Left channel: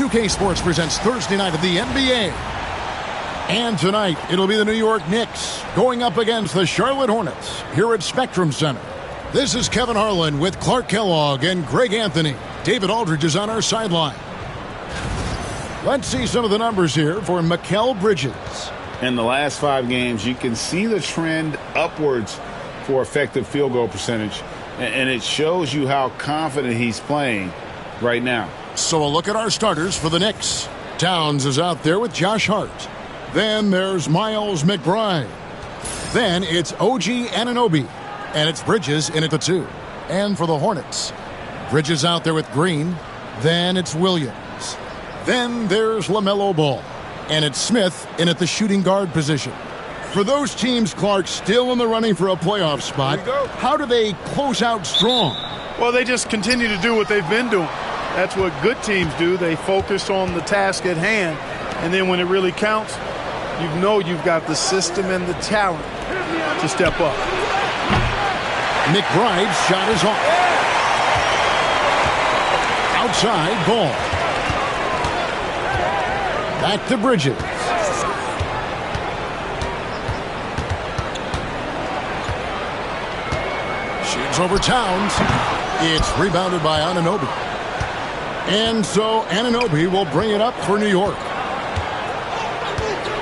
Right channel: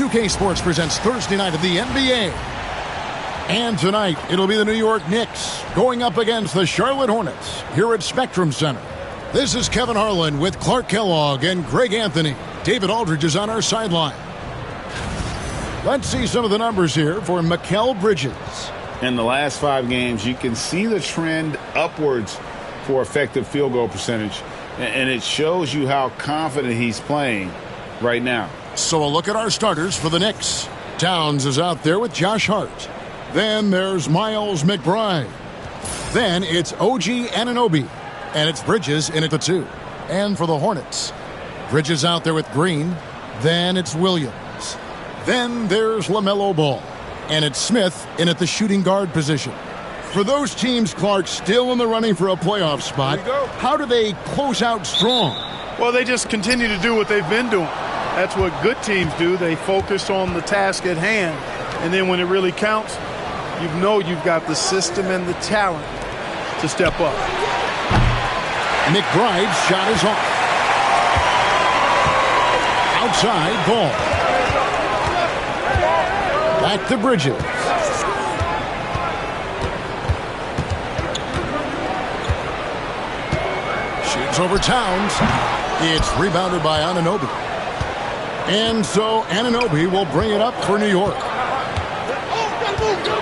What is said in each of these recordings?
2K Sports presents Thursday night of the NBA. And tonight, it'll be the New York Knicks going up against the Charlotte Hornets here at Spectrum Center. This is Kevin Harlan with Clark Kellogg and Greg Anthony. David Aldridge is on our sideline. Let's see some of the numbers here for Mikal Bridges. In the last 5 games, you can see the trend upwards for effective field goal percentage, and it shows you how confident he's playing right now. So a look at our starters for the Knicks. Towns is out there with Josh Hart. Then there's Miles McBride. Then it's OG Anunoby. And it's Bridges in at the 2. And for the Hornets, Bridges out there with Green. Then it's Williams. Then there's LaMelo Ball. And it's Smith in at the shooting guard position. For those teams, Clark, still in the running for a playoff spot, how do they close out strong? Well, they just continue to do what they've been doing. That's what good teams do. They focus on the task at hand. And then when it really counts, you know you've got the system and the talent to step up. McBride's shot is off. Outside ball. Back to Bridges. Shoots over Towns. It's rebounded by Anunoby. And so Anunoby will bring it up for New York.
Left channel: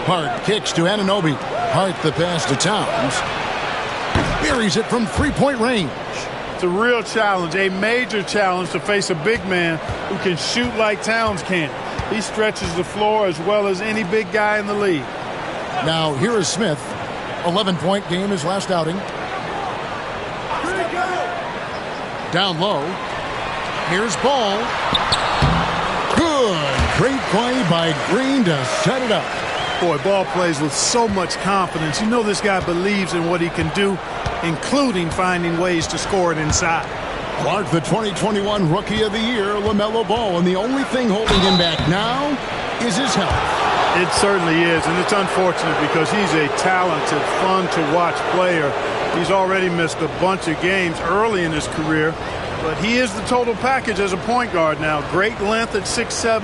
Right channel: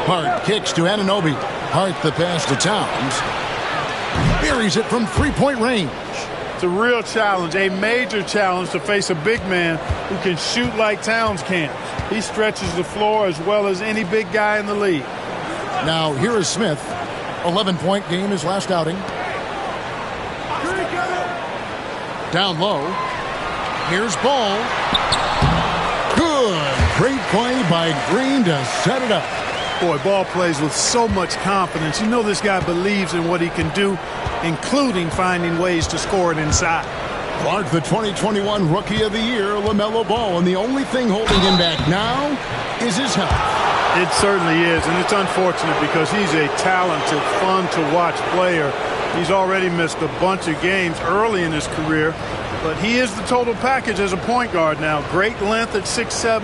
Hart kicks to Anunoby. Hart the pass to Towns. Buries it from three-point range. It's a real challenge, a major challenge to face a big man who can shoot like Towns can. He stretches the floor as well as any big guy in the league. Now here is Smith. 11-point game his last outing. Down low. Here's Ball. Good. Great play by Green to set it up. Boy, Ball plays with so much confidence. You know this guy believes in what he can do, including finding ways to score it inside. Clark, the 2021 Rookie of the Year, LaMelo Ball, and the only thing holding him back now is his health. It certainly is, and it's unfortunate because he's a talented, fun-to-watch player. He's already missed a bunch of games early in his career, but he is the total package as a point guard now. Great length at 6'7",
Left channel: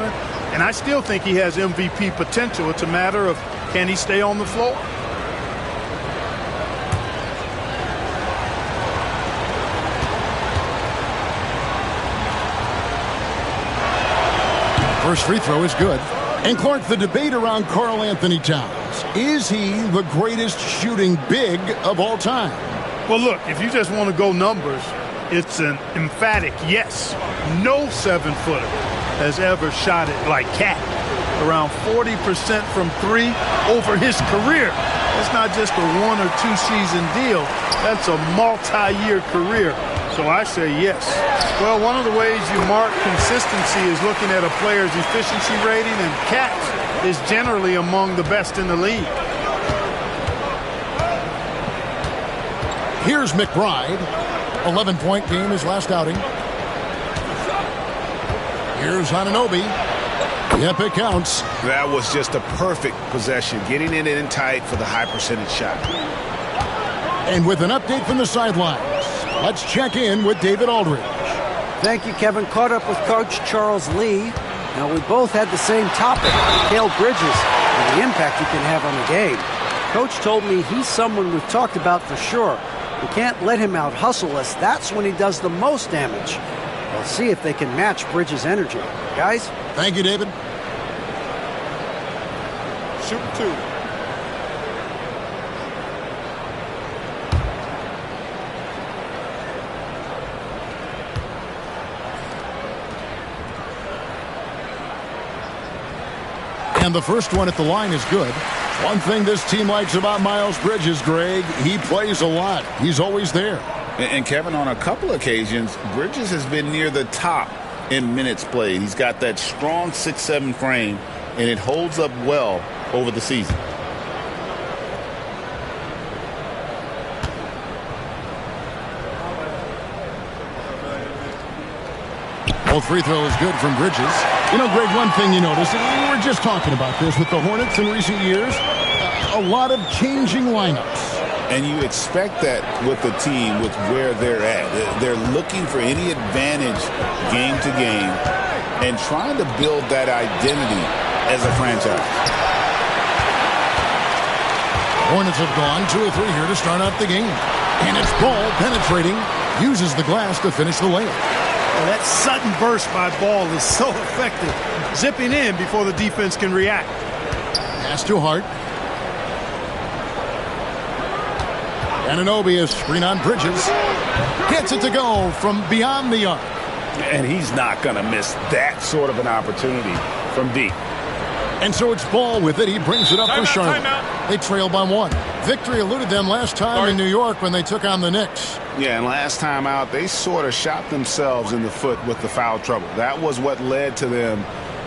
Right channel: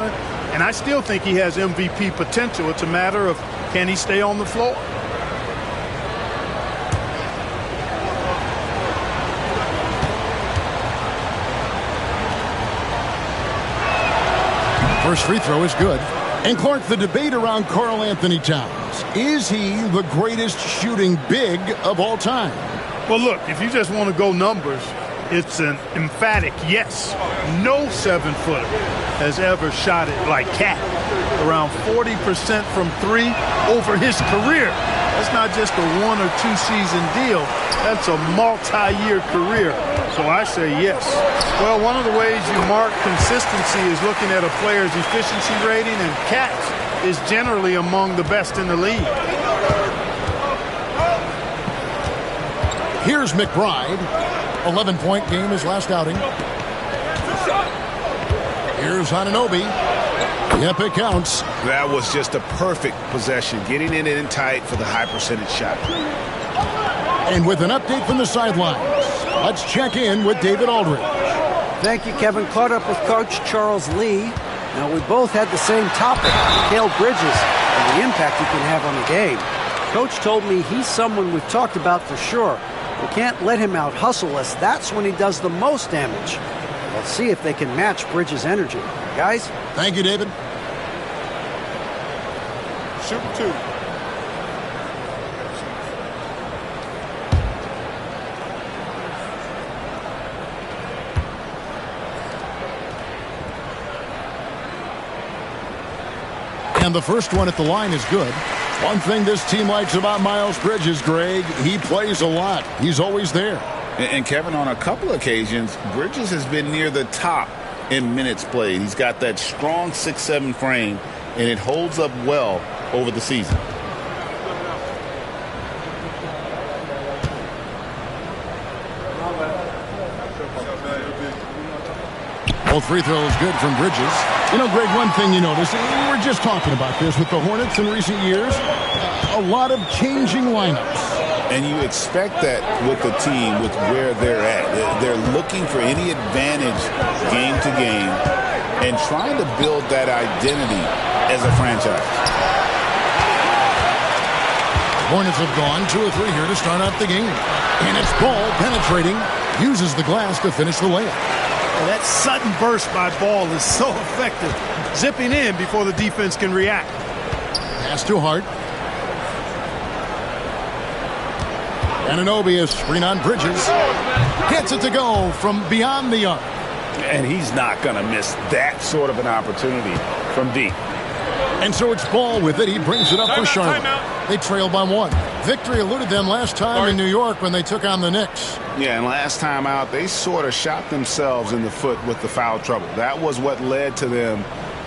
and I still think he has MVP potential. It's a matter of can he stay on the floor. First free throw is good. And Clark, the debate around Karl Anthony Towns. Is he the greatest shooting big of all time? Well, look, if you just want to go numbers, it's an emphatic yes. No 7-footer has ever shot it like Cat. Around 40% from 3 over his career. That's not just a 1 or 2 season deal. That's a multi-year career. So I say yes. Well, one of the ways you mark consistency is looking at a player's efficiency rating, and Cat's is generally among the best in the league. Here's McBride. 11-point game his last outing. Here's Anunoby. Yep, it counts. That was just a perfect possession, getting it in tight for the high percentage shot. And with an update from the sidelines, let's check in with David Aldridge. Thank you, Kevin. Caught up with Coach Charles Lee. Now, we both had the same topic, Mikal Bridges, and the impact he can have on the game. Coach told me he's someone we've talked about for sure. We can't let him out-hustle us. That's when he does the most damage. We'll see if they can match Bridges' energy. Guys? Thank you, David. Shoot 2. And the first one at the line is good. One thing this team likes about Miles Bridges, Greg, he plays a lot. He's always there. And Kevin, on a couple occasions, Bridges has been near the top in minutes played. He's got that strong 6'7" frame, and it holds up well over the season. Both free throws good from Bridges. You know, Greg, one thing you notice, we were just talking about this with the Hornets in recent years, a lot of changing lineups. And you expect that with the team, with where they're at. They're looking for any advantage game to game and trying to build that identity as a franchise. Hornets have gone 2 of 3 here to start out the game. And it's Ball penetrating, uses the glass to finish the layup. Well, that sudden burst by Ball is so effective, zipping in before the defense can react. Pass to Hart. Anunoby is screen on Bridges. Gets it to go from beyond the arc. And he's not going to miss that sort of an opportunity from deep. And so it's Ball with it. He brings it up for Charlotte. They trail by 1. Victory eluded them last time in New York when they took on the Knicks. Yeah, and last time out, they sort of shot themselves in the foot with the foul trouble. That was what led to them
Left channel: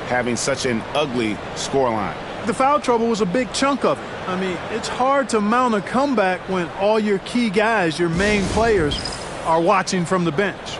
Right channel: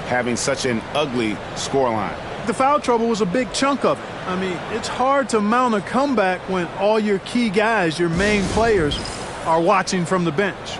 having such an ugly scoreline. The foul trouble was a big chunk of it. I mean, it's hard to mount a comeback when all your key guys, your main players, are watching from the bench.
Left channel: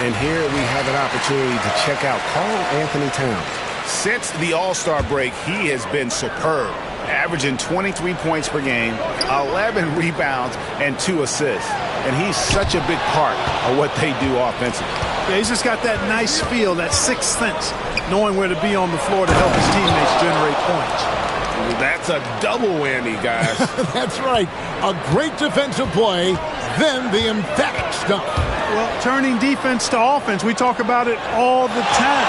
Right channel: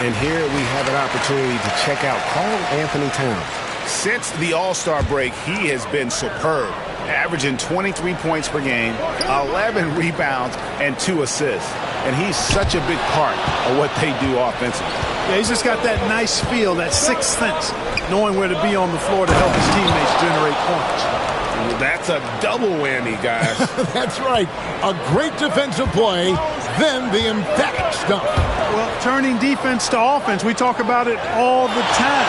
And here we have an opportunity to check out Karl Anthony Towns. Since the All-Star break, he has been superb, averaging 23 points per game, 11 rebounds, and 2 assists. And he's such a big part of what they do offensively. Yeah, he's just got that nice feel, that sixth sense, knowing where to be on the floor to help his teammates generate points. That's a double whammy, guys. That's right. A great defensive play, then the emphatic stuff. Well, turning defense to offense, we talk about it all the time.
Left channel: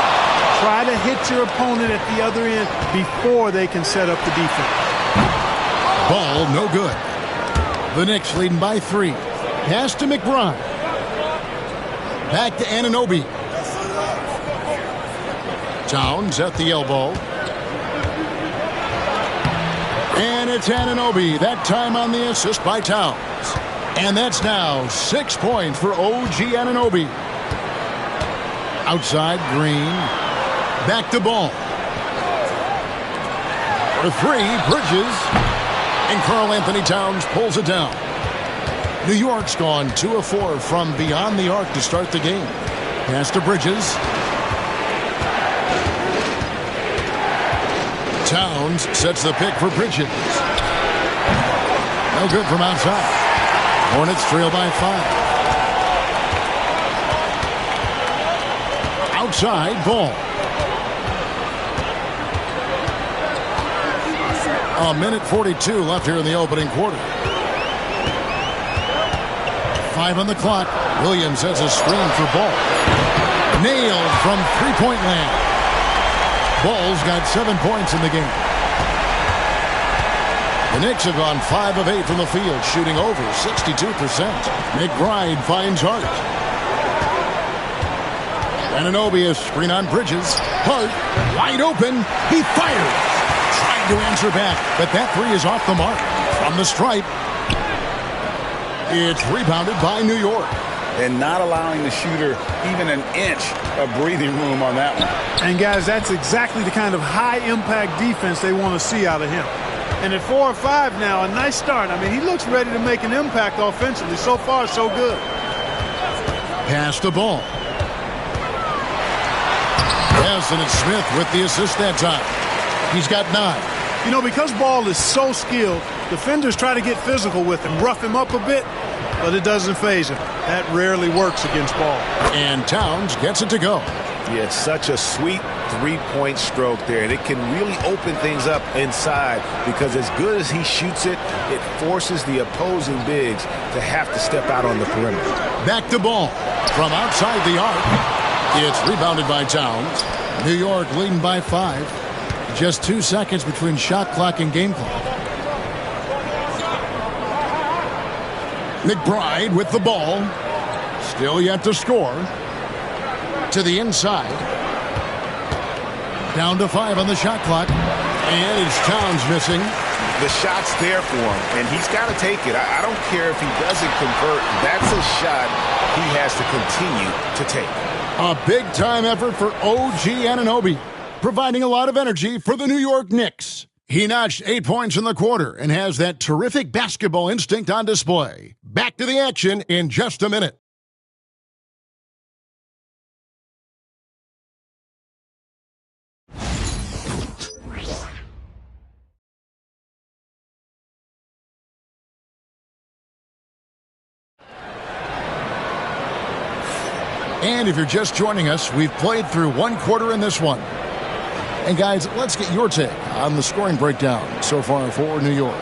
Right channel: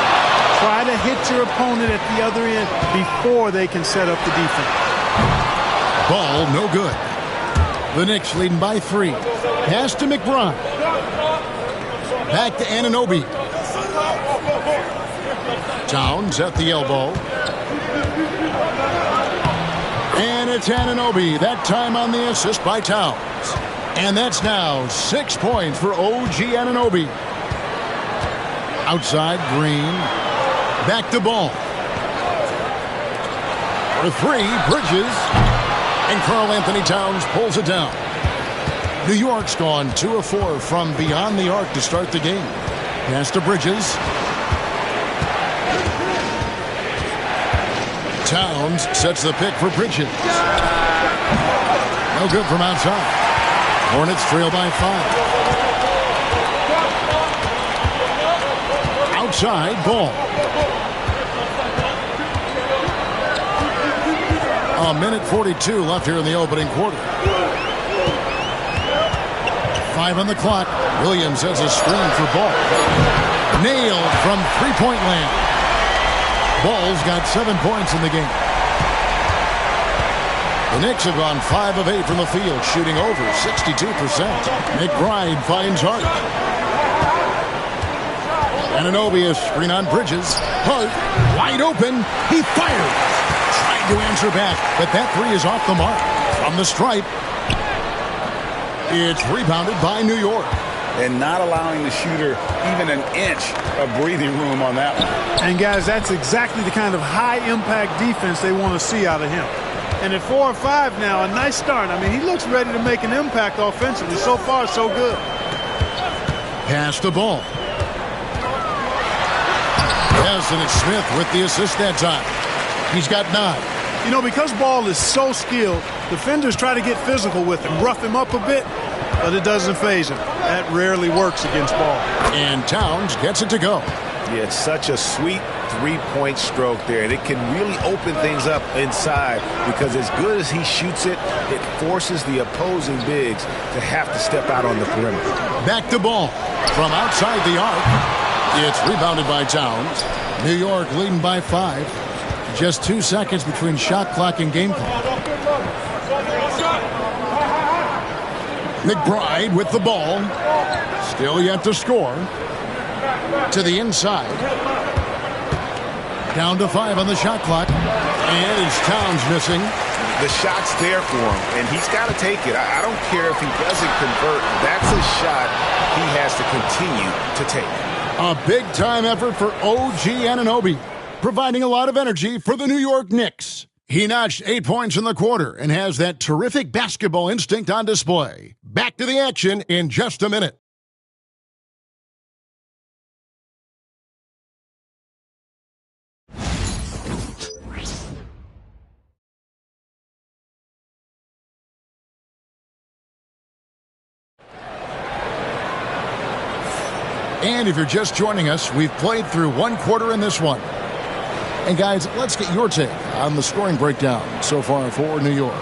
Try to hit your opponent at the other end before they can set up the defense. Ball, no good. The Knicks leading by 3. Pass to McBride. Back to Anunoby. Towns at the elbow. And it's Anunoby, that time on the assist by Towns. And that's now 6 points for OG Anunoby. Outside, Green. Back to Ball. For 3, Bridges. And Karl Anthony Towns pulls it down. New York's gone 2 of 4 from beyond the arc to start the game. Pass to Bridges. Towns sets the pick for Bridges. No good from outside. Hornets trail by 5. Outside, Ball. A minute 42 left here in the opening quarter. 5 on the clock. Williams has a screen for Ball. Nailed from three-point land. Ball's got 7 points in the game. The Knicks have gone 5 of 8 from the field, shooting over 62%. McBride finds Hart. Anunoby is screen on Bridges. Hart, wide open. He fires. Tried to answer back, but that 3 is off the mark. From the stripe. It's rebounded by New York. And not allowing the shooter even an inch of breathing room on that one. And, guys, that's exactly the kind of high-impact defense they want to see out of him. And at 4 or 5 now, a nice start. I mean, he looks ready to make an impact offensively. So far, so good. Pass the ball. Yes, and it's Smith with the assist that time. He's got 9. You know, because Ball is so skilled, defenders try to get physical with him, rough him up a bit, but it doesn't faze him. That rarely works against Ball. And Towns gets it to go. Yeah, it's such a sweet three-point stroke there. And it can really open things up inside because as good as he shoots it, it forces the opposing bigs to have to step out on the perimeter. Back to Ball. From outside the arc, it's rebounded by Towns. New York leading by 5. Just 2 seconds between shot clock and game clock. McBride with the ball. Still yet to score. To the inside. Down to 5 on the shot clock. And it's Towns missing. The shot's there for him, and he's got to take it. I don't care if he doesn't convert. That's a shot he has to continue to take. A big-time effort for OG Anunoby, providing a lot of energy for the New York Knicks. He notched 8 points in the quarter and has that terrific basketball instinct on display. Back to the action in just a minute. And if you're just joining us, we've played through one quarter in this one. And guys, let's get your take on the scoring breakdown so far for New York.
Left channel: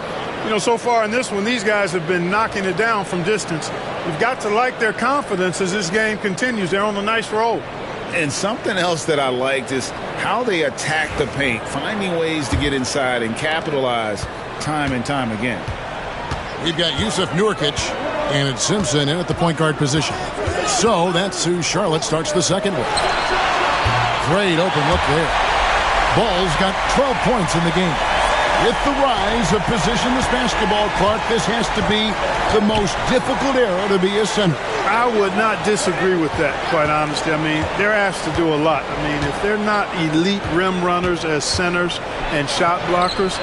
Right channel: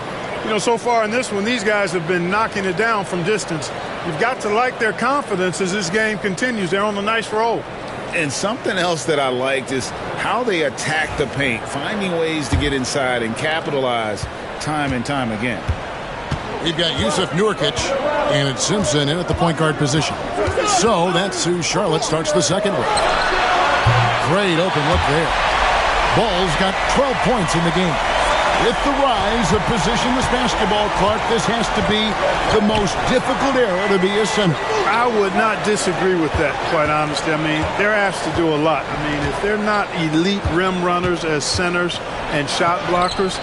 You know, so far in this one, these guys have been knocking it down from distance. You've got to like their confidence as this game continues. They're on a nice roll. And something else that I liked is how they attack the paint, finding ways to get inside and capitalize time and time again. We've got Yusuf Nurkic and it's Simpson in at the point guard position. So that's who Charlotte starts the second with. Great open look there. Ball's got 12 points in the game. With the rise of positionless basketball, Clark, this has to be the most difficult era to be a center. I would not disagree with that, quite honestly. I mean, they're asked to do a lot. I mean, if they're not elite rim runners as centers and shot blockers,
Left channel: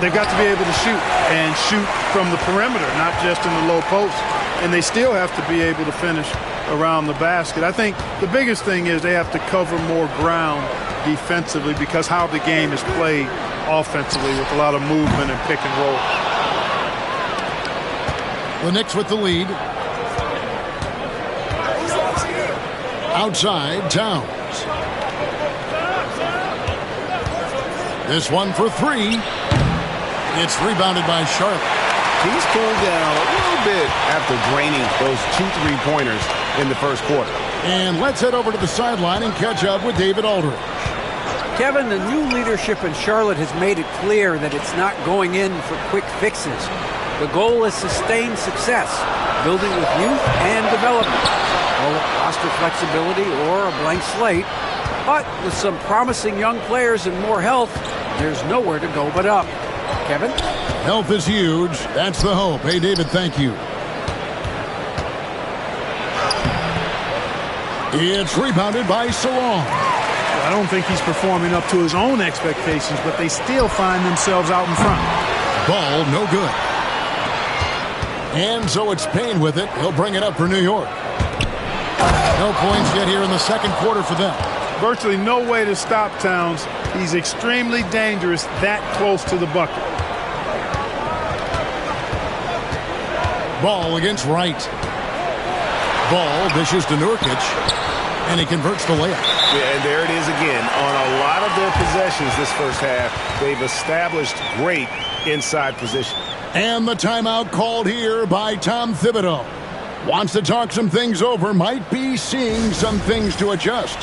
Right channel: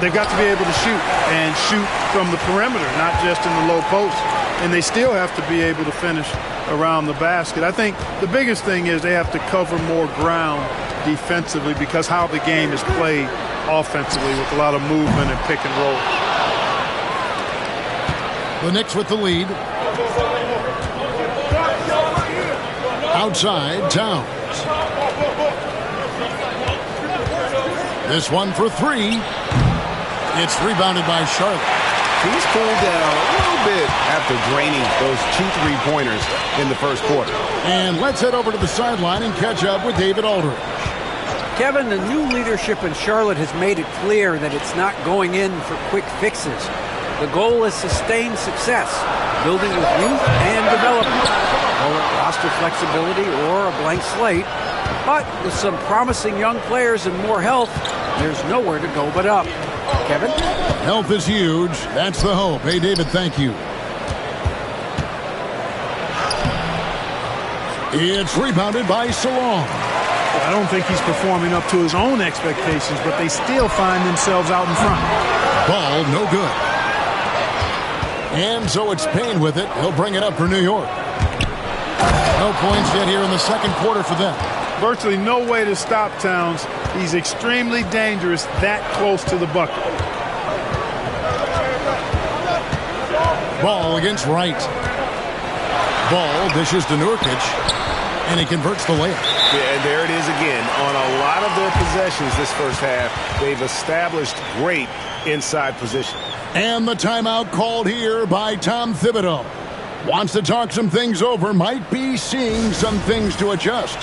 they've got to be able to shoot and shoot from the perimeter, not just in the low post. And they still have to be able to finish around the basket. I think the biggest thing is they have to cover more ground defensively because how the game is played offensively with a lot of movement and pick and roll. The Knicks with the lead. Outside, Towns. This one for three. It's rebounded by Charlotte. He's cooled down a little bit after draining those 2 3-pointers in the first quarter. And let's head over to the sideline and catch up with David Aldridge. Kevin, the new leadership in Charlotte has made it clear that it's not going in for quick fixes. The goal is sustained success, building with youth and development. Call it roster flexibility or a blank slate. But with some promising young players and more health, there's nowhere to go but up. Kevin? Health is huge. That's the hope. Hey, David, thank you. It's rebounded by Salong. I don't think he's performing up to his own expectations, but they still find themselves out in front. Ball, no good. And so it's Payne with it. He'll bring it up for New York. No points yet here in the second quarter for them. Virtually no way to stop Towns. He's extremely dangerous that close to the bucket. Ball against Wright. Ball dishes to Nurkic, and he converts the layup. Yeah, and there it is again. On a lot of their possessions this first half, they've established great inside position. And the timeout called here by Tom Thibodeau. Wants to talk some things over, might be seeing some things to adjust.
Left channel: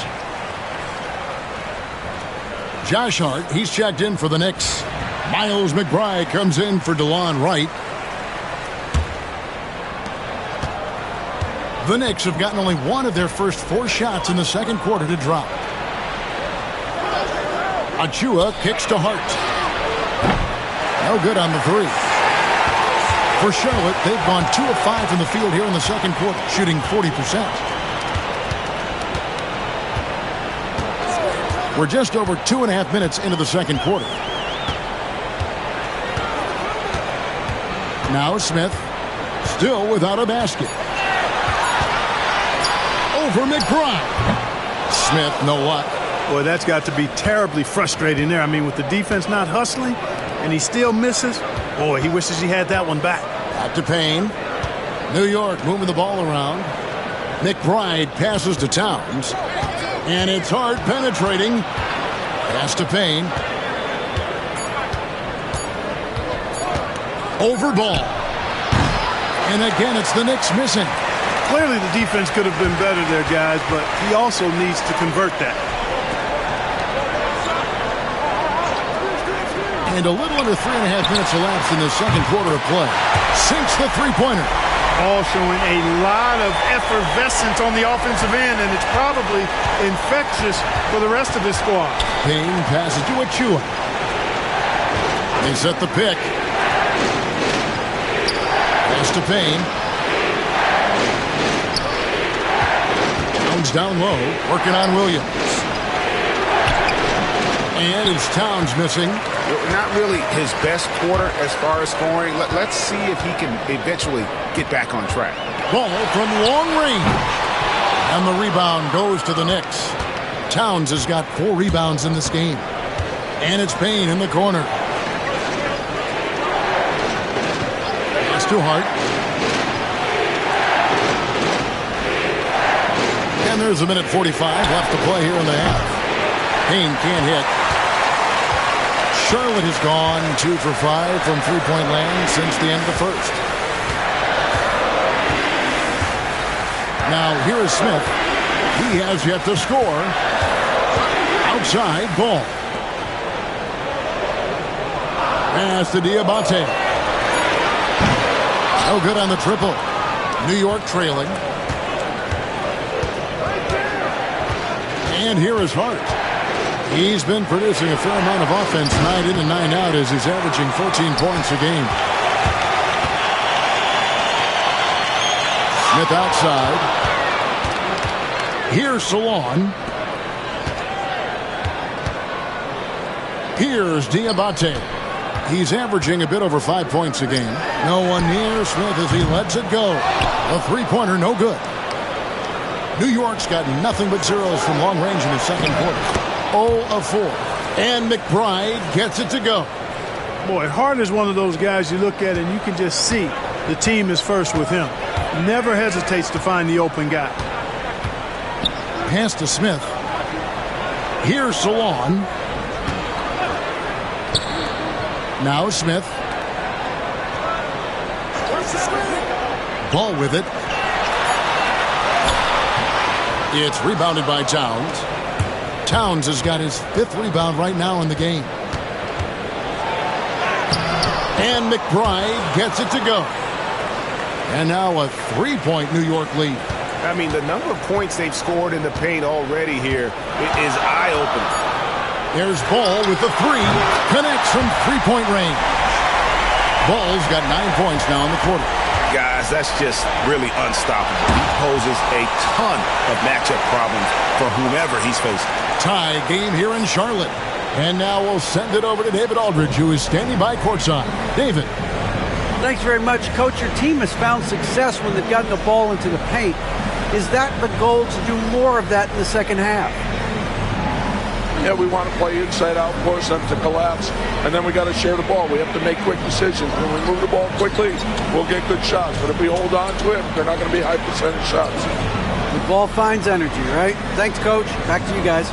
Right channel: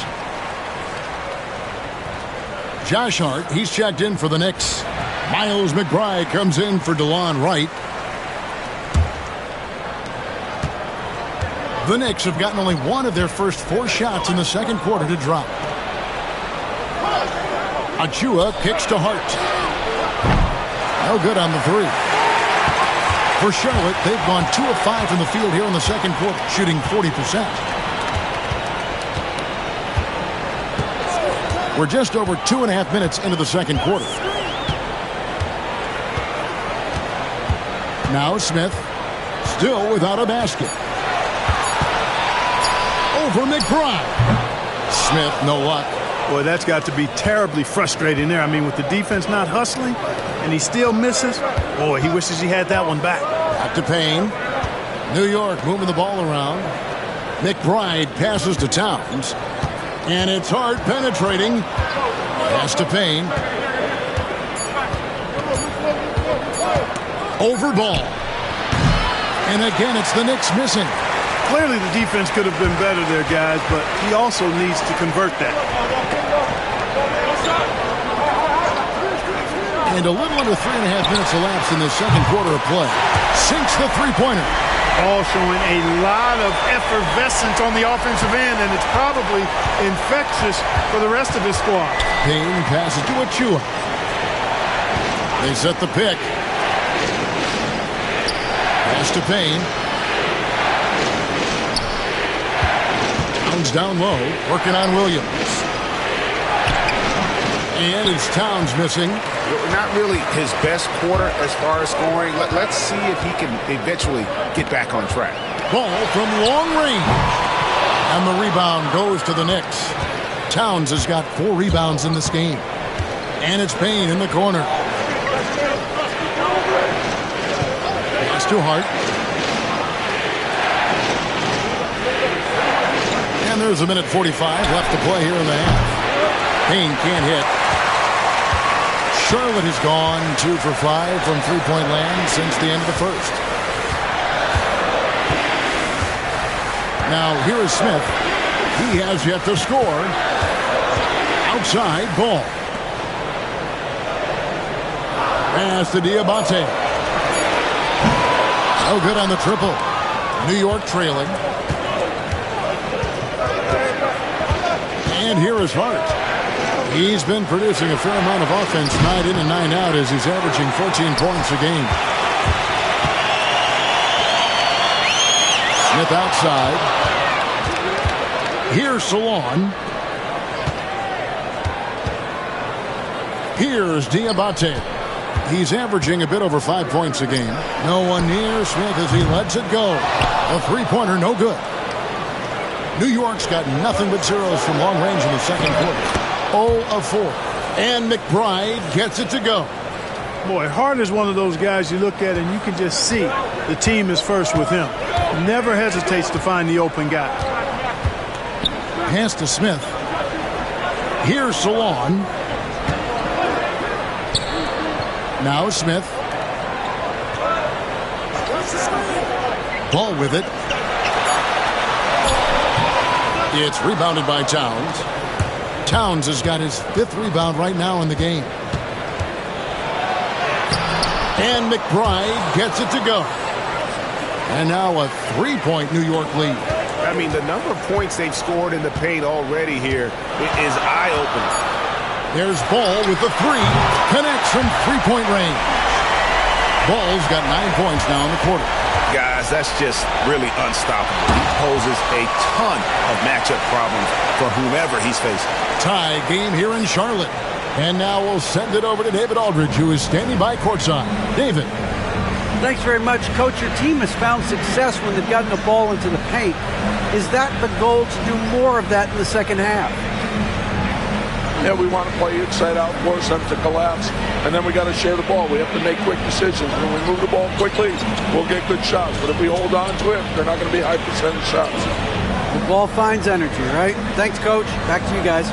Josh Hart, he's checked in for the Knicks. Miles McBride comes in for DeLon Wright. The Knicks have gotten only one of their first 4 shots in the second quarter to drop. Achua kicks to Hart. No good on the 3. For Charlotte, they've gone 2 of 5 from the field here in the second quarter, shooting 40%. We're just over 2.5 minutes into the second quarter. Now Smith, still without a basket. Over McBride. Smith, no luck. Boy, that's got to be terribly frustrating there. I mean, with the defense not hustling, and he still misses. Boy, he wishes he had that one back. Back to Payne. New York moving the ball around. McBride passes to Towns. And it's Hart penetrating. Pass to Payne. Over ball. And again, it's the Knicks missing. Clearly the defense could have been better there, guys, but he also needs to convert that. And a little under 3.5 minutes elapsed in the second quarter of play. Sinks the three-pointer. All showing a lot of effervescence on the offensive end, and it's probably infectious for the rest of his squad. Payne passes to Achua. They set the pick. Pass to Payne. Towns down low, working on Williams. And it's Towns missing. Not really his best quarter as far as scoring. Let's see if he can eventually get back on track. Ball from long range. And the rebound goes to the Knicks. Towns has got 4 rebounds in this game. And it's Payne in the corner. Pass to Hart. And there's a minute 45 left to play here in the half. Payne can't hit. Charlotte has gone 2 for 5 from three-point land since the end of the first. Now here is Smith. He has yet to score. Outside ball. Pass to Diabate. No good on the triple. New York trailing. And here is Hart. He's been producing a fair amount of offense night in and night out as he's averaging 14 points a game. Smith outside. Here's Salon. Here's Diabate. He's averaging a bit over 5 points a game. No one near Smith as he lets it go. A three-pointer, no good. New York's got nothing but zeros from long range in the second quarter. 0 of 4. And McBride gets it to go. Boy, Hart is one of those guys you look at and you can just see the team is first with him. Never hesitates to find the open guy. Pass to Smith. Here's Salon. Now Smith. Ball with it. It's rebounded by Towns. Towns has got his 5th rebound right now in the game. And McBride gets it to go. And now a 3-point New York lead. I mean, the number of points they've scored in the paint already here is eye-opening. There's Ball with the 3. Connects from 3-point range. Ball's got 9 points now in the quarter. Guys, that's just really unstoppable. He poses a ton of matchup problems for whomever he's facing. Tie game here in Charlotte. And now we'll send it over to David Aldridge, who is standing by courtside. David. Thanks very much, Coach. Your team has found success when they've gotten the ball into the paint. Is that the goal, to do more of that in the second half? Yeah, we want to play inside out, force them to collapse, and then we got to share the ball. We have to make quick decisions. When we move the ball quickly, we'll get good shots. But if we hold on to it, they're not going to be high percentage shots. The ball finds energy, right? Thanks, Coach. Back to you guys.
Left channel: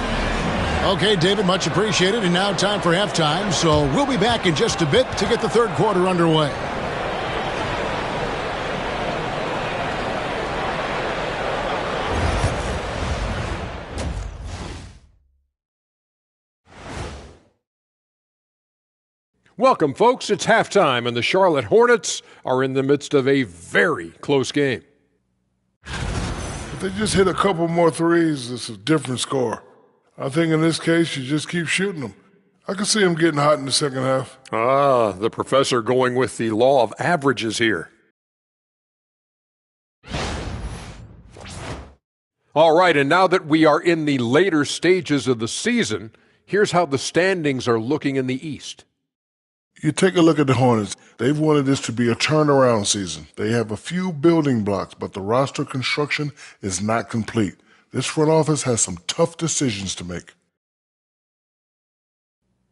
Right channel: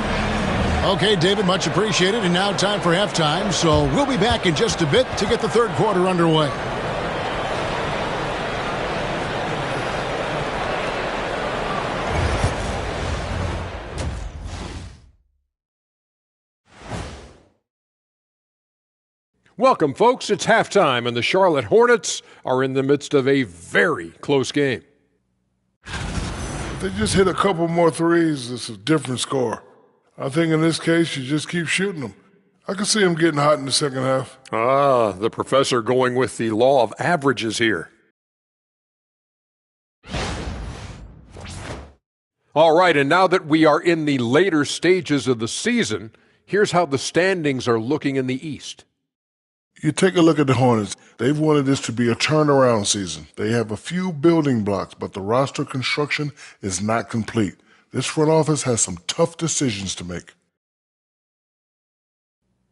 Okay, David, much appreciated. And now time for halftime. So we'll be back in just a bit to get the third quarter underway. Welcome, folks. It's halftime, and the Charlotte Hornets are in the midst of a very close game. If they just hit a couple more threes, it's a different score. I think in this case, you just keep shooting them. I can see them getting hot in the second half. Ah, the professor going with the law of averages here. All right, and now that we are in the later stages of the season, here's how the standings are looking in the East. You take a look at the Hornets. They've wanted this to be a turnaround season. They have a few building blocks, but the roster construction is not complete. This front office has some tough decisions to make.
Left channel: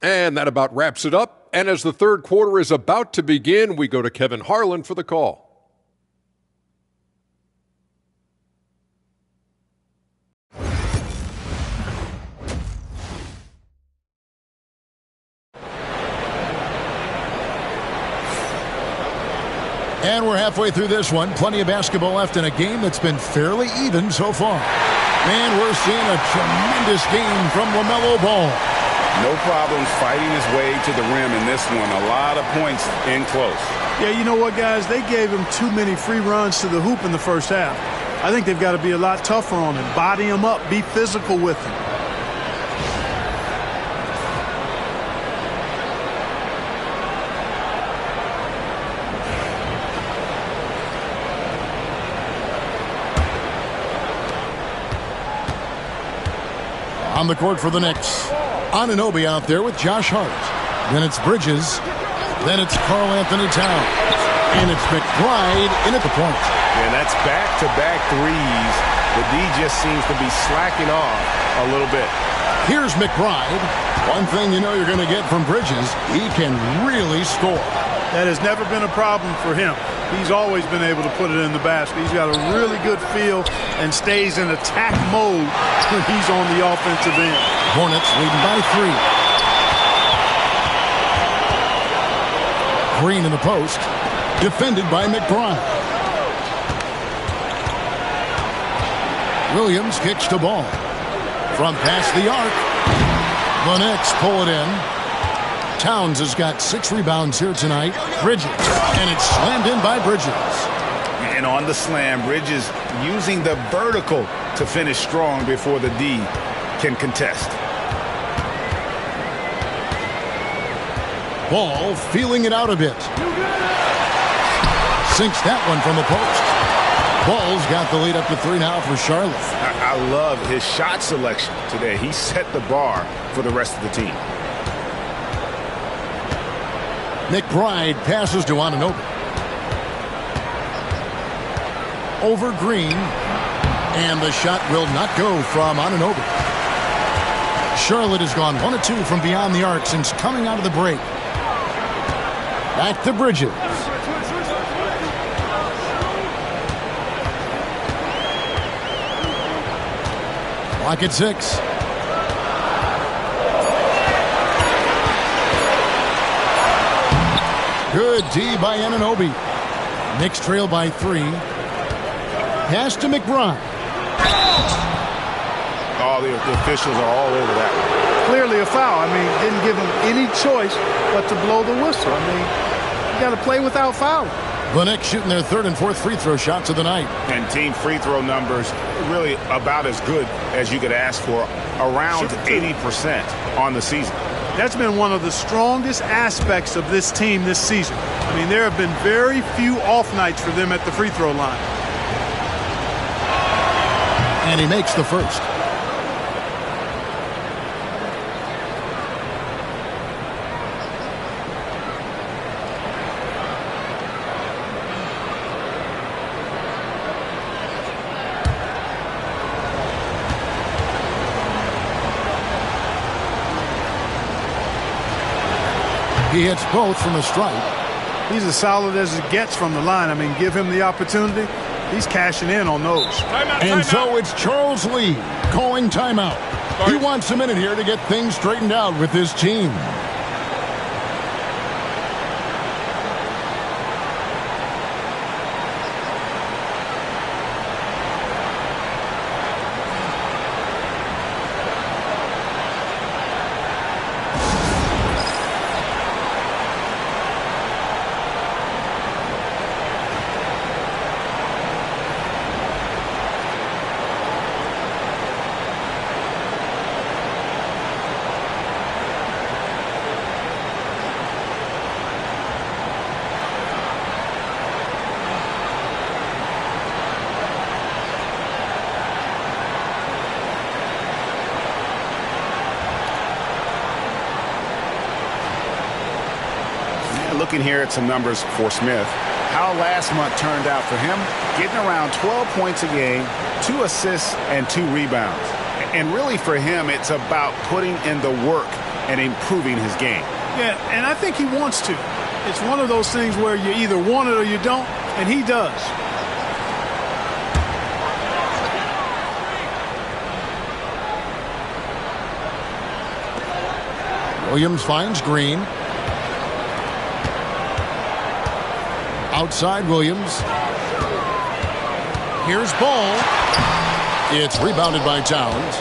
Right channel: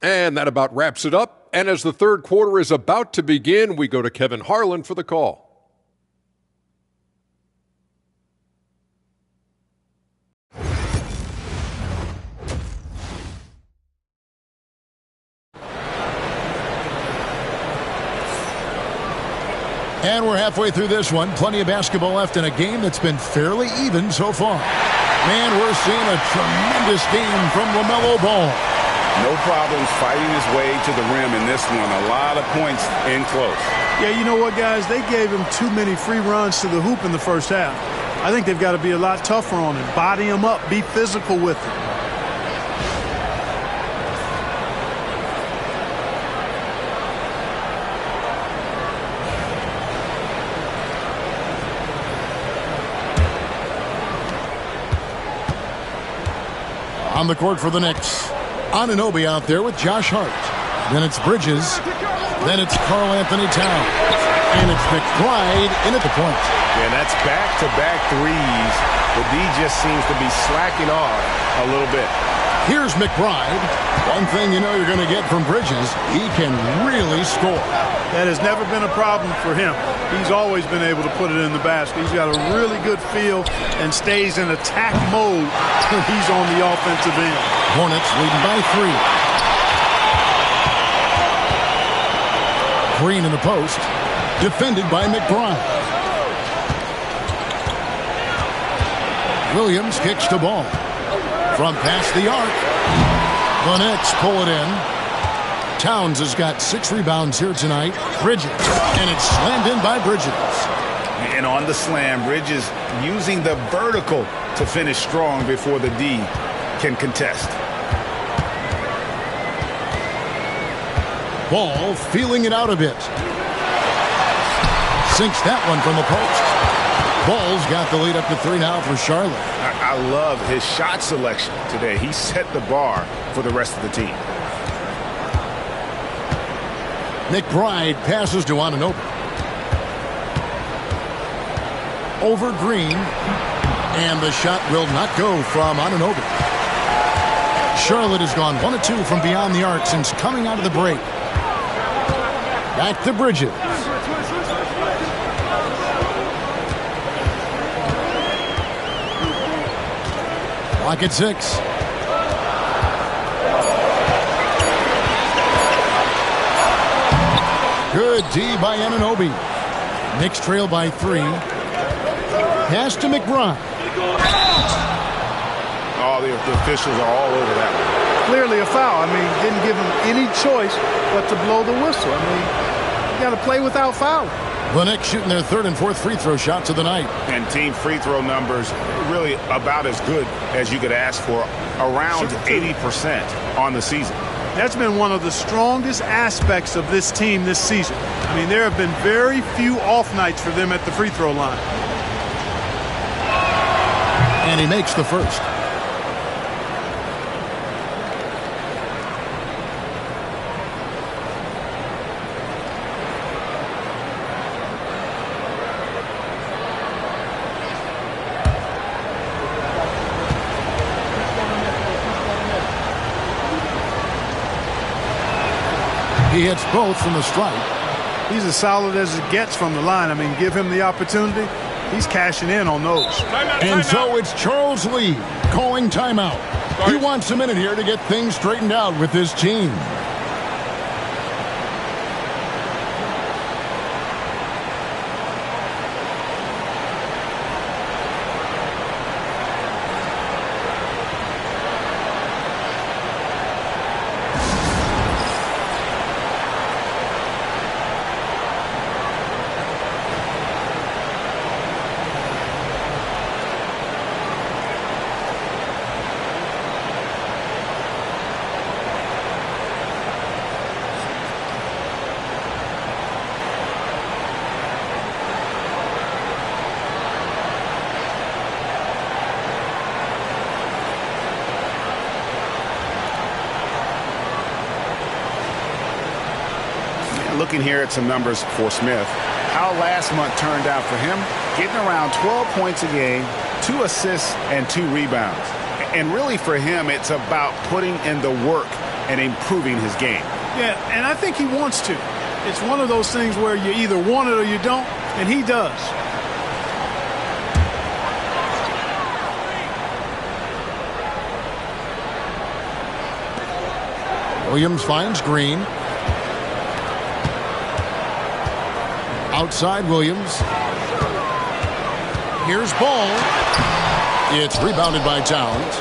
And that about wraps it up. And as the third quarter is about to begin, we go to Kevin Harlan for the call. And we're halfway through this one. Plenty of basketball left in a game that's been fairly even so far. Man, we're seeing a tremendous game from LaMelo Ball. No problems fighting his way to the rim in this one. A lot of points in close. Yeah, you know what, guys? They gave him too many free runs to the hoop in the first half. I think they've got to be a lot tougher on him. Body him up. Be physical with him. On the court for the Knicks, Anunoby out there with Josh Hart. Then it's Bridges. Then it's Karl Anthony Towns. And it's McBride in at the point. And that's back-to-back threes. The D just seems to be slacking off a little bit. Here's McBride. One thing you know you're going to get from Bridges, he can really score. That has never been a problem for him. He's always been able to put it in the basket. He's got a really good feel and stays in attack mode when he's on the offensive end. Hornets leading by 3. Green in the post. Defended by McBride. Williams kicks the ball. From past the arc. The Knicks pull it in. Towns has got 6 rebounds here tonight. Bridges. And it's slammed in by Bridges. And on the slam, Bridges using the vertical to finish strong before the D can contest. Ball feeling it out a bit. Sinks that one from the post. Ball's got the lead up to 3 now for Charlotte. I love his shot selection today. He set the bar for the rest of the team. McBride passes to Anunoby. Over Green. And the shot will not go from Anunoby. Charlotte has gone 1 of 2 from beyond the arc since coming out of the break. Back to Bridges. Clock at 6. Good D by Anunoby. Knicks trail by 3. Pass to McBride. Oh, the officials are all over that one. Clearly a foul. I mean, didn't give him any choice but to blow the whistle. I mean, you got to play without fouling. The Knicks shooting their 3rd and 4th free throw shots of the night. And team free throw numbers really about as good as you could ask for, around 80% on the season. That's been one of the strongest aspects of this team this season. I mean, there have been very few off nights for them at the free throw line. And he makes the first. He hits both from the stripe. He's as solid as it gets from the line. I mean, give him the opportunity. He's cashing in on those. And so it's Charles Lee calling timeout. He wants a minute here to get things straightened out with his team. Looking here at some numbers for Smith, how last month turned out for him, getting around 12 points a game, 2 assists, and 2 rebounds. And really for him, it's about putting in the work and improving his game. Yeah, and I think he wants to. It's one of those things where you either want it or you don't, and he does. Williams finds Green. Outside Williams. Here's Ball. It's rebounded by Towns.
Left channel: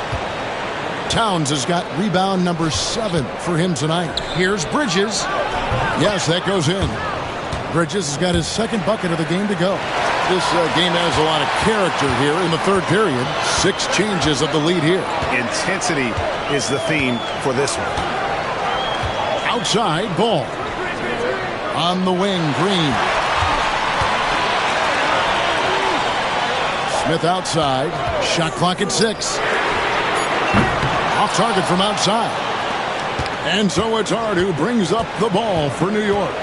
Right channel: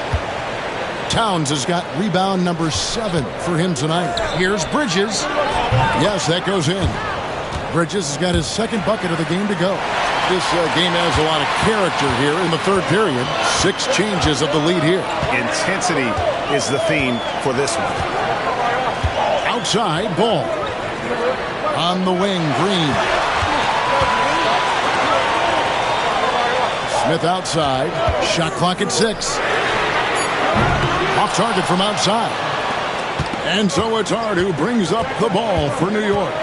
Towns has got rebound number 7 for him tonight. Here's Bridges. Yes, that goes in. Bridges has got his 2nd bucket of the game to go. This game has a lot of character here in the 3rd period. 6 changes of the lead here. Intensity is the theme for this one. Outside, Ball. On the wing, Green. Smith outside. Shot clock at 6. Off target from outside. And so it's Hart who brings up the ball for New York.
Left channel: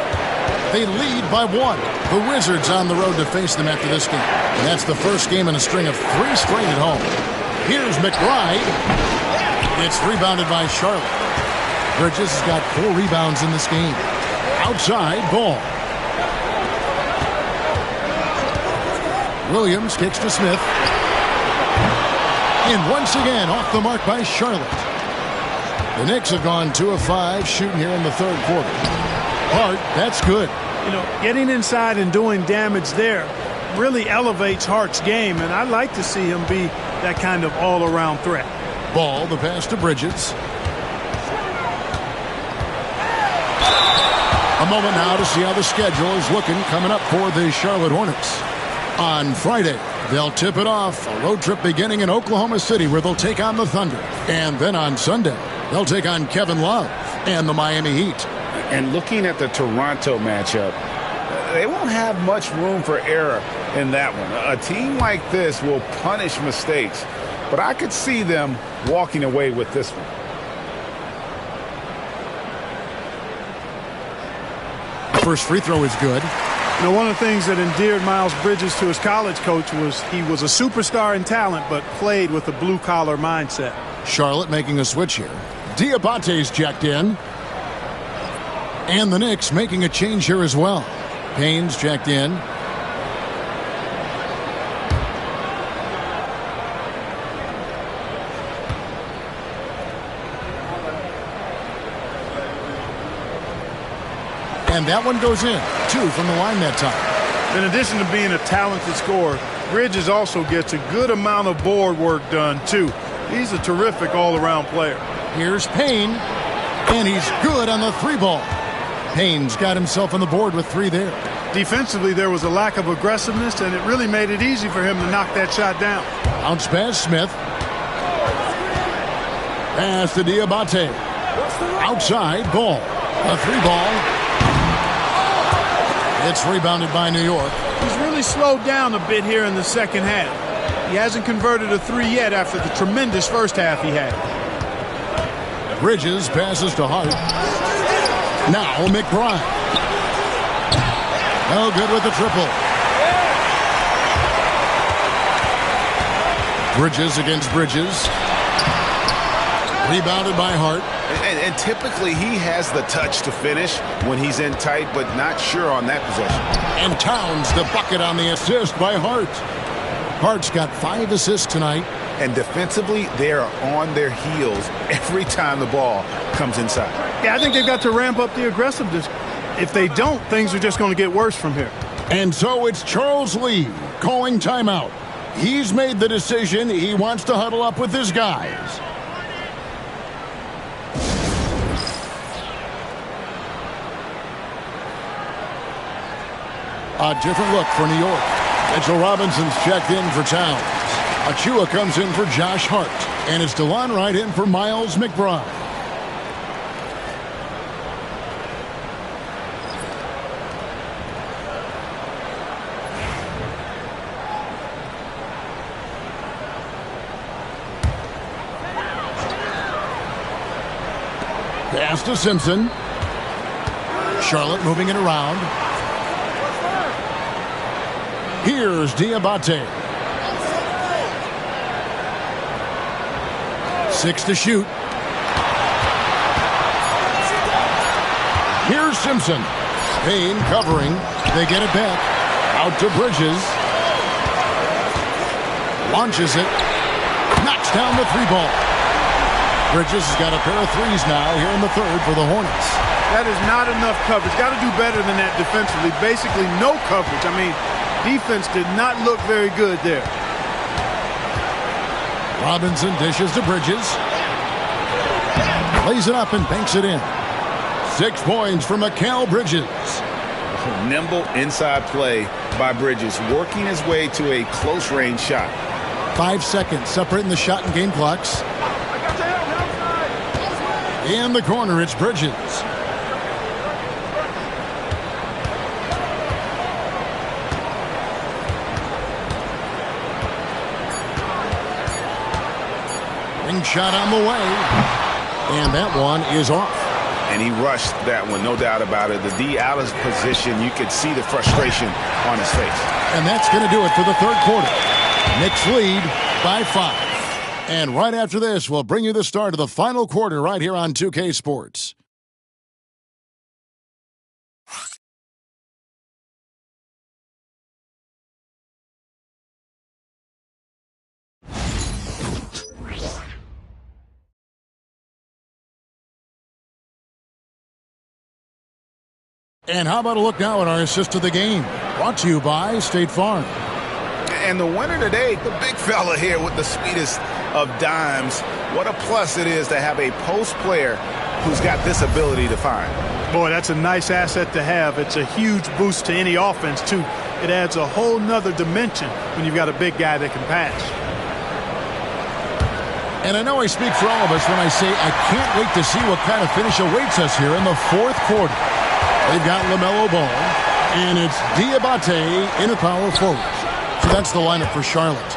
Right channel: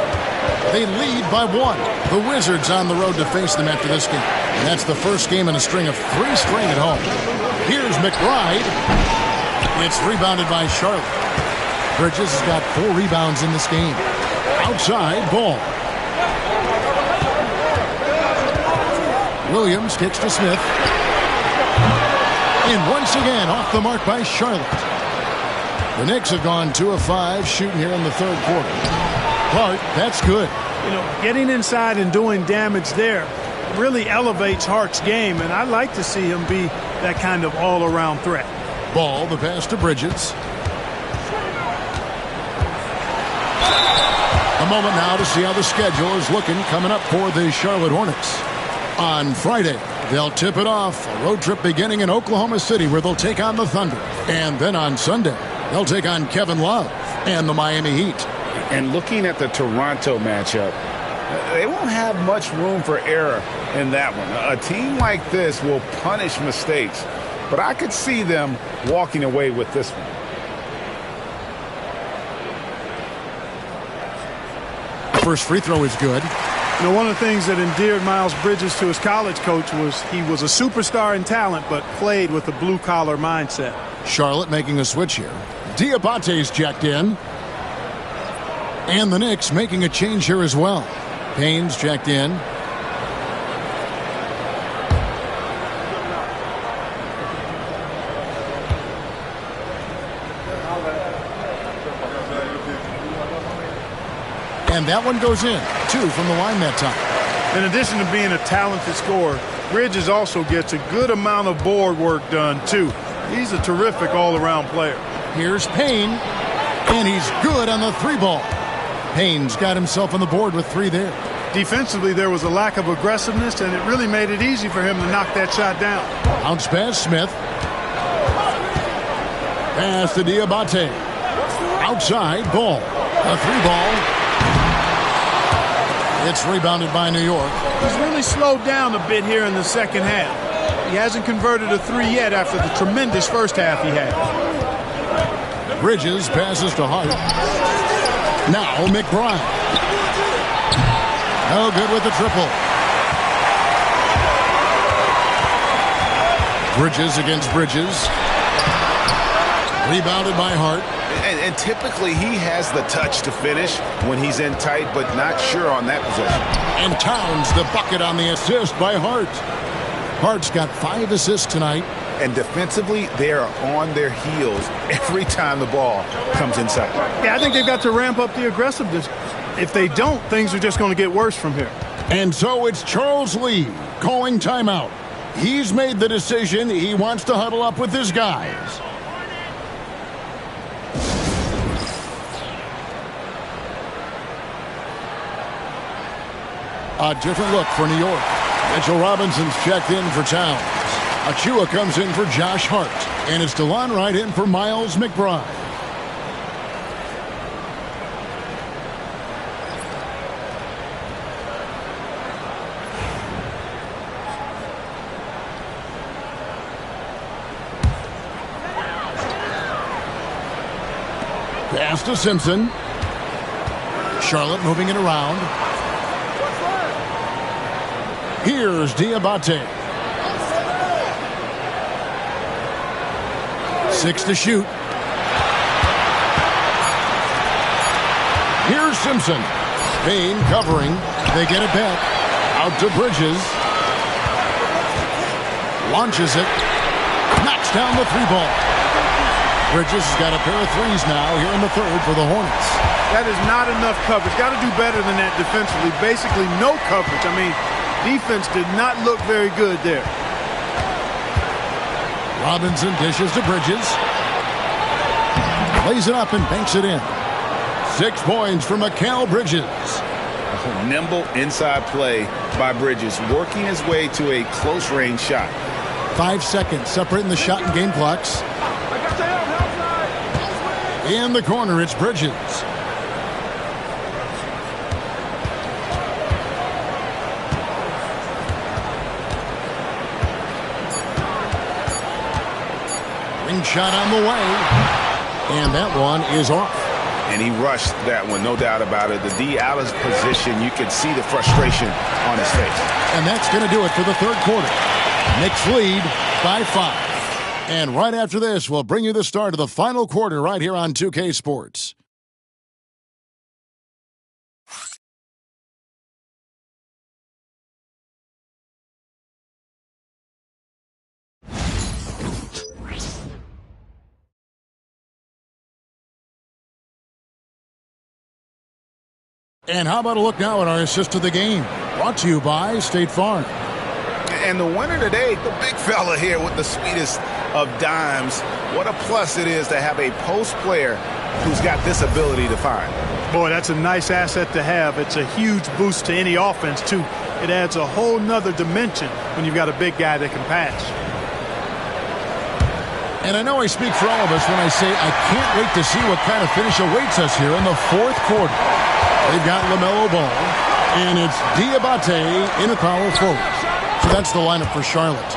They lead by 1. The Wizards on the road to face them after this game. And that's the first game in a string of 3 straight at home. Here's McBride. It's rebounded by Charlotte. Bridges has got 4 rebounds in this game. Outside, Ball. Williams kicks to Smith. And once again, off the mark by Charlotte. The Knicks have gone 2 of 5 shooting here in the third quarter. Hart, that's good. You know, getting inside and doing damage there really elevates Hart's game, and I like to see him be that kind of all-around threat. Ball, the pass to Bridges. A moment now to see how the schedule is looking coming up for the Charlotte Hornets. On Friday, they'll tip it off, a road trip beginning in Oklahoma City where they'll take on the Thunder. And then on Sunday, they'll take on Kevin Love and the Miami Heat. And looking at the Toronto matchup, they won't have much room for error in that one. A team like this will punish mistakes, but I could see them walking away with this one. First free throw is good. You know, one of the things that endeared Miles Bridges to his college coach was he was a superstar in talent, but played with a blue-collar mindset. Charlotte making a switch here. Diabate's checked in. And the Knicks making a change here as well. Payne's checked in. And that one goes in. 2 from the line that time. In addition to being a talented scorer, Bridges also gets a good amount of board work done, too. He's a terrific all-around player. Here's Payne, and he's good on the 3-ball. Payne's got himself on the board with 3 there. Defensively, there was a lack of aggressiveness, and it really made it easy for him to knock that shot down. Bounce pass, Smith. Pass to Diabate. Outside, Ball. A 3-ball. It's rebounded by New York. He's really slowed down a bit here in the second half. He hasn't converted a 3 yet after the tremendous first half he had. Bridges passes to Hart. Now McBride. No good with the triple. Bridges against Bridges. Rebounded by Hart. And typically he has the touch to finish when he's in tight, but not sure on that possession. And Towns the bucket on the assist by Hart. Hart's got 5 assists tonight. And defensively, they are on their heels every time the ball comes inside. Yeah, I think they've got to ramp up the aggressiveness. If they don't, things are just going to get worse from here. And so it's Charles Lee calling timeout. He's made the decision. He wants to huddle up with his guys. A different look for New York. Mitchell Robinson's checked in for Towns. Achua comes in for Josh Hart. And it's DeLon Wright in for Miles McBride. Pass to Simpson. Charlotte moving it around. Here's Diabate. 6 to shoot. Here's Simpson. Payne covering. They get it back. Out to Bridges. Launches it. Knocks down the 3-ball. Bridges has got a pair of 3s now here in the third for the Hornets. That is not enough coverage. Got to do better than that defensively. Basically no coverage. I mean, defense did not look very good there. Robinson dishes to Bridges. Lays it up and banks it in. 6 points for Mikal Bridges. A nimble inside play by Bridges, working his way to a close-range shot. 5 seconds separating the shot and game clocks. In the corner, it's Bridges. Ring shot on the way. And that one is off. And he rushed that one, no doubt about it. The D out of position, you could see the frustration on his face. And that's going to do it for the third quarter. Knicks lead by 5. And right after this, we'll bring you the start of the final quarter right here on 2K Sports. And how about a look now at our assist of the game? Brought to you by State Farm. And the winner today, the big fella here with the sweetest of dimes. What a plus it is to have a post player who's got this ability to find. Boy, that's a nice asset to have. It's a huge boost to any offense, too. It adds a whole nother dimension when you've got a big guy that can pass. And I know I speak for all of us when I say I can't wait to see what kind of finish awaits us here in the fourth quarter. They've got LaMelo Ball, and it's Diabate in the power forward. So that's the lineup for Charlotte.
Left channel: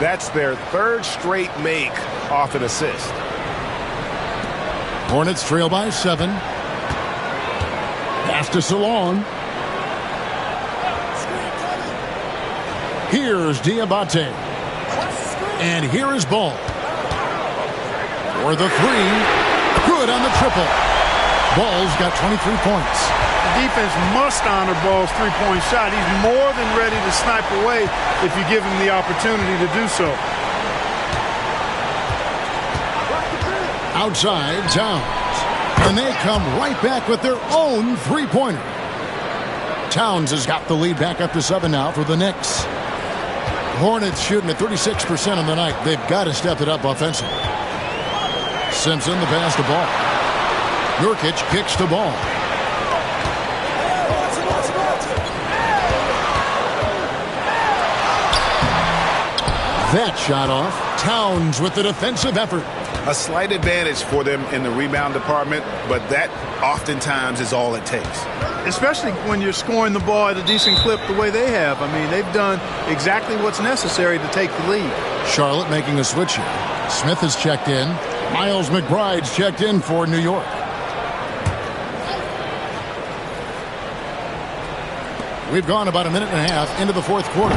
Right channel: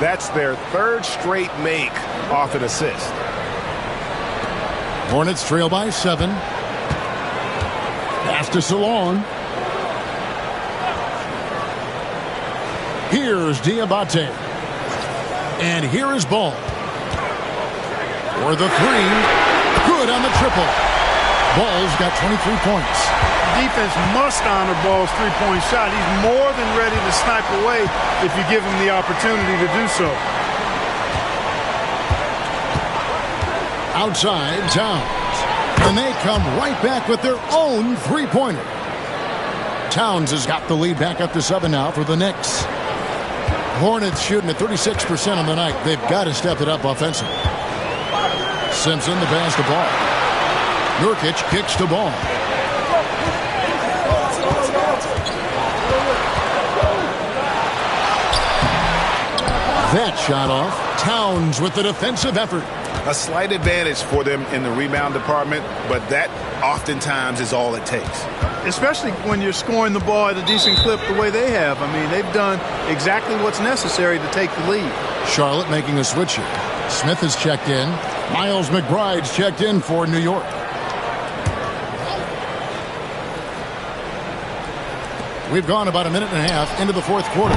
That's their third straight make off an assist. Hornets trail by 7. Pass to Salon. Here's Diabate. And here is Ball. For the 3. Good on the triple. Ball's got 23 points. Defense must honor Ball's three-point shot. He's more than ready to snipe away if you give him the opportunity to do so. Outside, Towns. And they come right back with their own three-pointer. Towns has got the lead back up to 7 now for the Knicks. Hornets shooting at 36% on the night. They've got to step it up offensively. Simpson, the pass to Ball. Nurkic kicks to Ball. That shot off. Towns with the defensive effort. A slight advantage for them in the rebound department, but that oftentimes is all it takes. Especially when you're scoring the ball at a decent clip the way they have. I mean, they've done exactly what's necessary to take the lead. Charlotte making a switch here. Smith has checked in. Miles McBride's checked in for New York. We've gone about a minute and a half into the fourth quarter.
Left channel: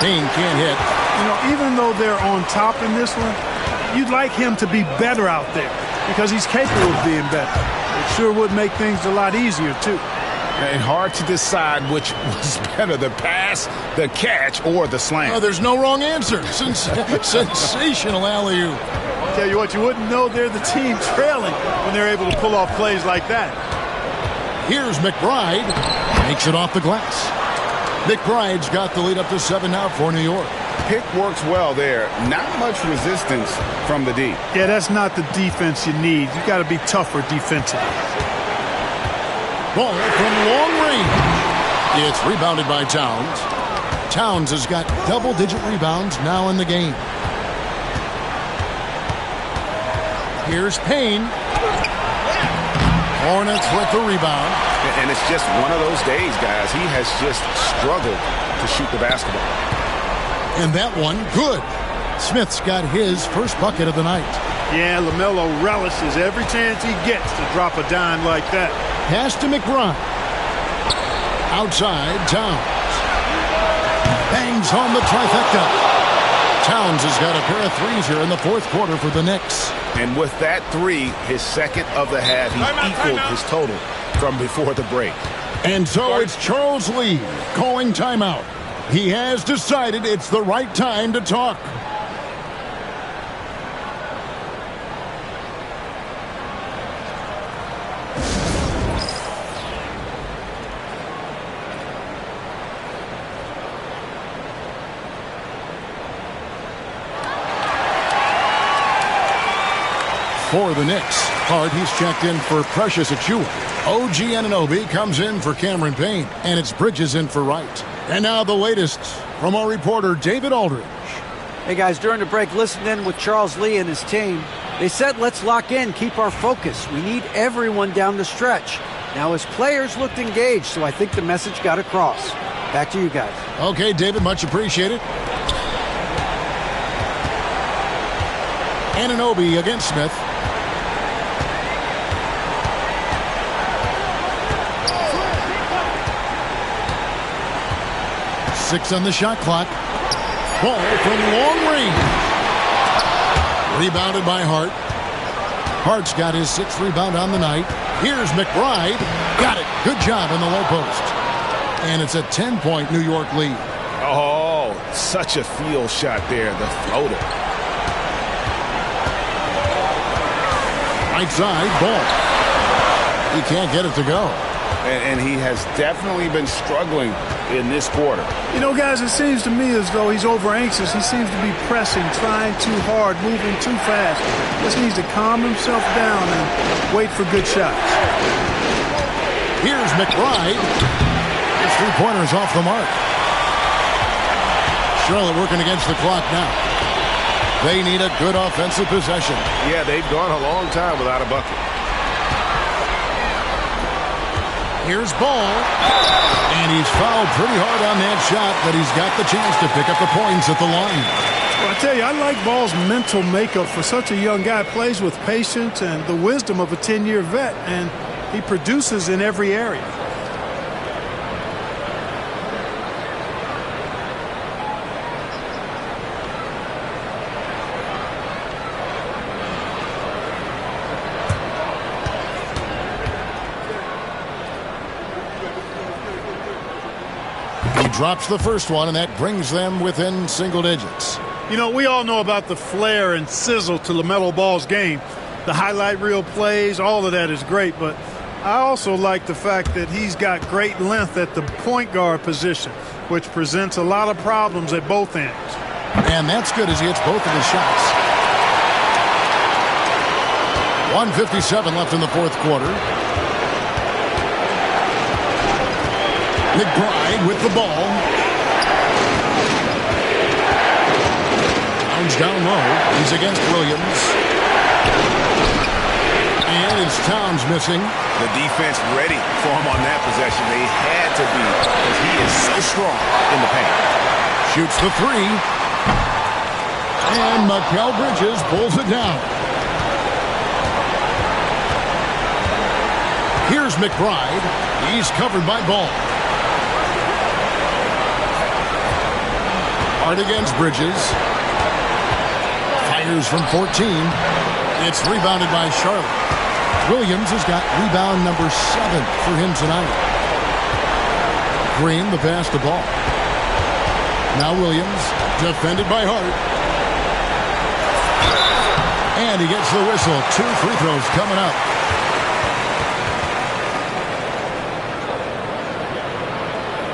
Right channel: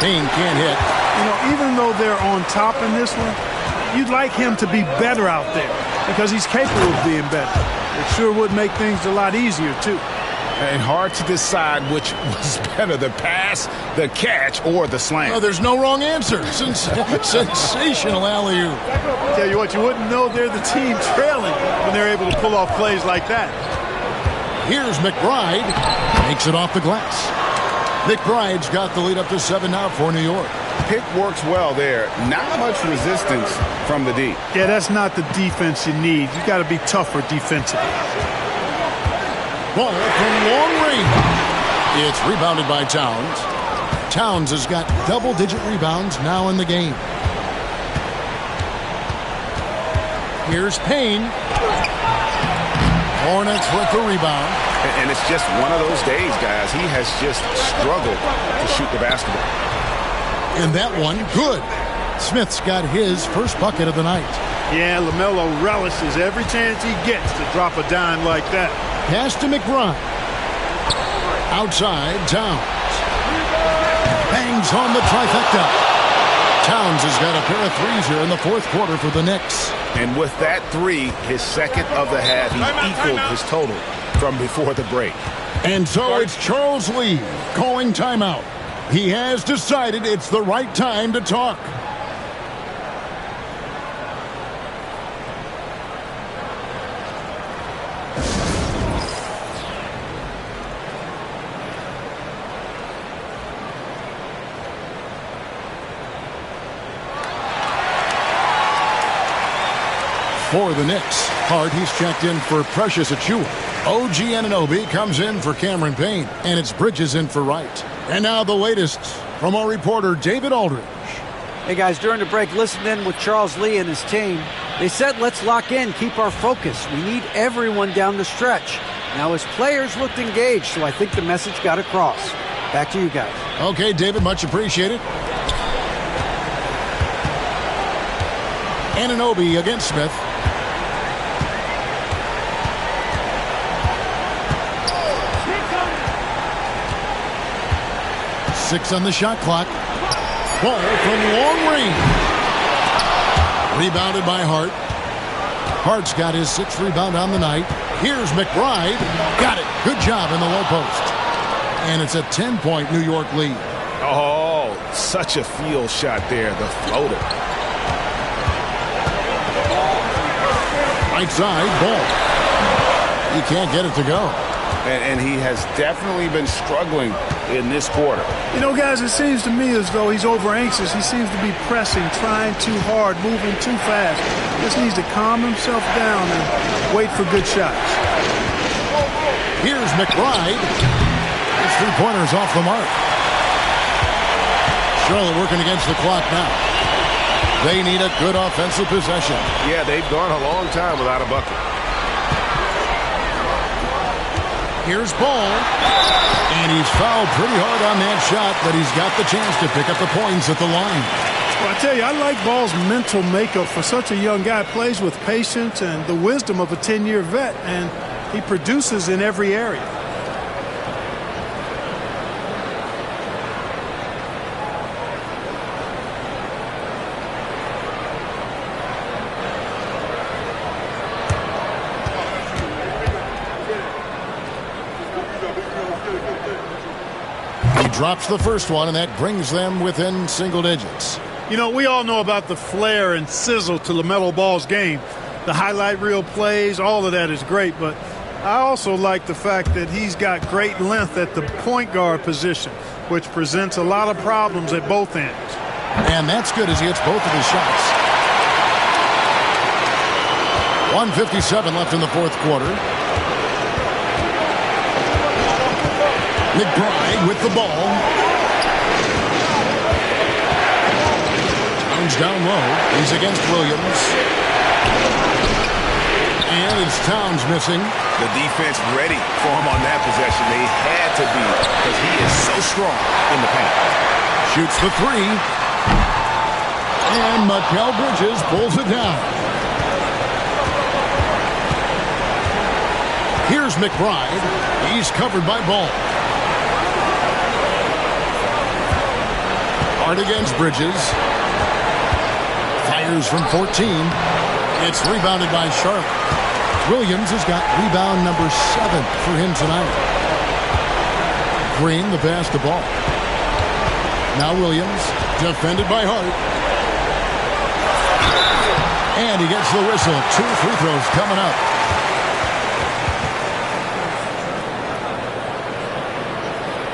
Payne can't hit. You know, even though they're on top in this one, you'd like him to be better out there because he's capable of being better. It sure would make things a lot easier, too. And hard to decide which was better, the pass, the catch, or the slam. Oh, there's no wrong answer. Sensational alley-oop. Tell you what, you wouldn't know they're the team trailing when they're able to pull off plays like that. Here's McBride. Makes it off the glass. McBride's got the lead up to 7 now for New York. Pick works well there. Not much resistance from the D. Yeah, that's not the defense you need. You got to be tougher defensively. Ball from long range. It's rebounded by Towns. Towns has got double-digit rebounds now in the game. Here's Payne. Hornets with the rebound. And it's just one of those days, guys. He has just struggled to shoot the basketball. And that one, good. Smith's got his first bucket of the night. Yeah, LaMelo relishes every chance he gets to drop a dime like that. Pass to McBride. Outside, Towns. Bangs home the trifecta. Towns has got a pair of threes here in the fourth quarter for the Knicks. And with that 3, his second of the half, he equaled his total from before the break. And so it's Charles Lee calling timeout. He has decided it's the right time to talk. For the Knicks, Hart, he's checked in for Precious Achiuwa. OG Anunoby comes in for Cameron Payne, and it's Bridges in for Wright. And now the latest from our reporter, David Aldridge. Hey, guys, during the break, listen in with Charles Lee and his team. They said, let's lock in, keep our focus. We need everyone down the stretch. Now, his players looked engaged, so I think the message got across. Back to you guys. Okay, David, much appreciated. Anunoby against Smith. 6 on the shot clock. Ball from long range. Rebounded by Hart. Hart's got his 6th rebound on the night. Here's McBride. Got it. Good job in the low post. And it's a 10-point New York lead. Oh, such a field shot there, the floater. Right side, Ball. He can't get it to go. And he has definitely been struggling in this quarter. You know, guys, it seems to me as though he's over anxious. He seems to be pressing, trying too hard, moving too fast. Just needs to calm himself down and wait for good shots. Here's McBride. His three-pointer's off the mark. Charlotte working against the clock now. They need a good offensive possession. Yeah, they've gone a long time without a bucket. Here's Ball. And he's fouled pretty hard on that shot, but he's got the chance to pick up the points at the line. Well, I tell you, I like Ball's mental makeup for such a young guy. Plays with patience and the wisdom of a 10-year vet, and he produces in every area. Drops the first one, and that brings them within single digits. You know, we all know about the flair and sizzle to LaMelo Ball's game. The highlight reel plays, all of that is great, but I also like the fact that he's got great length at the point guard position, which presents a lot of problems at both ends. And that's good as he hits both of his shots. 1:57 left in the fourth quarter. McBride with the ball. Towns down low. He's against Williams. And it's Towns missing. The defense ready for him on that possession. They had to be because he is so strong in the paint. Shoots the three. And Mikal Bridges pulls it down. Here's McBride. He's covered by Ball. Hard against Bridges. Fires from 14. It's rebounded by Charlotte. Williams has got rebound number 7 for him tonight. Green the pass to Ball. Now Williams, defended by Hart. And he gets the whistle. 2 free throws coming up.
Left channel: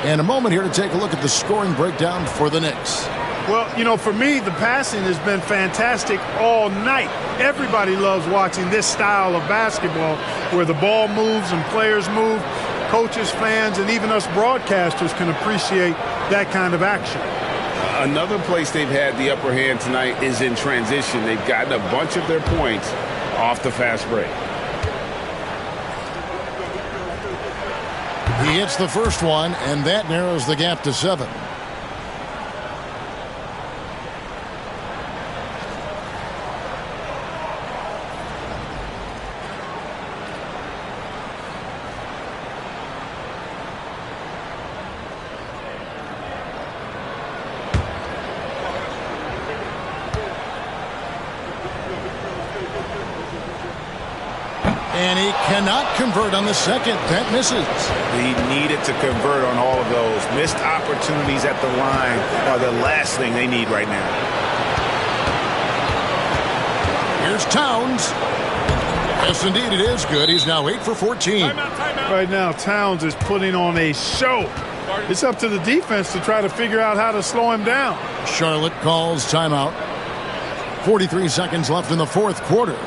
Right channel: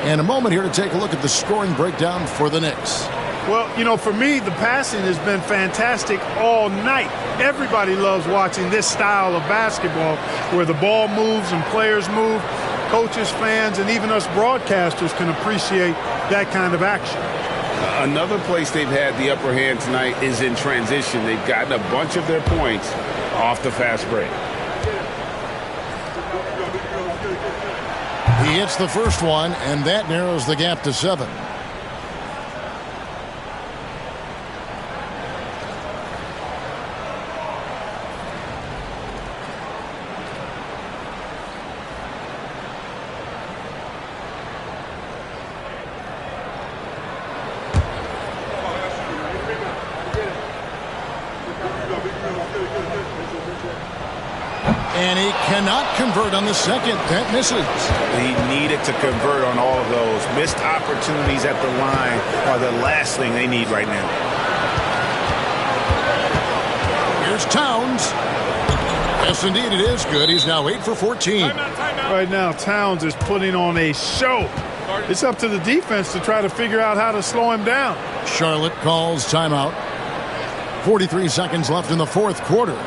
And a moment here to take a look at the scoring breakdown for the Knicks. Well, you know, for me, the passing has been fantastic all night. Everybody loves watching this style of basketball where the ball moves and players move. Coaches, fans, and even us broadcasters can appreciate that kind of action. Another place they've had the upper hand tonight is in transition. They've gotten a bunch of their points off the fast break. He hits the first one, and that narrows the gap to 7. And he cannot convert on the second. That misses. He needed to convert on all of those. Missed opportunities at the line are the last thing they need right now. Here's Towns. Yes, indeed, it is good. He's now 8 for 14. Timeout. Right now, Towns is putting on a show. It's up to the defense to try to figure out how to slow him down. Charlotte calls timeout. 43 seconds left in the fourth quarter.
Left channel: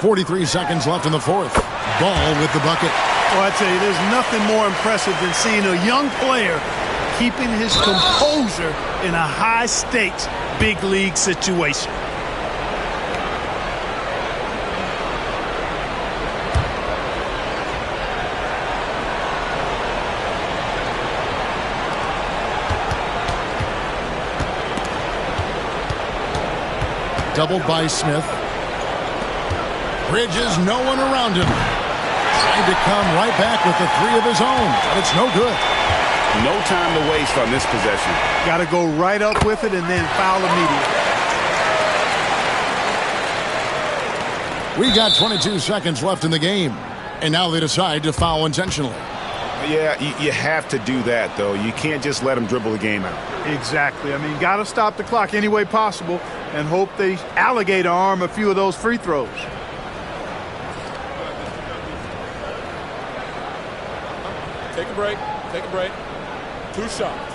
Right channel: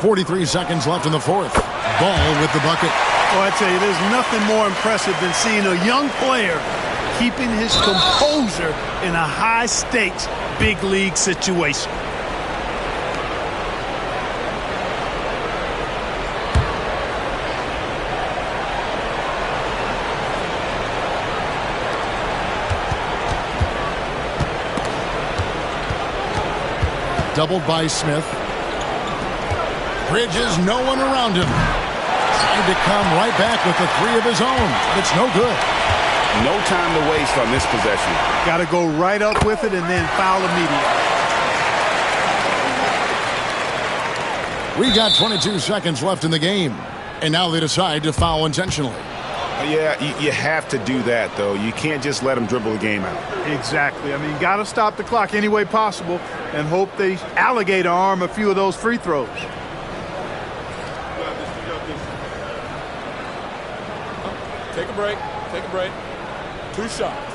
.43 seconds left in the fourth. Ball with the bucket. Well, I tell you, there's nothing more impressive than seeing a young player keeping his composure in a high-stakes, big-league situation. doubled by Smith. Bridges, no one around him. Tried to come right back with the three of his own, but it's no good. No time to waste on this possession. Got to go right up with it and then foul immediately. We got 22 seconds left in the game, and now they decide to foul intentionally. Yeah, you have to do that, though. You can't just let them dribble the game out. Exactly. I mean, got to stop the clock any way possible and hope they alligator arm a few of those free throws. Take a break. Take a break. 2 shots.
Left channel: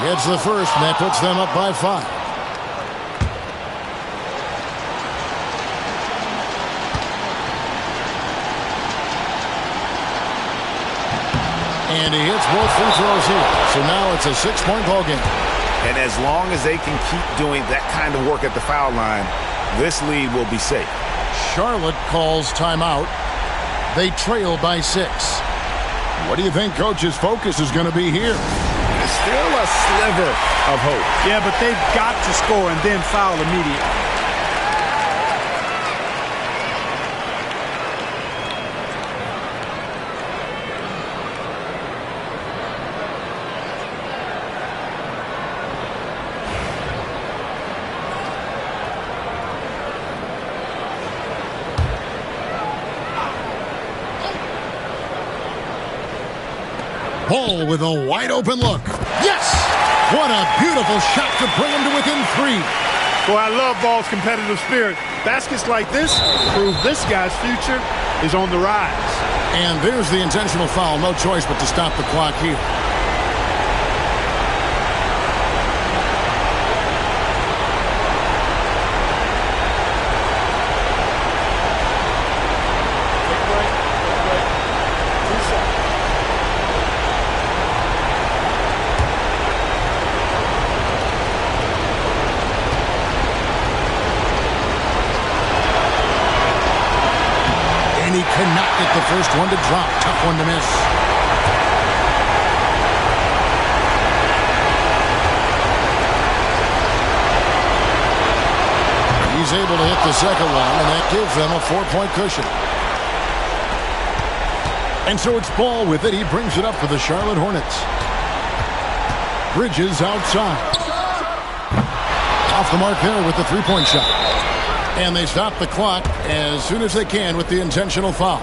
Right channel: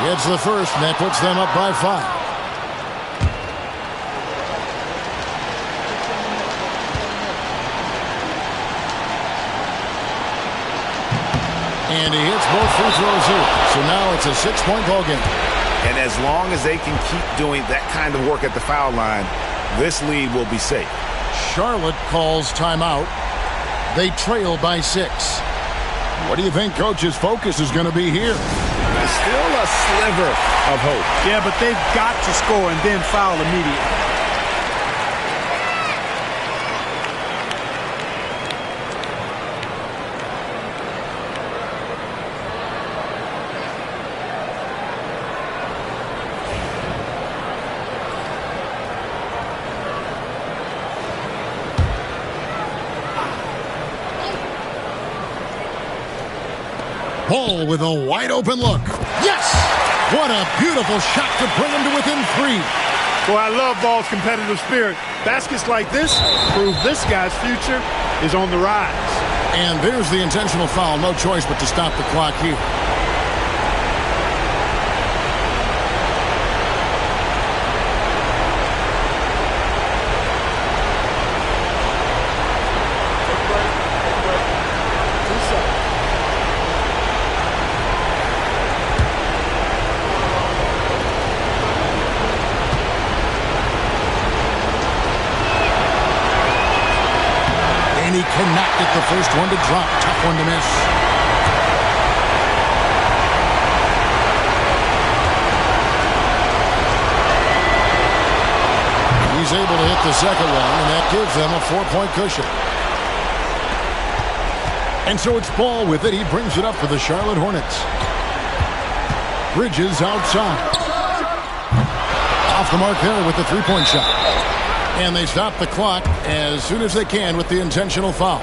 Gets the first, and that puts them up by 5. And he hits both free throws here. So now it's a 6-point ball game. And as long as they can keep doing that kind of work at the foul line, this lead will be safe. Charlotte calls timeout. They trail by 6. What do you think Coach's focus is going to be here? Still a sliver of hope. Yeah, but they've got to score and then foul immediately. Ball with a wide open look. Yes! What a beautiful shot to bring him to within 3. Boy, I love Ball's competitive spirit. Baskets like this prove this guy's future is on the rise. And there's the intentional foul. No choice but to stop the clock here. Take a break. Take a break. 2 shots. And he cannot get the first one to drop. Tough one to miss. He's able to hit the second one, and that gives them a 4-point cushion. And so it's Ball with it. He brings it up for the Charlotte Hornets. Bridges outside. Off the mark there with the 3-point shot. And they stop the clock as soon as they can with the intentional foul.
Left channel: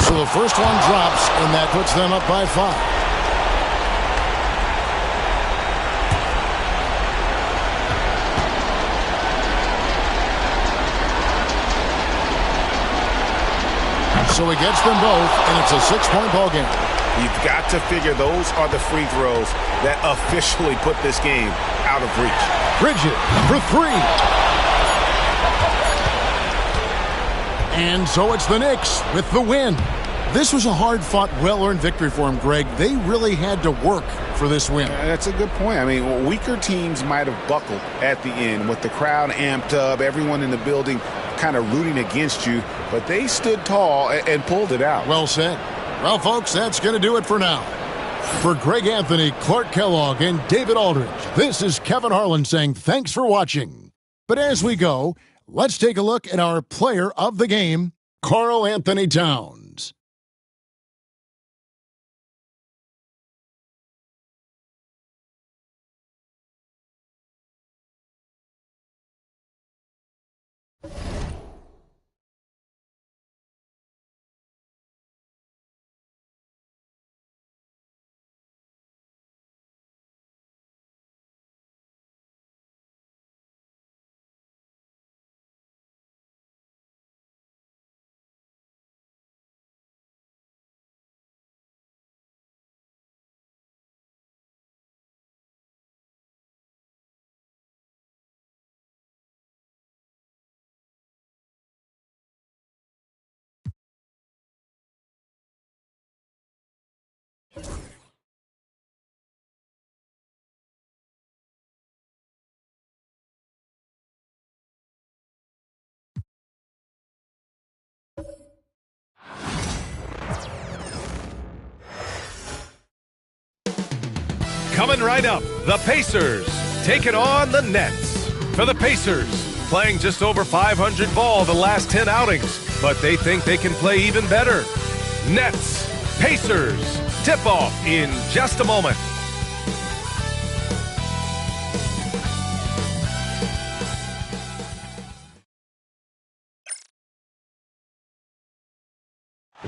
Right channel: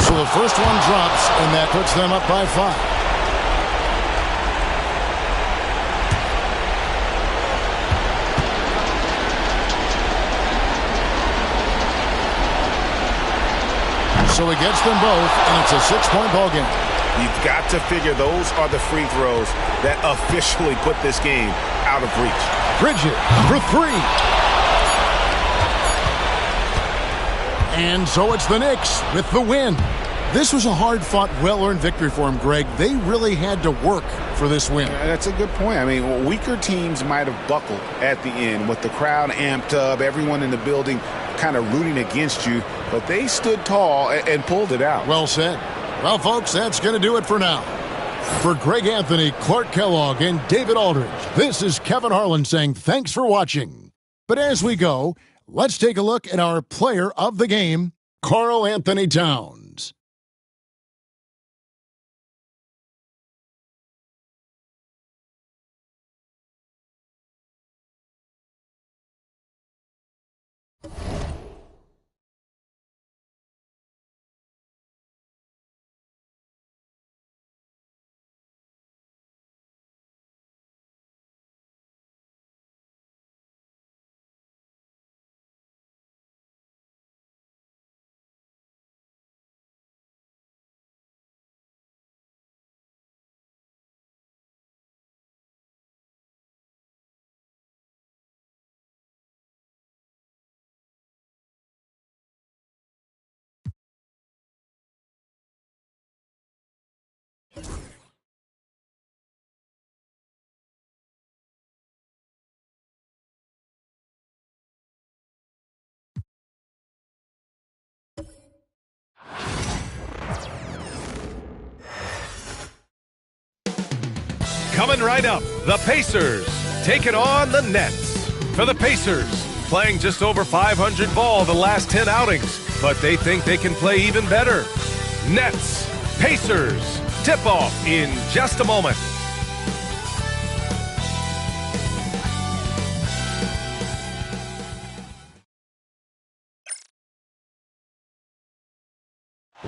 So the first one drops, and that puts them up by 5. So he gets them both, and it's a 6-point ball game. You've got to figure those are the free throws that officially put this game out of reach. Bridges for 3. And so it's the Knicks with the win. This was a hard-fought, well-earned victory for them, Greg. They really had to work for this win. That's a good point. I mean, weaker teams might have buckled at the end with the crowd amped up, everyone in the building kind of rooting against you, but they stood tall and pulled it out. Well said. Well, folks, that's going to do it for now. For Greg Anthony, Clark Kellogg, and David Aldridge, this is Kevin Harlan saying thanks for watching. But as we go, let's take a look at our player of the game, Karl Anthony Towns. Coming right up, the Pacers taking on the Nets. For the Pacers, playing just over 500 ball the last 10 outings, but they think they can play even better. Nets, Pacers, tip-off in just a moment.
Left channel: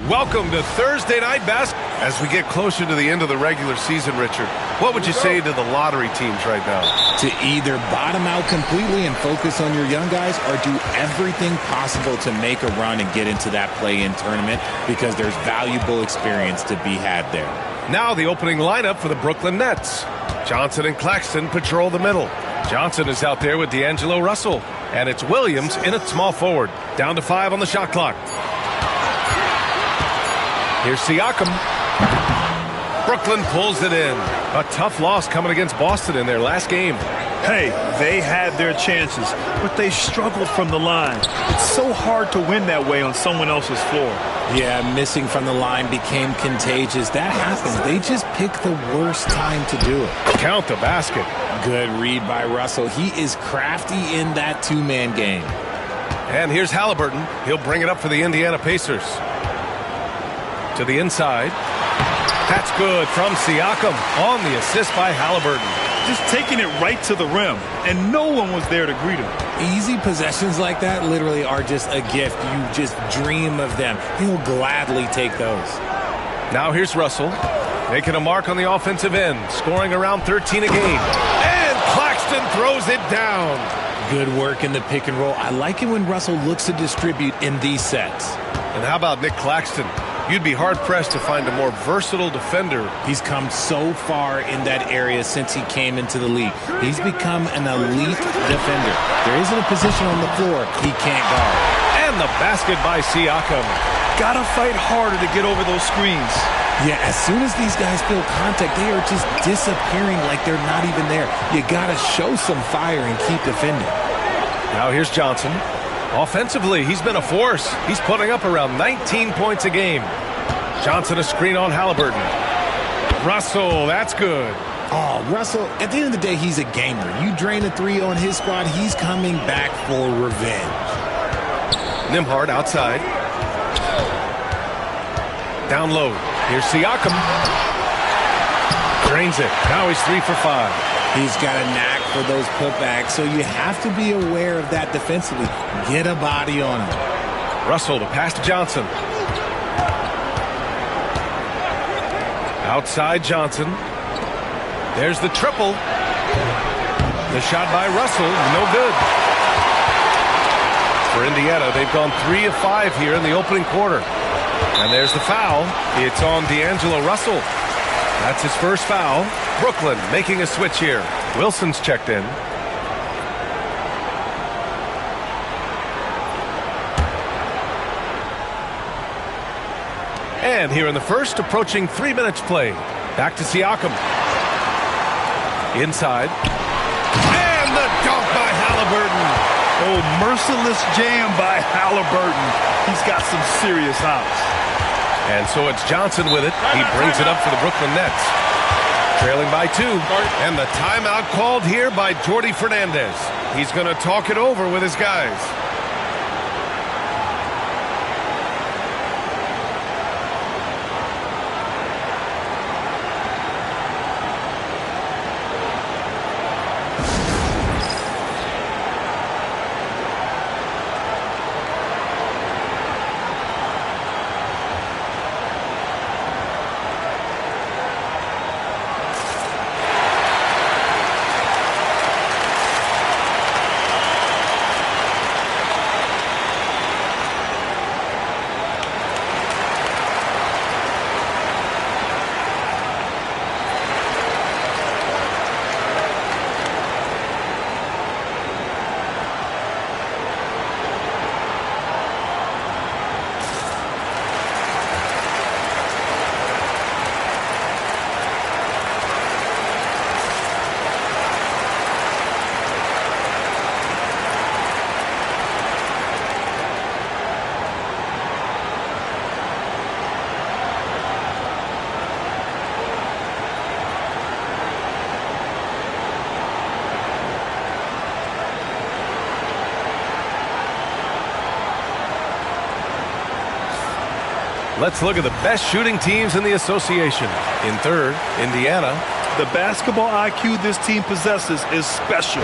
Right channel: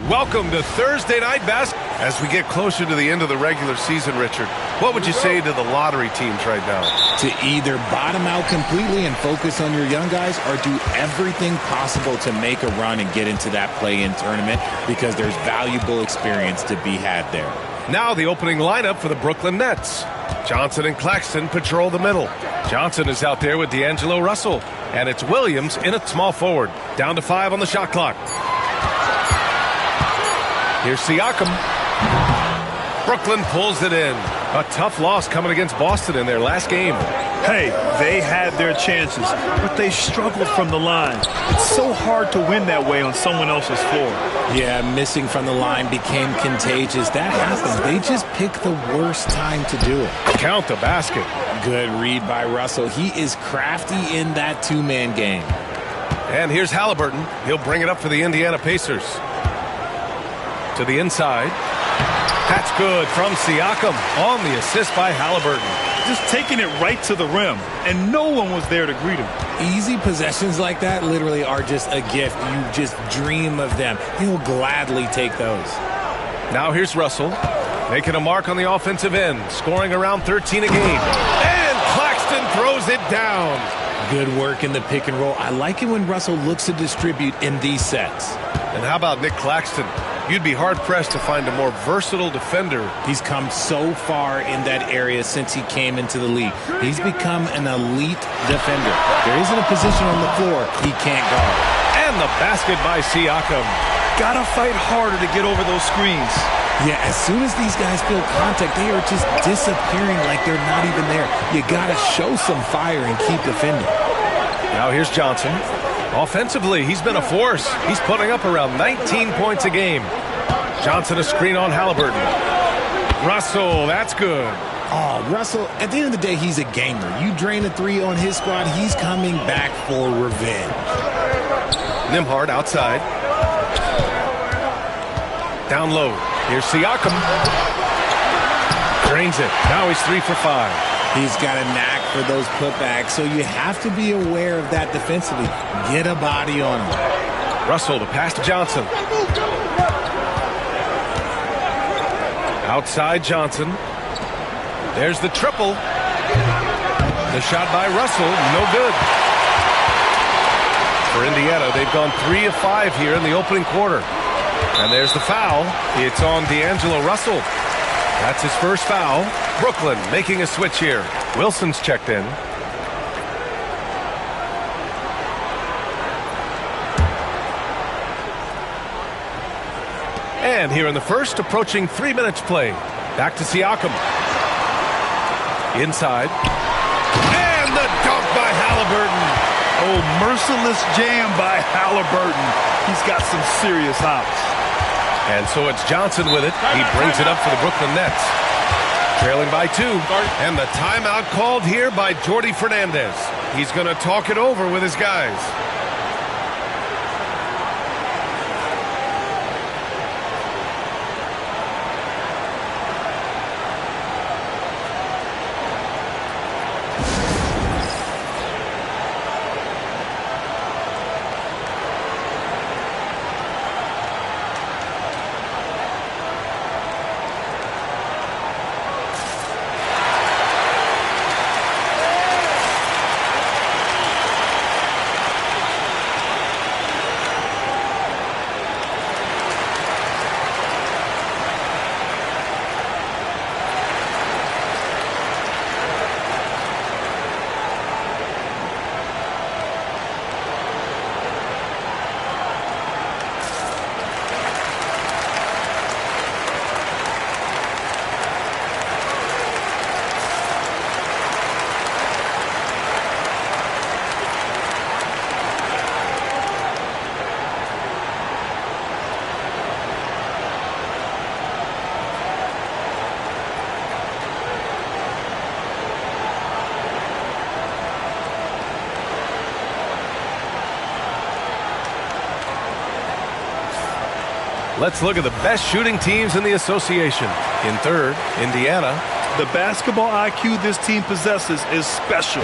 Welcome to Thursday Night Basketball. As we get closer to the end of the regular season, Richard, what would you say to the lottery teams right now? To either bottom out completely and focus on your young guys or do everything possible to make a run and get into that play-in tournament because there's valuable experience to be had there. Now the opening lineup for the Brooklyn Nets. Johnson and Claxton patrol the middle. Johnson is out there with D'Angelo Russell. And it's Williams in at small forward. Down to 5 on the shot clock. Here's Siakam. Brooklyn pulls it in. A tough loss coming against Boston in their last game. Hey, they had their chances, but they struggled from the line. It's so hard to win that way on someone else's floor. Yeah, missing from the line became contagious. That happens. They just pick the worst time to do it. Count the basket. Good read by Russell. He is crafty in that two-man game. And here's Halliburton. He'll bring it up for the Indiana Pacers. To the inside. That's good from Siakam on the assist by Halliburton. Just taking it right to the rim, and no one was there to greet him. Easy possessions like that literally are just a gift. You just dream of them. He'll gladly take those. Now here's Russell, making a mark on the offensive end, scoring around 13 a game. And Claxton throws it down. Good work in the pick and roll. I like it when Russell looks to distribute in these sets. And how about Nick Claxton? You'd be hard-pressed to find a more versatile defender. He's come so far in that area since he came into the league. He's become an elite defender. There isn't a position on the floor he can't guard. And the basket by Siakam. Gotta fight harder to get over those screens. Yeah, as soon as these guys feel contact, they are just disappearing like they're not even there. You gotta show some fire and keep defending. Now here's Johnson. Offensively, he's been a force. He's putting up around 19 points a game. Johnson a screen on Halliburton. Russell, that's good. Oh, Russell, at the end of the day, he's a gamer. You drain a three on his squad, he's coming back for revenge. Nembhard outside. Down low. Here's Siakam. Drains it. Now he's 3 for 5. He's got a knack for those putbacks, so you have to be aware of that defensively. Get a body on him. Russell to pass to Johnson. Outside Johnson. There's the triple. The shot by Russell, no good. For Indiana, they've gone 3 of 5 here in the opening quarter. And there's the foul. It's on D'Angelo Russell. That's his first foul. Brooklyn making a switch here. Wilson's checked in. And here in the first, approaching 3 minutes play. Back to Siakam. Inside. And the dunk by Halliburton. Oh, merciless jam by Halliburton. He's got some serious hops. And so it's Johnson with it. He brings it up for the Brooklyn Nets. Trailing by 2. And the timeout called here by Jordi Fernandez. He's going to talk it over with his guys. Let's look at the best shooting teams in the association. In third, Indiana. The basketball IQ this team possesses is special.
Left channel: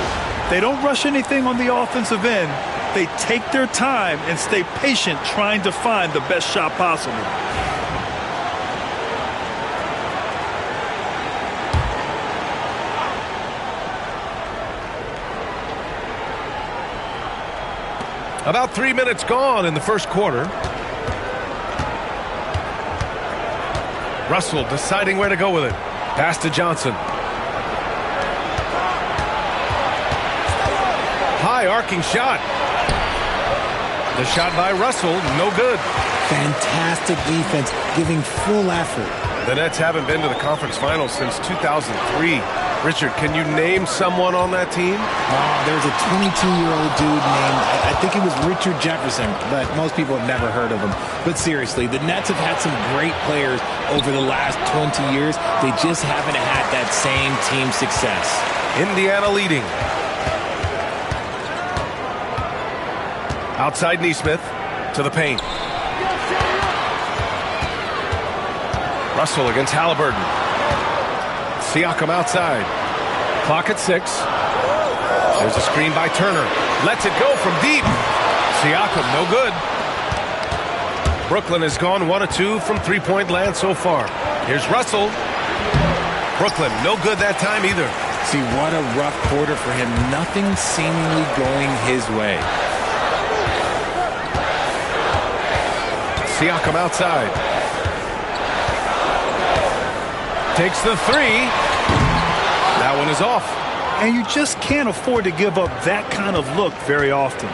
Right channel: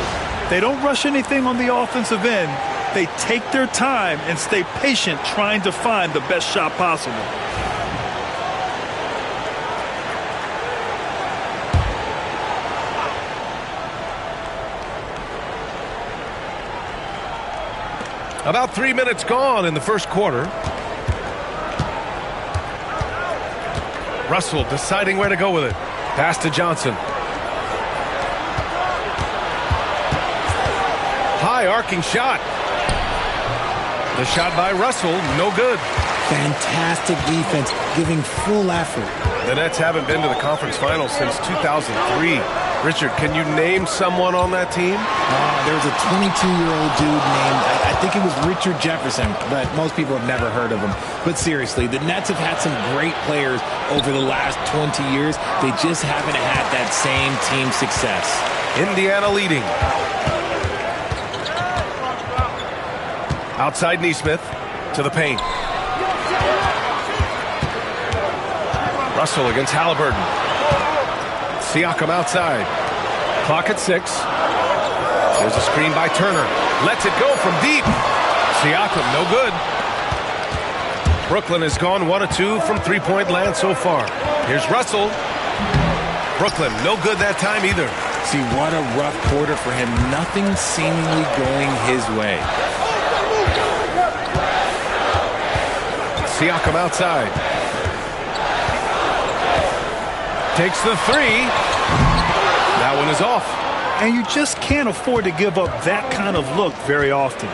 They don't rush anything on the offensive end. They take their time and stay patient trying to find the best shot possible. About 3 minutes gone in the first quarter. Russell deciding where to go with it. Pass to Johnson. High arcing shot. The shot by Russell, no good. Fantastic defense, giving full effort. The Nets haven't been to the conference finals since 2003. Richard, can you name someone on that team? There was a 22-year-old dude named, I think it was Richard Jefferson, but most people have never heard of him. But seriously, the Nets have had some great players over the last 20 years. They just haven't had that same team success. Indiana leading. Outside Neesmith to the paint. Russell against Halliburton. Siakam outside. Clock at 6. There's a screen by Turner. Lets it go from deep. Siakam, no good. Brooklyn has gone 1 of 2 from three-point land so far. Here's Russell. Brooklyn, no good that time either. See, what a rough quarter for him. Nothing seemingly going his way. Siakam outside. Takes the 3. That one is off. And you just can't afford to give up that kind of look very often.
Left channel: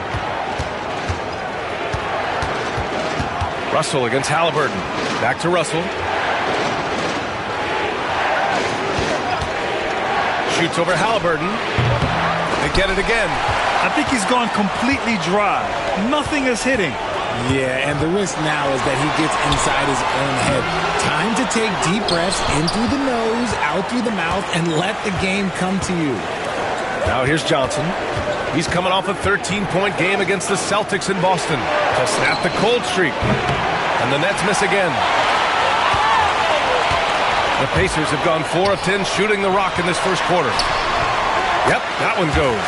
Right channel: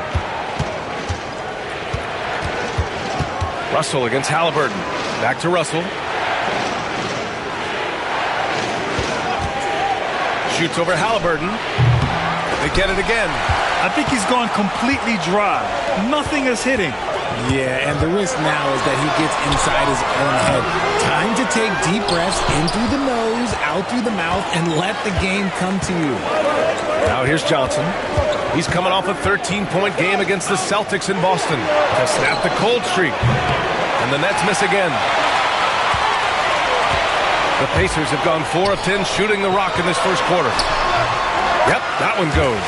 Russell against Halliburton. Back to Russell. Shoots over Halliburton. They get it again. I think he's gone completely dry. Nothing is hitting. Yeah, and the risk now is that he gets inside his own head. Time to take deep breaths in through the nose, out through the mouth, and let the game come to you. Now here's Johnson. He's coming off a 13-point game against the Celtics in Boston to snap the cold streak. And the Nets miss again. The Pacers have gone 4 of 10 shooting the rock in this first quarter. Yep, that one goes.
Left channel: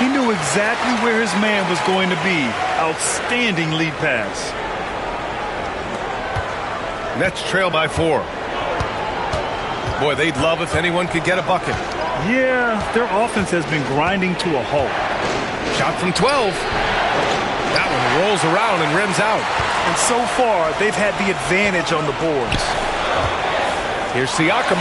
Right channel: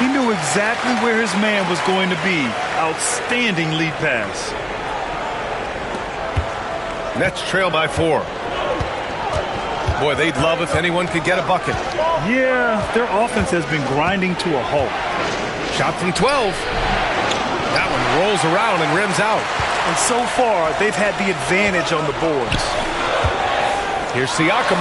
He knew exactly where his man was going to be. Outstanding lead pass. Nets trail by 4. Boy, they'd love if anyone could get a bucket. Yeah, their offense has been grinding to a halt. Shot from 12. That one rolls around and rims out. And so far, they've had the advantage on the boards. Here's Siakam.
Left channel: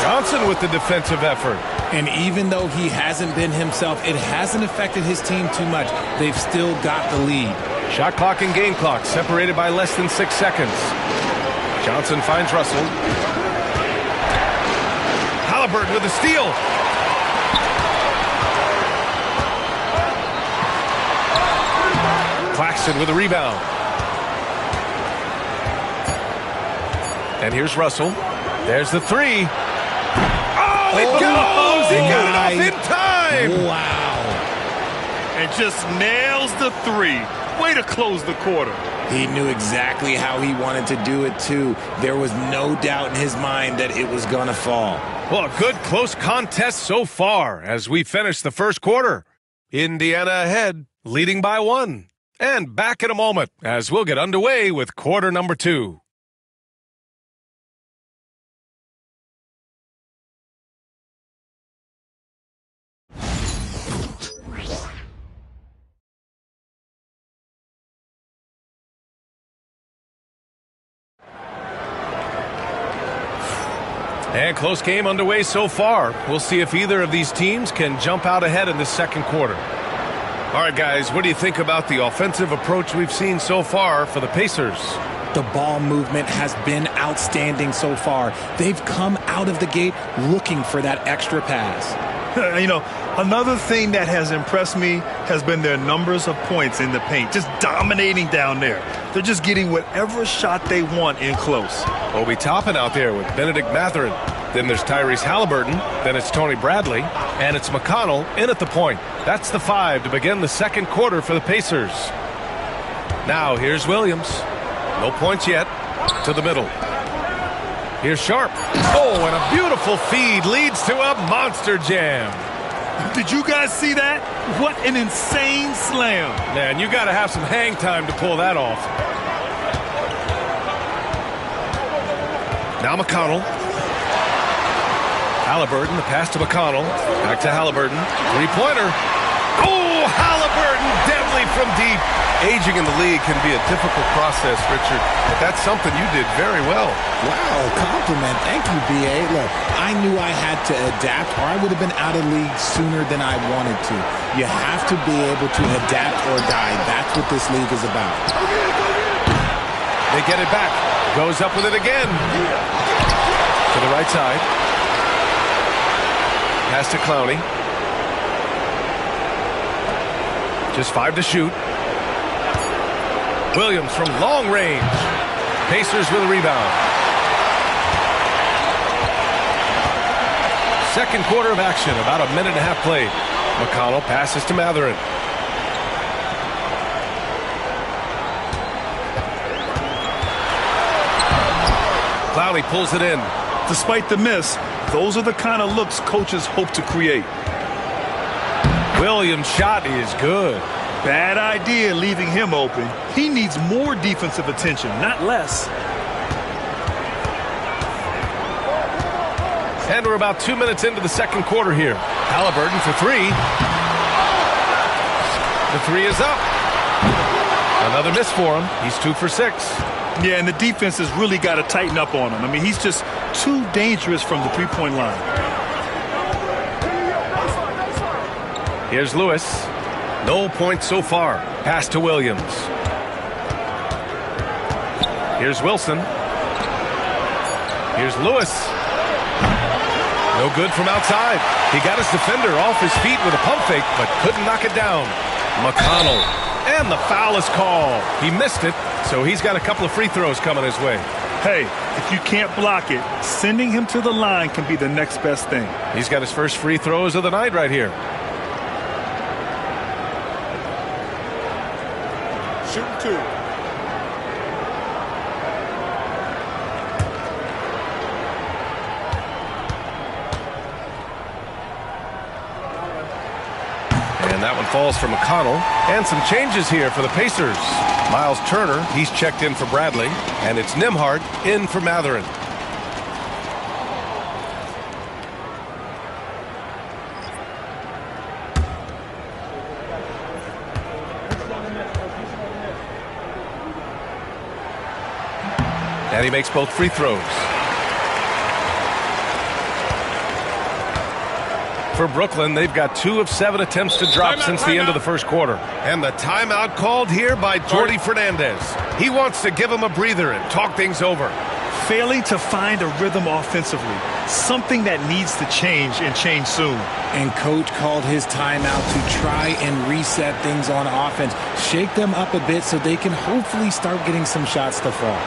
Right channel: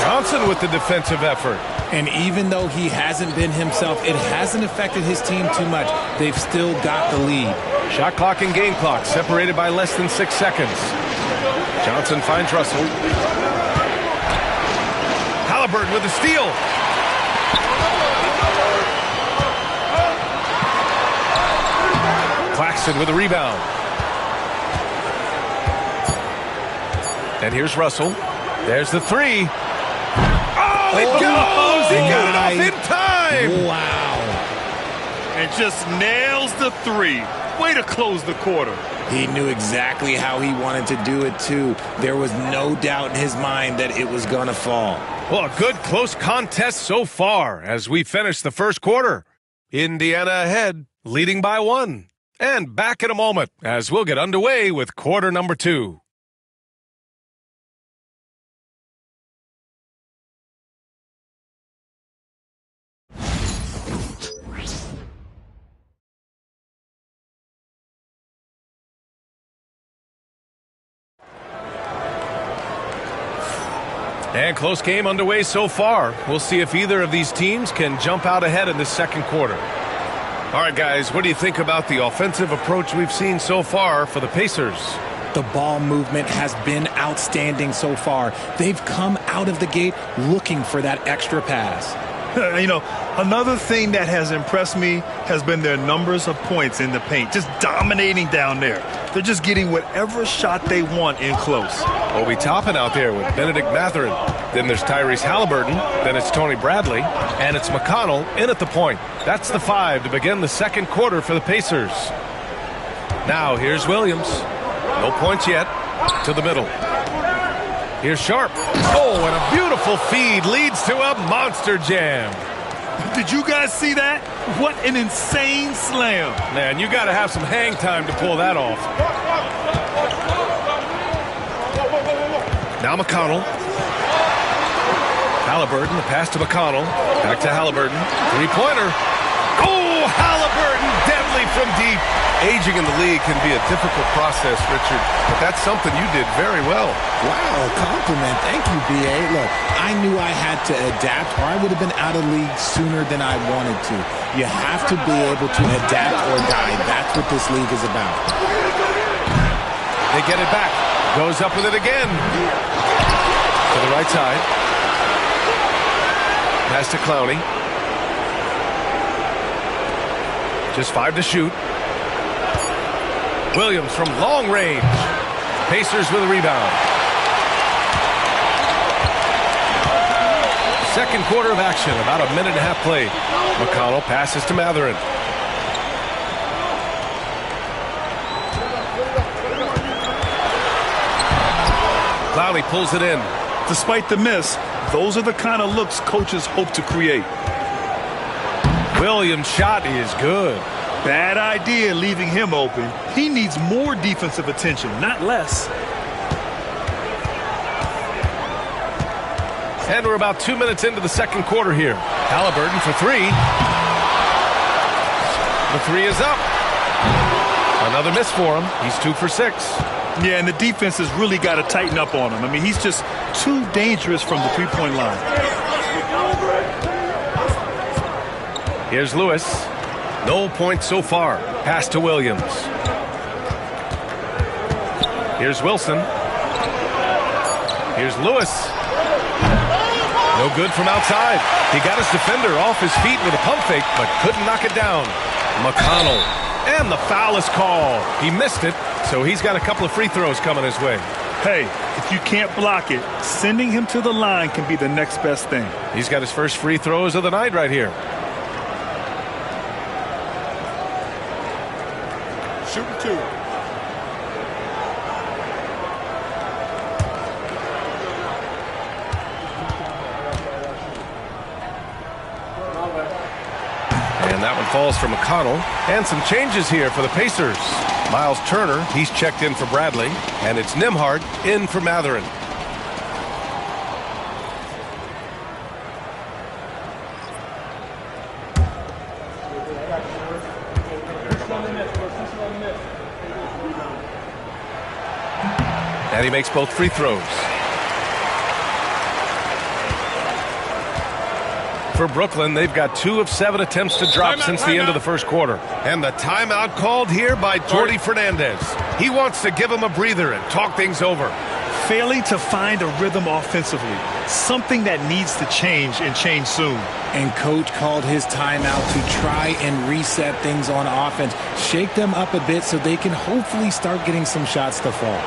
Johnson with the defensive effort. And even though he hasn't been himself, it hasn't affected his team too much. They've still got the lead. Shot clock and game clock separated by less than 6 seconds. Johnson finds Russell. Halliburton with a steal. Claxton with a rebound. And here's Russell. There's the 3. Oh, it goes! He got it off in time! Wow. And just nails the 3. Way to close the quarter. He knew exactly how he wanted to do it, too. There was no doubt in his mind that it was going to fall. Well, a good close contest so far as we finish the first quarter. Indiana ahead, leading by 1. And back in a moment as we'll get underway with quarter number 2. And close game underway so far. We'll see if either of these teams can jump out ahead in this second quarter. All right, guys, what do you think about the offensive approach we've seen so far for the Pacers? The ball movement has been outstanding so far. They've come out of the gate looking for that extra pass. You know, another thing that has impressed me has been their numbers of points in the paint, just dominating down there. They're just getting whatever shot they want in close. Obi Toppin out there with Benedict Mathurin. Then there's Tyrese Halliburton. Then it's Tony Bradley. And it's McConnell in at the point. That's the 5 to begin the second quarter for the Pacers. Now here's Williams. No points yet. To the middle. Here's Sharp. Oh, and a beautiful feed leads to a monster jam. Did you guys see that? What an insane slam. Man, you got to have some hang time to pull that off. Now McConnell. Halliburton, the pass to McConnell. Back to Halliburton. Three-pointer. Oh, Halliburton, deadly from deep. Aging in the league can be a difficult process, Richard, but that's something you did very well. Wow, compliment. Thank you, B.A. Look, I knew I had to adapt or I would have been out of league sooner than I wanted to. You have to be able to adapt or die. That's what this league is about. They get it back. Goes up with it again. To the right side. Pass to Clowney. Just 5 to shoot. Williams from long range. Pacers with a rebound. Second quarter of action, about a minute and a half played. McConnell passes to Matherin. Clowney pulls it in. Despite the miss, those are the kind of looks coaches hope to create. Williams' shot is good. Bad idea leaving him open. He needs more defensive attention, not less. And we're about 2 minutes into the second quarter here. Halliburton for three. The three is up. Another miss for him. He's 2 for 6. Yeah, and the defense has really got to tighten up on him. I mean, he's just too dangerous from the three-point line. Here's Lewis. No points so far. Pass to Williams. Here's Wilson. Here's Lewis. No good from outside. He got his defender off his feet with a pump fake, but couldn't knock it down. McConnell. And the foul is called. He missed it, so he's got a couple of free throws coming his way. Hey, if you can't block it, sending him to the line can be the next best thing. He's got his first free throws of the night right here. Shooting 2. And that one falls for McConnell. And some changes here for the Pacers. Miles Turner, he's checked in for Bradley. And it's Nembhard in for Matherin. And he makes both free throws. For Brooklyn, they've got 2 of 7 attempts to drop since the end of the first quarter. And the timeout called here by Jordi Fernandez. He wants to give him a breather and talk things over. Failing to find a rhythm offensively, something that needs to change and change soon. And coach called his timeout to try and reset things on offense, shake them up a bit so they can hopefully start getting some shots to fall.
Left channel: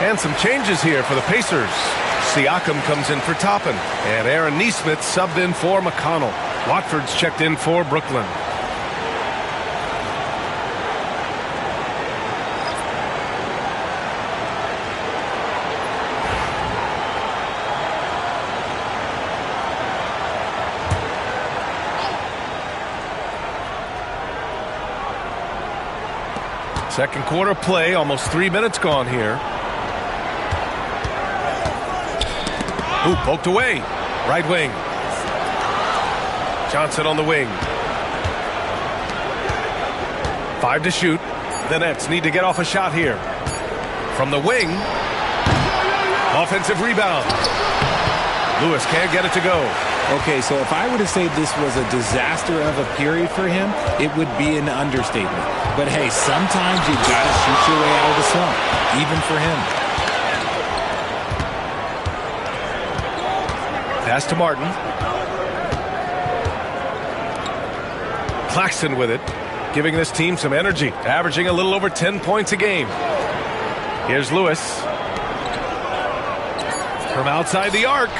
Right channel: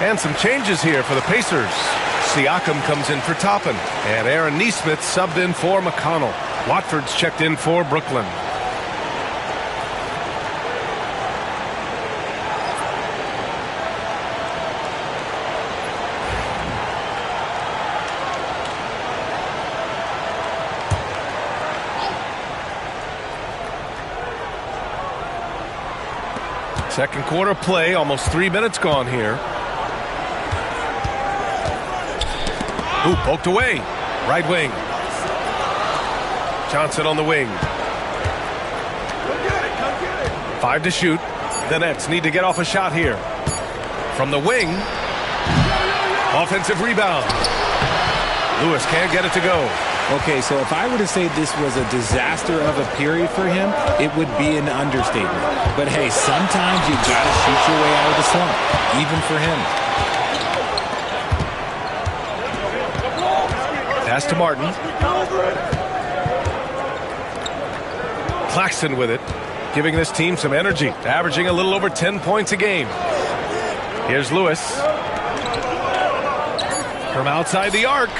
And some changes here for the Pacers. Siakam comes in for Toppin. And Aaron Nesmith subbed in for McConnell. Watford's checked in for Brooklyn. Second quarter play, almost 3 minutes gone here. Ooh, poked away. Right wing. Johnson on the wing. 5 to shoot. The Nets need to get off a shot here. From the wing. Offensive rebound. Lewis can't get it to go. Okay, so if I were to say this was a disaster of a period for him, it would be an understatement. But hey, sometimes you gotta shoot your way out of the slump, even for him. Pass to Martin. Claxton with it, giving this team some energy, averaging a little over 10 points a game. Here's Lewis. From outside the arc.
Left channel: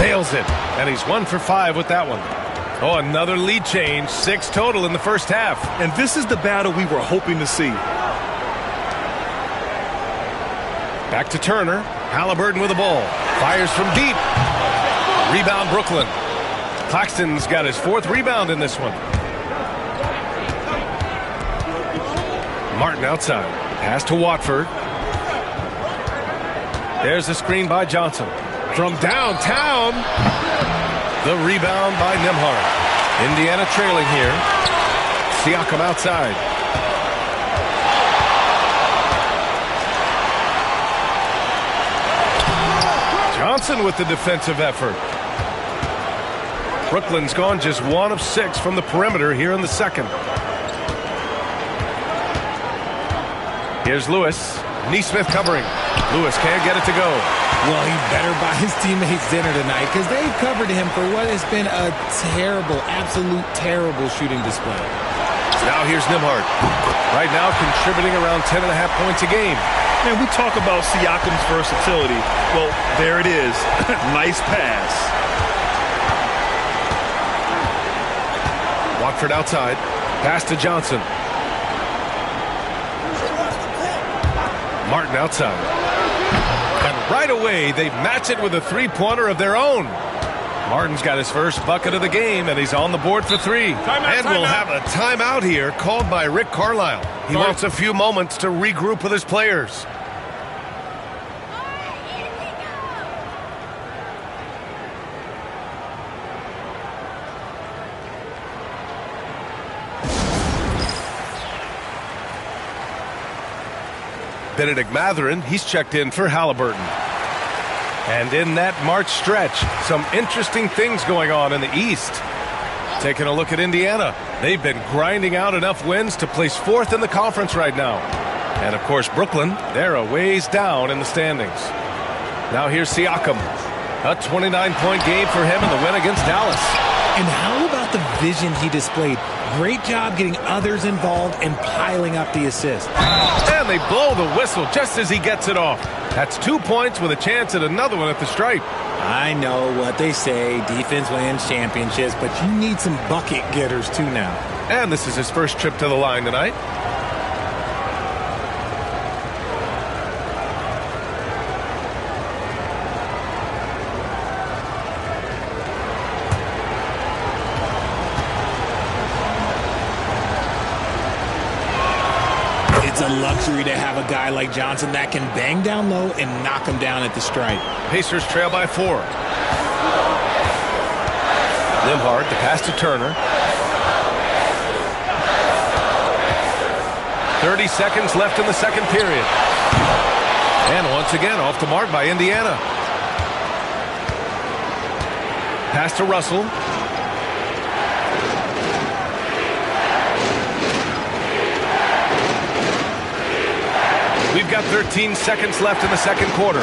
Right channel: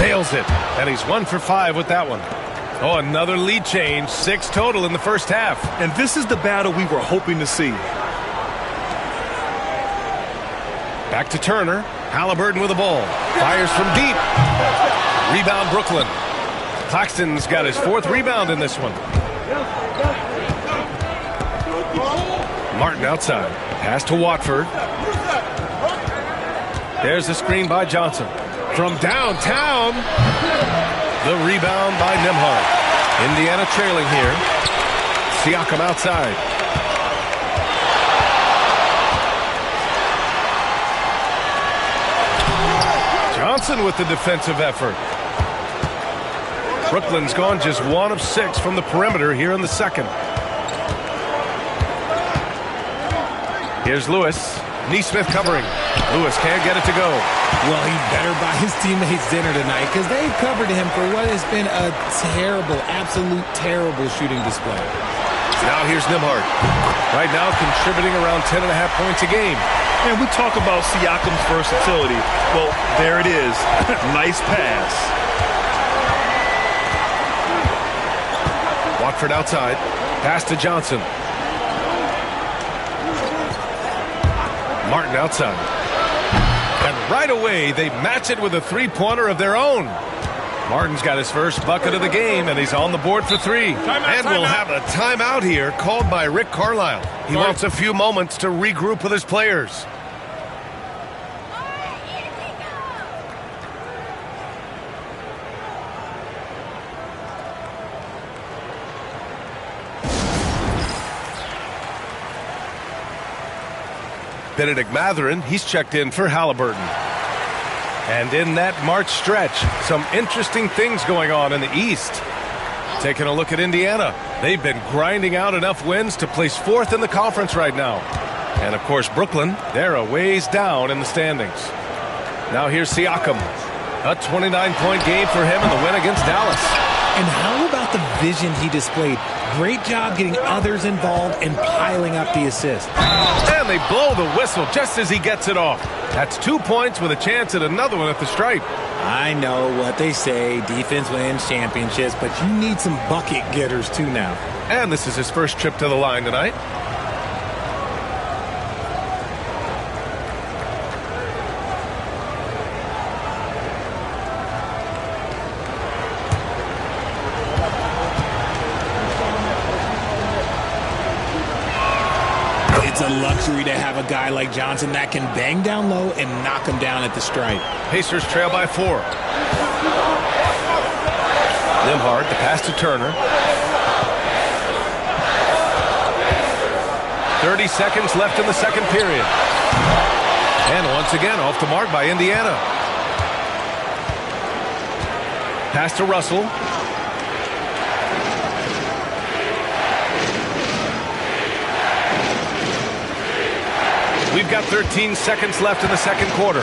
Nails it. And he's 1 for 5 with that one. Oh, another lead change. 6 total in the first half. And this is the battle we were hoping to see. Back to Turner. Halliburton with the ball. Fires from deep. Rebound Brooklyn. Claxton's got his 4th rebound in this one. Martin outside. Pass to Watford. There's a screen by Johnson. From downtown. The rebound by Nembhard. Indiana trailing here. Siakam outside. Johnson with the defensive effort. Brooklyn's gone just 1 of 6 from the perimeter here in the second. Here's Lewis. Neesmith covering. Lewis can't get it to go. Well, he better buy his teammates dinner tonight because they've covered him for what has been a terrible, absolute terrible shooting display. Now here's Nembhard. Right now contributing around 10.5 points a game. And we talk about Siakam's versatility. Well, there it is. Nice pass. Watford outside. Pass to Johnson. Martin outside. And right away, they match it with a three-pointer of their own. Martin's got his first bucket of the game, and he's on the board for 3. And we'll have a timeout here called by Rick Carlisle. He wants a few moments to regroup with his players. Benedict Mathurin, he's checked in for Halliburton. And in that March stretch, some interesting things going on in the East. Taking a look at Indiana. They've been grinding out enough wins to place 4th in the conference right now. And, of course, Brooklyn, they're a ways down in the standings. Now here's Siakam. A 29-point game for him in the win against Dallas. And how about the vision he displayed? Great job getting others involved and piling up the assist. And they blow the whistle just as he gets it off. That's 2 points with a chance at another one at the stripe. I know what they say, defense wins championships, but you need some bucket getters too now. And this is his first trip to the line tonight. It's a luxury to have a guy like Johnson that can bang down low and knock him down at the stripe. Pacers trail by 4. Nembhard, the pass to Turner. 30 seconds left in the second period. And once again, off the mark by Indiana. Pass to Russell. We've got 13 seconds left in the second quarter.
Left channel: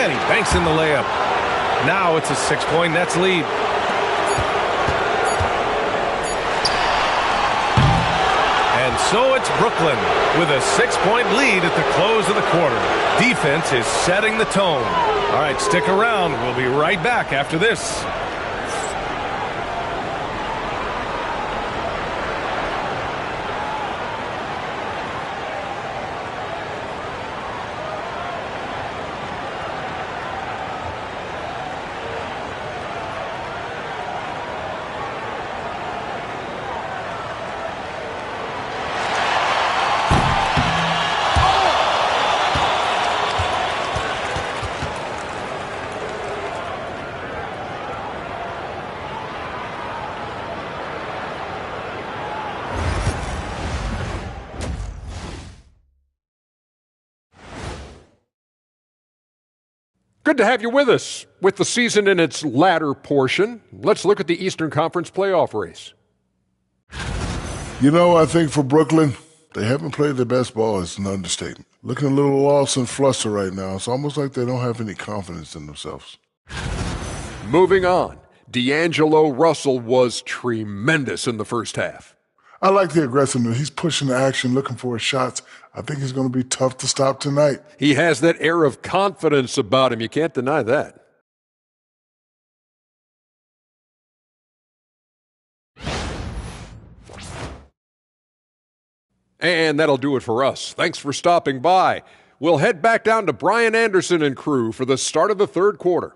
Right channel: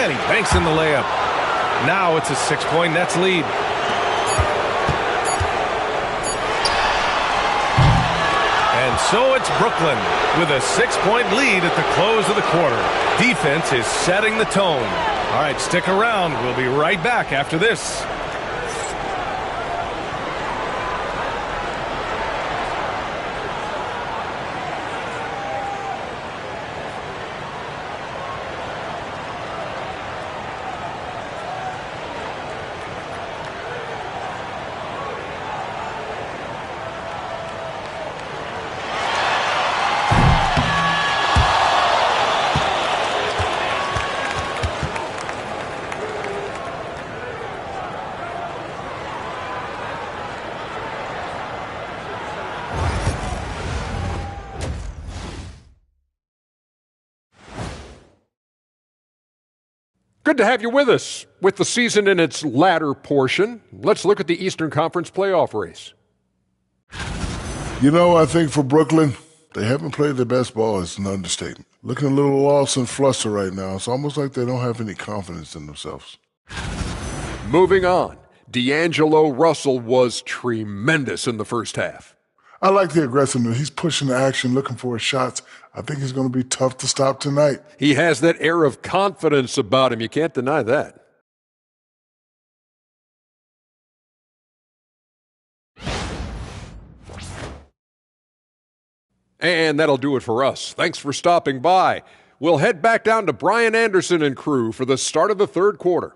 And he banks in the layup. Now it's a 6-point Nets lead. And so it's Brooklyn with a 6-point lead at the close of the quarter. Defense is setting the tone. All right, stick around. We'll be right back after this. Good to have you with us. With the season in its latter portion, let's look at the Eastern Conference playoff race. You know, I think for Brooklyn, they haven't played their best ball. It's an understatement. Looking a little lost and flustered right now. It's almost like they don't have any confidence in themselves. Moving on, D'Angelo Russell was tremendous in the first half. I like the aggressiveness. He's pushing the action, looking for his shots. I think he's going to be tough to stop tonight. He has that air of confidence about him. You can't deny that. And that'll do it for us. Thanks for stopping by. We'll head back down to Brian Anderson and crew for the start of the third quarter.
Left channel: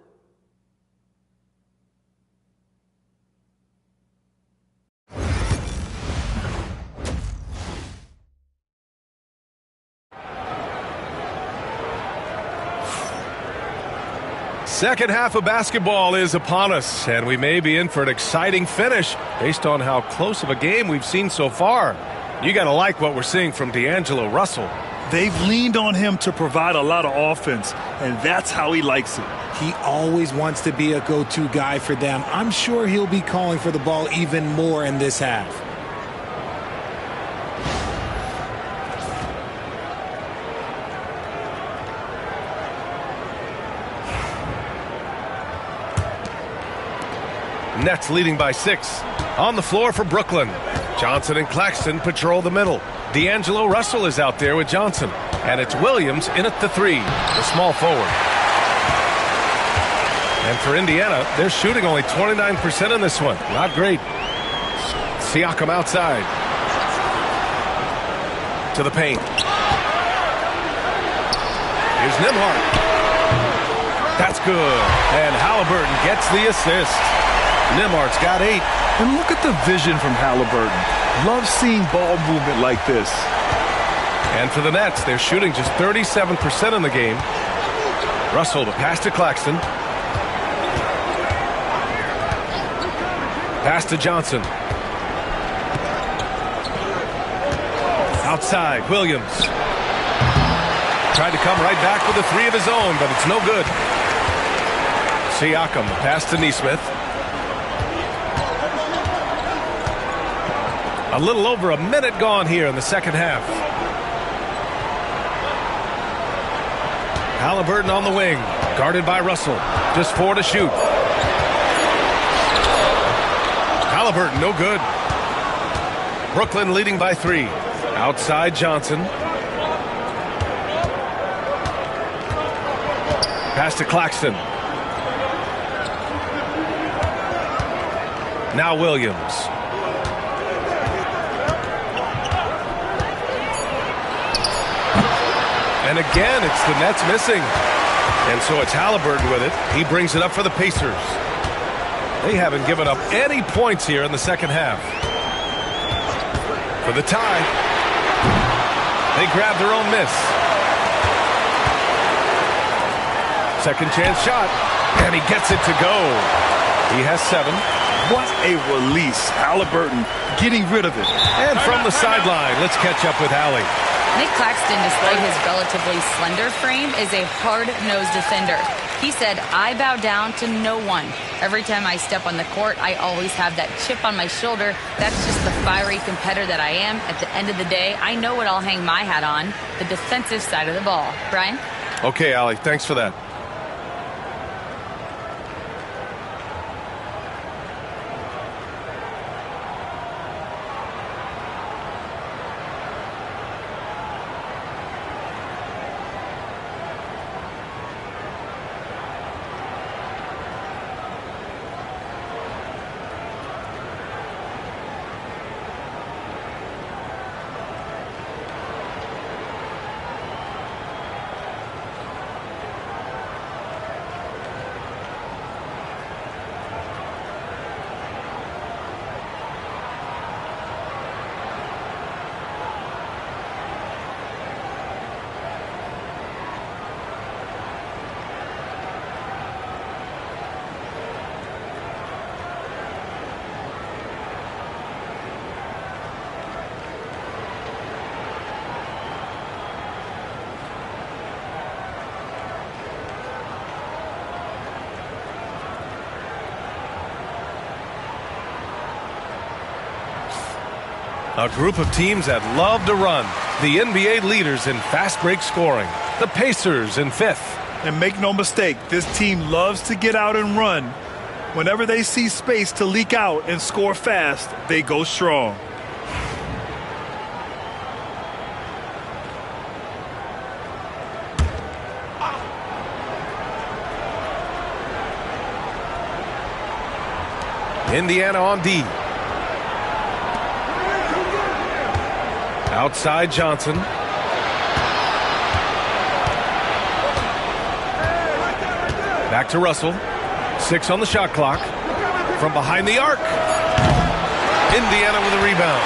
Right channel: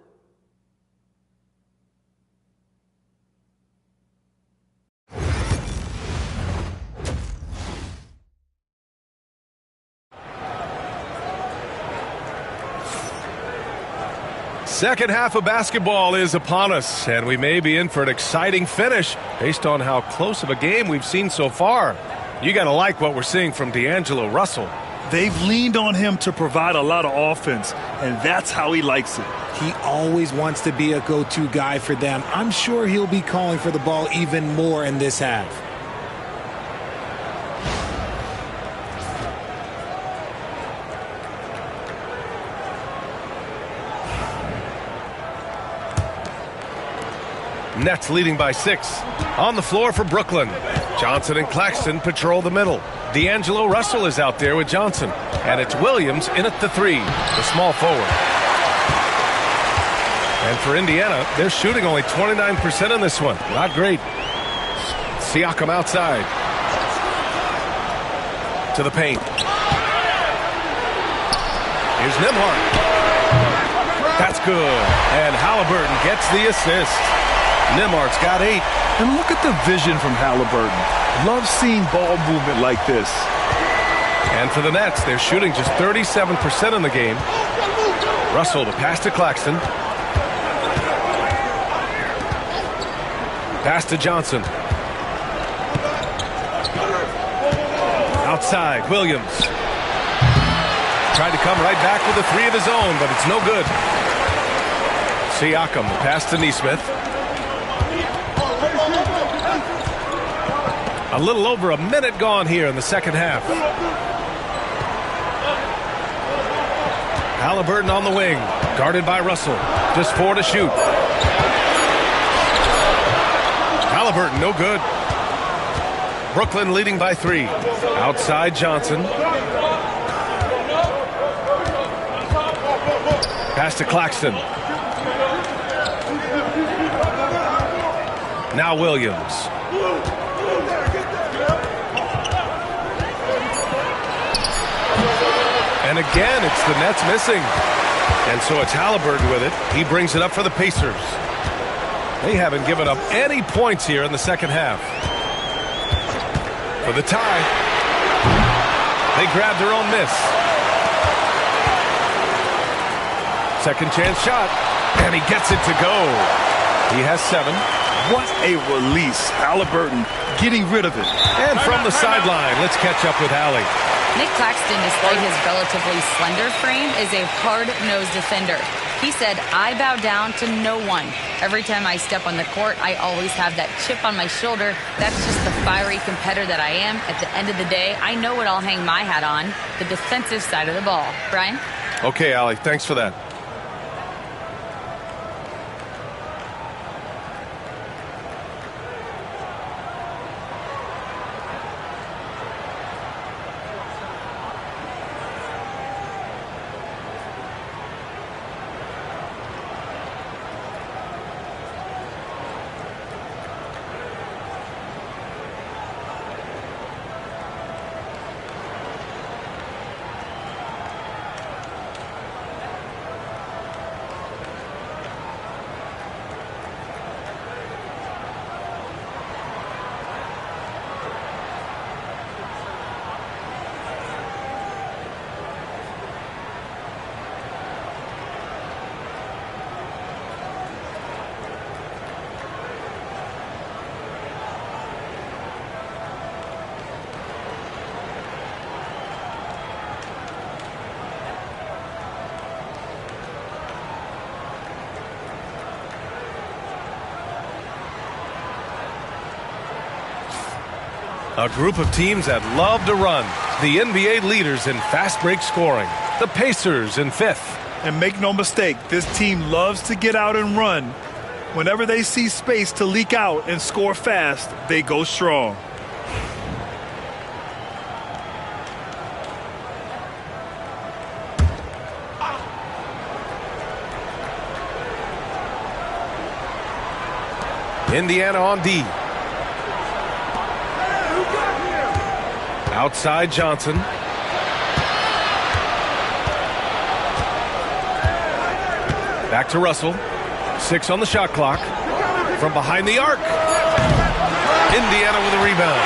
Second half of basketball is upon us, and we may be in for an exciting finish based on how close of a game we've seen so far. You got to like what we're seeing from D'Angelo Russell. They've leaned on him to provide a lot of offense, and that's how he likes it. He always wants to be a go-to guy for them. I'm sure he'll be calling for the ball even more in this half. Nets leading by 6. On the floor for Brooklyn. Johnson and Claxton patrol the middle. D'Angelo Russell is out there with Johnson. And it's Williams in at the 3, the small forward. And for Indiana, they're shooting only 29% in this one. Not great. Siakam outside. To the paint. Here's Nembhard. That's good. And Halliburton gets the assist. Nembhard's got 8. And look at the vision from Halliburton. Love seeing ball movement like this. And for the Nets, they're shooting just 37% in the game. Russell, the pass to Claxton. Pass to Johnson. Outside, Williams. Tried to come right back with a 3 of his own, but it's no good. Siakam, the pass to Nesmith. A little over a minute gone here in the second half. Halliburton on the wing, guarded by Russell. Just 4 to shoot. Halliburton, no good. Brooklyn leading by 3. Outside Johnson. Pass to Claxton. Now Williams. And again, it's the Nets missing. And so it's Halliburton with it. He brings it up for the Pacers. They haven't given up any points here in the second half. For the tie. They grab their own miss. Second chance shot. And he gets it to go. He has 7. What a release. Halliburton getting rid of it. And from the sideline, let's catch up with Allie. Nick Claxton, despite his relatively slender frame, is a hard-nosed defender. He said, "I bow down to no one. Every time I step on the court, I always have that chip on my shoulder. That's just the fiery competitor that I am. At the end of the day, I know what I'll hang my hat on, the defensive side of the ball." Brian? Okay, Allie, thanks for that. A group of teams that love to run. The NBA leaders in fast break scoring. The Pacers in 5th. And make no mistake, this team loves to get out and run. Whenever they see space to leak out and score fast, they go strong. Indiana on D. Outside Johnson. Back to Russell. 6 on the shot clock. From behind the arc. Indiana with a rebound.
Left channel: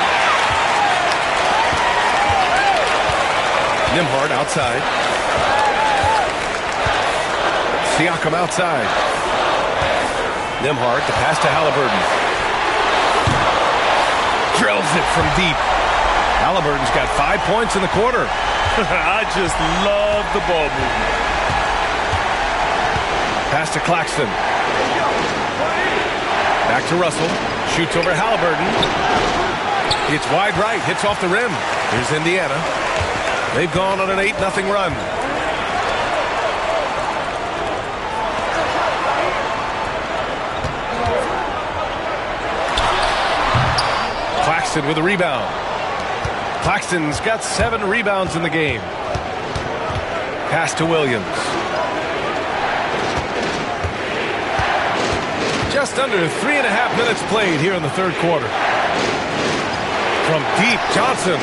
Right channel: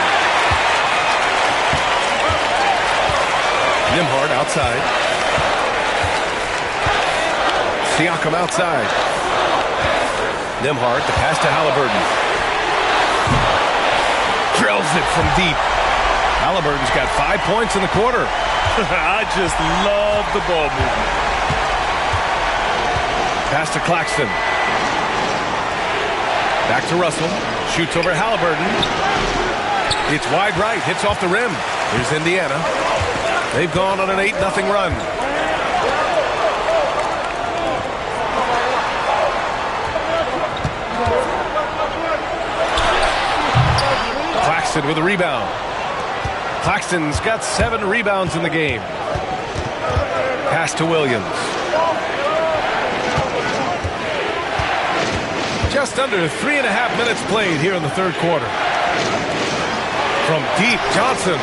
Nembhard outside. Siakam outside. Nembhard, the pass to Halliburton. Drills it from deep. Halliburton's got 5 points in the quarter. I just love the ball movement. Pass to Claxton. Back to Russell. Shoots over Halliburton. It's wide right. Hits off the rim. Here's Indiana. They've gone on an 8-0 run. Claxton with a rebound. Claxton's got 7 rebounds in the game. Pass to Williams. Just under 3.5 minutes played here in the third quarter. From deep, Johnson.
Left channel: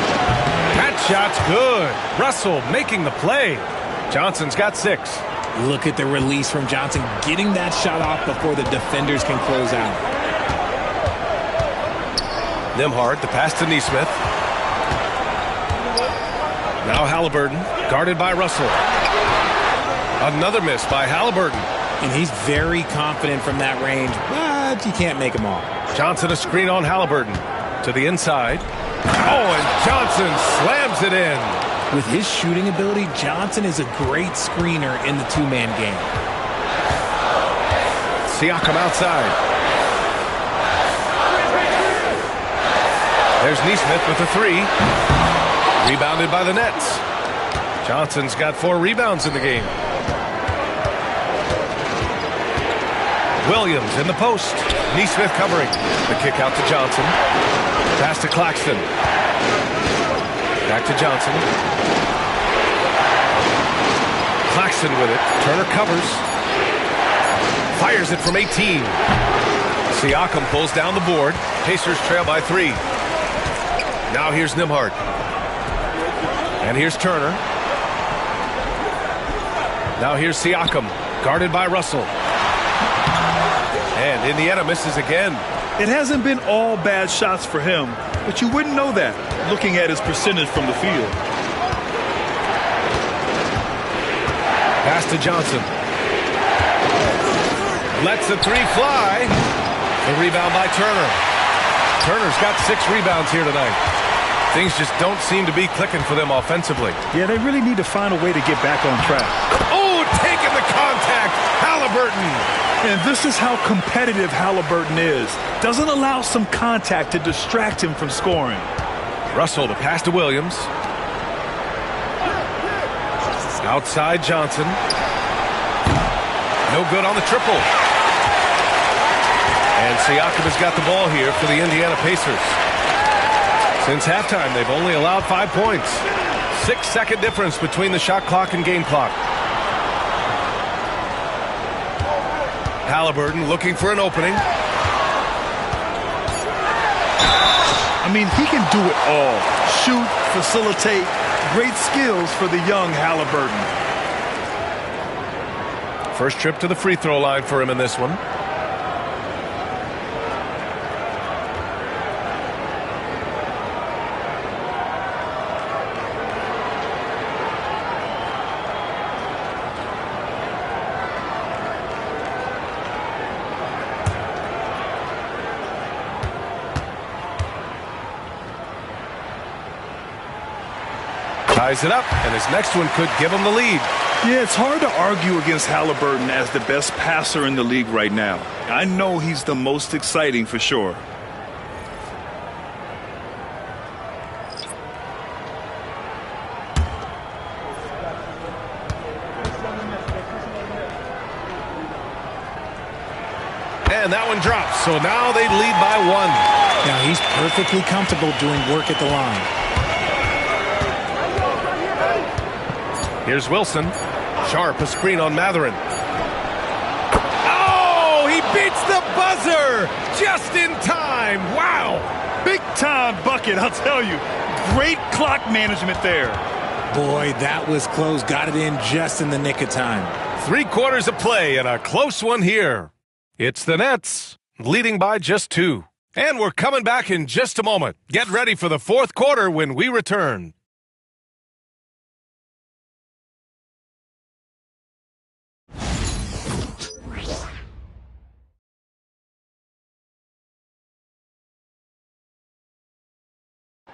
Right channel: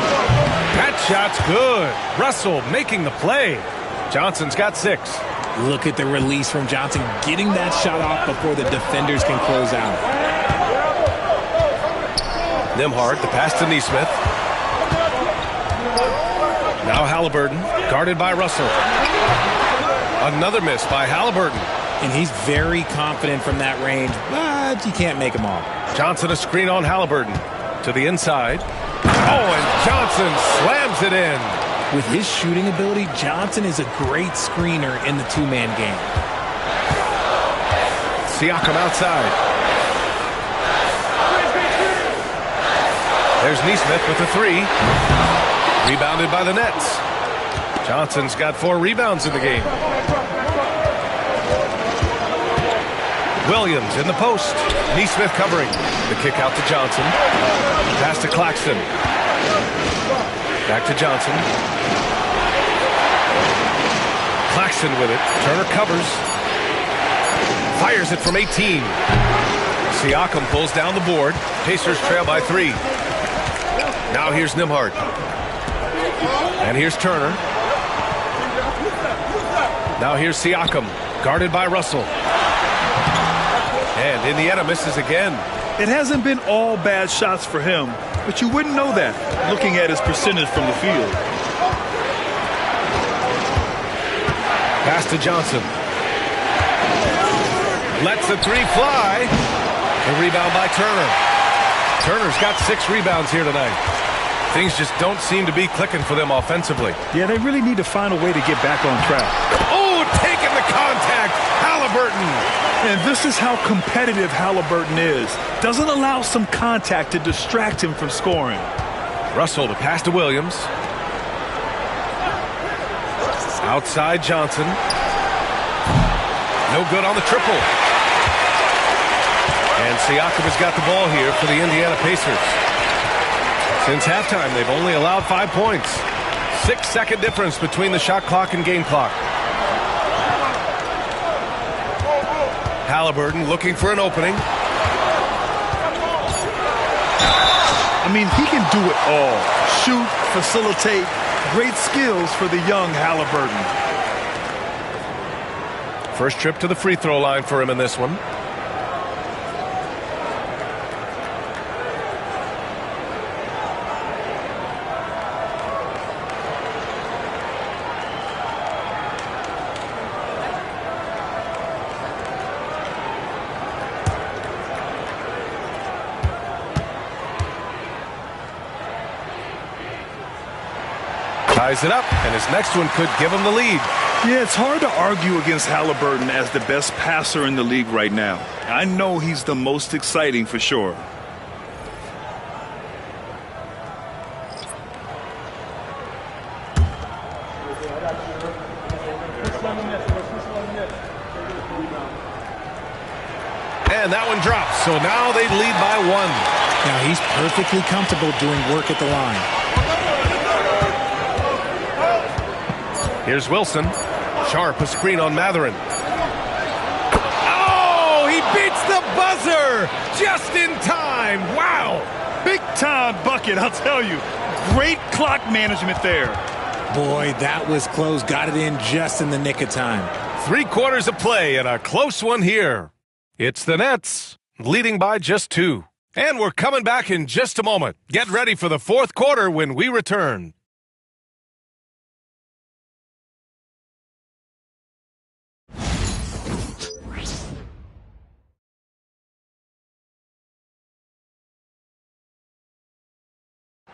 That shot's good. Russell making the play. Johnson's got 6. Look at the release from Johnson, getting that shot off before the defenders can close out. Nembhard, the pass to Nesmith. Now Halliburton, guarded by Russell. Another miss by Halliburton. And he's very confident from that range, but you can't make him all. Johnson a screen on Halliburton. To the inside. Oh, and Johnson slams it in. With his shooting ability, Johnson is a great screener in the two-man game. Siakam outside. There's Nesmith with a 3. Rebounded by the Nets. Johnson's got 4 rebounds in the game. Williams in the post. Nesmith covering. The kick out to Johnson. Pass to Claxton. Back to Johnson. Claxton with it. Turner covers. Fires it from 18. Siakam pulls down the board. Pacers trail by 3. Now here's Nembhard. And here's Turner. Now here's Siakam. Guarded by Russell. And Indiana misses again. It hasn't been all bad shots for him, but you wouldn't know that looking at his percentage from the field. Pass to Johnson. Lets the 3 fly. The rebound by Turner. Turner's got 6 rebounds here tonight. Things just don't seem to be clicking for them offensively. Yeah, they really need to find a way to get back on track. Oh, taking the contact. Halliburton. And this is how competitive Halliburton is. Doesn't allow some contact to distract him from scoring. Russell, the pass to Williams. Outside Johnson. No good on the triple. And Siakam has got the ball here for the Indiana Pacers. Since halftime, they've only allowed 5 points. 6-second difference between the shot clock and game clock. Halliburton looking for an opening. I mean, he can do it all. Shoot, facilitate. Great skills for the young Halliburton. First trip to the free throw line for him in this one. Ties it up, and his next one could give him the lead. Yeah, it's hard to argue against Halliburton as the best passer in the league right now. I know he's the most exciting for sure. And that one drops, so now they lead by 1. Now he's perfectly comfortable doing work at the line. Here's Wilson. Sharp, a screen on Matherin. Oh, he beat hits the buzzer just in time. Wow. Big time bucket, I'll tell you. Great clock management there. Boy, that was close. Got it in just in the nick of time. 3/4 of play and a close one here. It's the Nets leading by just 2. And we're coming back in just a moment. Get ready for the 4th quarter when we return.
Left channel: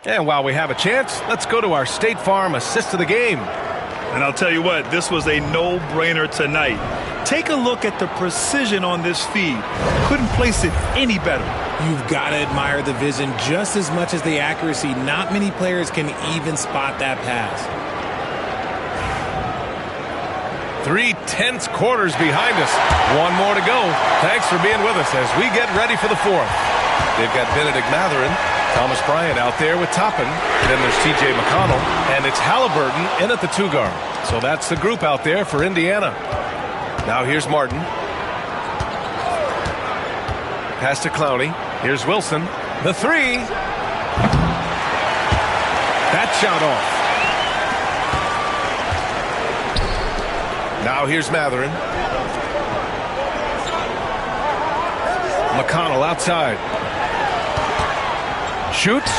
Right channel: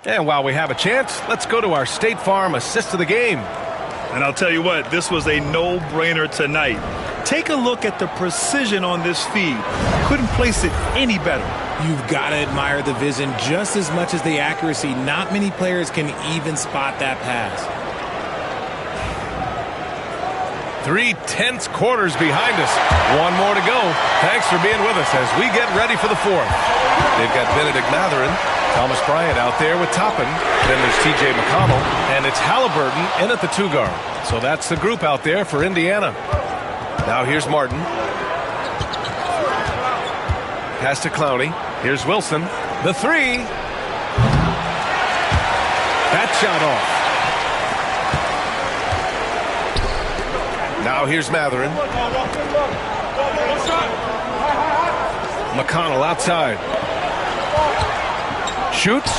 And while we have a chance, let's go to our State Farm assist of the game. And I'll tell you what, this was a no-brainer tonight. Take a look at the precision on this feed. Couldn't place it any better. You've got to admire the vision just as much as the accuracy. Not many players can even spot that pass. 3 tense quarters behind us. One more to go. Thanks for being with us as we get ready for the 4th. They've got Benedict Mathurin, Thomas Bryant out there with Toppin. Then there's T.J. McConnell, and it's Halliburton in at the 2 guard. So that's the group out there for Indiana. Now here's Martin. Pass to Clowney. Here's Wilson. The 3. That shot off. Now here's Mathurin. McConnell outside. Shoots.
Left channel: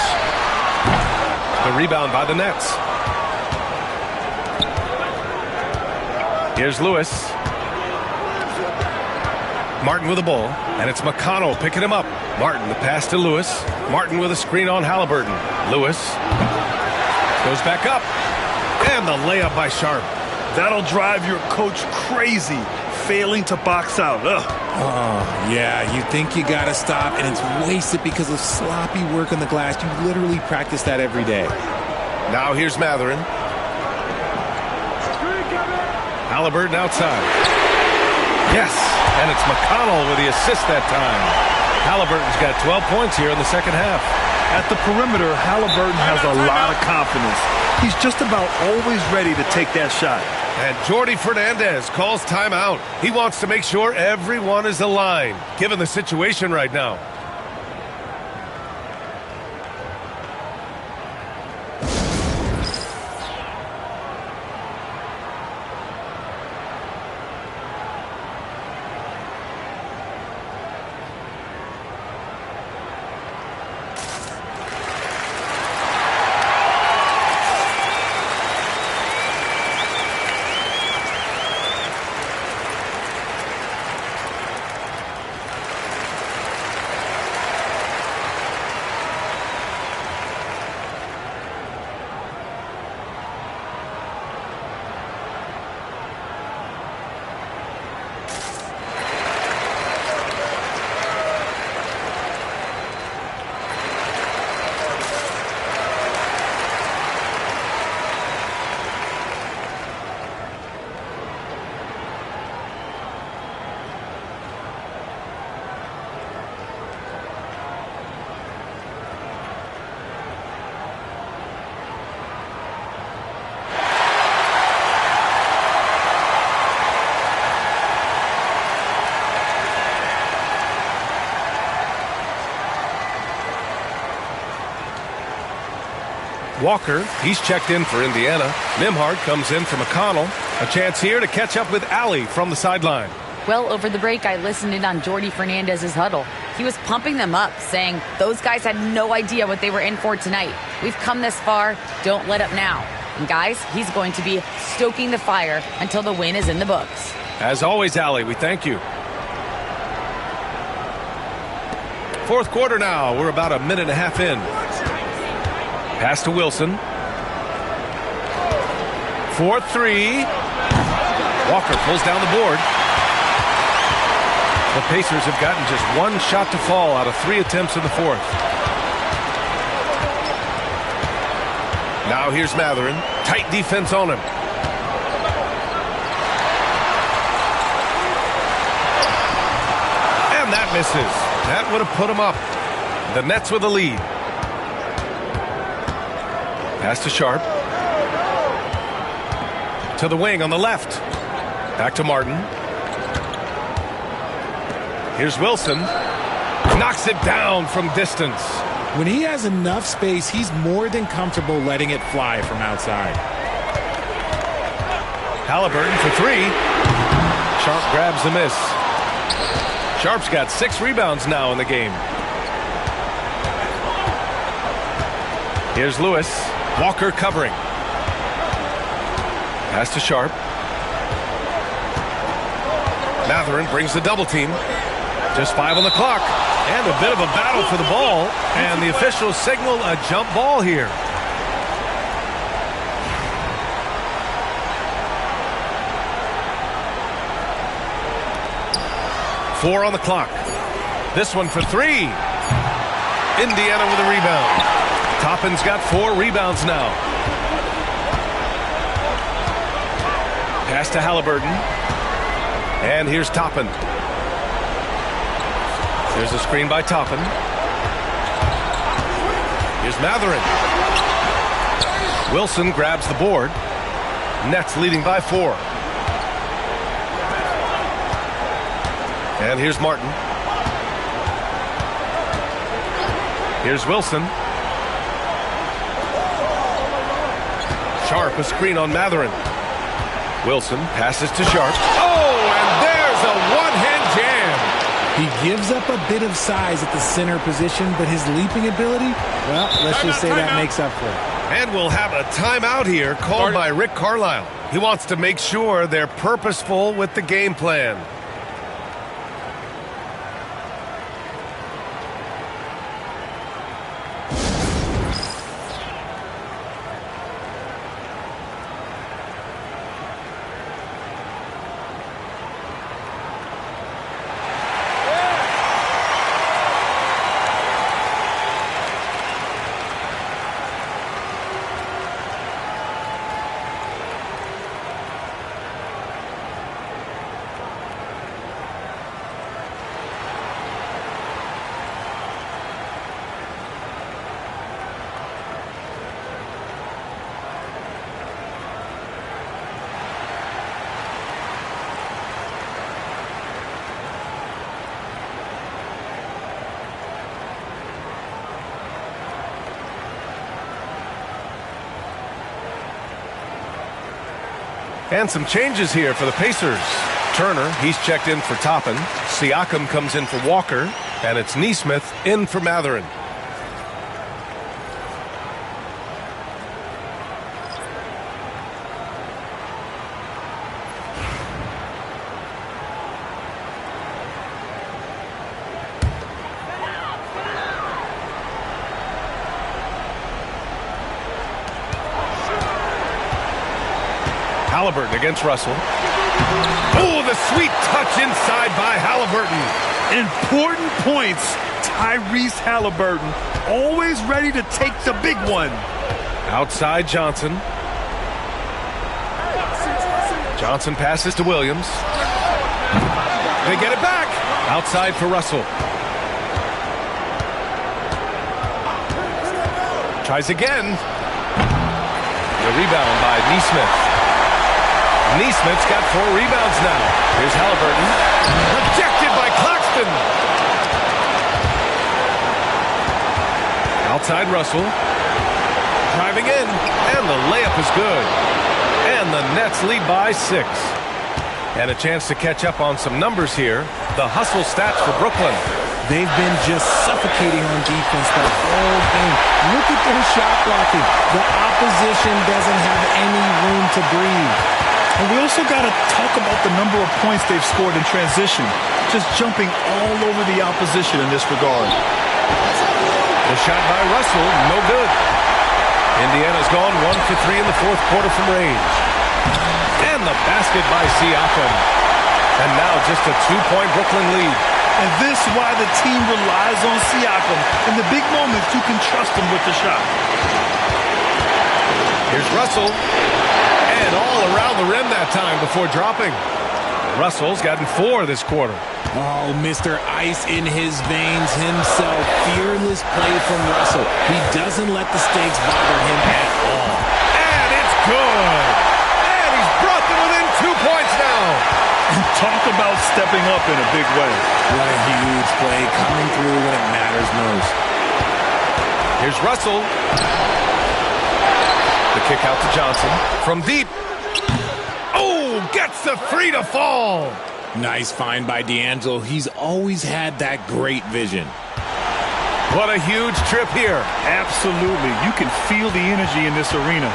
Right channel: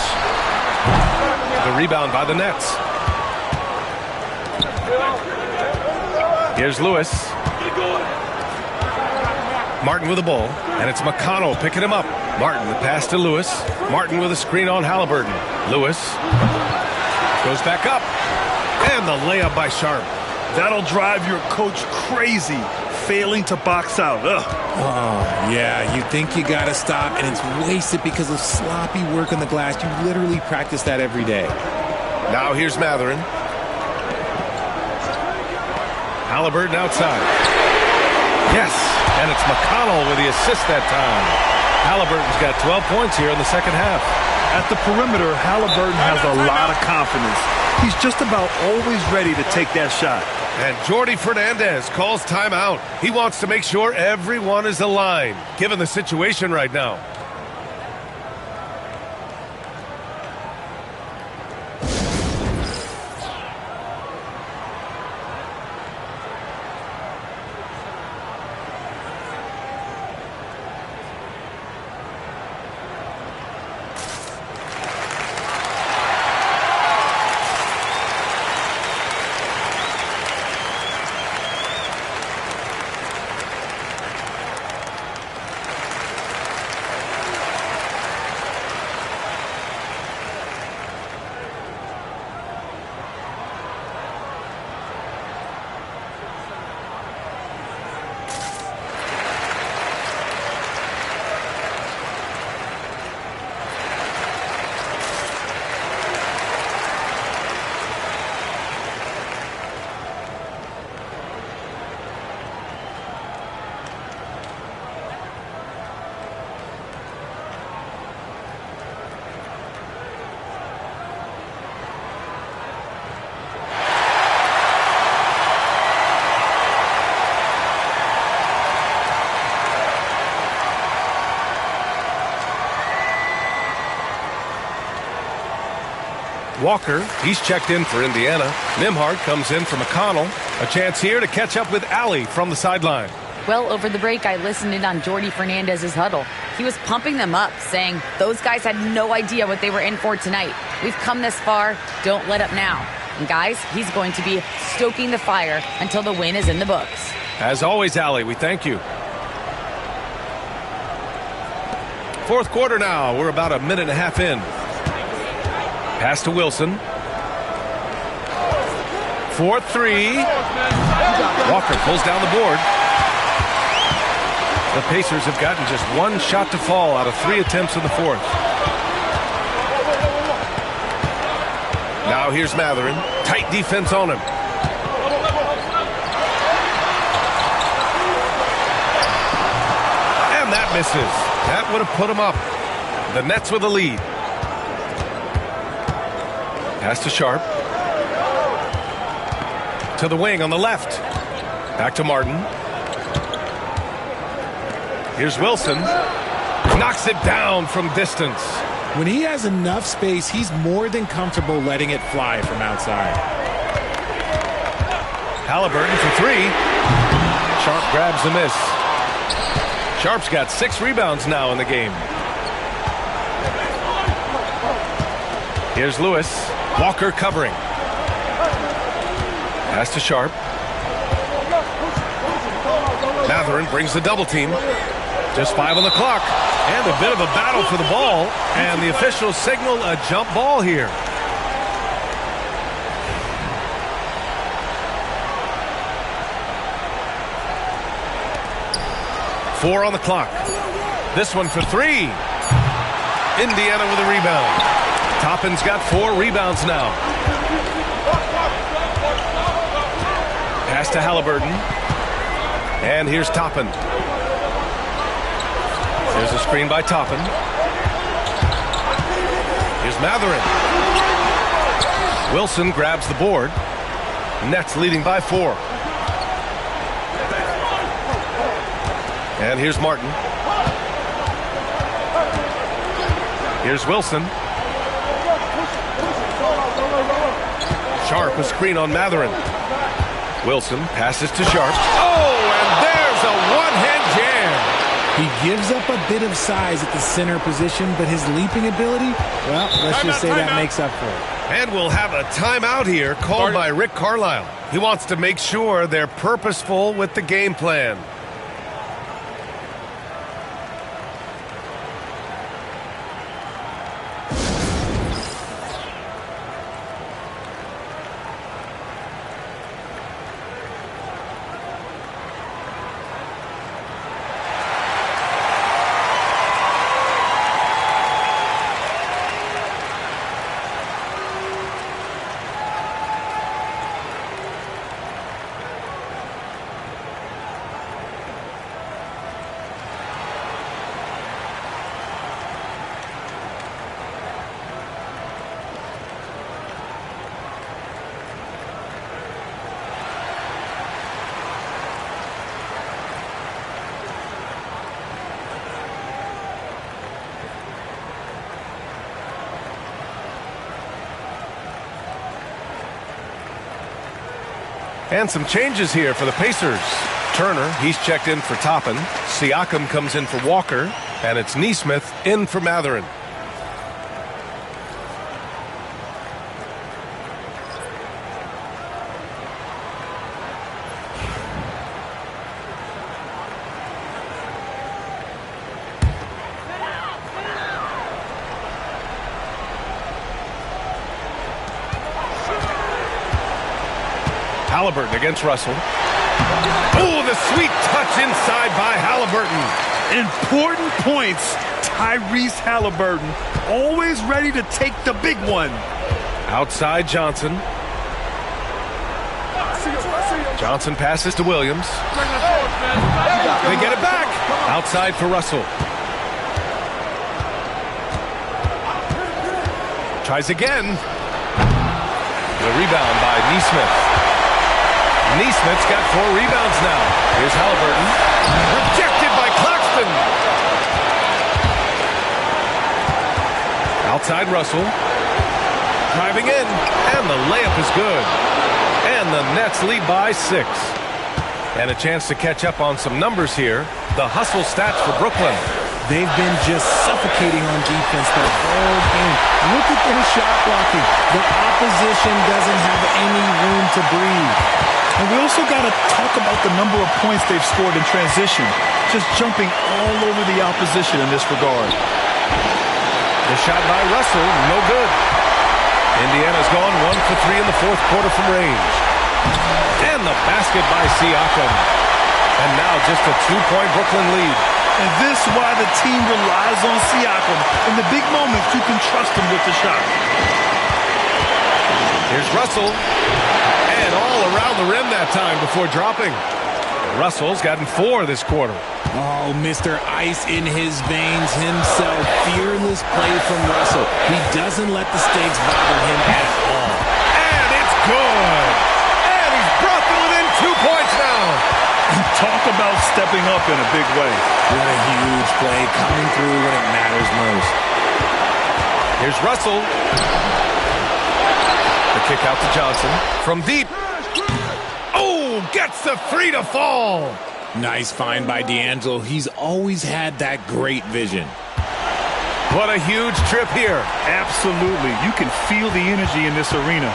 The rebound by the Nets. Here's Lewis. Martin with the ball, and it's McConnell picking him up. Martin, the pass to Lewis. Martin with a screen on Halliburton. Lewis goes back up, and the layup by Sharp. That'll drive your coach crazy, failing to box out. Ugh. Oh, yeah, you think you got to stop, and it's wasted because of sloppy work on the glass. You literally practice that every day. Now here's Mathurin. Halliburton outside. Yes, and it's McConnell with the assist that time. Halliburton's got 12 points here in the second half. At the perimeter, Halliburton has a lot of confidence. He's just about always ready to take that shot. And Jordi Fernandez calls timeout. He wants to make sure everyone is aligned, given the situation right now. Walker, he's checked in for Indiana. Nimhart comes in for McConnell. A chance here to catch up with Allie from the sideline. Well, over the break, I listened in on Jordi Fernandez's huddle. He was pumping them up, saying those guys had no idea what they were in for tonight. We've come this far. Don't let up now. And guys, he's going to be stoking the fire until the win is in the books. As always, Allie, we thank you. 4th quarter now. We're about a minute and a half in. Pass to Wilson. 4-3. Walker pulls down the board. The Pacers have gotten just one shot to fall out of 3 attempts in the 4th. Now here's Mathurin. Tight defense on him. And that misses. That would have put him up. The Nets with the lead. Pass to Sharp. To the wing on the left. Back to Martin. Here's Wilson. Knocks it down from distance. When he has enough space, he's more than comfortable letting it fly from outside. Halliburton for three. Sharp grabs the miss. Sharp's got 6 rebounds now in the game. Here's Lewis. Walker covering. Pass to Sharp. Matherin brings the double team. Just 5 on the clock. And a bit of a battle for the ball. And the officials signal a jump ball here. Four on the clock. This one for three. Indiana with a rebound. Toppin's got 4 rebounds now. Pass to Halliburton. And here's Toppin. There's a screen by Toppin. Here's Matherin. Wilson grabs the board. Nets leading by 4. And here's Martin. Here's Wilson. Sharp, a screen on Matherin. Wilson passes to Sharp. Oh, and there's a one-hand jam. He gives up a bit of size at the center position, but his leaping ability, well, let's just say that makes up for it. And we'll have a timeout here called by Rick Carlisle. He wants to make sure they're purposeful with the game plan. And some changes here for the Pacers. Turner, he's checked in for Toppin. Siakam comes in for Walker. And it's Nesmith in for Matherin. Halliburton against Russell. Oh, the sweet touch inside by Halliburton. Important points. Tyrese Halliburton, always ready to take the big one. Outside Johnson. Johnson passes to Williams. They get it back. Outside for Russell. Tries again. The rebound by Nesmith. Nesmith's got 4 rebounds now. Here's Halliburton. Rejected by Claxton. Outside Russell. Driving in. And the layup is good. And the Nets lead by 6. And a chance to catch up on some numbers here. The hustle stats for Brooklyn. They've been just suffocating on defense the whole game. Look at their shot blocking. The opposition doesn't have any room to breathe. And we also got to talk about the number of points they've scored in transition. Just jumping all over the opposition in this regard. The shot by Russell, no good. Indiana's gone 1 for 3 in the 4th quarter from range. And the basket by Siakam. And now just a 2-point Brooklyn lead. And this is why the team relies on Siakam. In the big moments, you can trust him with the shot. Here's Russell. And all around the rim that time before dropping. Russell's gotten 4 this quarter. Oh, Mr. Ice in his veins himself. Fearless play from Russell. He doesn't let the stakes bother him at all. And it's good. And he's brought them within 2 points now. And talk about stepping up in a big way. What a huge play, coming through when it matters most. Here's Russell. The kick out to Johnson. From deep. Oh, gets the three to fall. Nice find by D'Angelo. He's always had that great vision. What a huge trip here. Absolutely. You can feel the energy in this arena.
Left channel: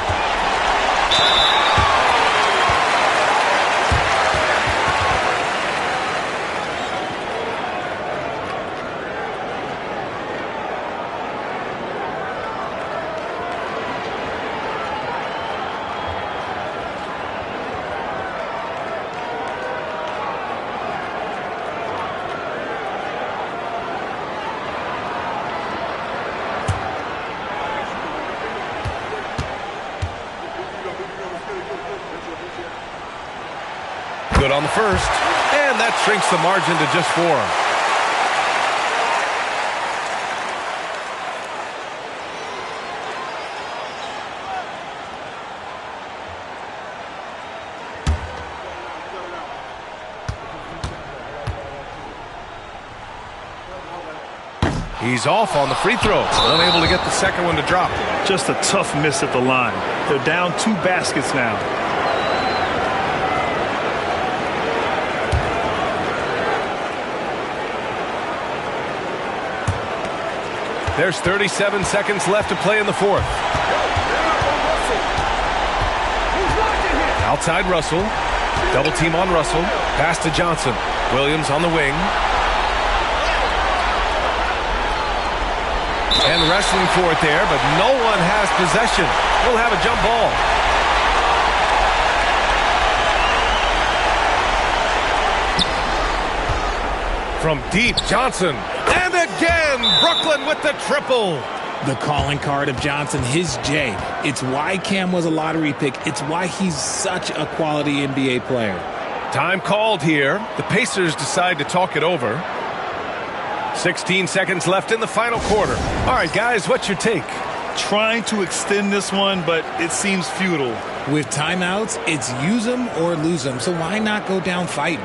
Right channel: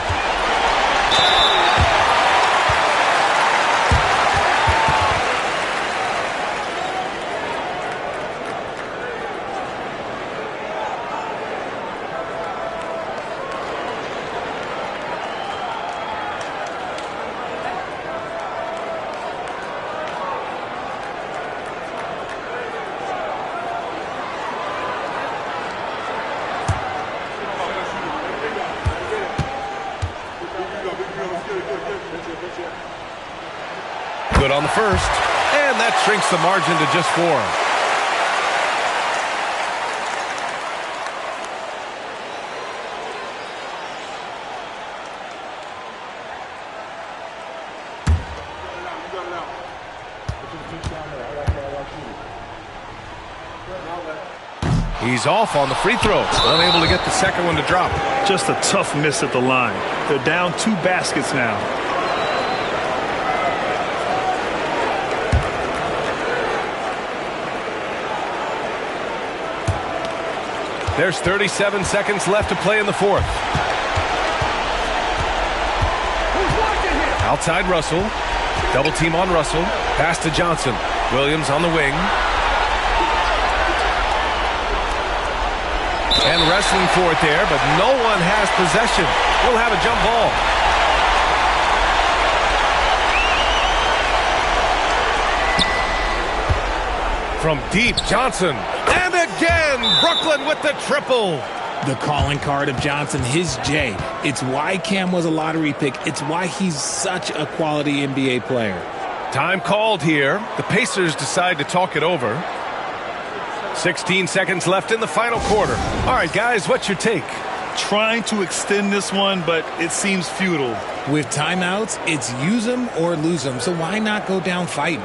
Good on the first, and that shrinks the margin to just 4. He's off on the free throw, unable to get the second one to drop. Just a tough miss at the line. They're down 2 baskets now. There's 37 seconds left to play in the fourth. Outside Russell. Double team on Russell. Pass to Johnson. Williams on the wing. And wrestling for it there, but no one has possession. We'll have a jump ball. From deep, Johnson. And again, Brooklyn with the triple. The calling card of Johnson, his J. It's why Cam was a lottery pick. It's why he's such a quality NBA player. Time called here. The Pacers decide to talk it over. 16 seconds left in the final quarter. All right, guys, what's your take? Trying to extend this one, but it seems futile. With timeouts, it's use them or lose them. So why not go down fighting?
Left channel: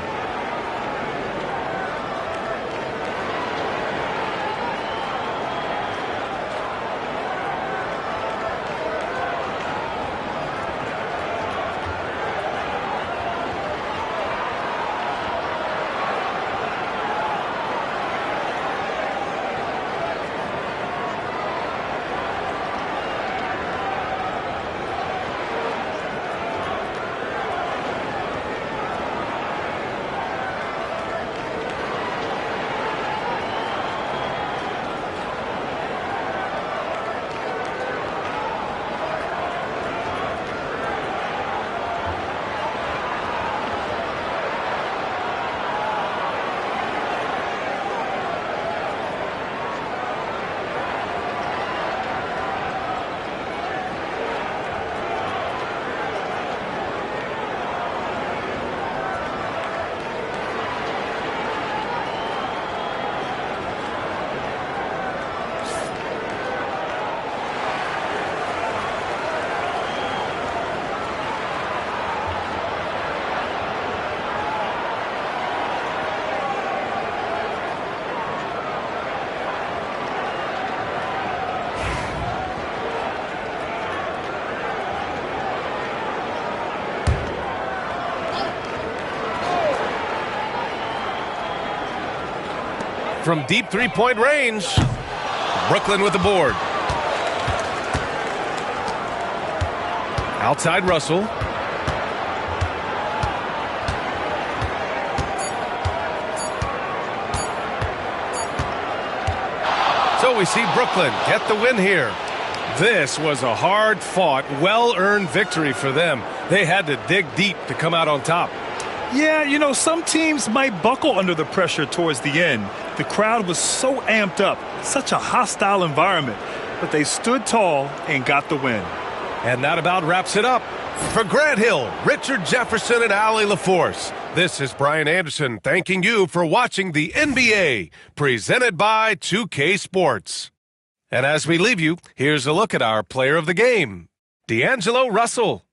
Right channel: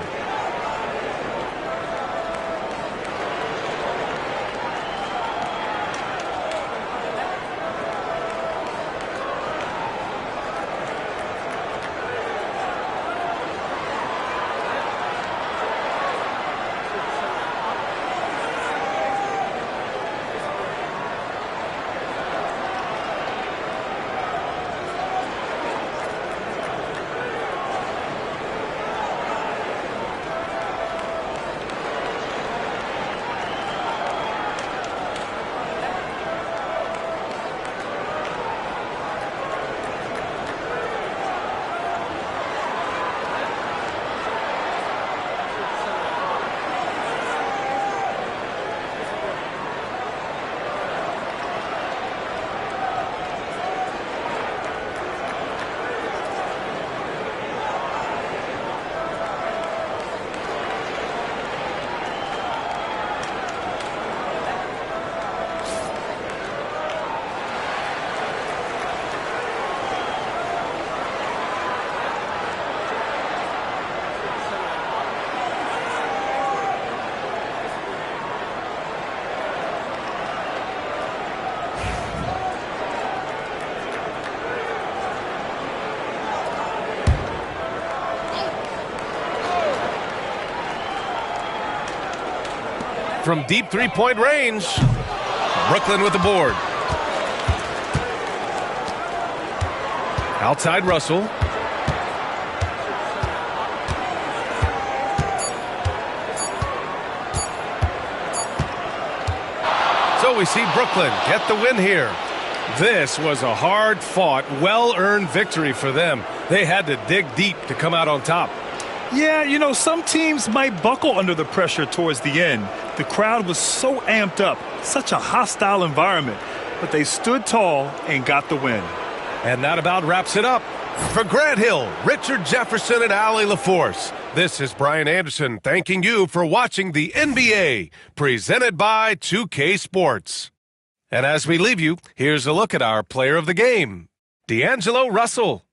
From deep three-point range, Brooklyn with the board. Outside Russell. So we see Brooklyn get the win here. This was a hard-fought, well-earned victory for them. They had to dig deep to come out on top. Yeah, you know, some teams might buckle under the pressure towards the end. The crowd was so amped up, such a hostile environment, but they stood tall and got the win. And that about wraps it up. For Grant Hill, Richard Jefferson, and Allie LaForce, this is Brian Anderson thanking you for watching the NBA, presented by 2K Sports. And as we leave you, here's a look at our player of the game, D'Angelo Russell.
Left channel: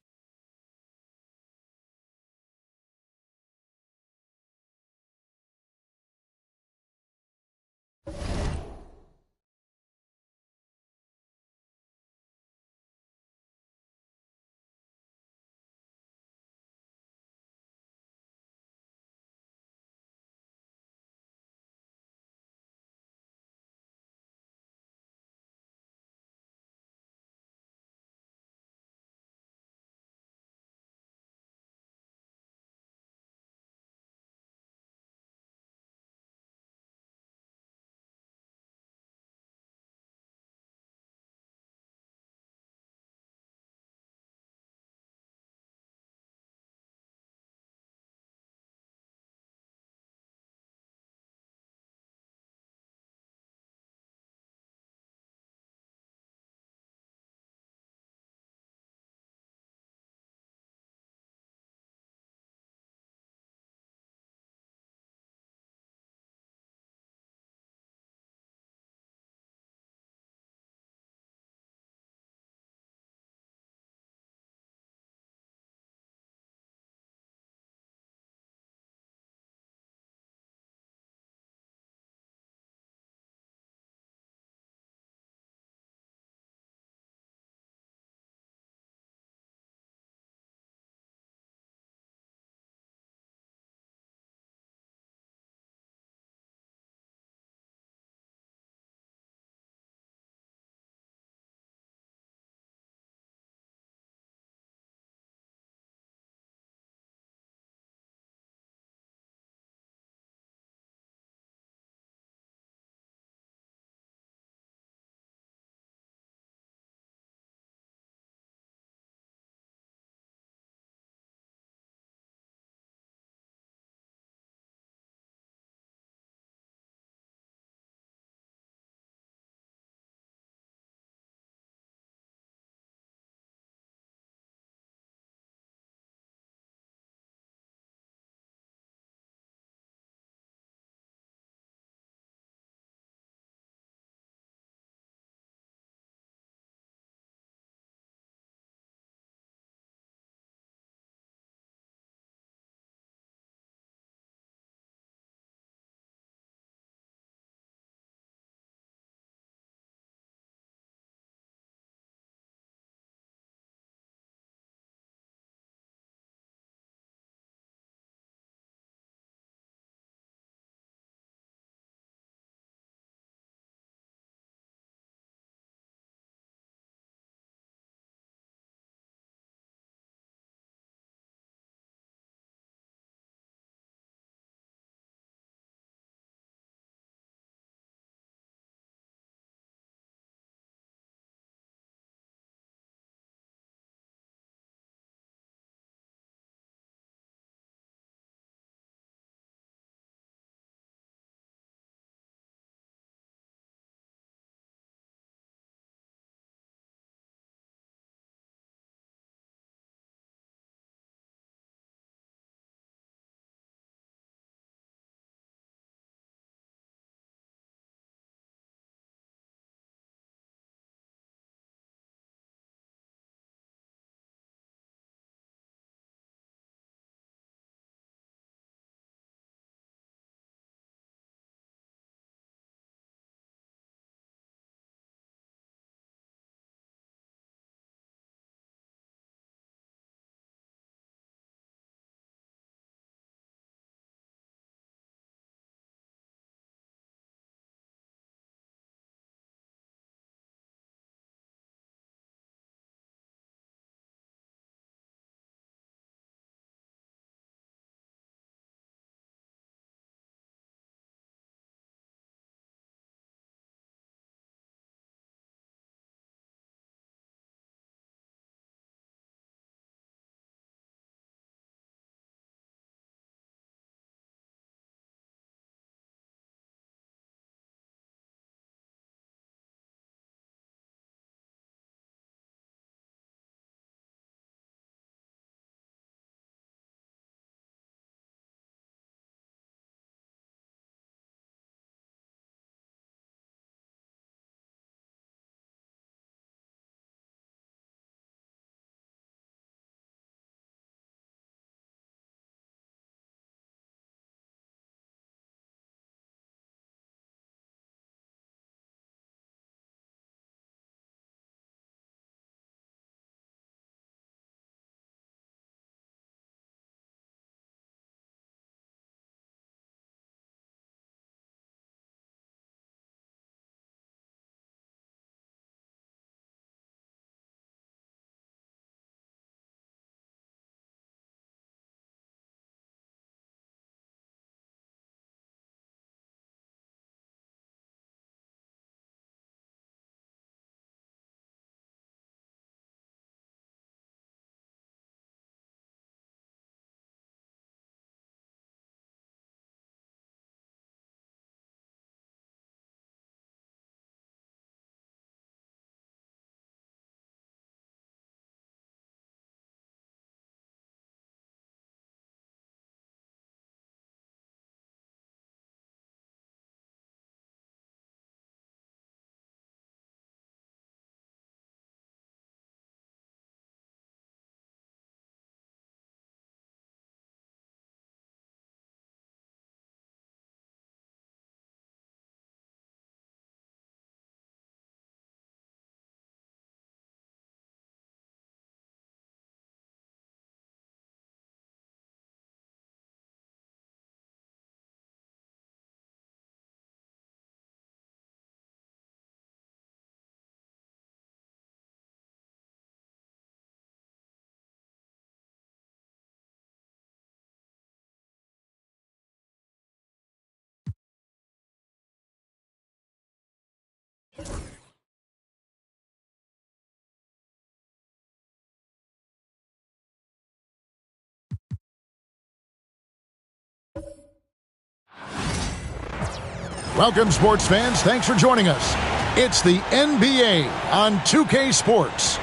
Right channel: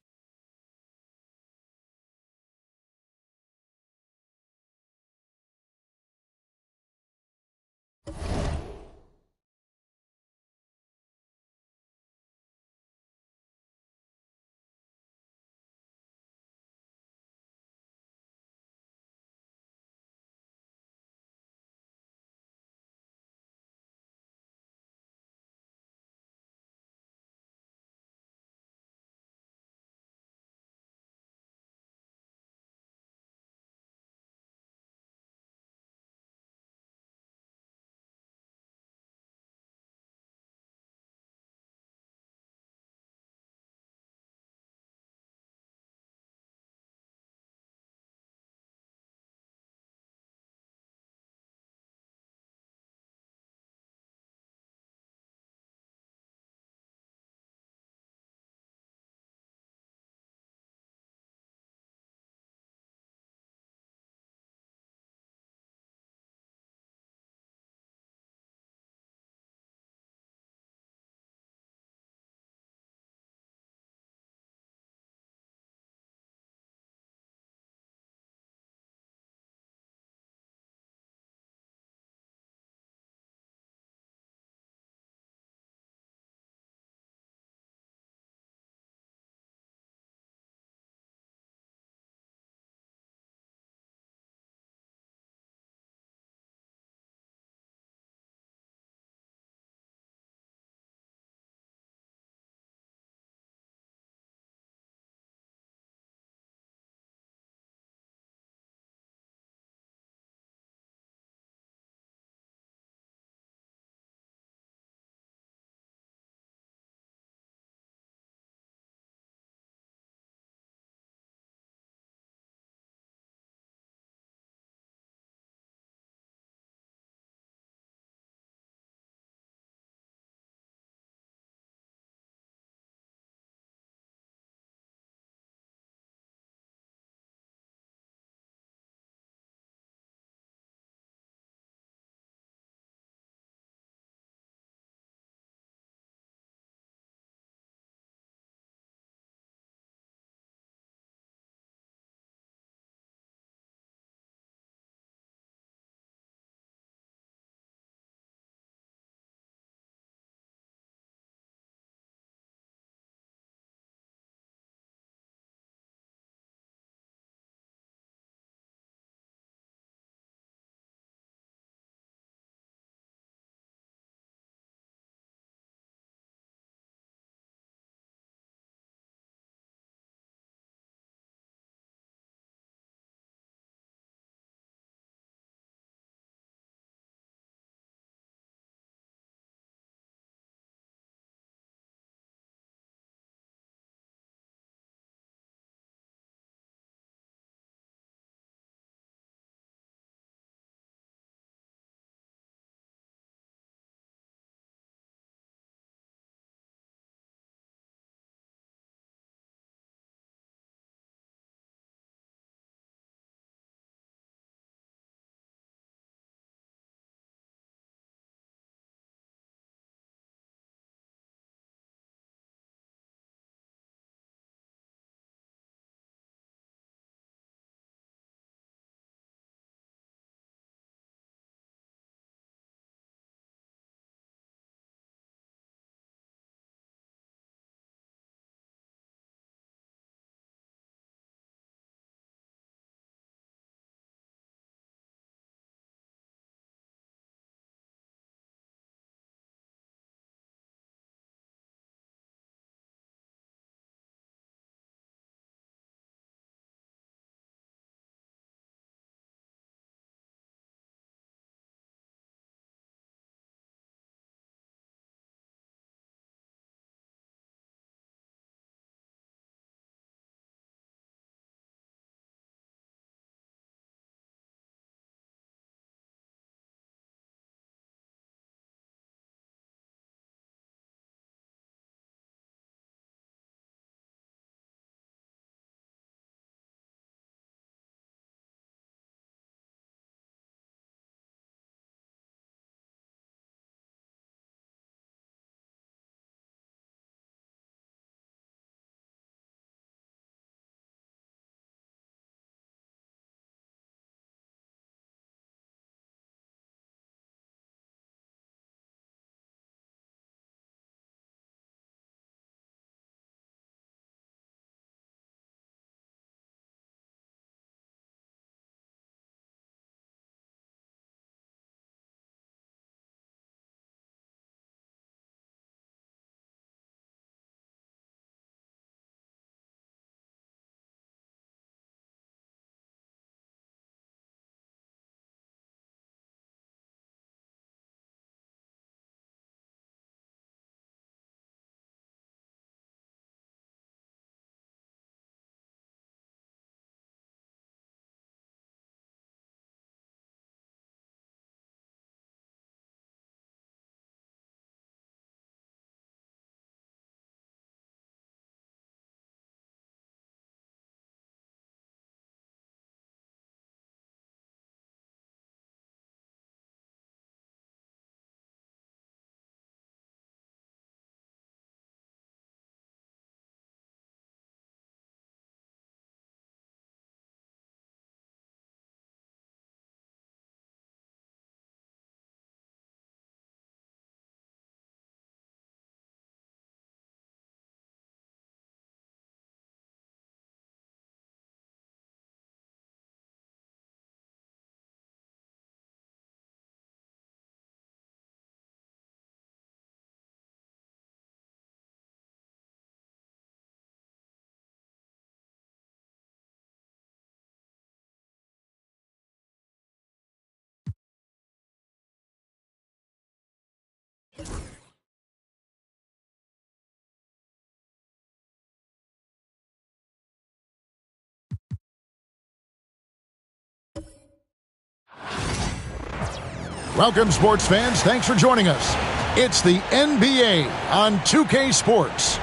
Welcome, sports fans. Thanks for joining us. It's the NBA on 2K Sports.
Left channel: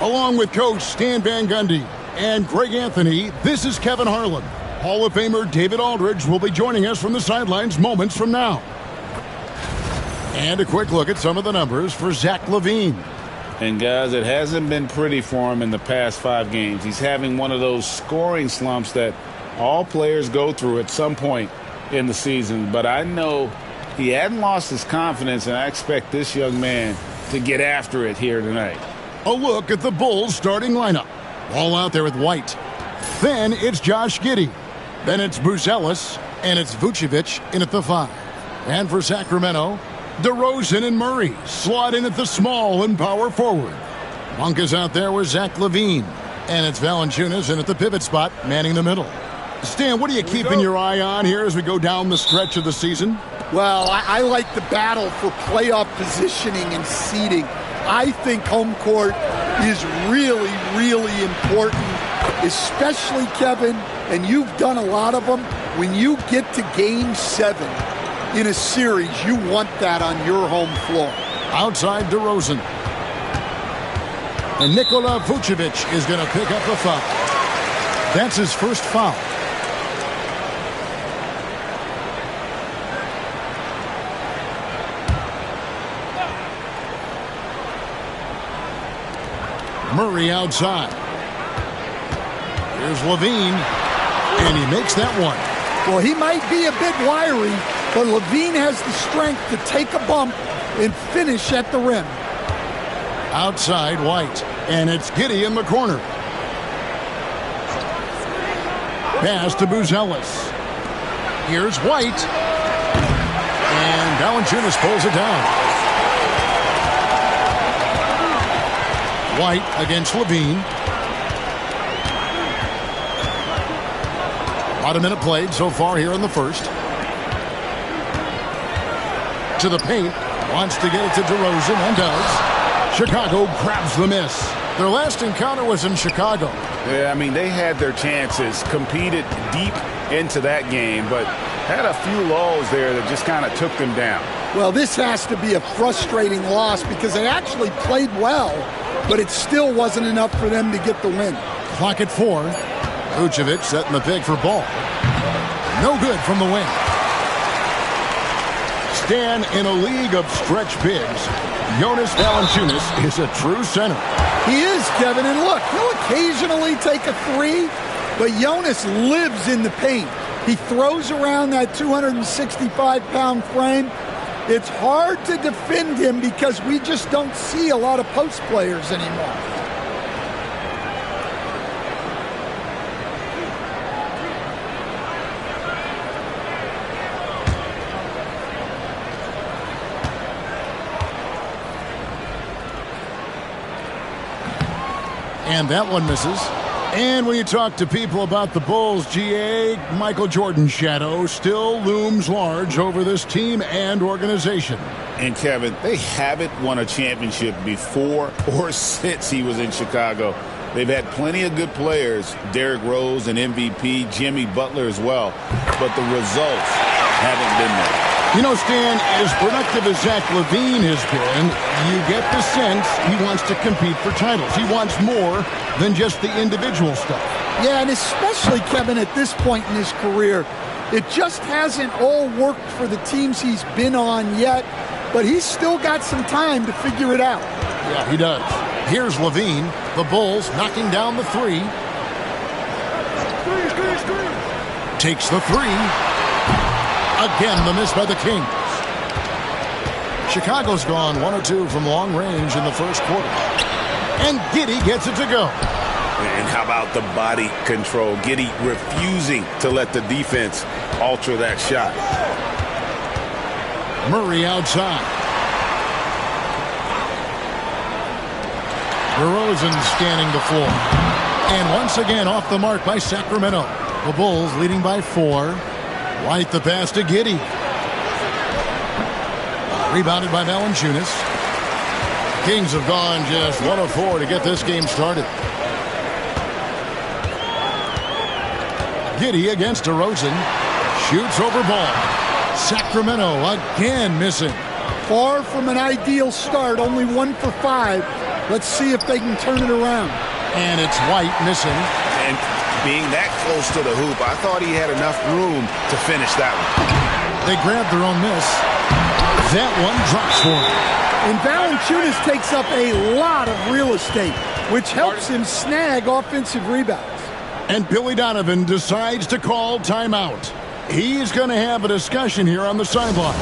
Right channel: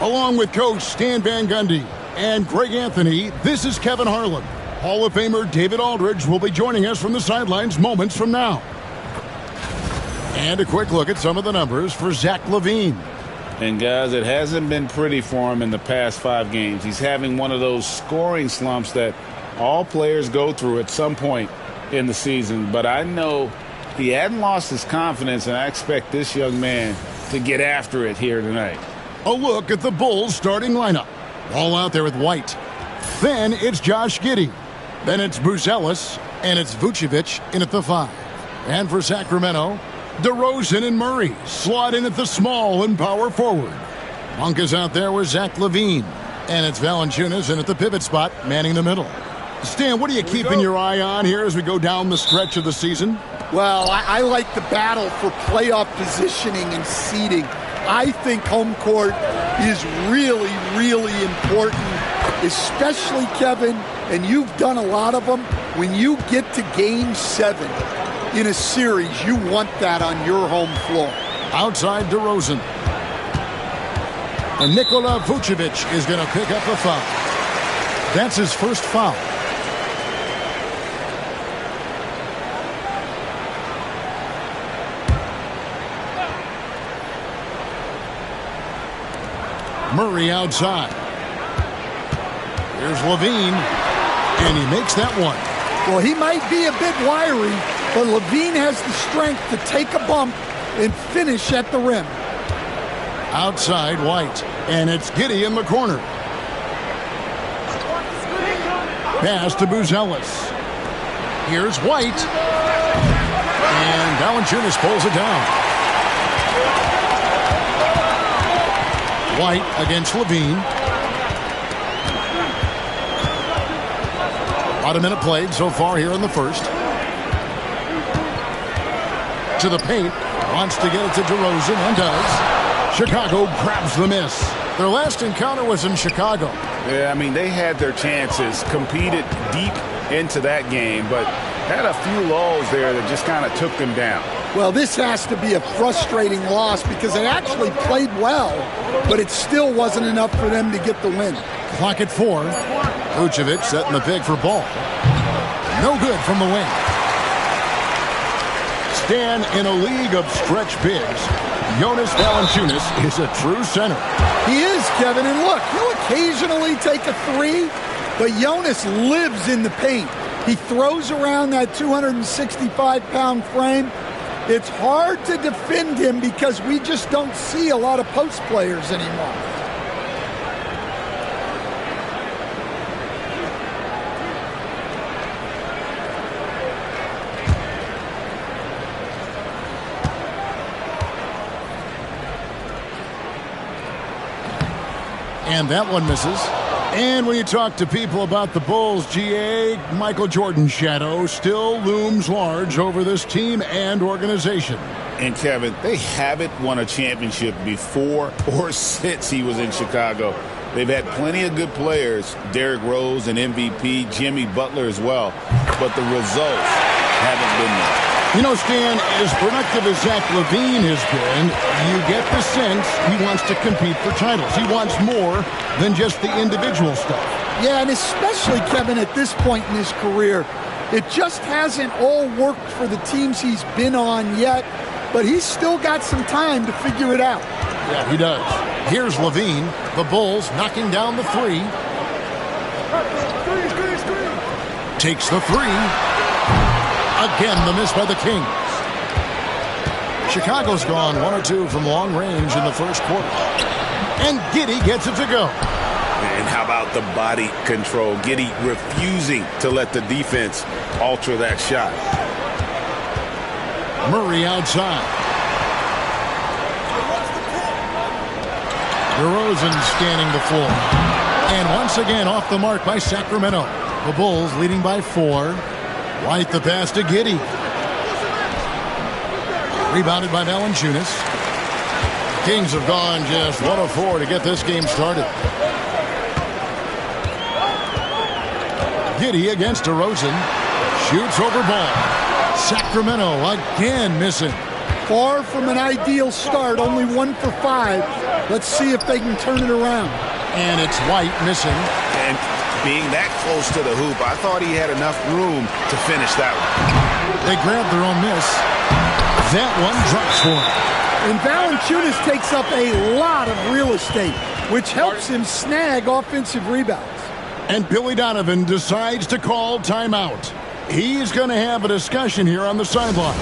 Along with Coach Stan Van Gundy and Greg Anthony, this is Kevin Harlan. Hall of Famer David Aldridge will be joining us from the sidelines moments from now. And a quick look at some of the numbers for Zach LaVine. And guys, it hasn't been pretty for him in the past 5 games. He's having one of those scoring slumps that all players go through at some point in the season. But I know he hadn't lost his confidence, and I expect this young man to get after it here tonight. A look at the Bulls starting lineup. Ball out there with White. Then it's Josh Giddey. Then it's Buzelis, and it's Vucevic in at the 5. And for Sacramento, DeRozan and Murray slot in at the small and power forward. Monk is out there with Zach LaVine. And it's Valanciunas in at the pivot spot, manning the middle. Stan, what are you keeping your eye on here as we go down the stretch of the season? Well, I like the battle for playoff positioning and seeding. I think home court is really, really important, especially, Kevin, and you've done a lot of them, when you get to Game 7 in a series, you want that on your home floor. Outside DeRozan. And Nikola Vucevic is going to pick up the foul. That's his first foul. Murray outside. Here's LaVine, and he makes that one. Well, he might be a bit wiry, but LaVine has the strength to take a bump and finish at the rim. Outside White, and it's Giddey in the corner. Pass to Buzelis. Here's White, and Valanciunas pulls it down. White against LaVine. About a minute played so far here in the first. To the paint. Wants to get it to DeRozan and does. Chicago grabs the miss. Their last encounter was in Chicago. Yeah, I mean, they had their chances, competed deep into that game, but had a few lulls there that just kind of took them down. Well, this has to be a frustrating loss because they actually played well, but it still wasn't enough for them to get the win. Clock at 4. Vucevic setting the pick for ball. No good from the wing. Stan, in a league of stretch bigs, Jonas Valanciunas is a true center. He is, Kevin, and look, he'll occasionally take a 3, but Jonas lives in the paint. He throws around that 265-pound frame. It's hard to defend him because we just don't see a lot of post players anymore. And that one misses. And when you talk to people about the Bulls, GA, Michael Jordan's shadow still looms large over this team and organization. And, Kevin, they haven't won a championship before or since he was in Chicago. They've had plenty of good players, Derrick Rose, an MVP, Jimmy Butler as well, but the results haven't been there. You know, Stan, as productive as Zach LaVine has been, you get the sense he wants to compete for titles. He wants more than just the individual stuff. Yeah, and especially, Kevin, at this point in his career, it just hasn't all worked for the teams he's been on yet, but he's still got some time to figure it out. Yeah, he does. Here's LaVine, the Bulls knocking down the 3. Takes the 3. Again, the miss by the Kings. Chicago's gone 1 or 2 from long range in the first quarter. And Giddey gets it to go. And how about the body control? Giddey refusing to let the defense alter that shot. Murray outside. DeRozan scanning the floor. And once again off the mark by Sacramento. The Bulls leading by 4. White the pass to Giddey. Rebounded by Valanciunas. Kings have gone just 1 of 4 to get this game started. Giddey against DeRozan. Shoots over ball. Sacramento again missing. Far from an ideal start, only 1 for 5. Let's see if they can turn it around. And it's White missing. And being that close to the hoop, I thought he had enough room to finish that one. They grabbed their own miss. That one drops for him. And Valanciunas takes up a lot of real estate, which helps him snag offensive rebounds. And Billy Donovan decides to call timeout. He's going to have a discussion here on the sideline.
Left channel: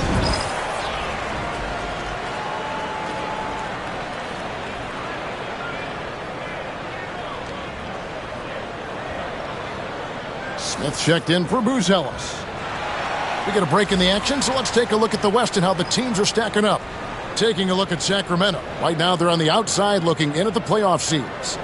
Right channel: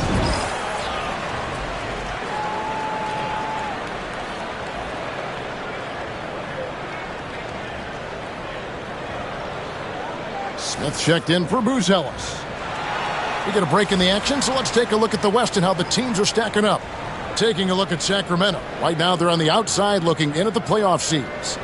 Smith checked in for Booz Ellis. We get a break in the action, so let's take a look at the West and how the teams are stacking up. Taking a look at Sacramento. Right now they're on the outside looking in at the playoff seeds.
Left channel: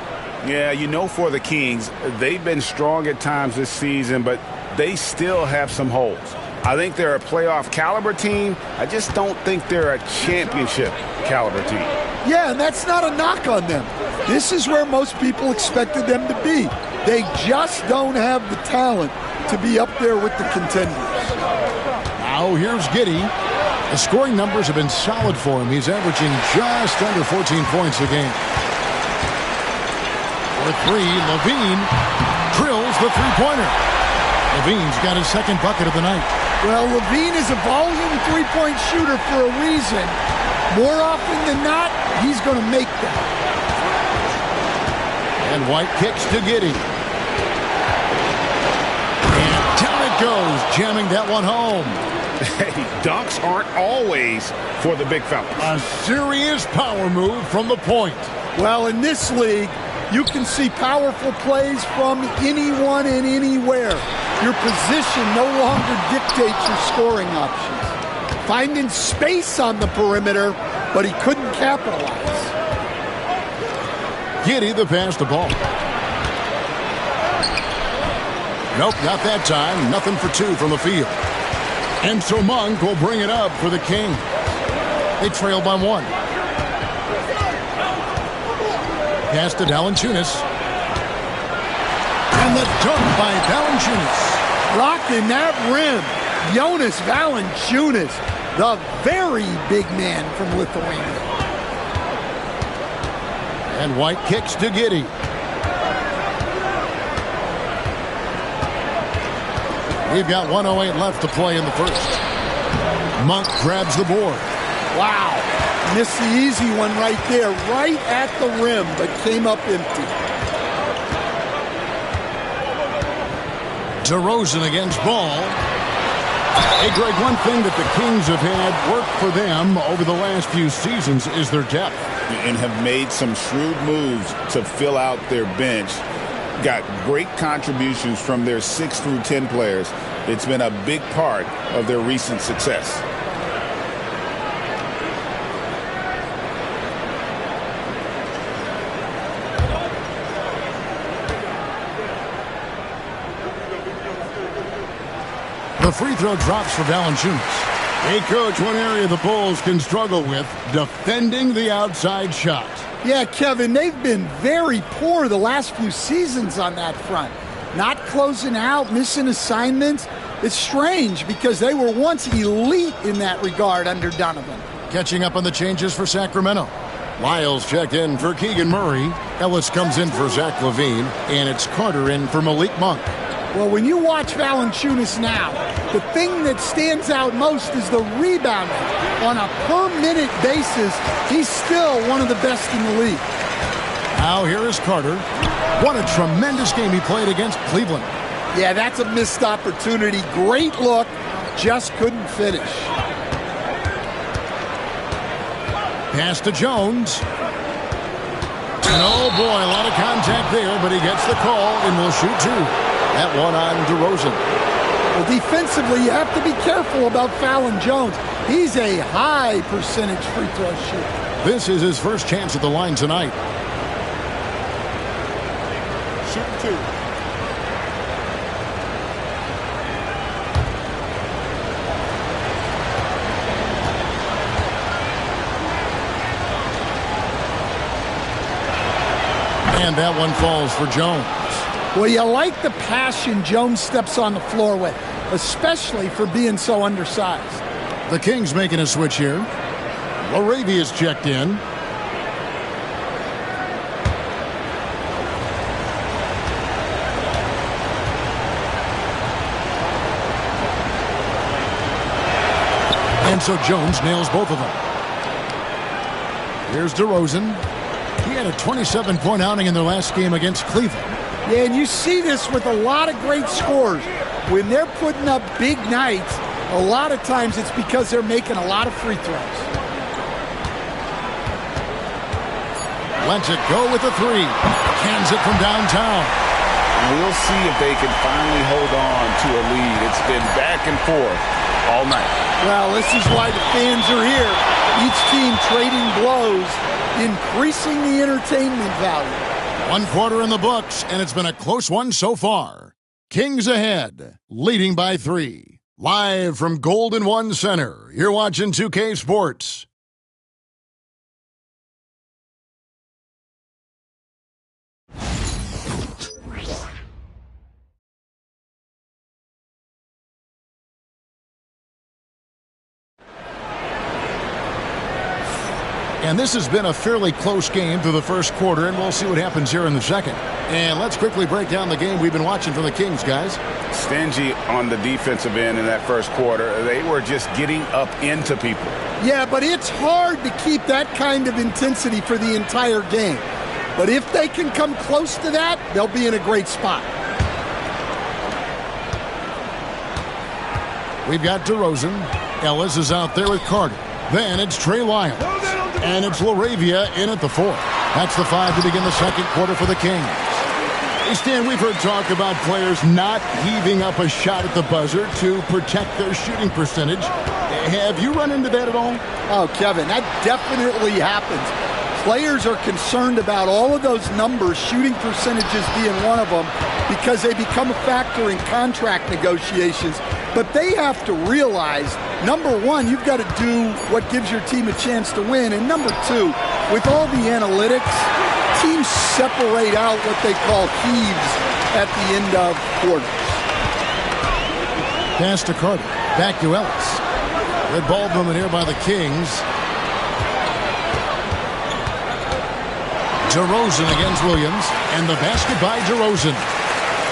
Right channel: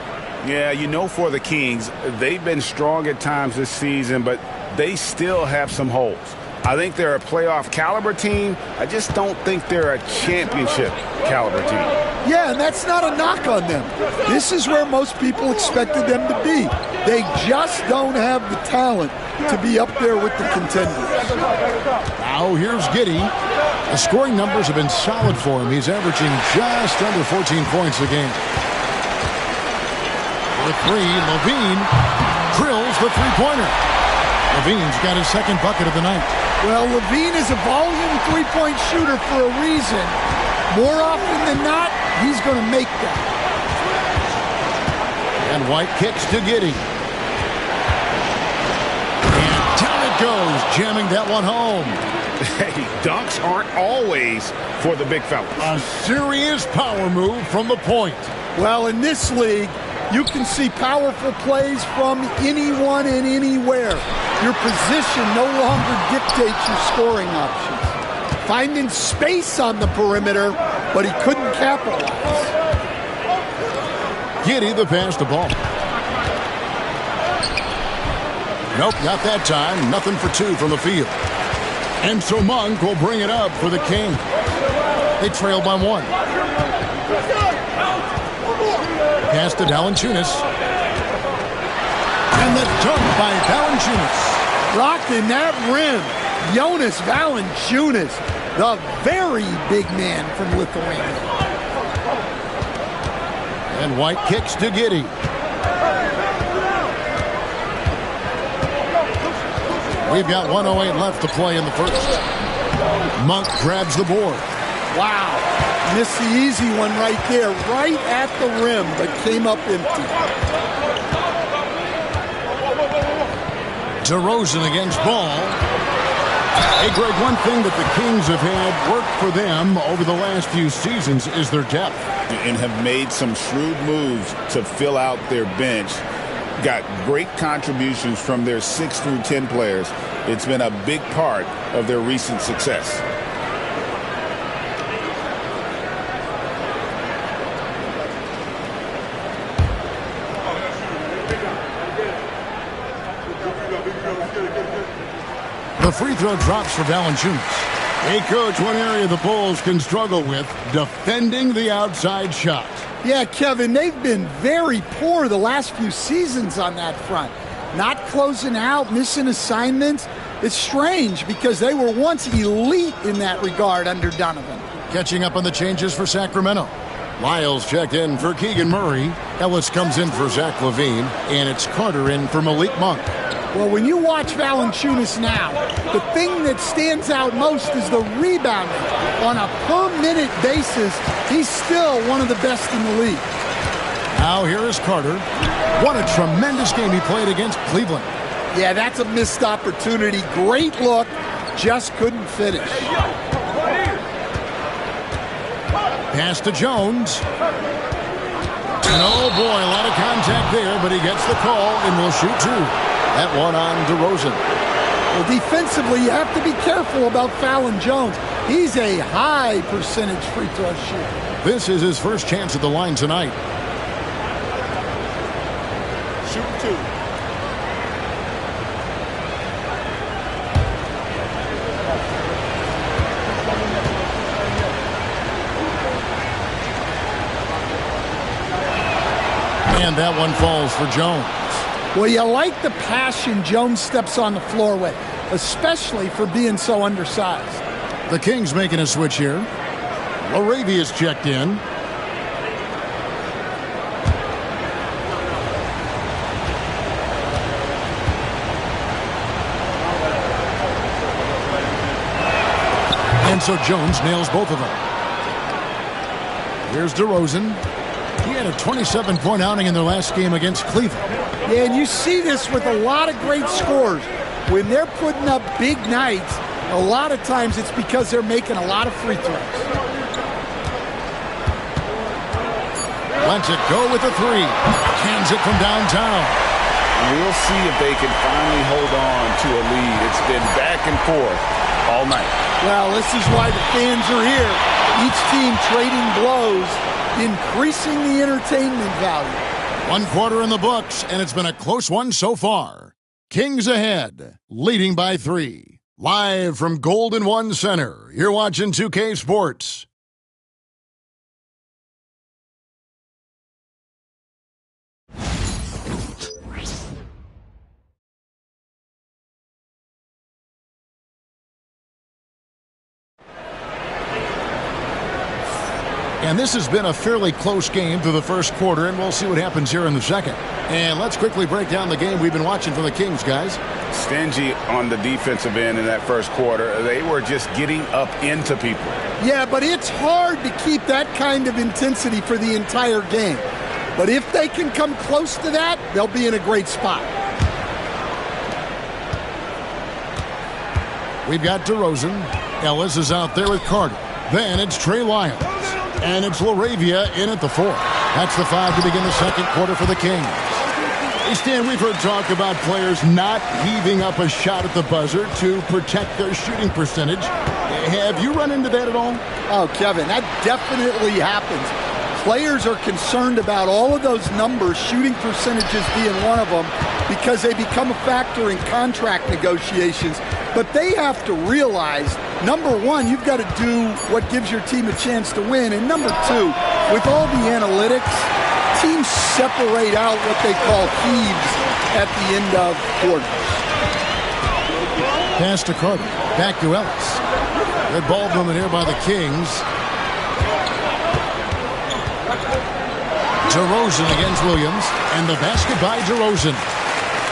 Yeah, you know, for the Kings, they've been strong at times this season, but they still have some holes. I think they're a playoff caliber team. I just don't think they're a championship caliber team. Yeah, and that's not a knock on them. This is where most people expected them to be. They just don't have the talent to be up there with the contenders. Now here's Giddey. The scoring numbers have been solid for him. He's averaging just under 14 points a game. For 3, Levine drills the three-pointer. Levine's got his second bucket of the night. Well, Levine is a volume three-point shooter for a reason. More often than not, he's going to make that. And White kicks to Giddey. And down it goes, jamming that one home. Hey, dunks aren't always for the big fellas. A serious power move from the point. Well, in this league, you can see powerful plays from anyone and anywhere. Your position no longer dictates your scoring options. Finding space on the perimeter, but he couldn't capitalize. Giddey the pass to ball. Nope, not that time. Nothing for 2 from the field. And so Monk will bring it up for the Kings. They trail by 1. Pass to Valanciunas. And the dunk by Valanciunas. Rocking that rim. Jonas Valanciunas, the very big man from Lithuania. And White kicks to Giddey. We've got 1:08 left to play in the first. Monk grabs the board. Wow. Missed the easy one right there, right at the rim, but came up empty. DeRozan against Ball. Hey, Greg, one thing that the Kings have had work for them over the last few seasons is their depth. And have made some shrewd moves to fill out their bench. Got great contributions from their 6 through 10 players. It's been a big part of their recent success. The free throw drops for Valanciunas. Hey, Coach, one area the Bulls can struggle with, defending the outside shot. Yeah, Kevin, they've been very poor the last few seasons on that front. Not closing out, missing assignments. It's strange because they were once elite in that regard under Donovan. Catching up on the changes for Sacramento. Lyles checked in for Keegan Murray. Ellis comes in for Zach LaVine. And it's Carter in for Malik Monk. Well, when you watch Valanciunas now, the thing that stands out most is the rebounding. On a per-minute basis, he's still one of the best in the league. Now here is Carter. What a tremendous game he played against Cleveland. Yeah, that's a missed opportunity. Great look, just couldn't finish. Pass to Jones. And oh boy, a lot of contact there, but he gets the call and will shoot 2. That one on DeRozan. Well, defensively, you have to be careful about fouling Jones. He's a high percentage free throw shooter. This is his first chance at the line tonight. Shooting 2. And that one falls for Jones. Well, you like the passion Jones steps on the floor with. especially for being so undersized. The Kings making a switch here. Laravia's checked in. And so Jones nails both of them. Here's DeRozan. He had a 27-point outing in their last game against Cleveland. Yeah, and you see this with a lot of great scores. When they're putting up big nights, a lot of times it's because they're making a lot of free throws. Lets it go with a three. Cans it from downtown. We'll see if they can finally hold on to a lead. It's been back and forth all night. Well, this is why the fans are here. Each team trading blows, increasing the entertainment value. 1 quarter in the books, and it's been a close one so far. Kings ahead, leading by 3. Live from Golden One Center, you're watching 2K Sports. And this has been a fairly close game through the first quarter, and we'll see what happens here in the second. And let's quickly break down the game we've been watching for the Kings, guys. Stingy on the defensive end in that first quarter. They were just getting up into people. Yeah, but it's hard to keep that kind of intensity for the entire game. But if they can come close to that, they'll be in a great spot. We've got DeRozan. Ellis is out there with Carter. Then it's Trey Lyons. And it's Laravia in at the 4. That's the 5 to begin the second quarter for the Kings. Hey, Stan, we've heard talk about players not heaving up a shot at the buzzer to protect their shooting percentage. Have you run into that at all? Oh, Kevin, that definitely happens. Players are concerned about all of those numbers, shooting percentages being one of them, because they become a factor in contract negotiations. But they have to realize, number one, you've got to do what gives your team a chance to win. And number two, with all the analytics, teams separate out what they call heaves at the end of quarters. Pass to Carter. Back to Ellis. Good ball movement here by the Kings. DeRozan against Williams. And the basket by DeRozan.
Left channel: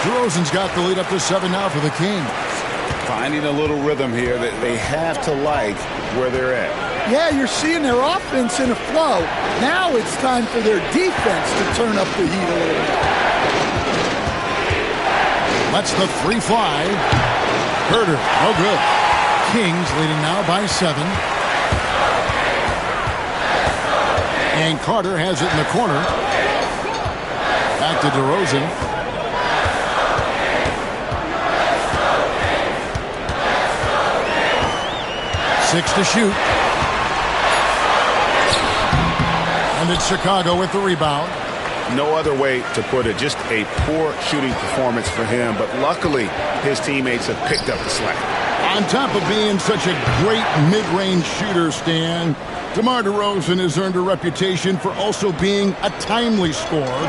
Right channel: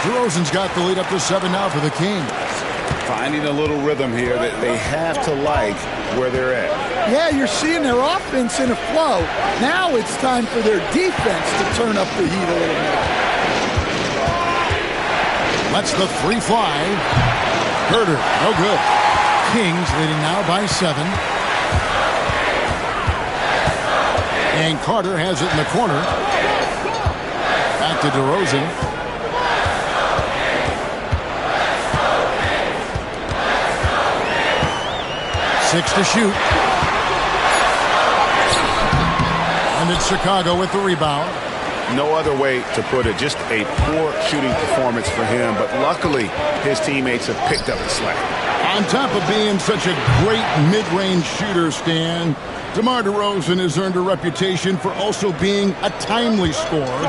DeRozan's got the lead up to 7 now for the Kings. Finding a little rhythm here that they have to like where they're at. Yeah, you're seeing their offense in a flow. Now it's time for their defense to turn up the heat a little bit. Lets the 3 fly. Herter, no good. Kings leading now by 7. And Carter has it in the corner. Back to DeRozan. 6 to shoot. And it's Chicago with the rebound. No other way to put it. Just a poor shooting performance for him. But luckily, his teammates have picked up the slack. On top of being such a great mid-range shooter, Stan, DeMar DeRozan has earned a reputation for also being a timely scorer.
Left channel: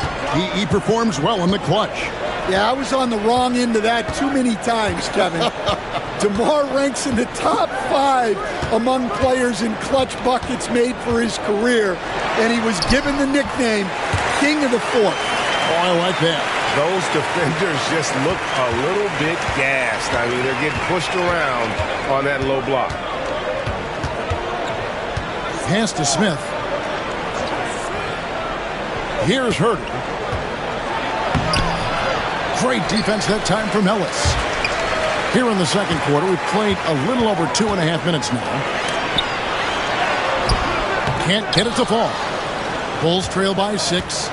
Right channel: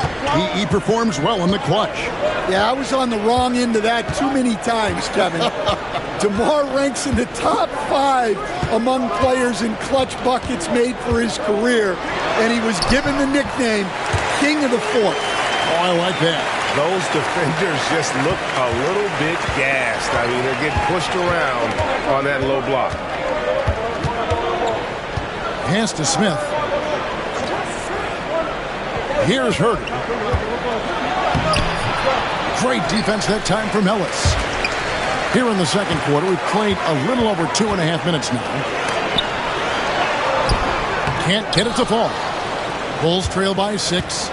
He performs well in the clutch. Yeah, I was on the wrong end of that too many times, Kevin. DeMar ranks in the top 5 among players in clutch buckets made for his career, and he was given the nickname King of the Fourth. Oh, I like that. Those defenders just look a little bit gassed. I mean, they're getting pushed around on that low block. Pass to Smith. Here's Herter. Great defense that time from Ellis. Here in the second quarter, we've played a little over 2.5 minutes now. Can't get it to fall. Bulls trail by 6.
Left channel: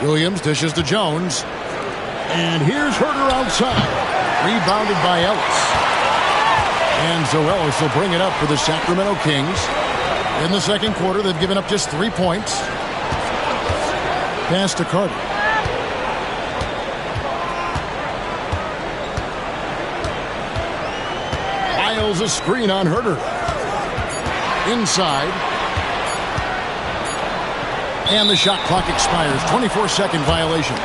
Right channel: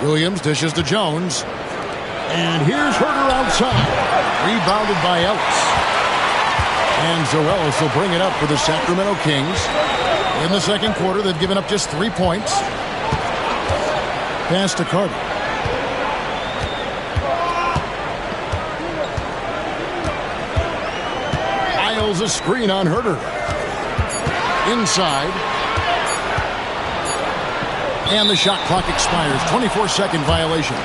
Williams dishes to Jones. And here's Herter outside. Rebounded by Ellis. And so Ellis will bring it up for the Sacramento Kings. In the second quarter, they've given up just 3 points. Pass to Carter. Piles a screen on Herter. Inside. And the shot clock expires. 24-second violation.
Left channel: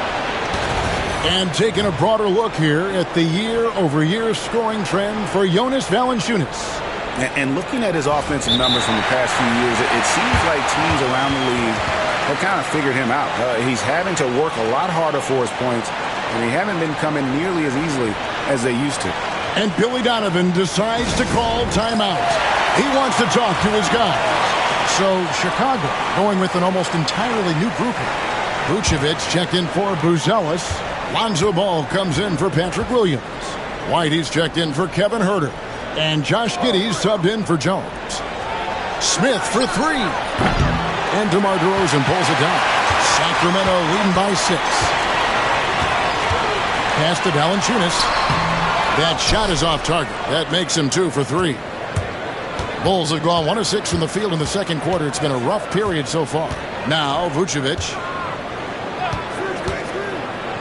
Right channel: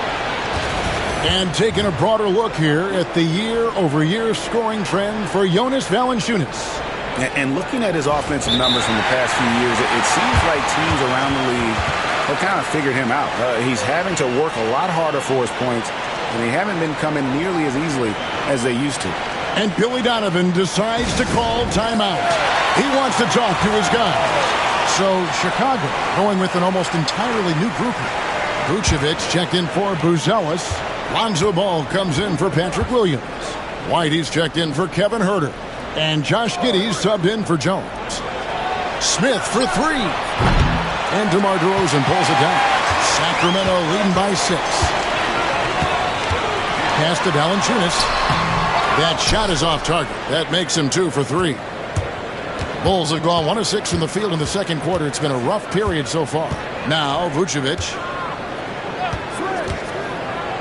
And taking a broader look here at the year-over-year scoring trend for Jonas Valanciunas. And looking at his offensive numbers from the past few years, it seems like teams around the league have kind of figured him out. He's having to work a lot harder for his points, and they haven't been coming nearly as easily as they used to. And Billy Donovan decides to call timeout. He wants to talk to his guys. So Chicago going with an almost entirely new group here. Vucevic checked in for Buzelis. Lonzo Ball comes in for Patrick Williams. Whitey's checked in for Kevin Huerter. And Josh Giddey subbed in for Jones. Smith for three. And DeMar DeRozan pulls it down. Sacramento leading by 6. Pass to Valanciunas. That shot is off target. That makes him 2 for 3. Bulls have gone 1 of 6 from the field in the second quarter. It's been a rough period so far. Now Vucevic.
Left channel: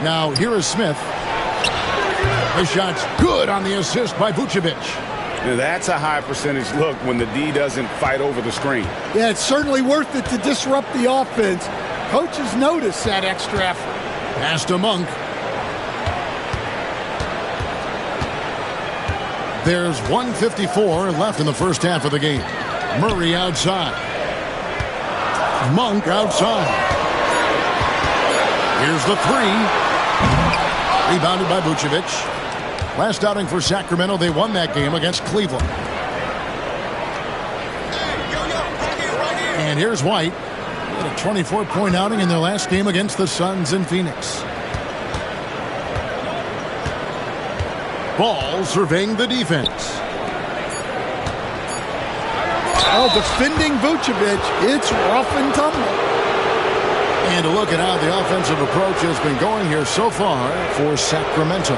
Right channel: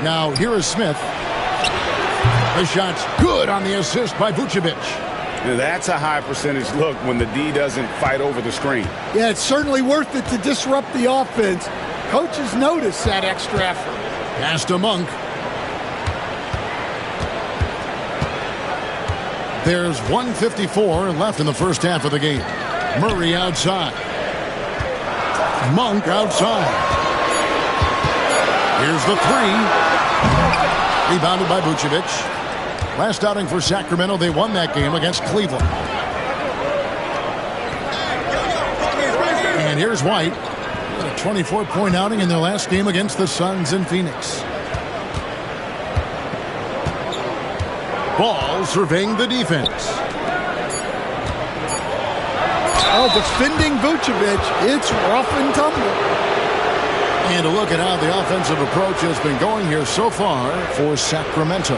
Now here is Smith. The shot's good on the assist by Vucevic. That's a high percentage look when the D doesn't fight over the screen. Yeah, it's certainly worth it to disrupt the offense. Coaches notice that extra effort. Pass to Monk. There's 1:54 left in the first half of the game. Murray outside. Monk outside. Here's the three. Rebounded by Vucevic. Last outing for Sacramento, they won that game against Cleveland. And here's White. He had a 24-point outing in their last game against the Suns in Phoenix. Ball surveying the defense. Oh, defending Vucevic, it's rough and tumble. And a look at how the offensive approach has been going here so far for Sacramento.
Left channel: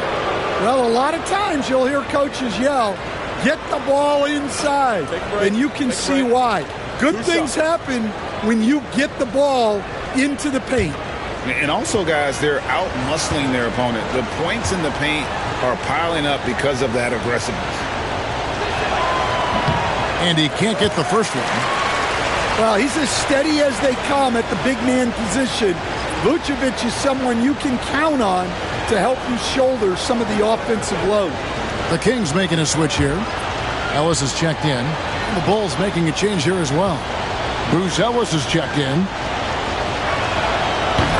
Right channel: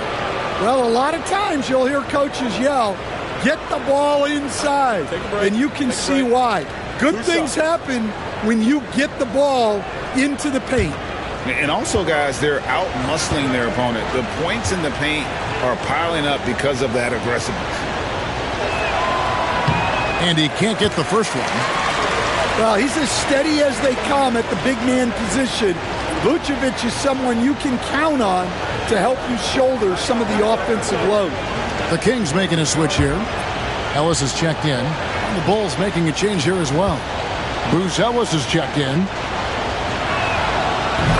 Well, a lot of times you'll hear coaches yell, get the ball inside, and you can see why. Good things happen when you get the ball into the paint. And also, guys, they're out-muscling their opponent. The points in the paint are piling up because of that aggressiveness. And he can't get the first one. Well, he's as steady as they come at the big man position. Vucevic is someone you can count on to help you shoulder some of the offensive load. The Kings making a switch here. Ellis is checked in. And the Bulls making a change here as well. Buzelis is checked in.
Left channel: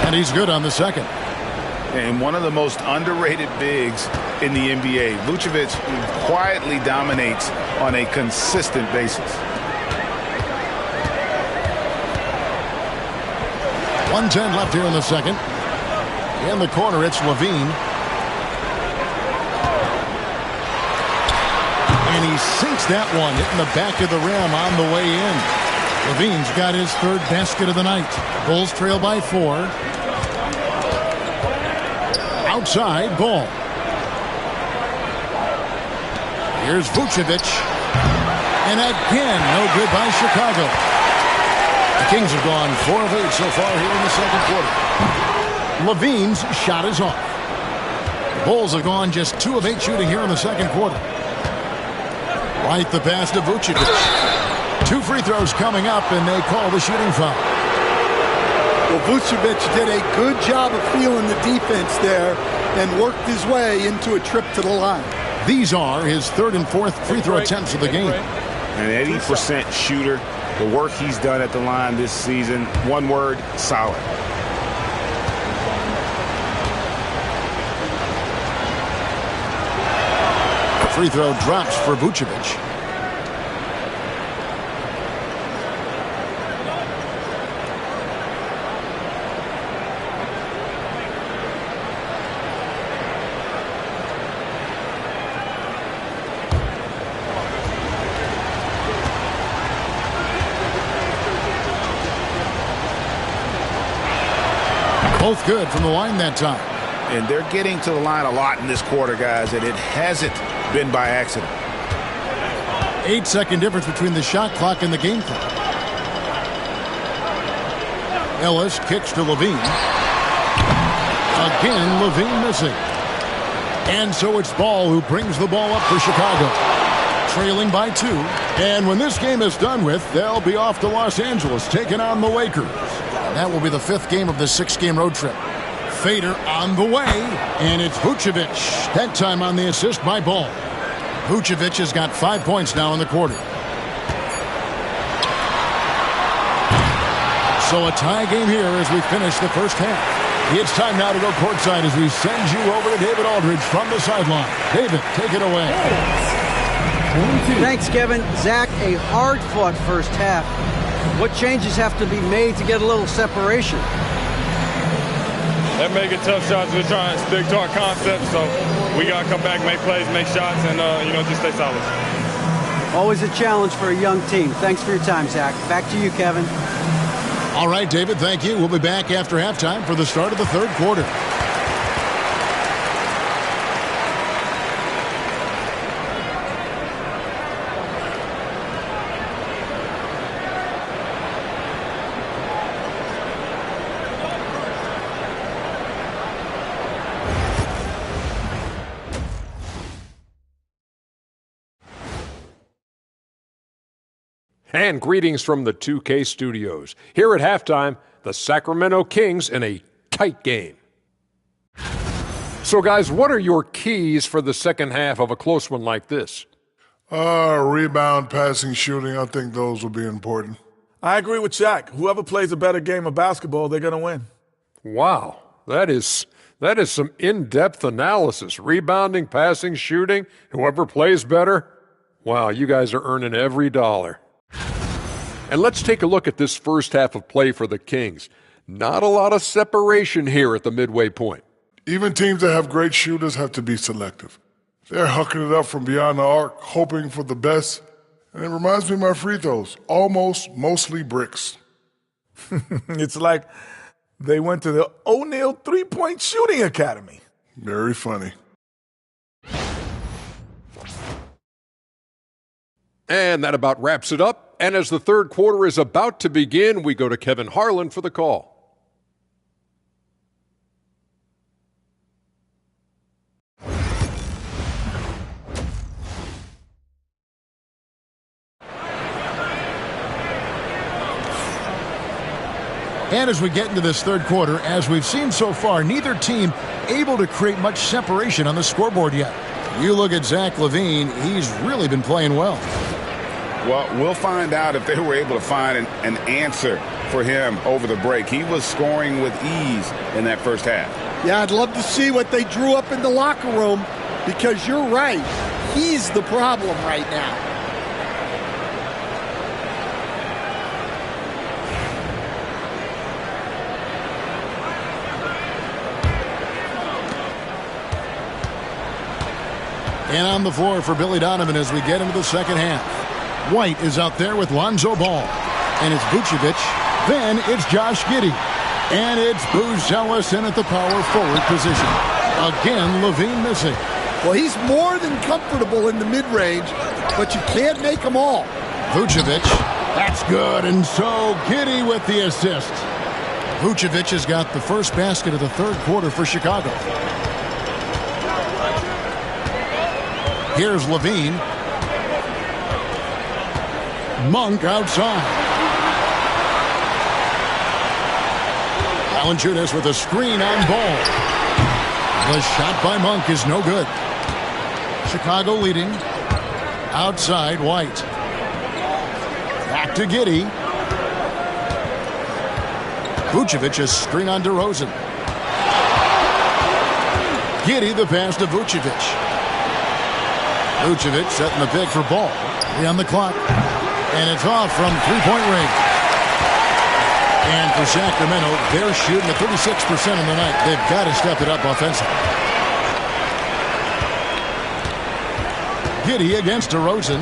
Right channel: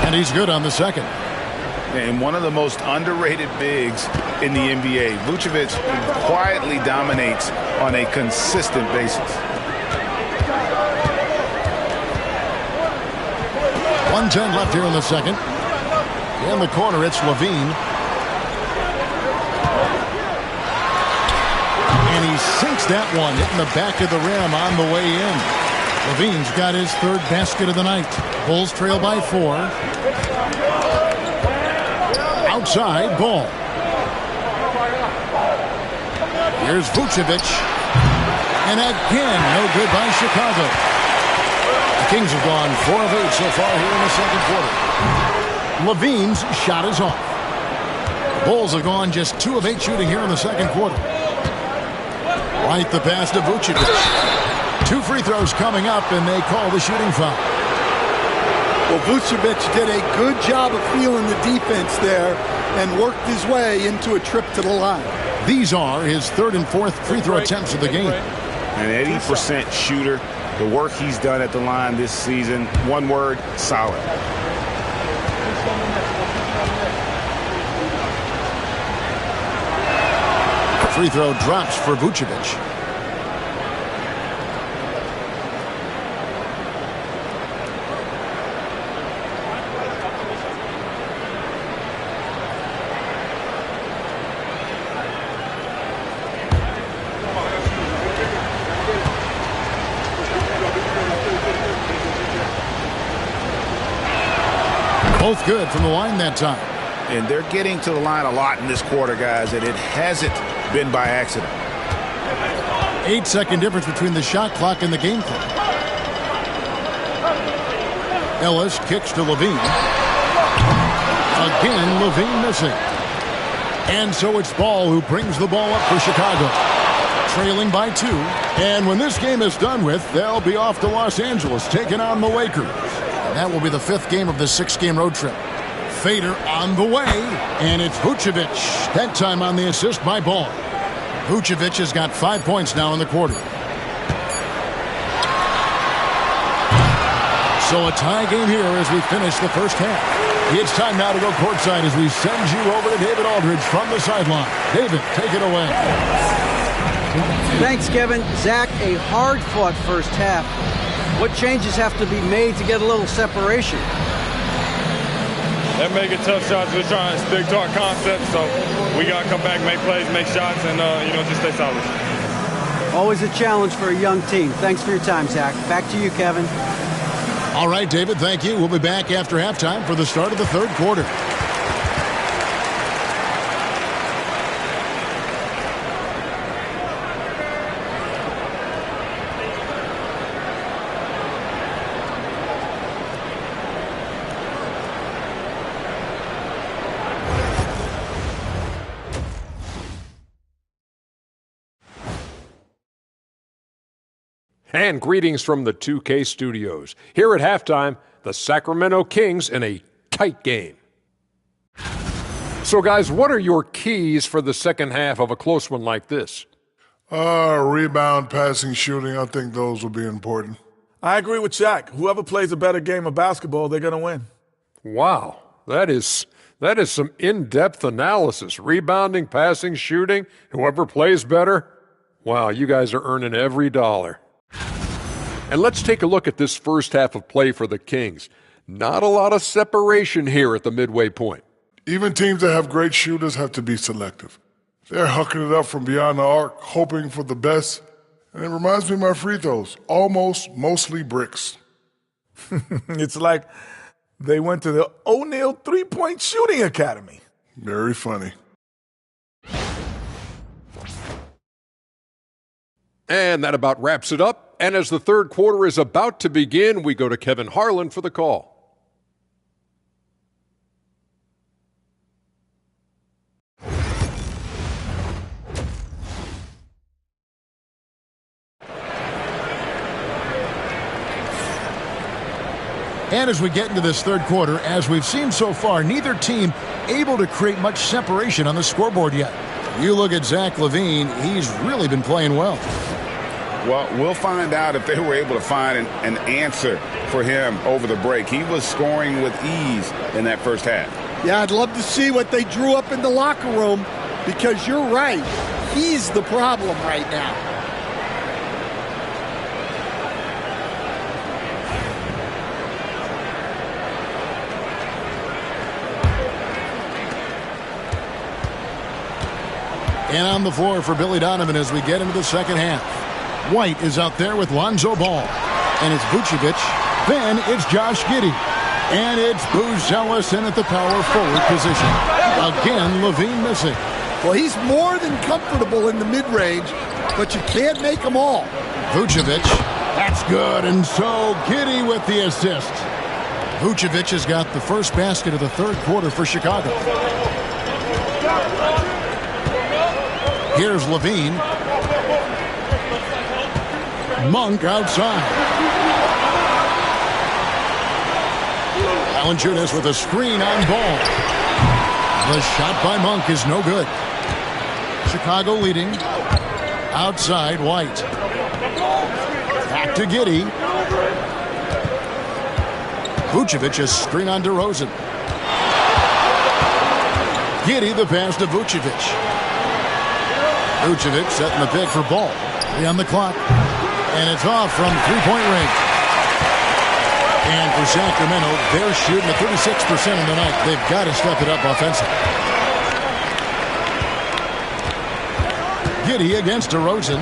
And he's good on the second. And one of the most underrated bigs in the NBA. Vucevic quietly dominates on a consistent basis. 1:10 left here in the second. In the corner, it's Levine. And he sinks that one, hitting the back of the rim on the way in. Levine's got his third basket of the night. Bulls trail by 4. Outside, Ball. Here's Vucevic. And again, no good by Chicago. The Kings have gone 4 of 8 so far here in the second quarter. Levine's shot is off. The Bulls have gone just 2 of 8 shooting here in the second quarter. Right the pass to Vucevic. 2 free throws coming up, and they call the shooting foul. Well, Vucevic did a good job of feeling the defense there and worked his way into a trip to the line. These are his 3rd and 4th free throw attempts of the game. An 80% shooter. The work he's done at the line this season, one word, solid. Free throw drops for Vucevic. Both good from the line that time. And they're getting to the line a lot in this quarter, guys, and it hasn't been by accident. 8-second difference between the shot clock and the game clock. Ellis kicks to Levine. Again, Levine missing. And so it's Ball who brings the ball up for Chicago. Trailing by 2. And when this game is done with, they'll be off to Los Angeles taking on the Lakers. And that will be the 5th game of the 6-game road trip. Fader on the way, and it's Vucevic. That time on the assist by Ball. Vucevic has got 5 points now in the quarter. So a tie game here as we finish the first half. It's time now to go courtside as we send you over to David Aldridge from the sideline. David, take it away. Thanks, Kevin. Zach, a hard-fought first half. What changes have to be made to get a little separation? They're making tough shots. We're trying to stick to our concept, so we got to come back, make plays, make shots, and, just stay solid. Always a challenge for a young team. Thanks for your time, Zach. Back to you, Kevin. All right, David, thank you. We'll be back after halftime for the start of the third quarter. And greetings from the 2K studios. Here at halftime, the Sacramento Kings in a tight game. So, guys, what are your keys for the second half of a close one like this? Rebound, passing, shooting. I think those will be important. I agree with Shaq. Whoever plays a better game of basketball, they're going to win. Wow, that is some in-depth analysis. Rebounding, passing, shooting, whoever plays better. Wow, you guys are earning every dollar. And let's take a look at this first half of play for the Kings. Not a lot of separation here at the midway point. Even teams that have great shooters have to be selective. They're hucking it up from beyond the arc, hoping for the best. And it reminds me of my free throws. Almost, mostly bricks. It's like they went to the O'Neal three-point shooting academy. Very funny. And that about wraps it up. And as the third quarter is about to begin, we go to Kevin Harlan for the call. And as we get into this third quarter, as we've seen so far, neither team able to create much separation on the scoreboard yet. You look at Zach LaVine, he's really been playing well. Well, we'll find out if they were able to find an answer for him over the break. He was scoring with ease in that first half. Yeah, I'd love to see what they drew up in the locker room because you're right. He's the problem right now. And on the floor for Billy Donovan as we get into the second half. White is out there with Lonzo Ball. And it's Vucevic. Then it's Josh Giddey. And it's Booz Ellison at the power forward position. Again, LaVine missing. Well, he's more than comfortable in the mid-range, but you can't make them all. Vucevic, that's good. And so Giddey with the assist. Vucevic has got the first basket of the third quarter for Chicago. Here's LaVine. Monk outside. Valanciunas with a screen on Ball. The shot by Monk is no good. Chicago leading. Outside, White. Back to Giddey. Vucevic a screen on DeRozan. Giddey the pass to Vucevic. Vucevic setting the pick for Ball. 3 on the clock. And it's off from three-point range. And for Sacramento, they're shooting at 36% on the night. They've got to step it up offensively. Giddey against DeRozan.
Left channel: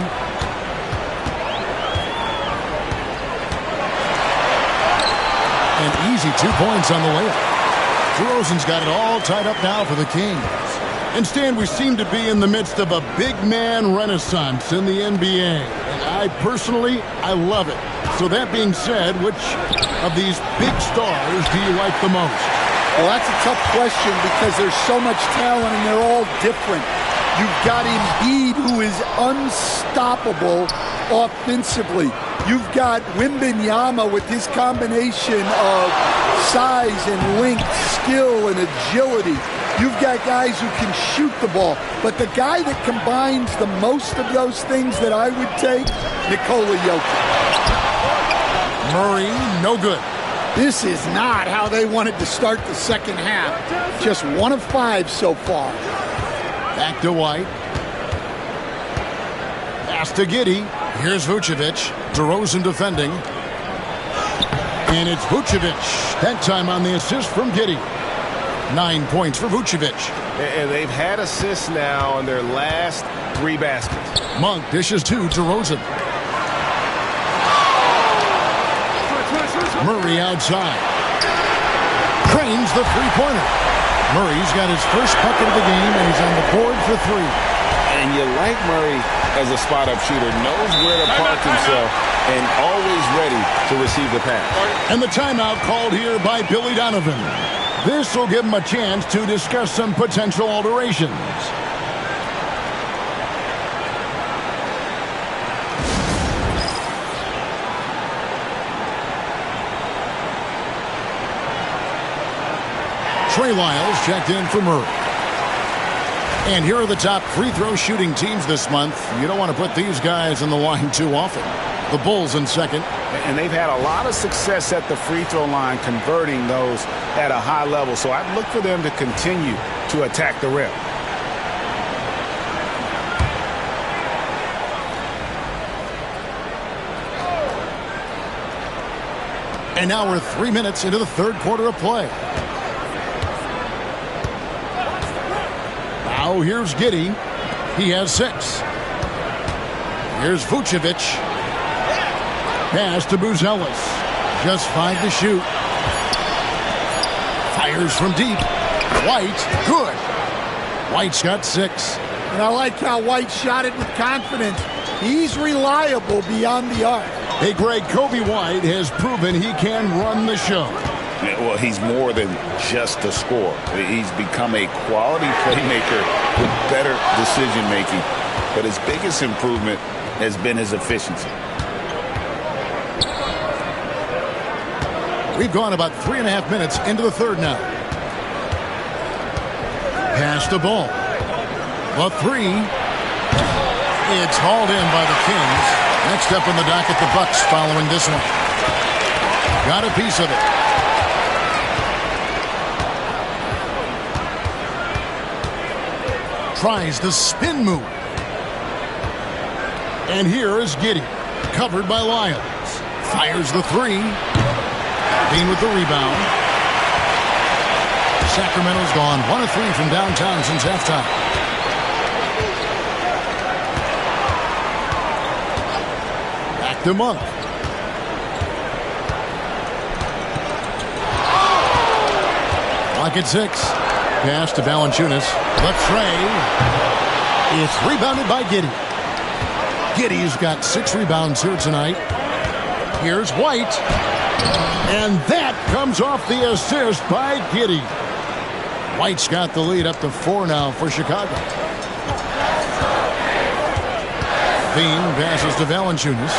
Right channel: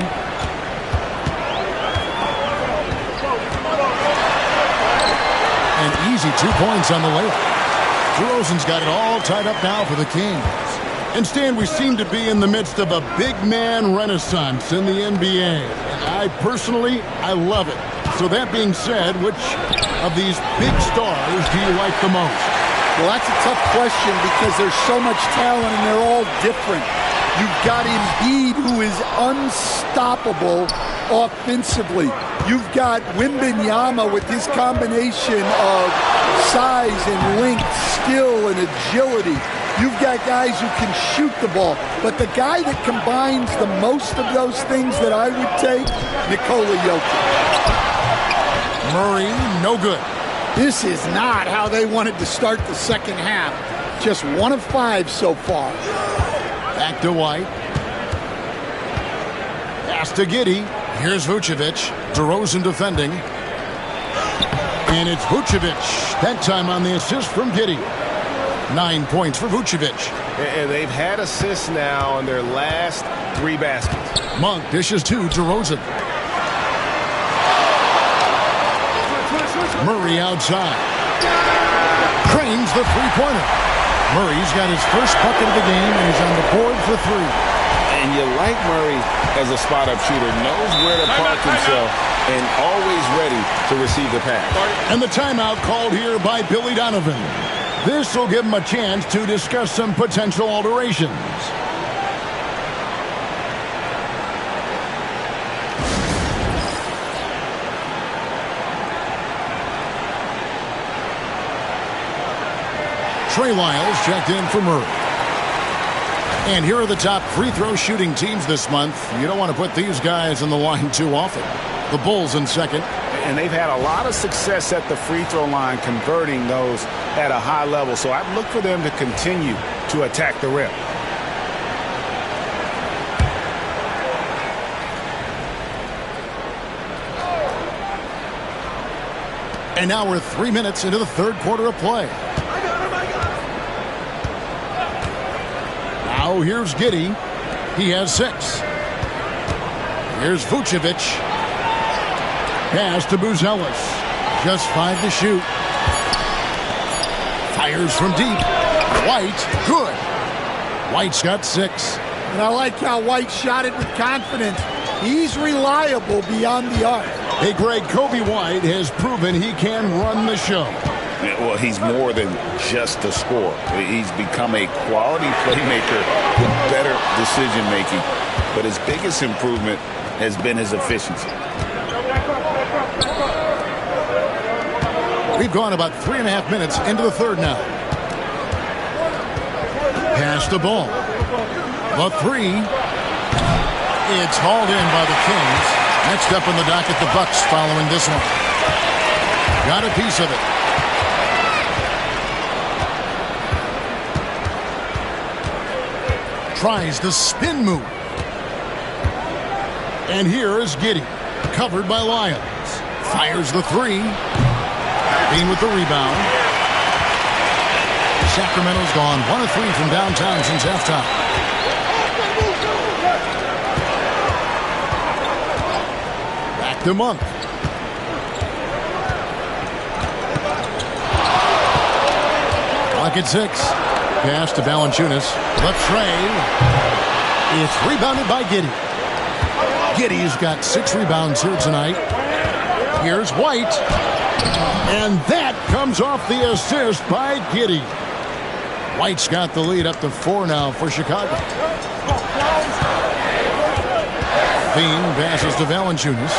An easy 2 points on the layup. DeRozan's got it all tied up now for the Kings. And Stan, we seem to be in the midst of a big man renaissance in the NBA. And I personally love it. So that being said, which of these big stars do you like the most? Well, that's a tough question because there's so much talent and they're all different. You've got Embiid, who is unstoppable offensively. You've got Wembanyama with his combination of size and length, skill and agility. You've got guys who can shoot the ball. But the guy that combines the most of those things that I would take, Nikola Jokic. Murray, no good. This is not how they wanted to start the second half. Just 1 of 5 so far. Back to White. Pass to Giddey. Here's Vucevic. DeRozan defending. And it's Vucevic. That time on the assist from Giddey. 9 points for Vucevic. And they've had assists now on their last 3 baskets. Monk dishes to DeRozan. Murray outside. Cranes the three-pointer. Murray's got his first bucket of the game, and he's on the board for 3. And you like Murray as a spot-up shooter. Knows where to park himself and always ready to receive the pass. And the timeout called here by Billy Donovan. This will give him a chance to discuss some potential alterations. Trey Lyles checked in for Murray. And here are the top free throw shooting teams this month. You don't want to put these guys on the line too often. The Bulls in second. And they've had a lot of success at the free throw line, converting those at a high level. So I'd look for them to continue to attack the rim. And now we're 3 minutes into the third quarter of play. Now here's Giddey. He has 6. Here's Vucevic. Pass to Buzelis. Just 5 to shoot. Fires from deep. White, good. White's got 6. And I like how White shot it with confidence. He's reliable beyond the arc. Hey, Greg, Kobe White has proven he can run the show. Well, he's more than just a scorer. He's become a quality playmaker with better decision-making. But his biggest improvement has been his efficiency. We've gone about 3.5 minutes into the third now. Pass the ball. The 3. It's hauled in by the Kings. Next up in the docket, the Bucks following this one. Got a piece of it. Tries the spin move. And here is Giddey. Covered by Lyons. Fires the 3. Bean with the rebound. Sacramento's gone 1 of 3 from downtown since halftime. Back to Monk. Clock at 6. Pass to Valanciunas. Left Trey. It's rebounded by Giddey. Giddey's got 6 rebounds here tonight. Here's White. And that comes off the assist by Giddey. White's got the lead up to 4 now for Chicago. Bean passes to Valanciunas.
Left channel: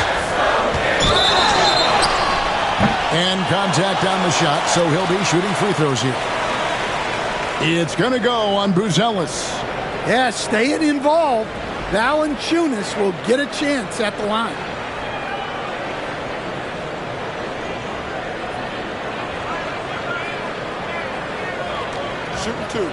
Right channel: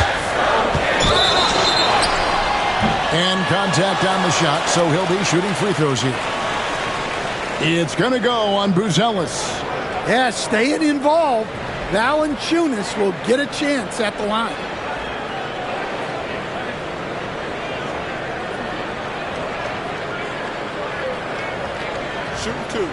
And contact on the shot, so he'll be shooting free throws here. It's going to go on Buzelis. Yeah, staying involved. Valanciunas will get a chance at the line. Shooting 2.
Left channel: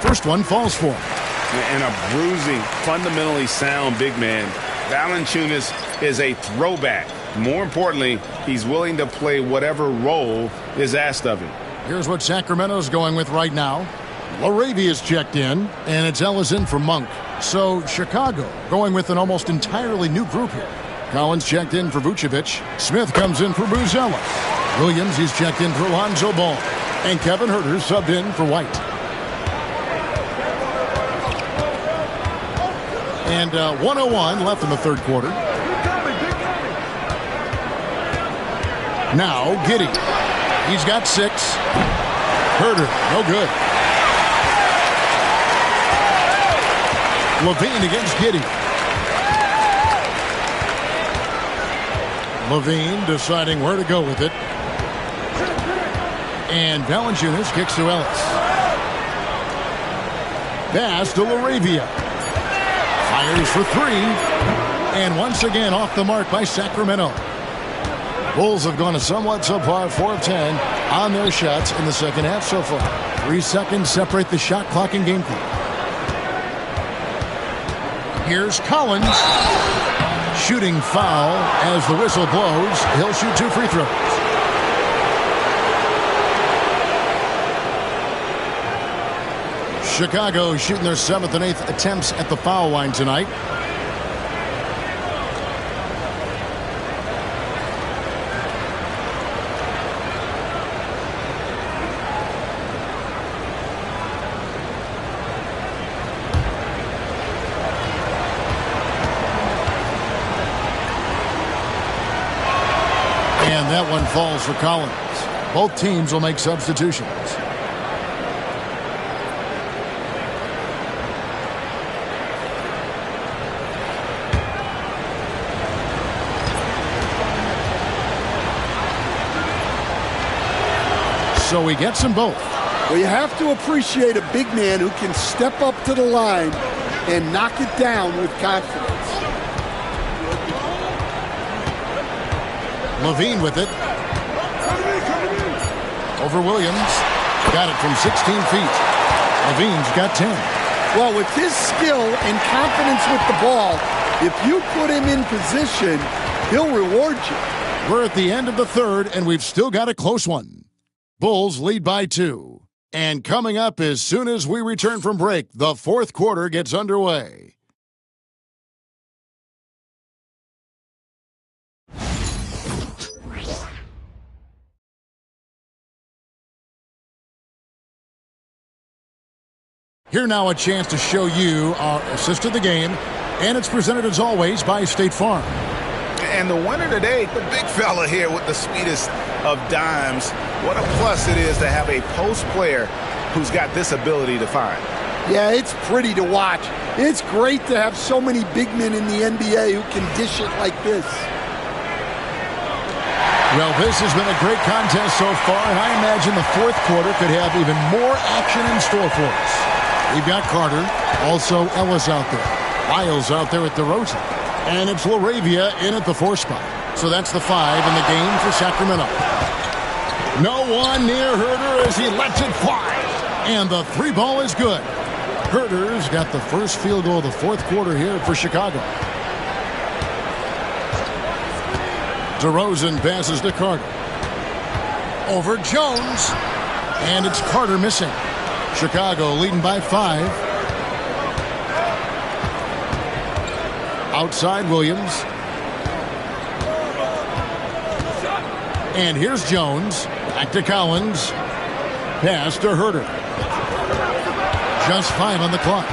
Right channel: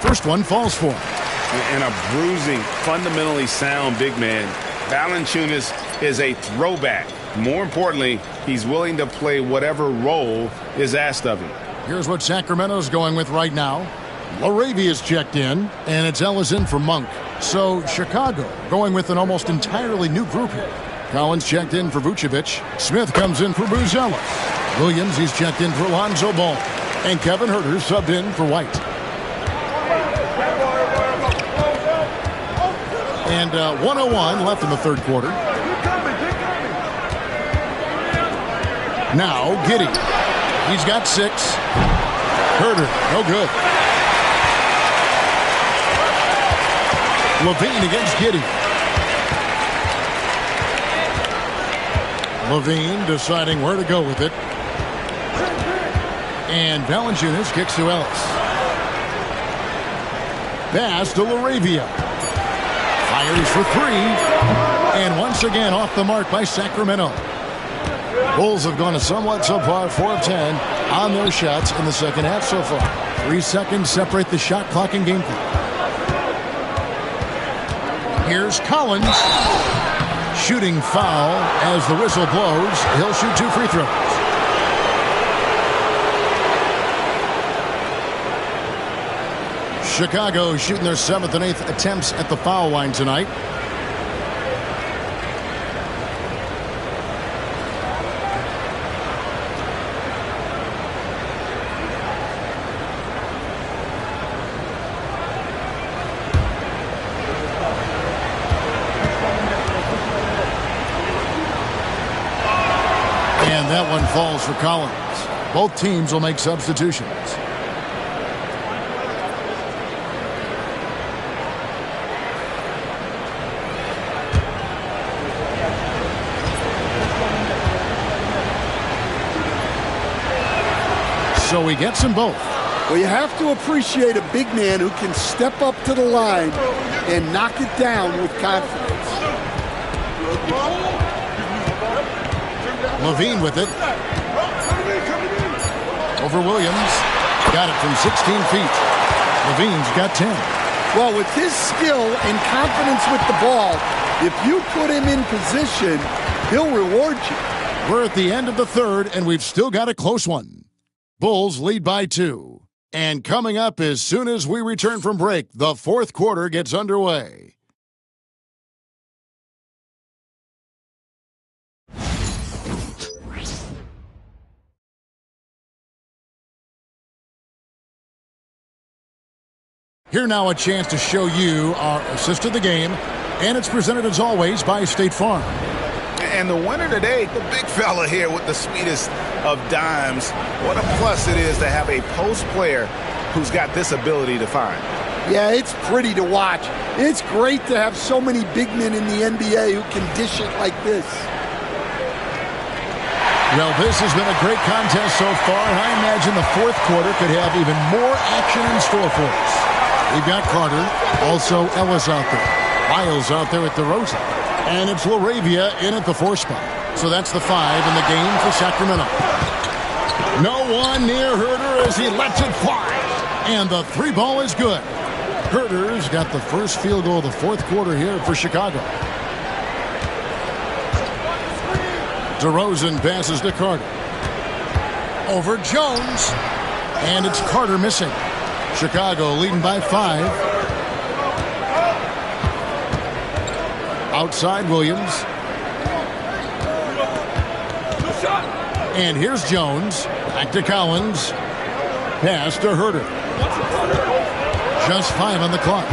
First one falls for him. And a bruising, fundamentally sound big man. Valanciunas is a throwback. More importantly, he's willing to play whatever role is asked of him. Here's what Sacramento's going with right now. Laravia's checked in, and it's Ellison for Monk. So Chicago going with an almost entirely new group here. Collins checked in for Vucevic. Smith comes in for Buzelis. Williams, he's checked in for Lonzo Ball. And Kevin Huerter subbed in for White. And 1:01 left in the third quarter. Now Giddey. He's got 6. Herder, no good. Levine against Giddey. Levine deciding where to go with it. And Valanciunas kicks to Ellis. Pass to LaRavia. Fires for 3. And once again off the mark by Sacramento. Bulls have gone a somewhat subpar 4 of 10 on their shots in the second half so far. 3 seconds separate the shot clock and game clock. Here's Collins. Shooting foul as the whistle blows. He'll shoot 2 free throws. Chicago shooting their 7th and 8th attempts at the foul line tonight. And that one falls for Collins. Both teams will make substitutions. So he gets them both. Well, you have to appreciate a big man who can step up to the line and knock it down with confidence. Levine with it. Over Williams. Got it from 16 feet. Levine's got 10. Well, with his skill and confidence with the ball, if you put him in position, he'll reward you. We're at the end of the third, and we've still got a close one. Bulls lead by 2. And coming up as soon as we return from break, the fourth quarter gets underway. Here now a chance to show you our assist of the game, and it's presented as always by State Farm. And the winner today, the big fella here with the sweetest of dimes. What a plus it is to have a post player who's got this ability to find. Yeah, it's pretty to watch. It's great to have so many big men in the NBA who can dish it like this. Well, this has been a great contest so far, and I imagine the fourth quarter could have even more action in store for us. We've got Carter, also Ellis out there. Miles out there at DeRozan. And it's LaRavia in at the 4 spot. So that's the 5 in the game for Sacramento. No one near Herder as he lets it fly. And the 3 ball is good. Herder's got the first field goal of the fourth quarter here for Chicago. DeRozan passes to Carter. Over Jones. And it's Carter missing. Chicago leading by 5. Outside Williams. And here's Jones. Back to Collins. Pass to Herder. Just 5 on the clock.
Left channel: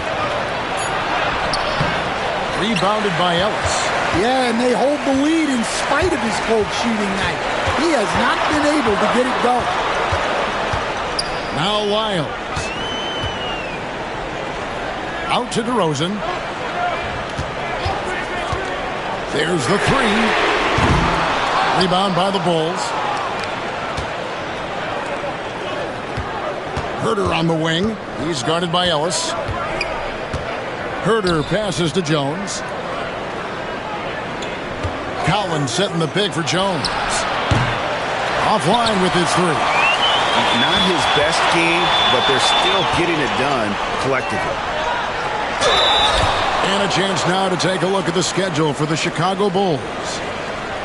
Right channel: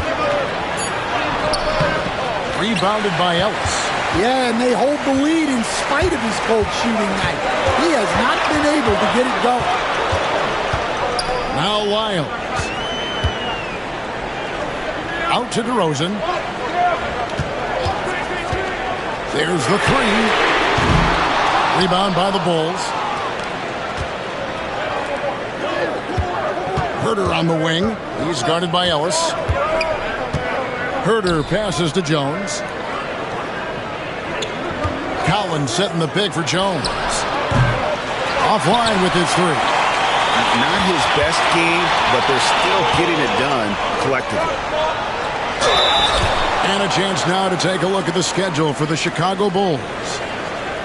Rebounded by Ellis. Yeah, and they hold the lead in spite of his cold shooting night. He has not been able to get it going. Now Lyles. Out to DeRozan. There's the 3. Rebound by the Bulls. Herder on the wing. He's guarded by Ellis. Herder passes to Jones. Collins setting the pick for Jones. Offline with his 3. Not his best game, but they're still getting it done collectively. And a chance now to take a look at the schedule for the Chicago Bulls.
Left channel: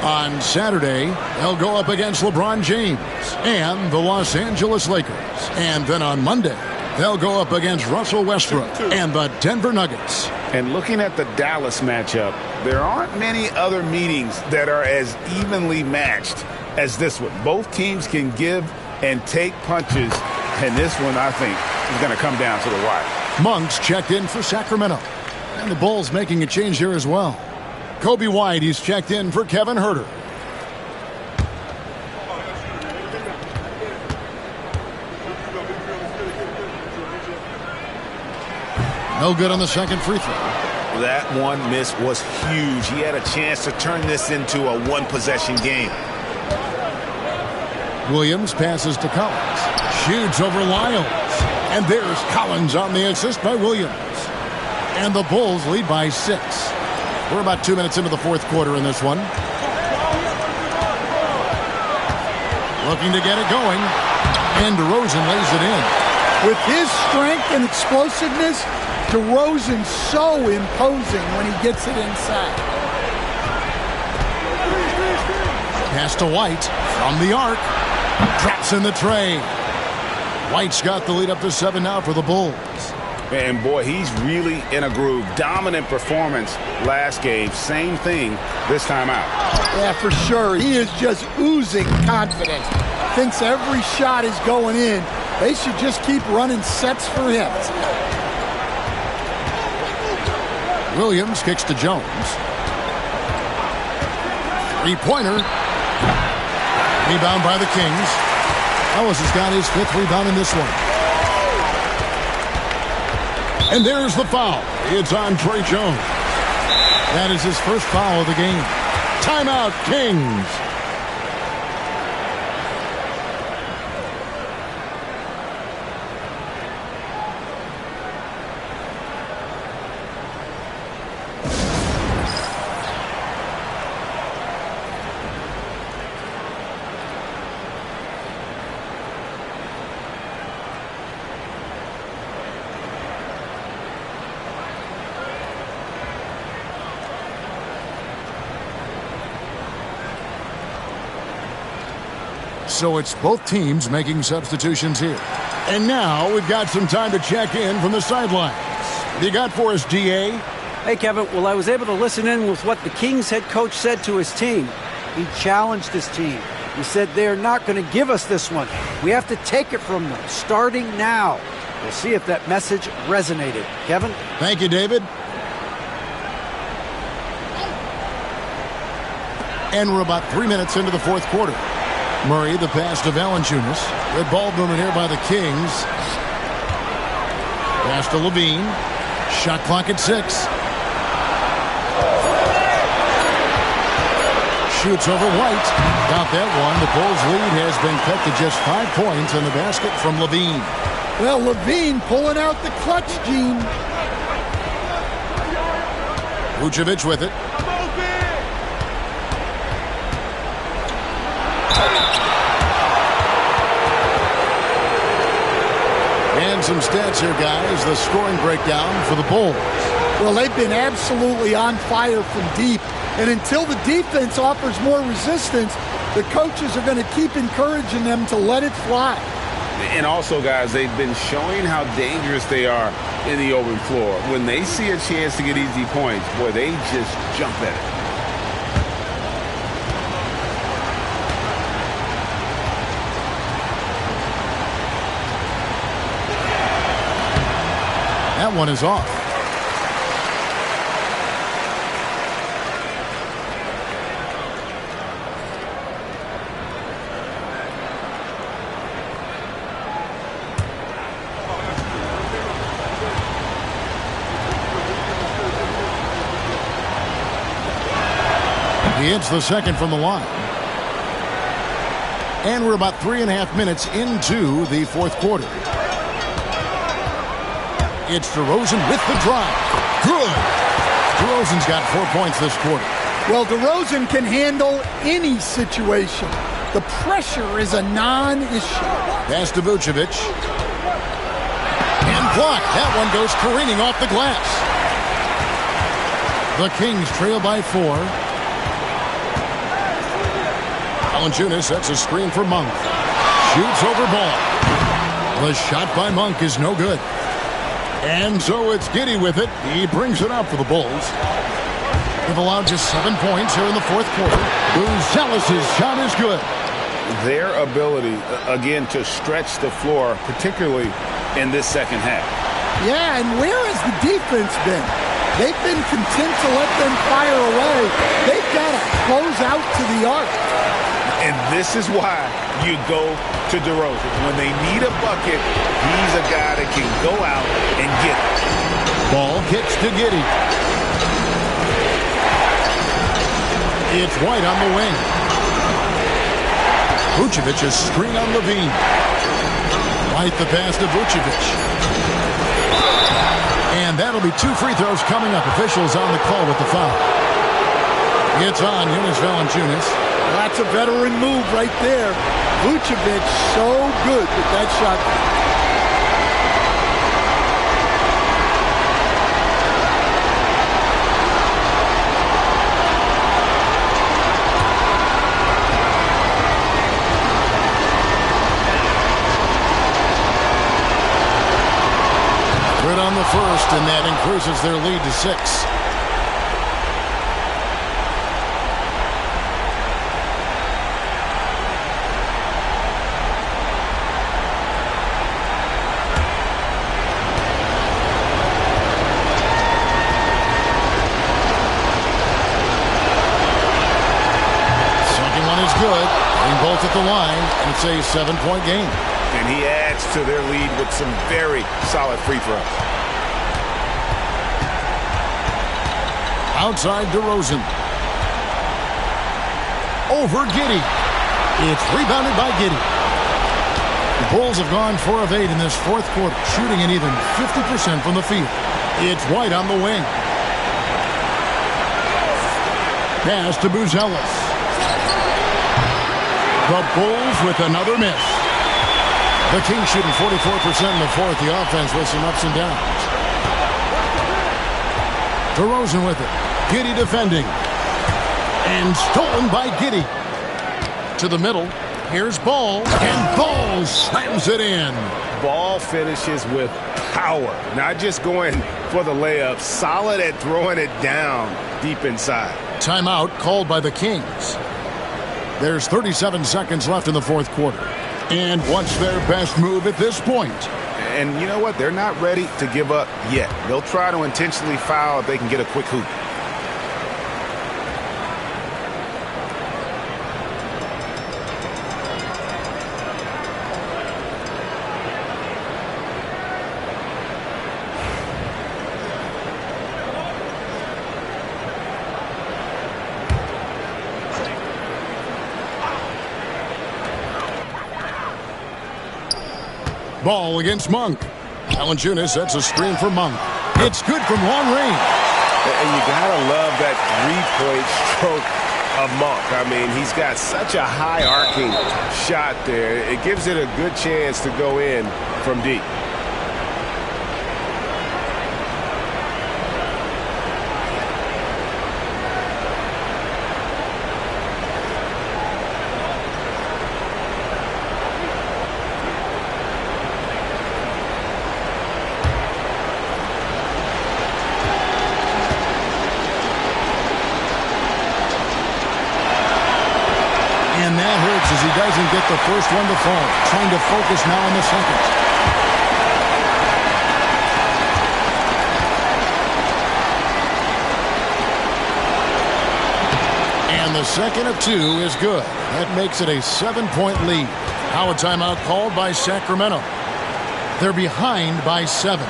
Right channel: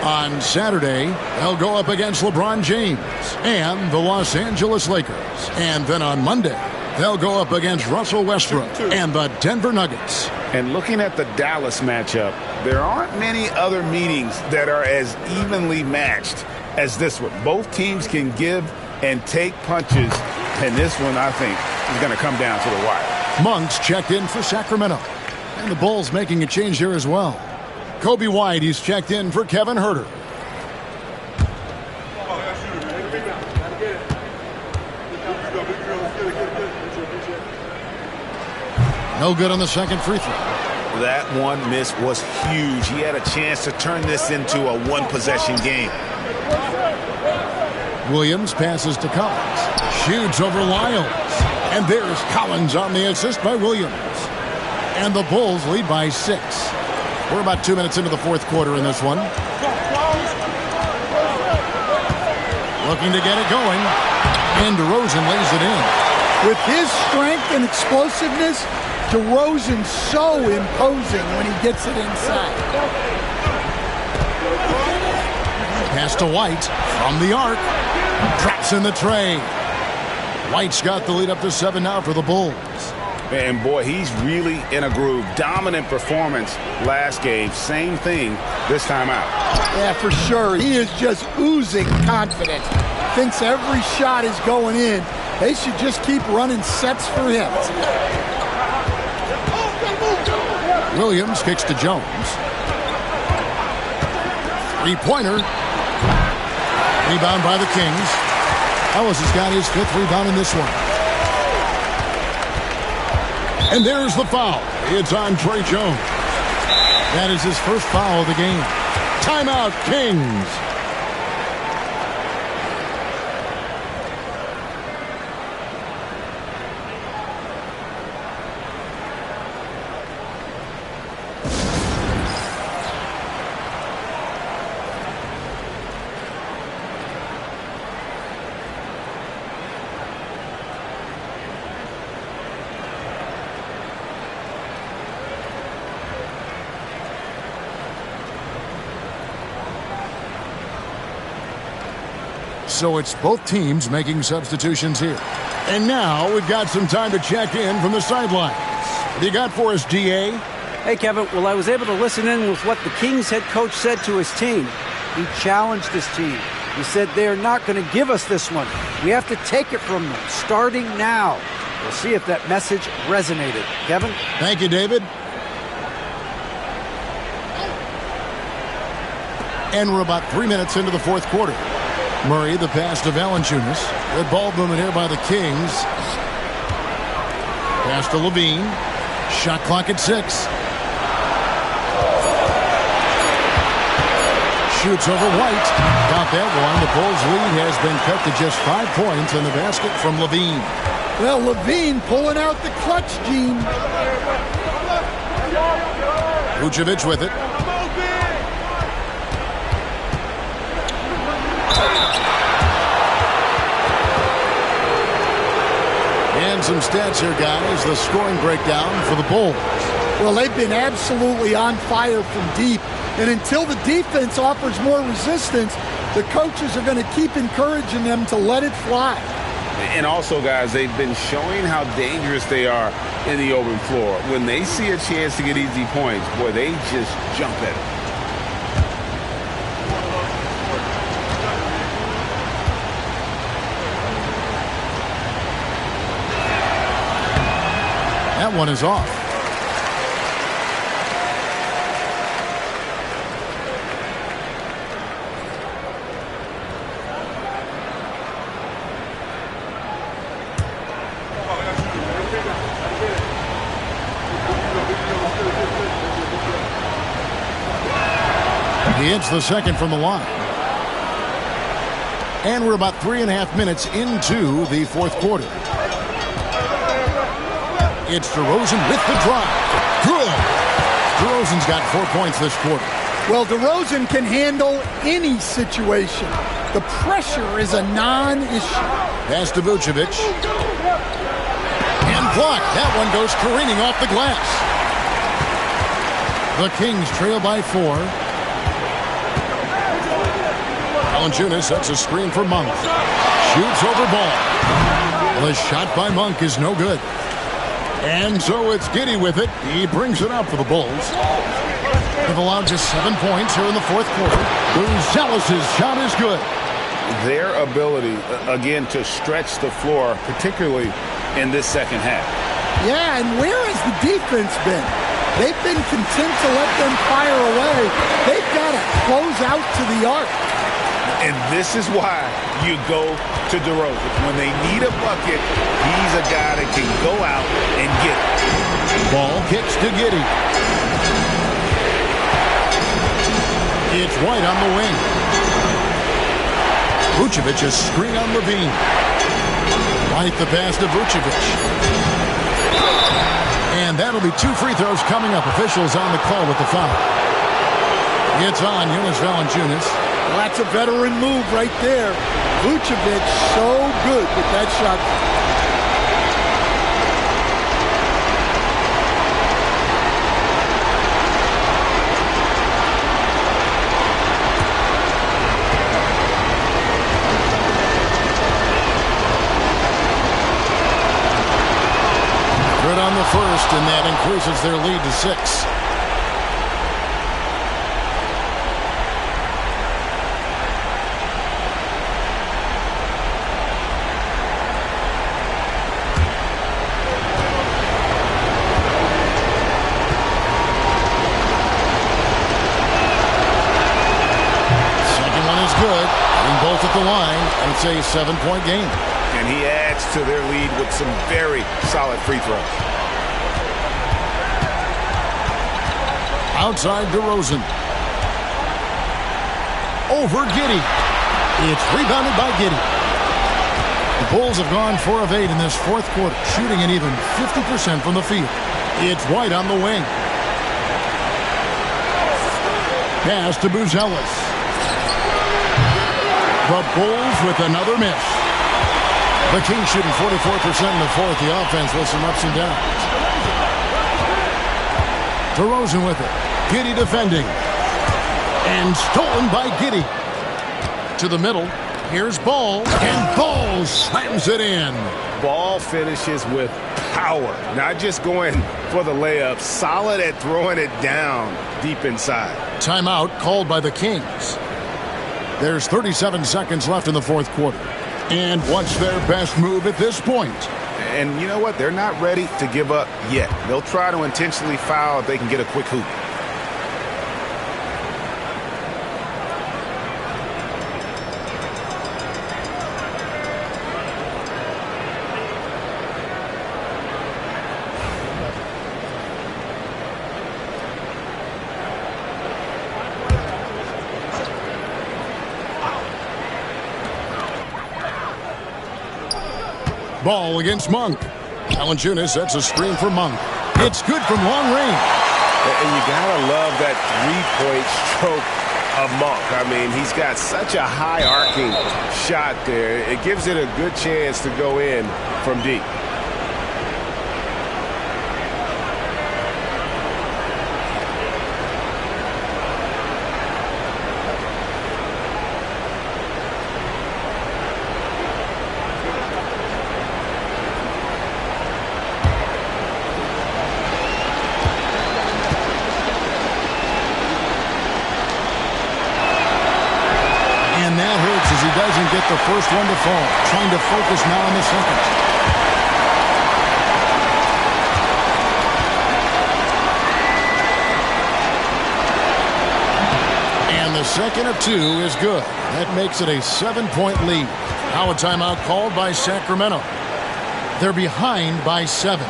On Saturday, they'll go up against LeBron James and the Los Angeles Lakers. And then on Monday, they'll go up against Russell Westbrook and the Denver Nuggets. And looking at the Dallas matchup, there aren't many other meetings that are as evenly matched as this one. Both teams can give and take punches, and this one, I think, is going to come down to the wire. Monk's checked in for Sacramento. And the Bulls making a change here as well. Kobe White, he's checked in for Kevin Herder. No good on the second free throw. That one miss was huge. He had a chance to turn this into a one-possession game. Williams passes to Collins. Shoots over Lyles. And there's Collins on the assist by Williams. And the Bulls lead by 6. We're about 2 minutes into the fourth quarter in this one. Looking to get it going. And DeRozan lays it in. With his strength and explosiveness, DeRozan's so imposing when he gets it inside. Pass to White from the arc. Drops in the tray. White's got the lead up to 7 now for the Bulls. And boy, he's really in a groove. Dominant performance last game. Same thing this time out. Yeah, for sure. He is just oozing confidence. Thinks every shot is going in. They should just keep running sets for him. Williams kicks to Jones. Three-pointer. Rebound by the Kings. Ellis has got his 5th rebound in this one. And there's the foul. It's on Trey Jones. That is his first foul of the game. Timeout, Kings. So it's both teams making substitutions here. And now we've got some time to check in from the sidelines. What do you got for us, DA? Hey, Kevin. Well, I was able to listen in with what the Kings head coach said to his team. He challenged his team. He said they're not going to give us this one. We have to take it from them, starting now. We'll see if that message resonated. Kevin? Thank you, David. And we're about 3 minutes into the fourth quarter. Murray, the pass to Valanciunas. Good ball movement here by the Kings. Pass to Levine. Shot clock at 6. Shoots over White. Got that one. The Bulls' lead has been cut to just 5 points in the basket from Levine. Well, Levine pulling out the clutch gene. Vucevic with it. And some stats here, guys. The scoring breakdown for the Bulls. Well, they've been absolutely on fire from deep. And until the defense offers more resistance, the coaches are going to keep encouraging them to let it fly. And also, guys, they've been showing how dangerous they are in the open floor. When they see a chance to get easy points, boy, they just jump at it. That one is off. He hits the second from the line. And we're about 3.5 minutes into the fourth quarter. It's DeRozan with the drive. Good. DeRozan's got 4 points this quarter. Well, DeRozan can handle any situation. The pressure is a non-issue. Pass to Vucevic. And blocked. That one goes careening off the glass. The Kings trail by 4. Valanciunas sets a screen for Monk. Shoots over ball. The shot by Monk is no good. And so it's Giddey with it. He brings it up for the Bulls. They've allowed just 7 points here in the fourth quarter. Buzelis' shot is good. Their ability, again, to stretch the floor, particularly in this second half. Yeah, and where has the defense been? They've been content to let them fire away. They've got to close out to the arc. And this is why you go to DeRozan. When they need a bucket, he's a guy that can go out and get it. Ball kicks to Giddey. It's White on the wing. Vucevic a screen on Levine. White the pass to Vucevic. And that'll be 2 free throws coming up. Officials on the call with the foul. It's on Jonas Valanciunas. Well, that's a veteran move right there. Vucevic so good with that shot. Good on the first, and that increases their lead to 6. Second one is good. Hitting both at the line, and it's a 7-point game. And he adds to their lead with some very solid free throws. Outside DeRozan. Over Giddey. It's rebounded by Giddey. The Bulls have gone 4 of 8 in this fourth quarter, shooting an even 50% from the field. It's White on the wing. Pass to Buzelis. The Bulls with another miss. The Kings shooting 44% in the fourth. The offense with some ups and downs. DeRozan with it. Giddey defending. And stolen by Giddey. To the middle. Here's Ball. And Ball slams it in. Ball finishes with power. Not just going for the layup. Solid at throwing it down deep inside. Timeout called by the Kings. There's 37 seconds left in the fourth quarter. And what's their best move at this point? And you know what? They're not ready to give up yet. They'll try to intentionally foul if they can get a quick hoop. Ball against Monk. Valanciunas sets a screen for Monk. It's good from long range. And you gotta love that three-point stroke of Monk. I mean, he's got such a high arcing shot there. It gives it a good chance to go in from deep. And that hurts as he doesn't get the first one to fall. Trying to focus now on the second. And the second of 2 is good. That makes it a 7-point lead. Now a timeout called by Sacramento. They're behind by 7.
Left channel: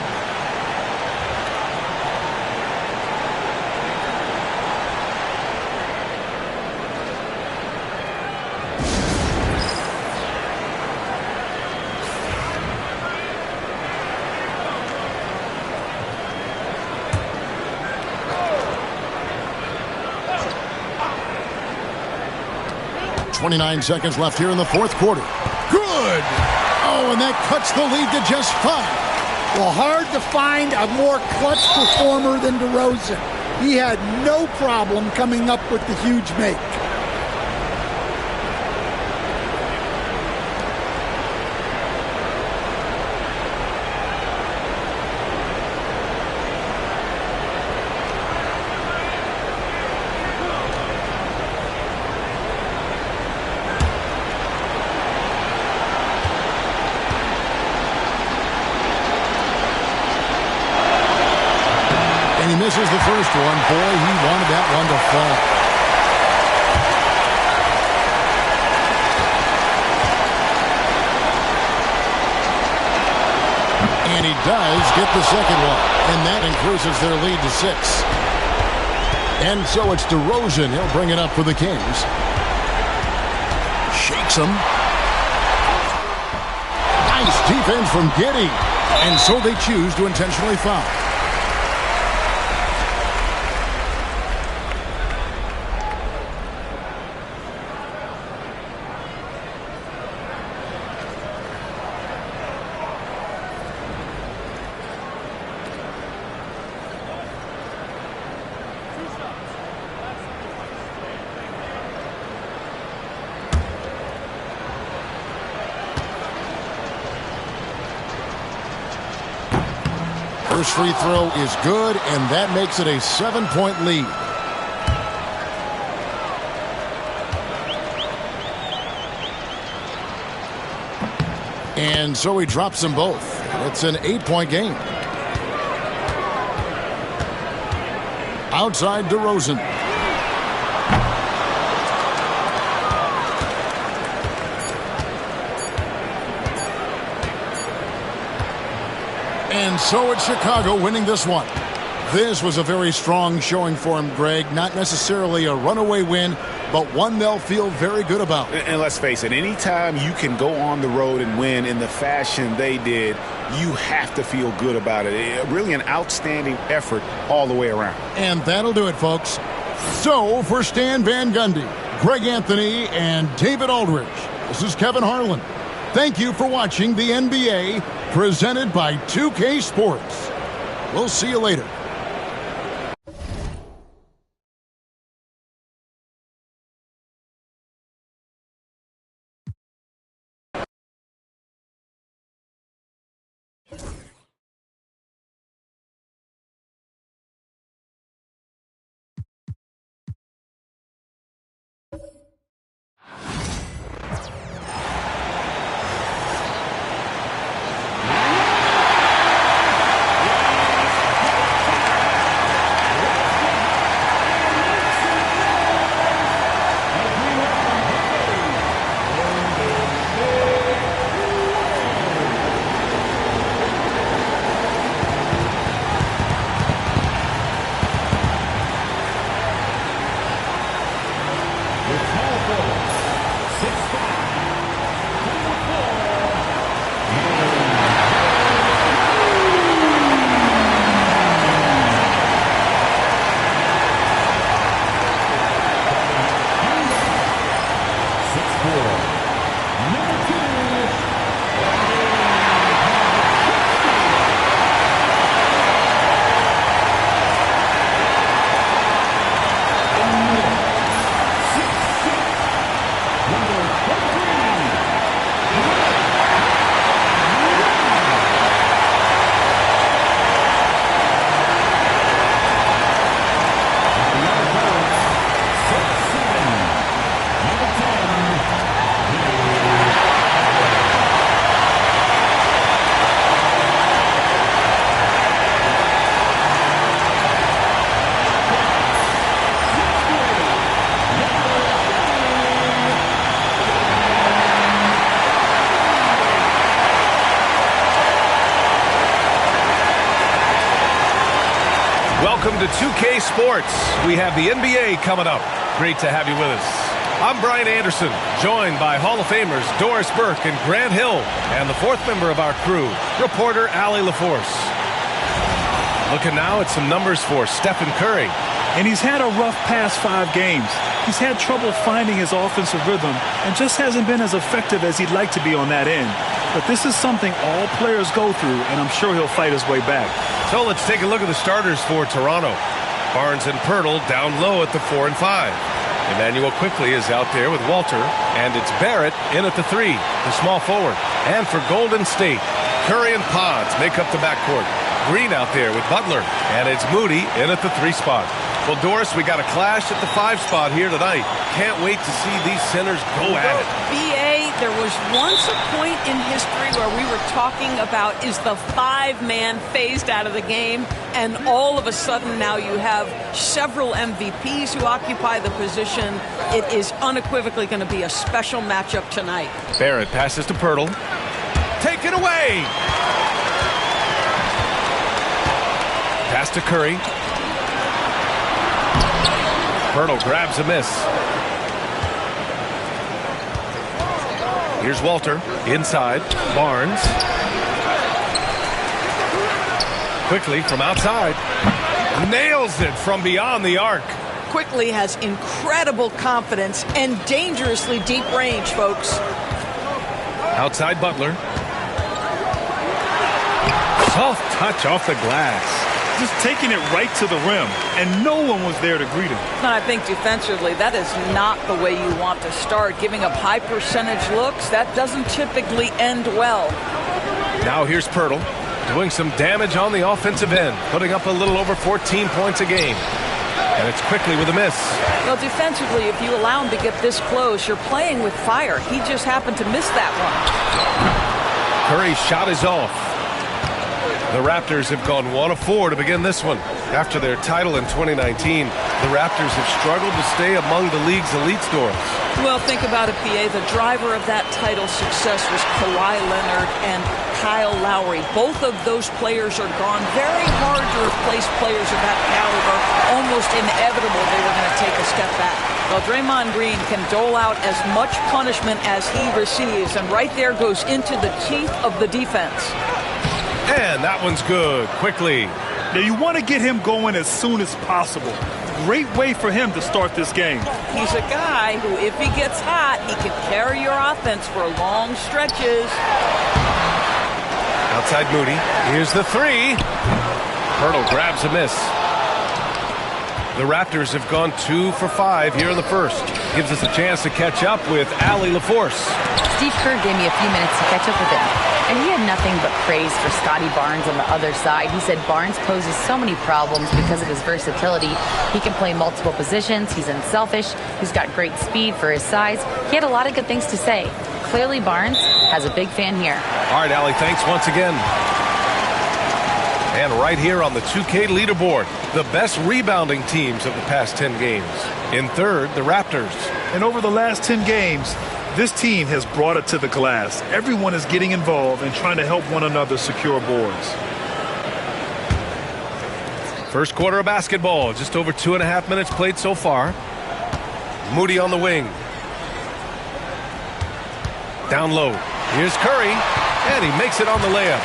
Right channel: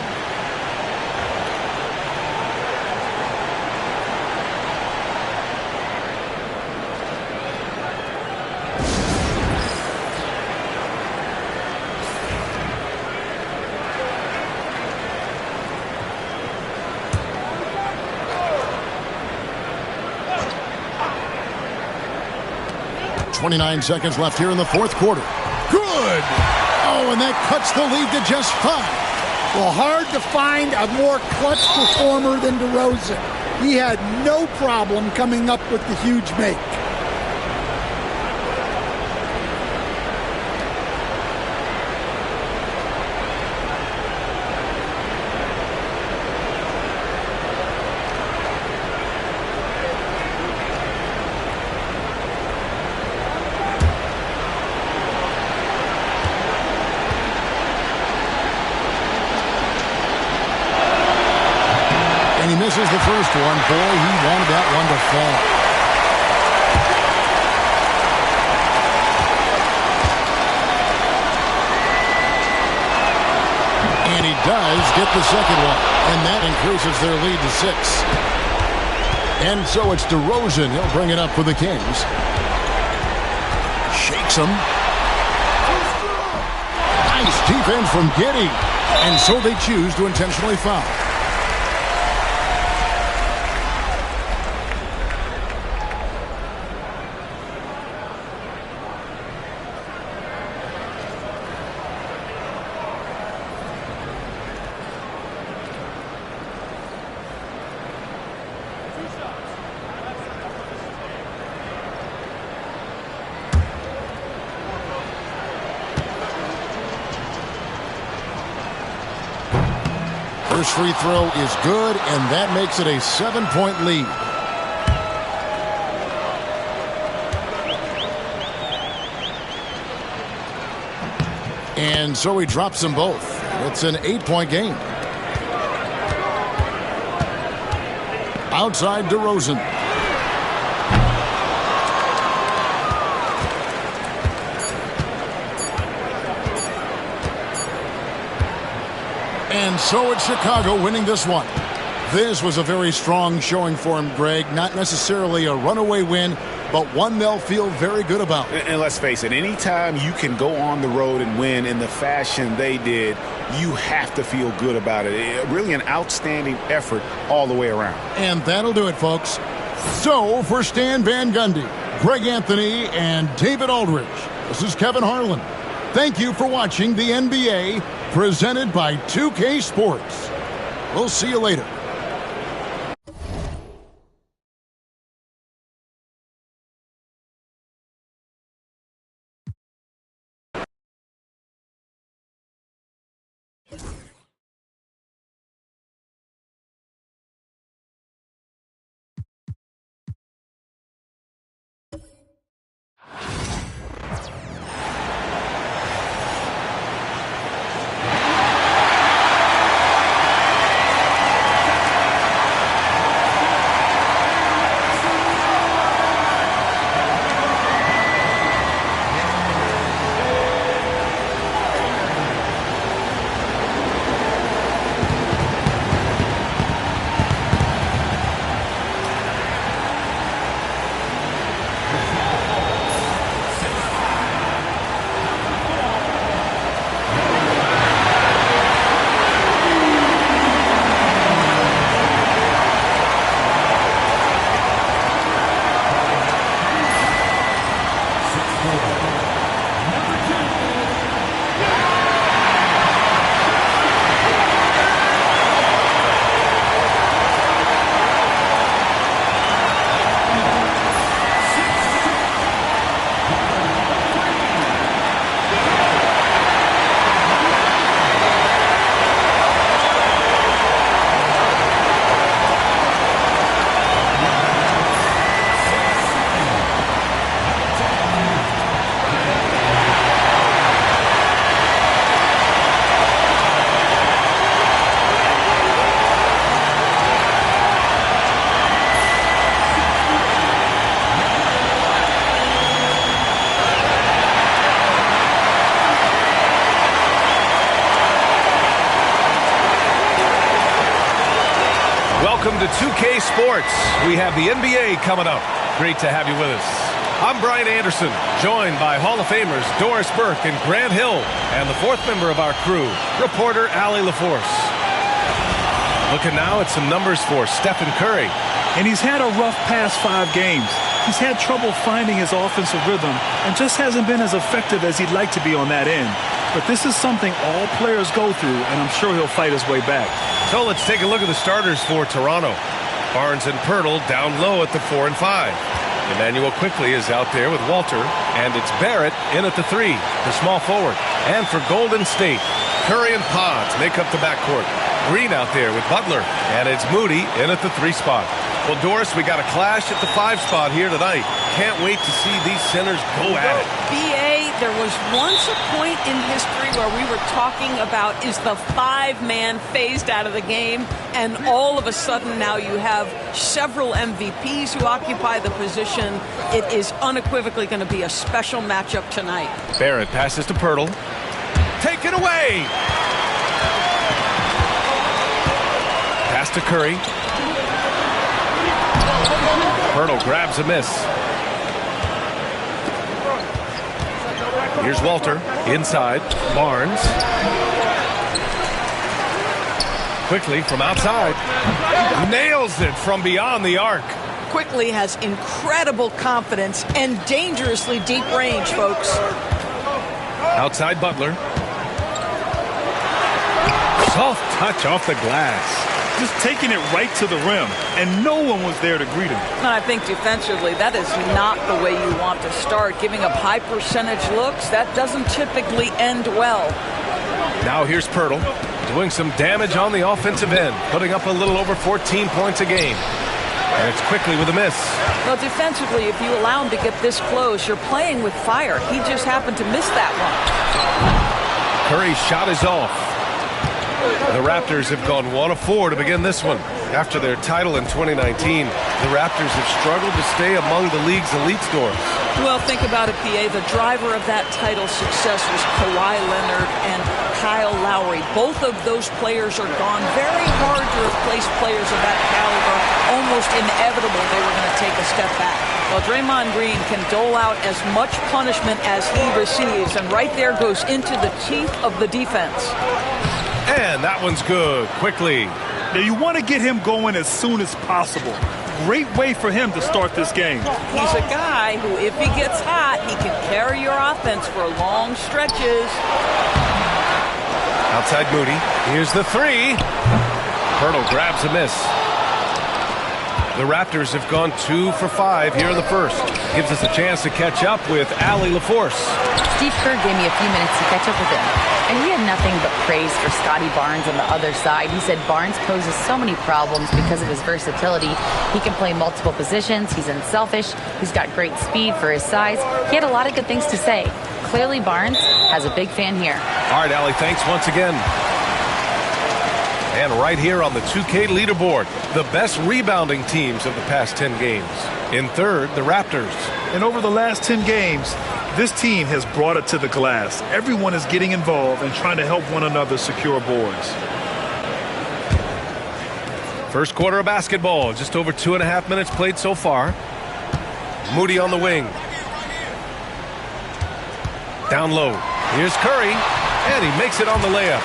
.29 seconds left here in the fourth quarter. Good! Oh, and that cuts the lead to just 5. Well, hard to find a more clutch performer than DeRozan. He had no problem coming up with the huge make. And he misses the first one. Boy, he wanted that one to fall. And he does get the second one. And that increases their lead to 6. And so it's DeRozan. He'll bring it up for the Kings. Shakes him. Nice defense from Giddey. And so they choose to intentionally foul. First free throw is good, and that makes it a 7-point lead. And so he drops them both. It's an 8-point game. Outside DeRozan. And so it's Chicago winning this one. This was a very strong showing for him, Greg. Not necessarily a runaway win, but one they'll feel very good about. And let's face it, anytime you can go on the road and win in the fashion they did, you have to feel good about it. Really an outstanding effort all the way around. And that'll do it, folks. So for Stan Van Gundy, Greg Anthony, and David Aldridge, this is Kevin Harlan. Thank you for watching the NBA presented by 2K Sports. We'll see you later. Welcome to 2K Sports. We have the NBA coming up. Great to have you with us. I'm Brian Anderson, joined by Hall of Famers Doris Burke and Grant Hill, and the fourth member of our crew, reporter Allie LaForce. Looking now at some numbers for Stephen Curry. And he's had a rough past 5 games. He's had trouble finding his offensive rhythm and just hasn't been as effective as he'd like to be on that end. But this is something all players go through, and I'm sure he'll fight his way back. So let's take a look at the starters for Toronto. Barnes and Pirtle down low at the 4 and 5. Emmanuel Quickley is out there with Walter, and it's Barrett in at the 3, the small forward. And for Golden State, Curry and Pods make up the backcourt. Green out there with Butler, and it's Moody in at the 3 spot. Well, Doris, we got a clash at the 5 spot here tonight. Can't wait to see these centers go at it. B.A., there was once a point in history where we were talking about, is the 5-man phased out of the game? And all of a sudden now you have several MVPs who occupy the position. It is unequivocally going to be a special matchup tonight. Barrett passes to Pirtle. Take it away! Pass to Curry. Pirtle grabs a miss. Here's Walter. Inside. Barnes. Quickly from outside. Nails it from beyond the arc. Quickly has incredible confidence and dangerously deep range, folks. Outside Butler. Soft touch off the glass. Just taking it right to the rim, and no one was there to greet him. And I think defensively, that is not the way you want to start. Giving up high percentage looks, that doesn't typically end well. Now here's Pirtle, doing some damage on the offensive end, putting up a little over 14 points a game. And it's quickly with a miss. Well, defensively, if you allow him to get this close, you're playing with fire. He just happened to miss that one. Curry's shot is off. The Raptors have gone 1 of 4 to begin this one. After their title in 2019, the Raptors have struggled to stay among the league's elite stores. Well, think about it, PA. The driver of that title success was Kawhi Leonard and Kyle Lowry. Both of those players are gone. Very hard to replace players of that caliber. Almost inevitable they were going to take a step back. Well, Draymond Green can dole out as much punishment as he receives, and right there goes into the teeth of the defense. And that one's good. Quickly. Now you want to get him going as soon as possible. Great way for him to start this game. He's a guy who, if he gets hot, he can carry your offense for long stretches. Outside Moody. Here's the three. Pirtle grabs a miss. The Raptors have gone 2 for 5 here in the first. Gives us a chance to catch up with Allie LaForce. Steve Kerr gave me a few minutes to catch up with him, and he had nothing but praise for Scotty Barnes on the other side. He said Barnes poses so many problems because of his versatility. He can play multiple positions. He's unselfish. He's got great speed for his size. He had a lot of good things to say. Clearly, Barnes has a big fan here. All right, Allie, thanks once again. And right here on the 2K leaderboard, the best rebounding teams of the past 10 games. In third, the Raptors. And over the last 10 games, this team has brought it to the glass. Everyone is getting involved and trying to help one another secure boards. First quarter of basketball, just over 2.5 minutes played so far. Moody on the wing. Down low. Here's Curry, and he makes it on the layup.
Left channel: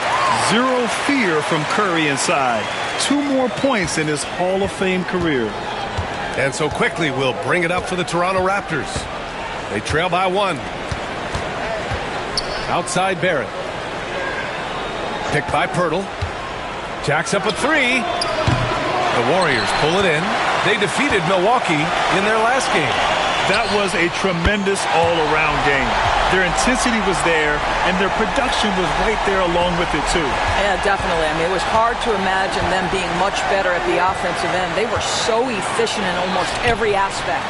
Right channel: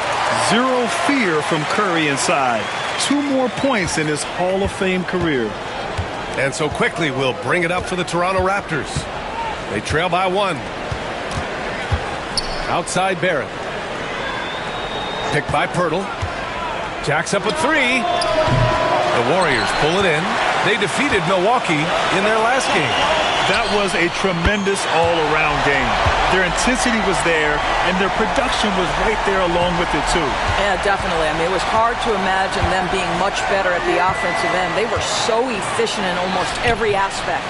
Zero fear from Curry inside. 2 more points in his Hall of Fame career. And so quickly we'll bring it up for the Toronto Raptors. They trail by 1. Outside Barrett. Picked by Pirtle. Jacks up a 3. The Warriors pull it in. They defeated Milwaukee in their last game. That was a tremendous all-around game. Their intensity was there, and their production was right there along with it, too. Yeah, definitely. I mean, it was hard to imagine them being much better at the offensive end. They were so efficient in almost every aspect.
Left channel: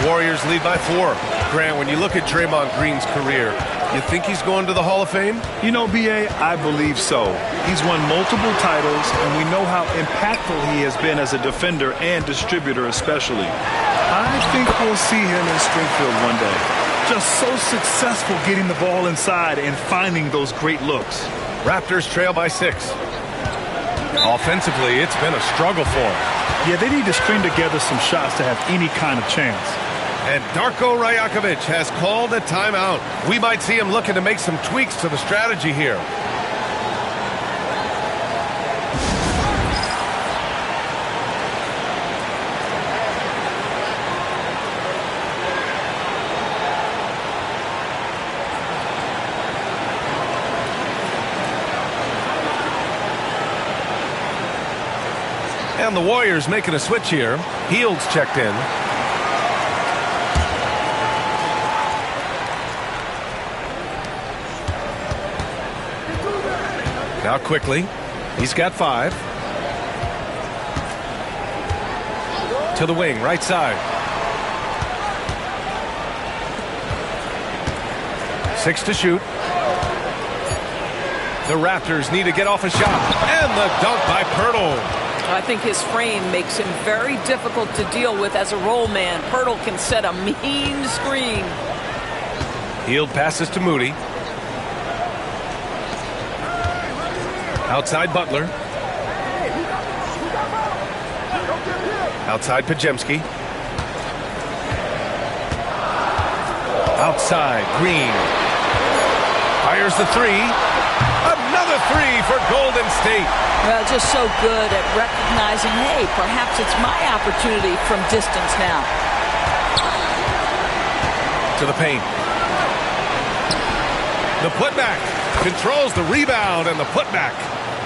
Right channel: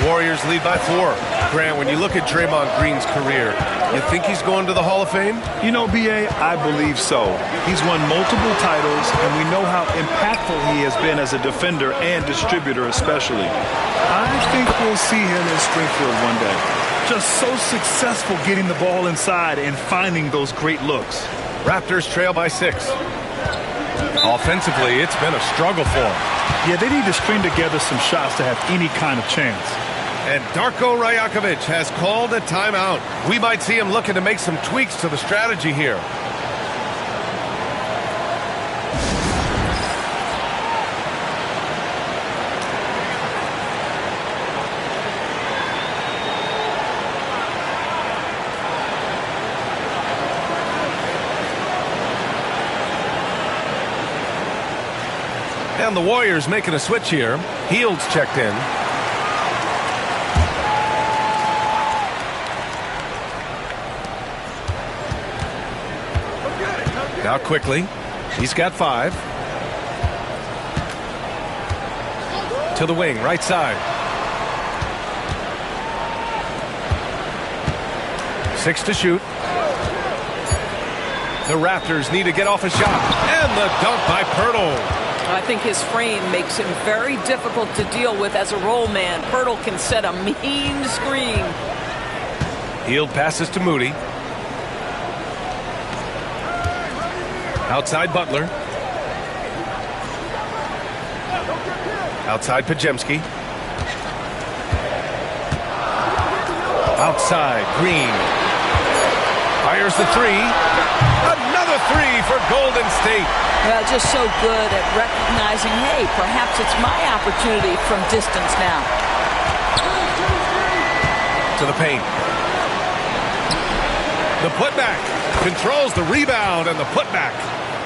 The Warriors lead by 4. Grant, when you look at Draymond Green's career, you think he's going to the Hall of Fame? You know, B.A., I believe so. He's won multiple titles, and we know how impactful he has been as a defender and distributor especially. I think we'll see him in Springfield one day. Just so successful getting the ball inside and finding those great looks. Raptors trail by 6. Offensively, it's been a struggle for them. Yeah, they need to string together some shots to have any kind of chance. And Darko Rajakovic has called a timeout. We might see him looking to make some tweaks to the strategy here. And the Warriors making a switch here. Heald's checked in. Now quickly. He's got 5. To the wing, right side. 6 to shoot. The Raptors need to get off a shot. And the dunk by Pirtle. I think his frame makes him very difficult to deal with as a roll man. Pirtle can set a mean screen. Hield passes to Moody. Outside Butler. Outside Pajemski. Outside Green. Fires the three. Another three for Golden State. Well, just so good at recognizing, hey, perhaps it's my opportunity from distance now. To the paint. The putback. Controls the rebound and the putback.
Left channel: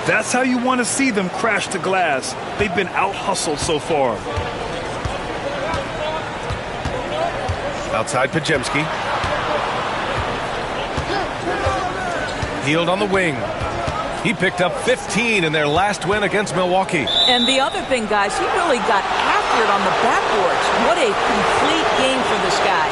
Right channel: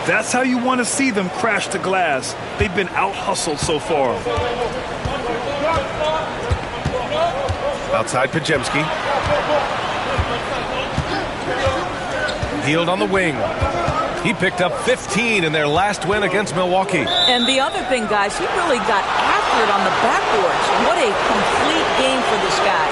That's how you want to see them crash the glass. They've been out-hustled so far. Outside Pajemski. Hield on the wing. He picked up 15 in their last win against Milwaukee. And the other thing, guys, he really got after it on the backboards. What a complete game for this guy.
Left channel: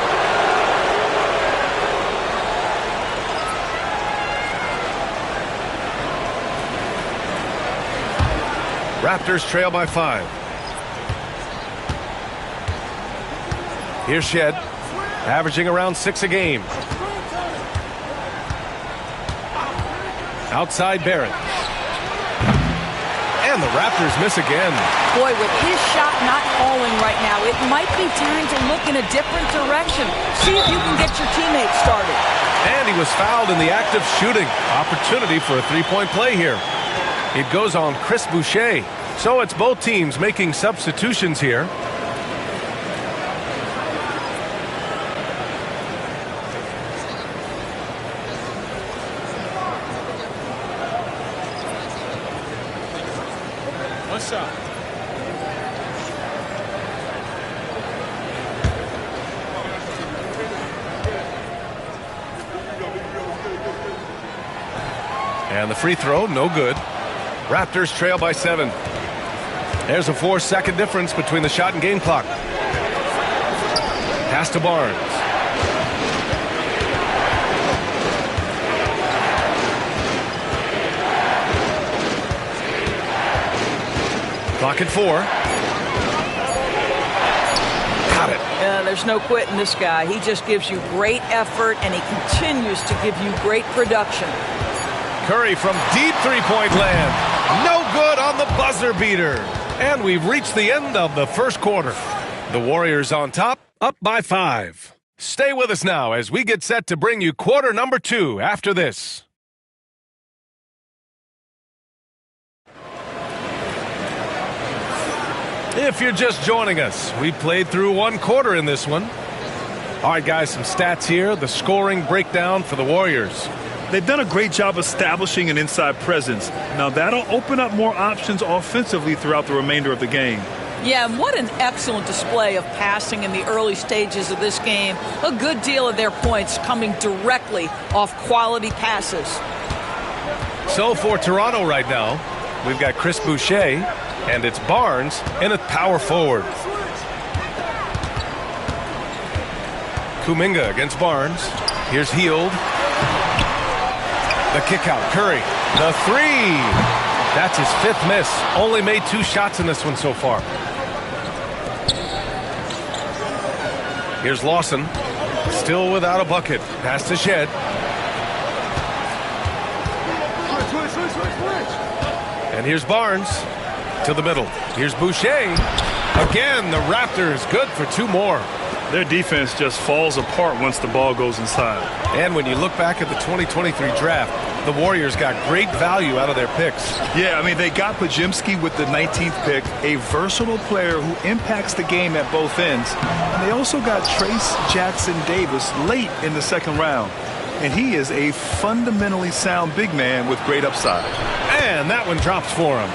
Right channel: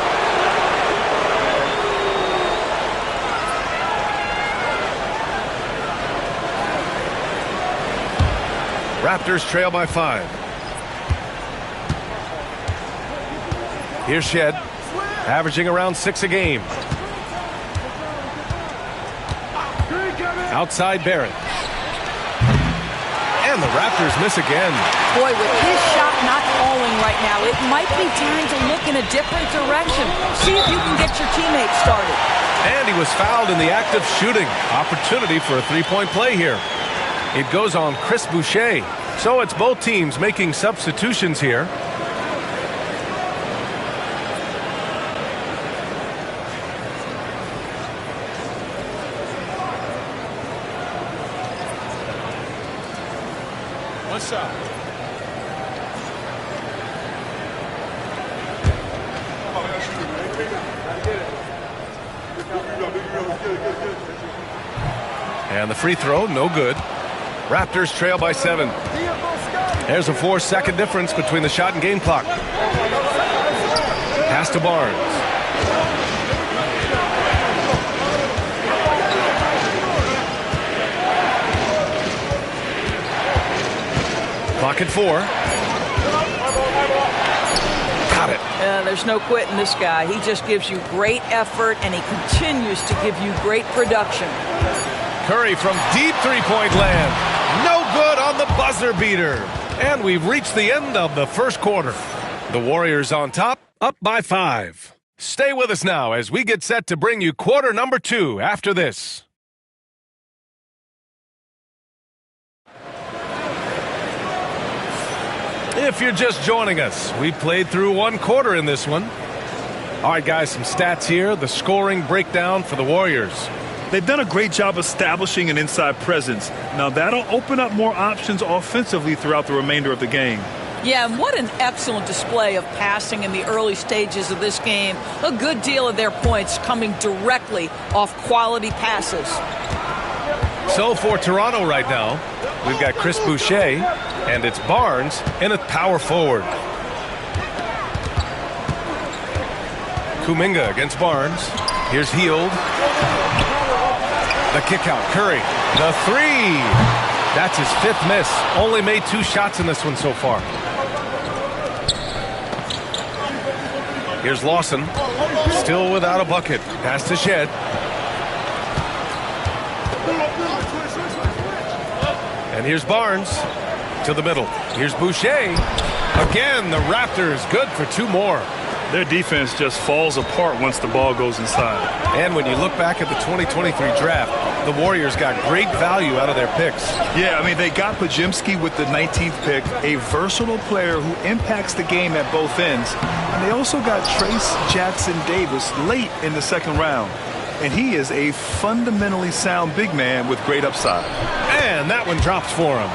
Raptors trail by 5. Here's Shed, averaging around 6 a game. Outside Barrett. And the Raptors miss again. Boy, with his shot not falling right now, it might be time to look in a different direction. See if you can get your teammates started. And he was fouled in the act of shooting. Opportunity for a three-point play here. It goes on Chris Boucher. So it's both teams making substitutions here. One shot. And the free throw, no good. Raptors trail by 7. There's a 4-second difference between the shot and game clock. Pass to Barnes. Clock at 4. Got it. There's no quitting this guy. He just gives you great effort, and he continues to give you great production. Curry from deep three-point land. No good on the buzzer beater. And we've reached the end of the first quarter. The Warriors on top, up by 5. Stay with us now as we get set to bring you quarter number 2 after this. If you're just joining us, we played through one quarter in this one. All right, guys, some stats here. The scoring breakdown for the Warriors. They've done a great job establishing an inside presence. Now that'll open up more options offensively throughout the remainder of the game. Yeah, and what an excellent display of passing in the early stages of this game. A good deal of their points coming directly off quality passes. So for Toronto right now, we've got Chris Boucher, and it's Barnes in at power forward. Kuminga against Barnes. Here's Hield. The kick out, Curry. The three. That's his 5th miss. Only made 2 shots in this one so far. Here's Lawson. Still without a bucket. Pass to Shed. And here's Barnes to the middle. Here's Boucher. Again, the Raptors good for 2 more. Their defense just falls apart once the ball goes inside. And when you look back at the 2023 draft, the Warriors got great value out of their picks. Yeah, I mean, they got Pajemski with the 19th pick, a versatile player who impacts the game at both ends. And they also got Trace Jackson Davis late in the 2nd round. And he is a fundamentally sound big man with great upside. And that one drops for him.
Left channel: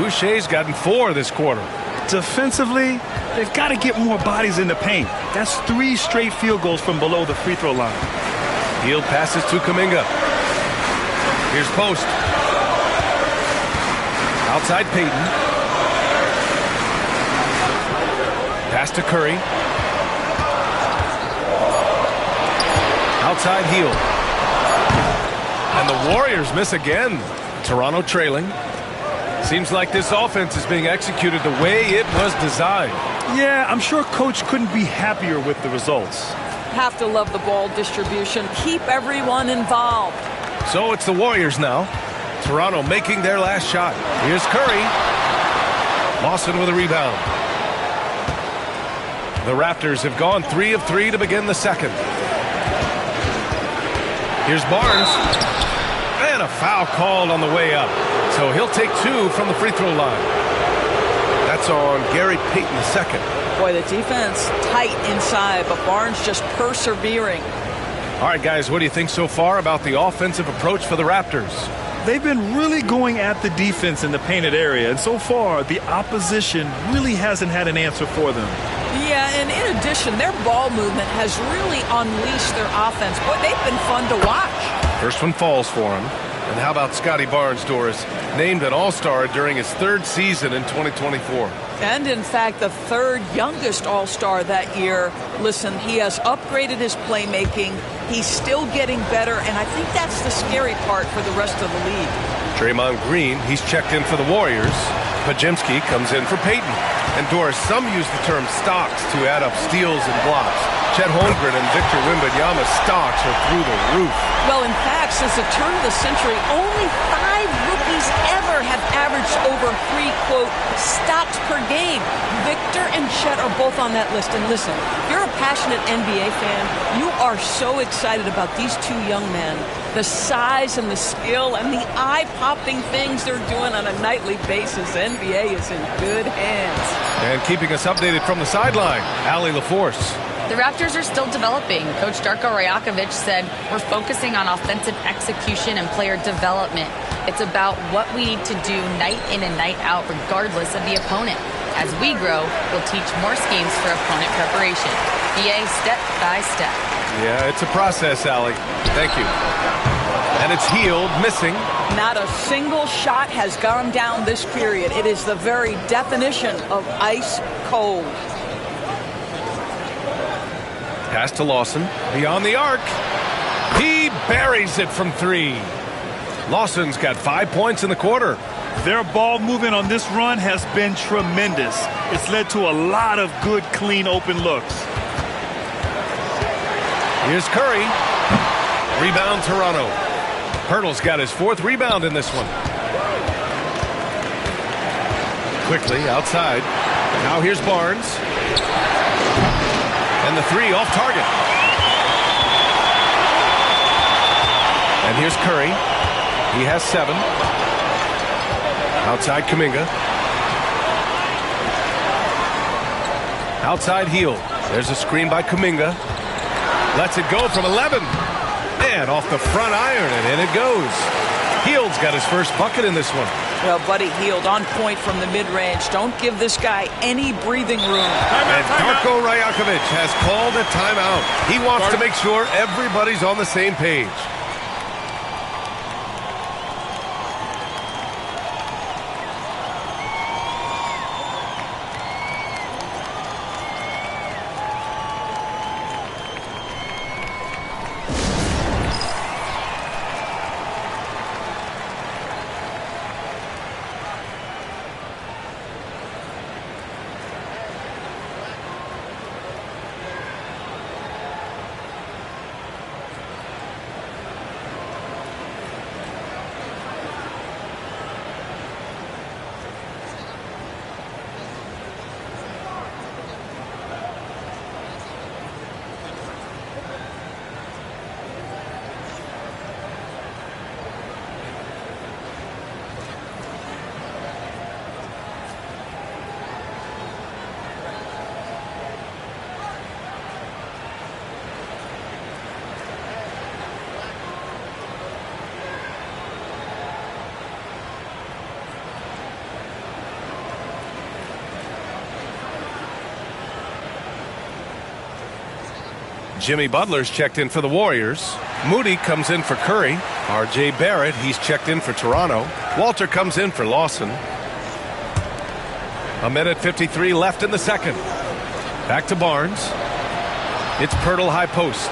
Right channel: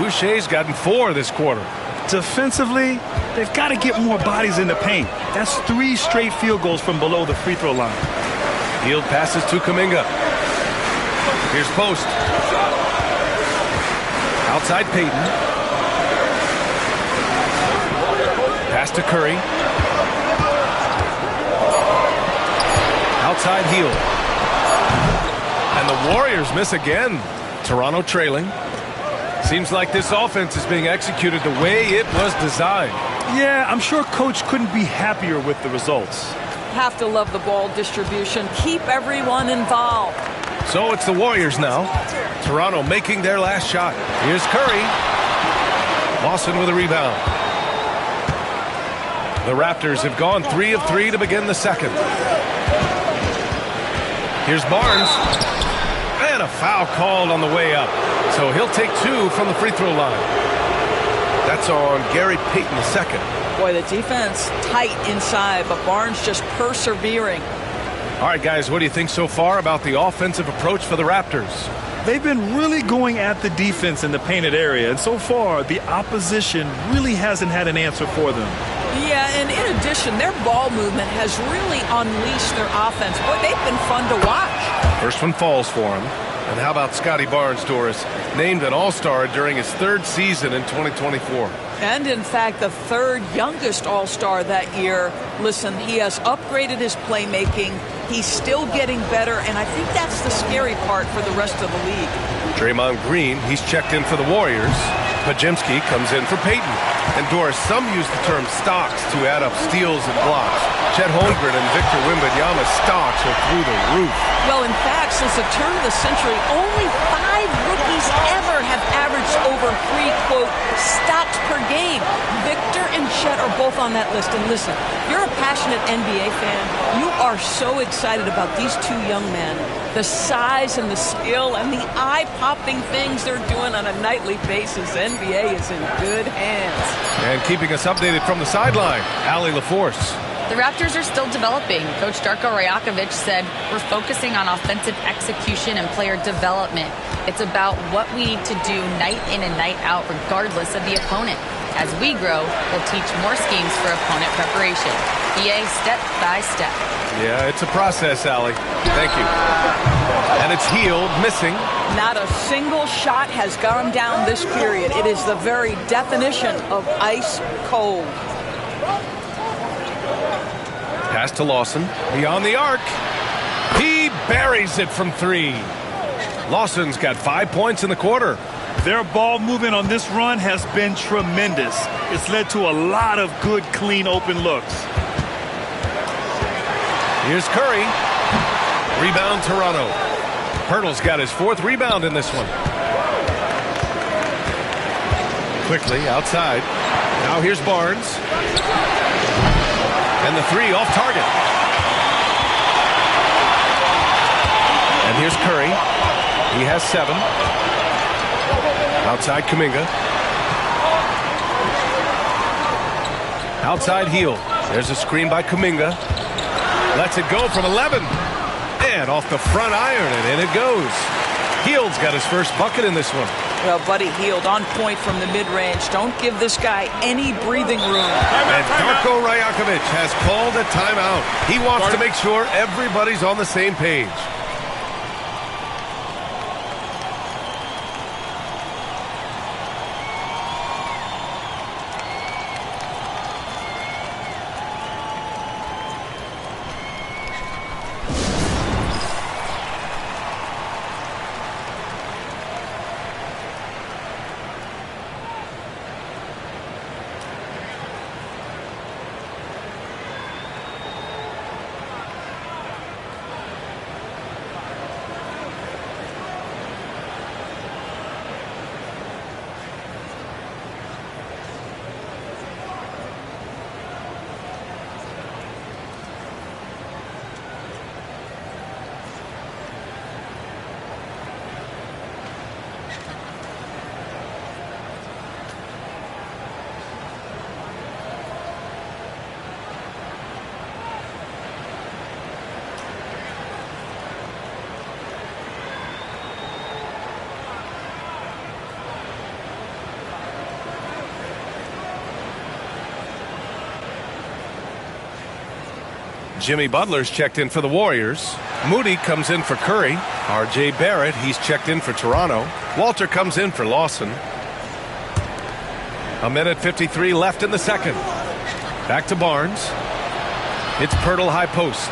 Boucher's gotten 4 this quarter. Defensively, they've got to get more bodies in the paint. That's 3 straight field goals from below the free throw line. Hield passes to Kuminga. Here's Post. Outside Payton. Pass to Curry. Outside Hield. And the Warriors miss again. Toronto trailing. Seems like this offense is being executed the way it was designed. Yeah, I'm sure Coach couldn't be happier with the results. Have to love the ball distribution. Keep everyone involved. So it's the Warriors now. Toronto making their last shot. Here's Curry. Lawson with a rebound. The Raptors have gone 3 of 3 to begin the second. Here's Barnes. And a foul called on the way up. So he'll take 2 from the free throw line. That's on Gary Payton II. Boy, the defense tight inside, but Barnes just persevering. All right, guys, what do you think so far about the offensive approach for the Raptors? They've been really going at the defense in the painted area, and so far the opposition really hasn't had an answer for them. Yeah, and in addition, their ball movement has really unleashed their offense. Boy, they've been fun to watch. First one falls for him. And how about Scotty Barnes, Doris, named an All-Star during his 3rd season in 2024? And, in fact, the 3rd youngest All-Star that year. Listen, he has upgraded his playmaking. He's still getting better, and I think that's the scary part for the rest of the league. Draymond Green, he's checked in for the Warriors. Pajemski comes in for Peyton. And Doris, some use the term stocks to add up steals and blocks. Chet Holmgren and Victor Wembanyama's stocks are through the roof. Well, in fact, since the turn of the century, only 5 rookies ever have averaged over 3, quote, stocks per game. Victor and Chet are both on that list. And listen, if you're a passionate NBA fan, you are so excited about these 2 young men. The size and the skill and the eye-popping things they're doing on a nightly basis. NBA is in good hands. And keeping us updated from the sideline, Allie LaForce. The Raptors are still developing. Coach Darko Rajakovic said, we're focusing on offensive execution and player development. It's about what we need to do night in and night out, regardless of the opponent. As we grow, we'll teach more schemes for opponent preparation. BA step by step. Yeah, it's a process, Allie. Thank you. And it's Healed, missing. Not a single shot has gone down this period. It is the very definition of ice cold. Pass to Lawson. Beyond the arc. He buries it from 3. Lawson's got 5 points in the quarter. Their ball movement on this run has been tremendous. It's led to a lot of good, clean, open looks. Here's Curry. Rebound, Toronto. Pirtle's got his 4th rebound in this one. Quickly outside. Now here's Barnes. And the 3 off target. And here's Curry. He has 7. Outside Kuminga. Outside Hield. There's a screen by Kuminga. Lets it go from 11. And off the front iron, and in it goes. Hield's got his first bucket in this one. Well, Buddy Hield on point from the mid-range. Don't give this guy any breathing room. And Darko Rajakovic has called a timeout. He wants to make sure everybody's on the same page. Jimmy Butler's checked in for the Warriors. Moody comes in for Curry. R.J. Barrett, he's checked in for Toronto. Walter comes in for Lawson. 1:53 left in the second. Back to Barnes. It's Pirtle high post.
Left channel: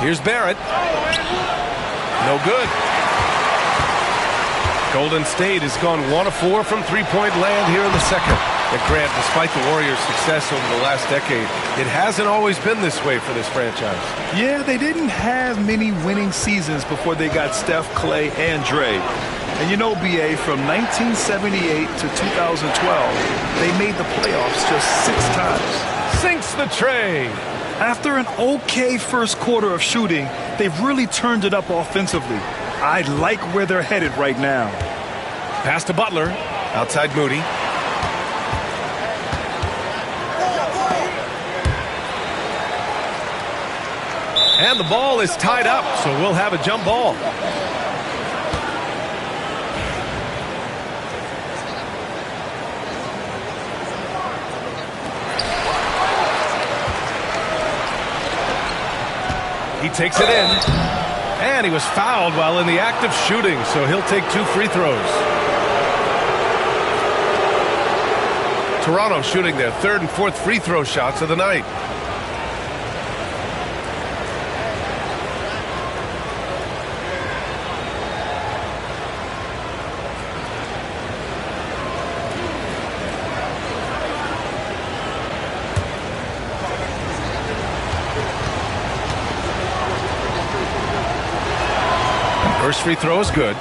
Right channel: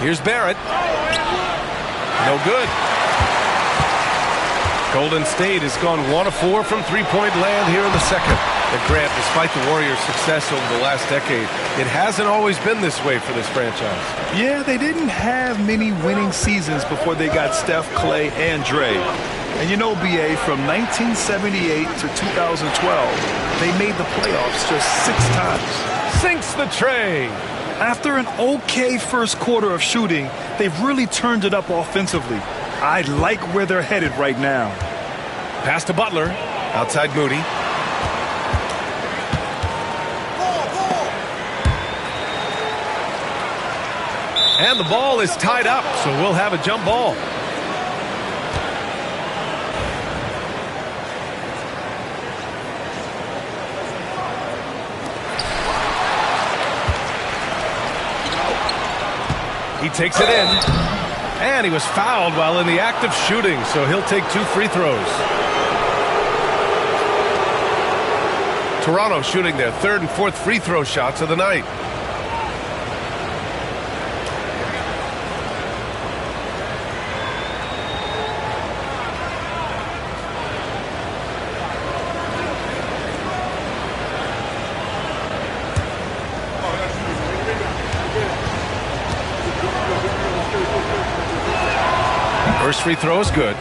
Here's Barrett. No good. Golden State has gone 1 of 4 from three-point land here in the second. And Grant, despite the Warriors' success over the last decade, it hasn't always been this way for this franchise. Yeah, they didn't have many winning seasons before they got Steph, Clay, and Dre. And you know, BA, from 1978 to 2012, they made the playoffs just 6 times. Sinks the tray. After an okay first quarter of shooting, they've really turned it up offensively. I like where they're headed right now. Pass to Butler. Outside Moody. And the ball is tied up, so we'll have a jump ball. He takes it in, and he was fouled while in the act of shooting, so he'll take 2 free throws. Toronto shooting their 3rd and 4th free throw shots of the night. First free throw is good.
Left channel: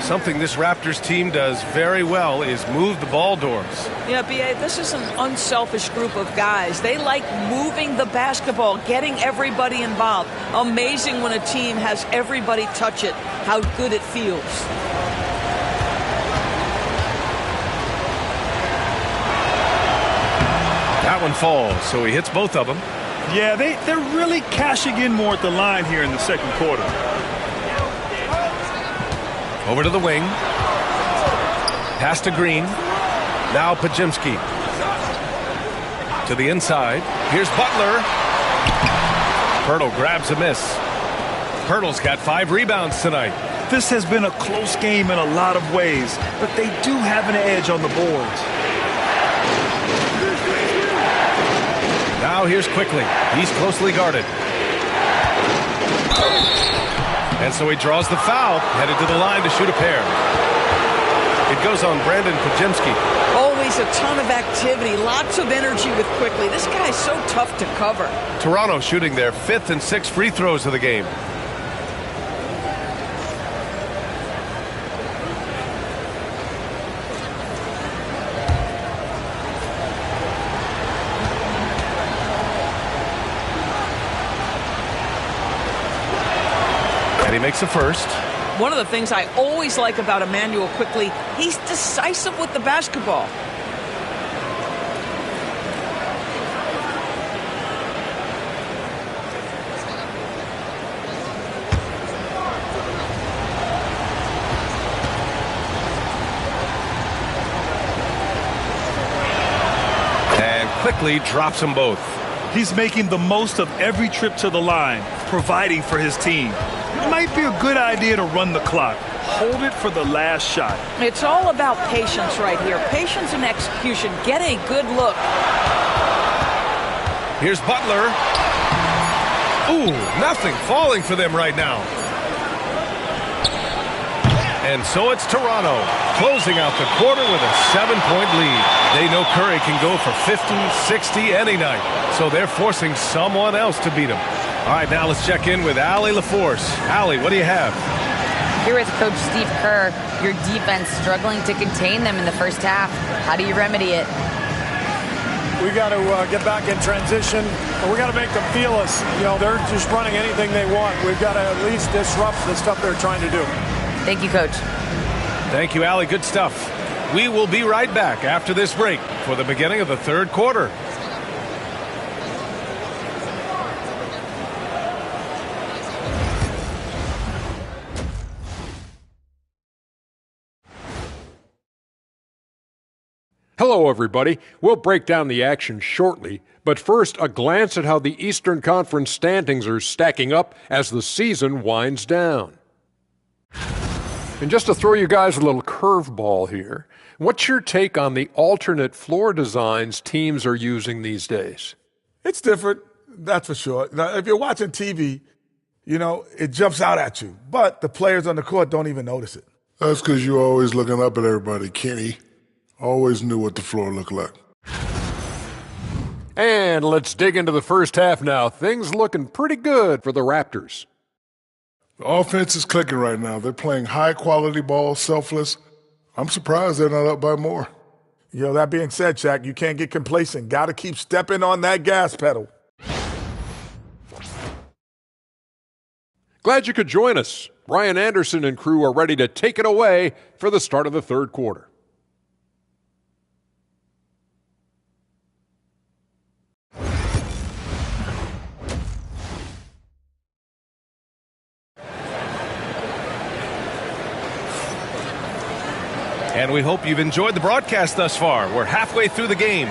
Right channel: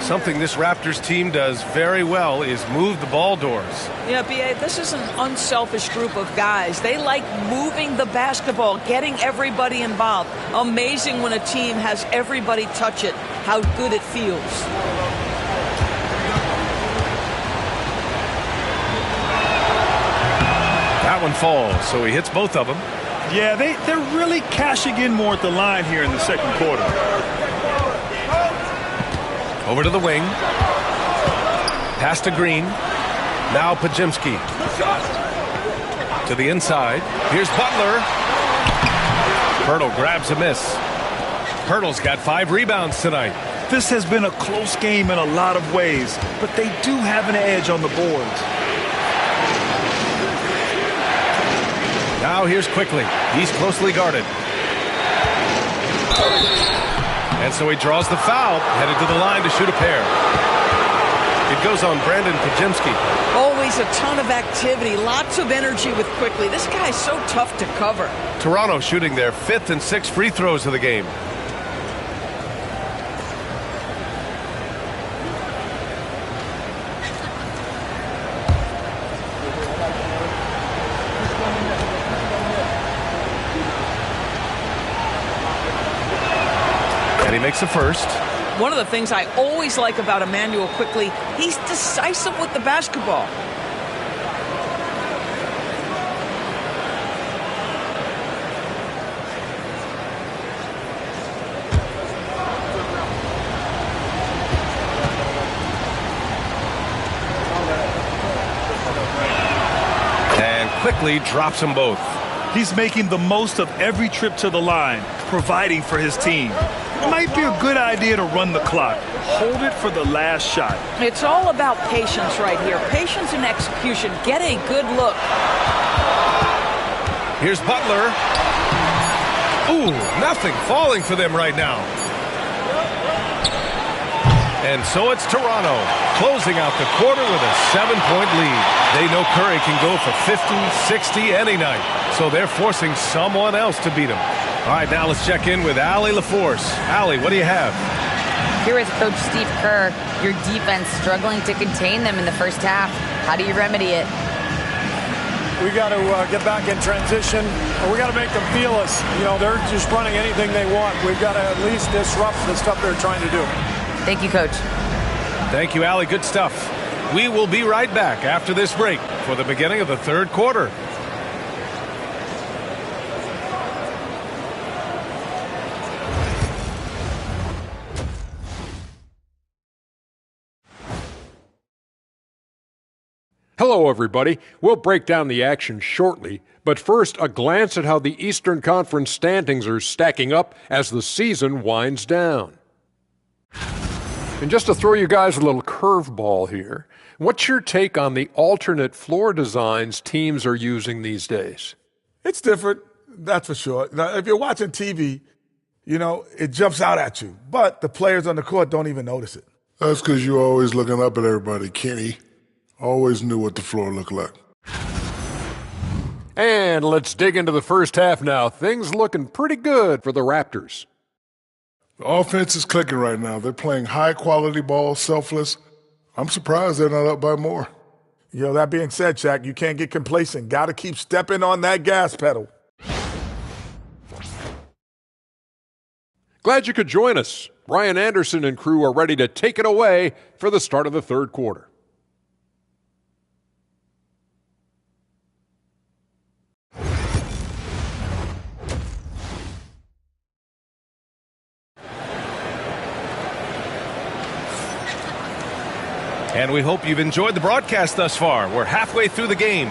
Something this Raptors team does very well is move the ball doors. Yeah, B.A., this is an unselfish group of guys. They like moving the basketball, getting everybody involved. Amazing when a team has everybody touch it, how good it feels. That one falls, so he hits both of them. Yeah, they're really cashing in more at the line here in the second quarter. Over to the wing. Pass to Green. Now Pajimski. To the inside. Here's Butler. Pirtle grabs a miss. Pirtle's got 5 rebounds tonight. This has been a close game in a lot of ways, but they do have an edge on the boards. Now here's Quickly. He's closely guarded. And so he draws the foul, headed to the line to shoot a pair. It goes on Brandon Pajimski. Always a ton of activity, lots of energy with Quickly. This guy's so tough to cover. Toronto shooting their 5th and 6th free throws of the game. And he makes the first. One of the things I always like about Emmanuel Quickly, he's decisive with the basketball. And Quickly drops them both. He's making the most of every trip to the line, providing for his team. It might be a good idea to run the clock. Hold it for the last shot. It's all about patience right here. Patience and execution. Get a good look. Here's Butler. Ooh, nothing falling for them right now. And so it's Toronto closing out the quarter with a 7-point lead. They know Curry can go for 50, 60 any night, so they're forcing someone else to beat him. All right, now let's check in with Allie LaForce. Allie, what do you have? Here with Coach Steve Kerr, your defense struggling to contain them in the first half. How do you remedy it? We got to get back in transition, and we got to make them feel us. You know, they're just running anything they want. We've got to at least disrupt the stuff they're trying to do. Thank you, Coach. Thank you, Allie. Good stuff. We will be right back after this break for the beginning of the third quarter. Hello, everybody. We'll break down the action shortly, but first, a glance at how the Eastern Conference standings are stacking up as the season winds down. And just to throw you guys a little curveball here, what's your take on the alternate floor designs teams are using these days? It's different, that's for sure. Now, if you're watching TV, you know, it jumps out at you, but the players on the court don't even notice it. That's because you're always looking up at everybody, Kenny. Always knew what the floor looked like. And let's dig into the first half now. Things looking pretty good for the Raptors. The offense is clicking right now. They're playing high-quality ball, selfless. I'm surprised they're not up by more. You know, that being said, Shaq, you can't get complacent. Got to keep stepping on that gas pedal. Glad you could join us. Brian Anderson and crew are ready to take it away for the start of the third quarter. And we hope you've enjoyed the broadcast thus far. We're halfway through the game.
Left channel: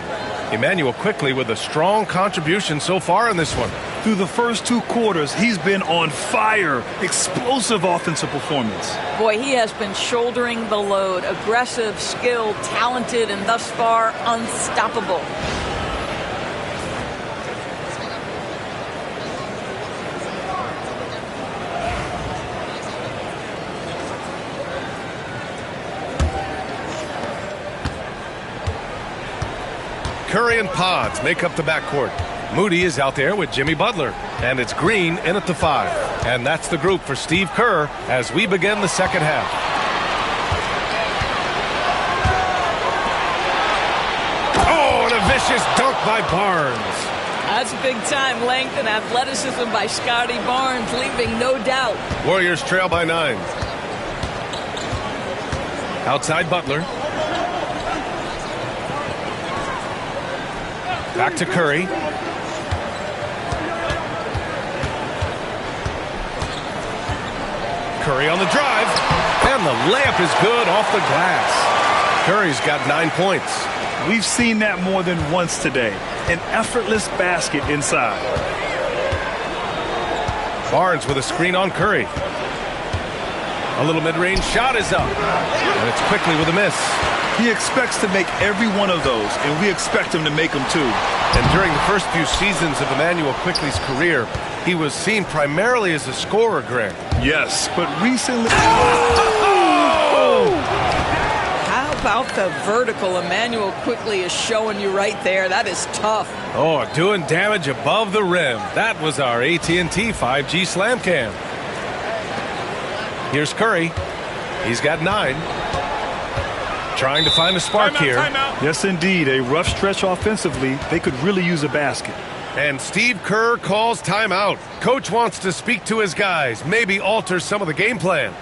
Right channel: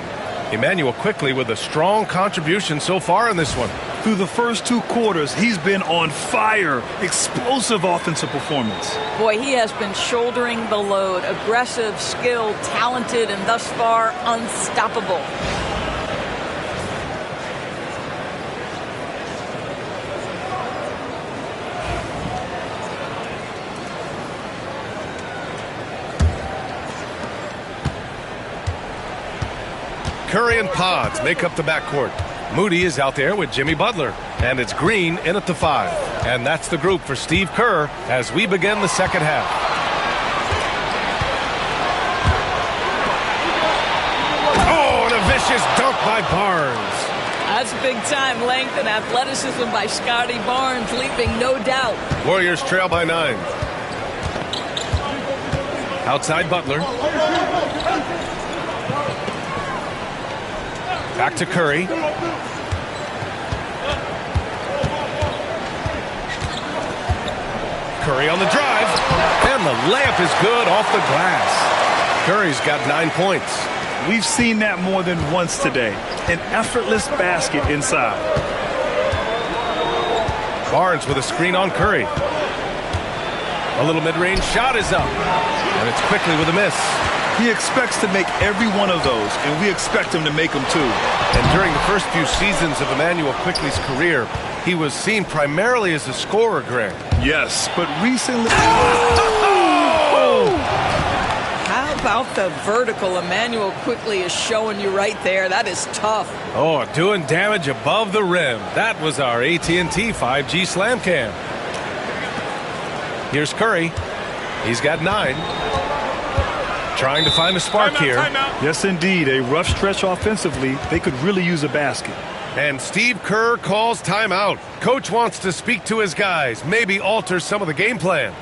Emmanuel quickly with a strong contribution so far in this one. Through the first 2 quarters, he's been on fire. Explosive offensive performance. Boy, he has been shouldering the load. Aggressive, skilled, talented, and thus far unstoppable. Curry and Pods make up the backcourt. Moody is out there with Jimmy Butler. And it's Green in at the 5. And that's the group for Steve Kerr as we begin the second half. Oh, and a vicious dunk by Barnes. That's big-time length and athleticism by Scotty Barnes, leaving no doubt. Warriors trail by 9. Outside Butler. Back to Curry. Curry on the drive. And the layup is good off the glass. Curry's got 9 points. We've seen that more than once today. An effortless basket inside. Barnes with a screen on Curry. A little mid-range shot is up. And it's quickly with a miss. He expects to make every one of those, and we expect him to make them too. And during the first few seasons of Emmanuel Quickley's career, he was seen primarily as a scorer, Greg. Yes, but recently... Oh! How about the vertical Emmanuel Quickley is showing you right there? That is tough. Oh, doing damage above the rim. That was our AT&T 5G Slam Cam. Here's Curry. He's got 9. Trying to find a spark here. Yes, indeed. A rough stretch offensively. They could really use a basket. And Steve Kerr calls timeout. Coach wants to speak to his guys, maybe alter some of the game plan.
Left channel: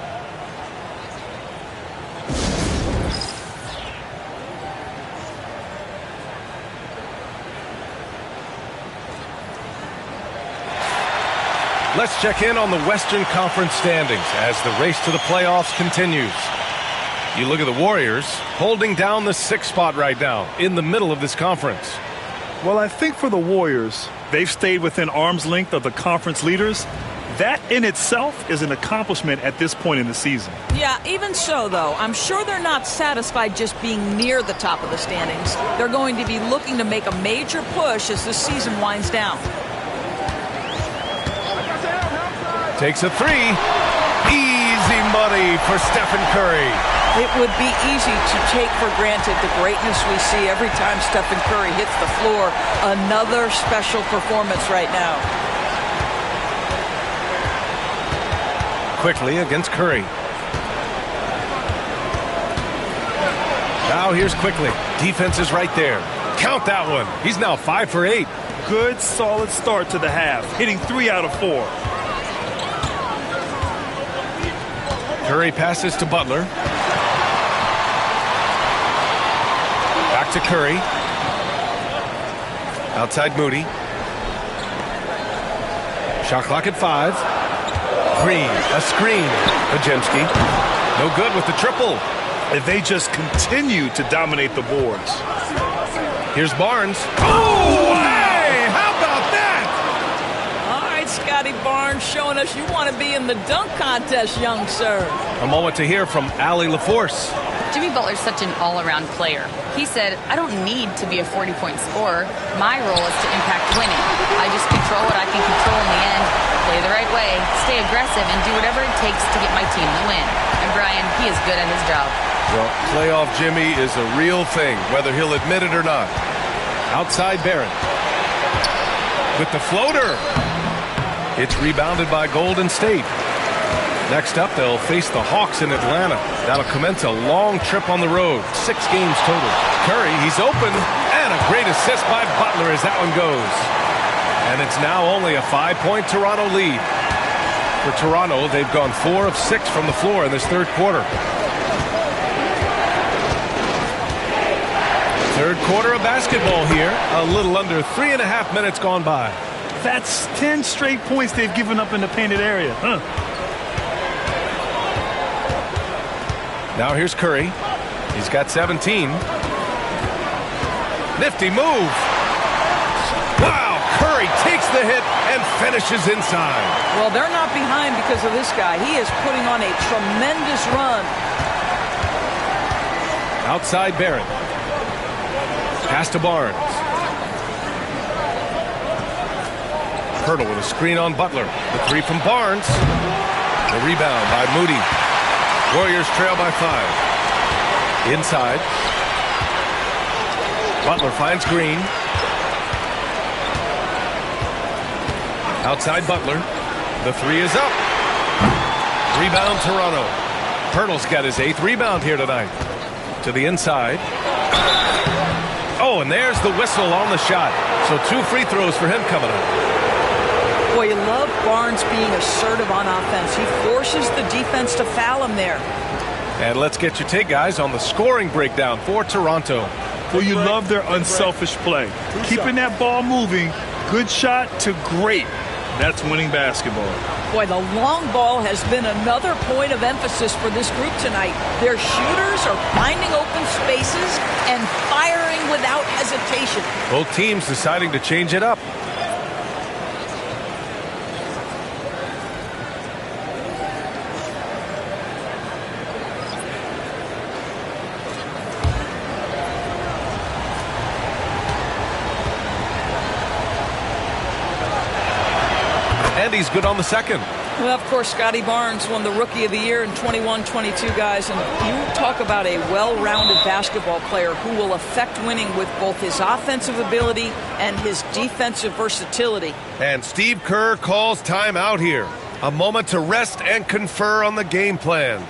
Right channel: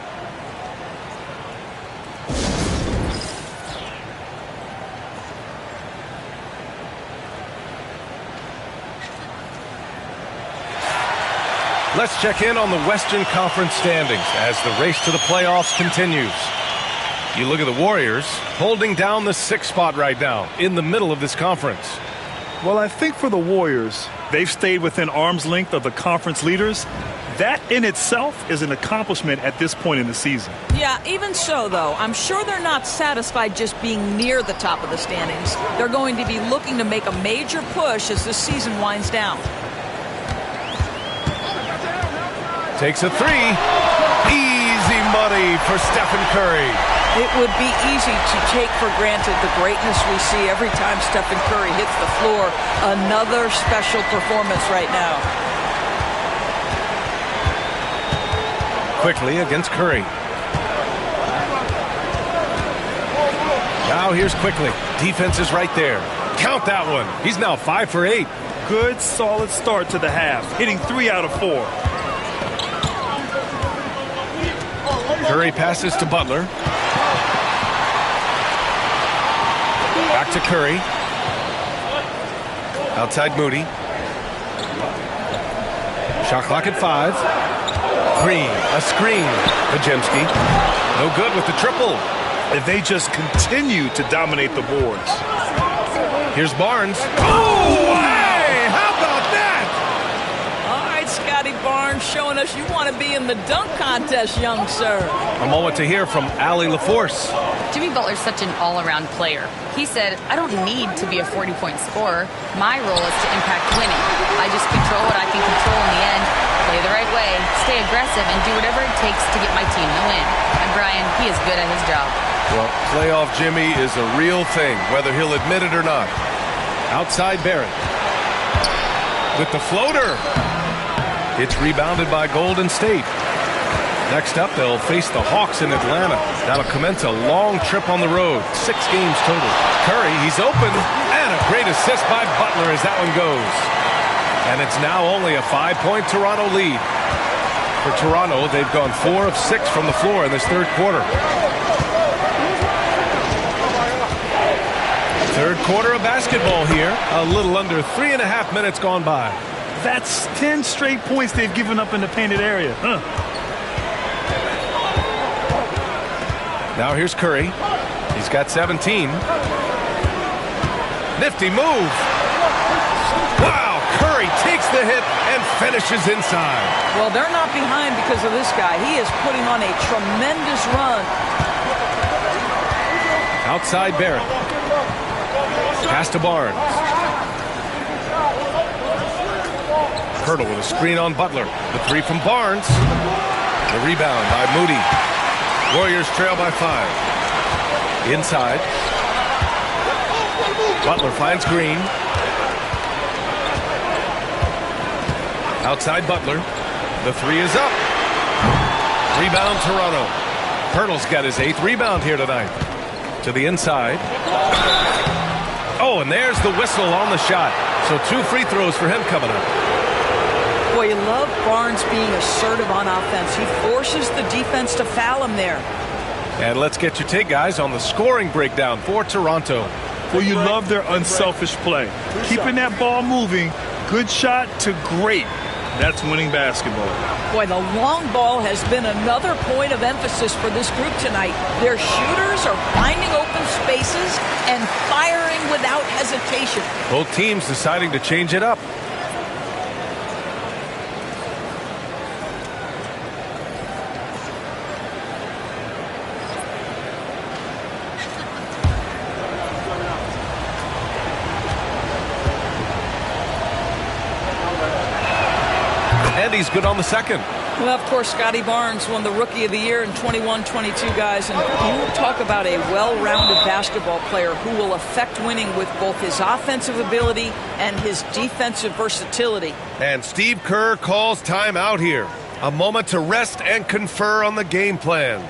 Let's check in on the Western Conference standings as the race to the playoffs continues. You look at the Warriors holding down the 6th spot right now in the middle of this conference. Well, I think for the Warriors, they've stayed within arm's length of the conference leaders. That in itself is an accomplishment at this point in the season. Yeah, even so, though, I'm sure they're not satisfied just being near the top of the standings. They're going to be looking to make a major push as this season winds down. Takes a 3. Easy money for Stephen Curry. It would be easy to take for granted the greatness we see every time Stephen Curry hits the floor. Another special performance right now. Quickly against Curry. Now here's Quickly. Defense is right there. Count that one. He's now 5 for 8. Good, solid start to the half, hitting 3 out of 4. Curry passes to Butler. Back to Curry. Outside Moody. Shot clock at 5. Green, a screen. Pajemski. No good with the triple. And they just continue to dominate the boards. Here's Barnes. Oh, hey! How about that? All right, Scotty Barnes showing us you want to be in the dunk contest, young sir. A moment to hear from Allie LaForce. Jimmy Butler's such an all-around player. He said, I don't need to be a 40-point scorer. My role is to impact winning. I just control what I can control in the end, play the right way, stay aggressive, and do whatever it takes to get my team the win. And Brian, he is good at his job. Well, playoff Jimmy is a real thing, whether he'll admit it or not. Outside Barrett. With the floater. It's rebounded by Golden State. Next up, they'll face the Hawks in Atlanta. That'll commence a long trip on the road. 6 games total. Curry, he's open, and a great assist by Butler as that one goes. And it's now only a 5-point Toronto lead. For Toronto, they've gone 4 of 6 from the floor in this third quarter. Third quarter of basketball here. A little under 3.5 minutes gone by. That's 10 straight points they've given up in the painted area. Now here's Curry. He's got 17. Nifty move. Wow, Curry takes the hit and finishes inside. Well, they're not behind because of this guy. He is putting on a tremendous run. Outside Barrett. Pass to Barnes. Hurdle with a screen on Butler. The 3 from Barnes. The rebound by Moody. Warriors trail by 5. Inside. Butler finds Green. Outside Butler. The 3 is up. Rebound Toronto. Hurdle's got his 8th rebound here tonight. To the inside. Oh, and there's the whistle on the shot. So 2 free throws for him coming up. Boy, you love Barnes being assertive on offense. He forces the defense to foul him there. And let's get your take, guys, on the scoring breakdown for Toronto. Well, you love their unselfish play. Keeping that ball moving, good shot to great. That's winning basketball. Boy, the long ball has been another point of emphasis for this group tonight. Their shooters are finding open spaces and firing without hesitation. Both teams deciding to change it up. And he's good on the second. Well, of course, Scotty Barnes won the Rookie of the Year in 21-22, guys. And you talk about a well-rounded basketball player who will affect winning with both his offensive ability and his defensive versatility. And Steve Kerr calls timeout here. A moment to rest and confer on the game plan.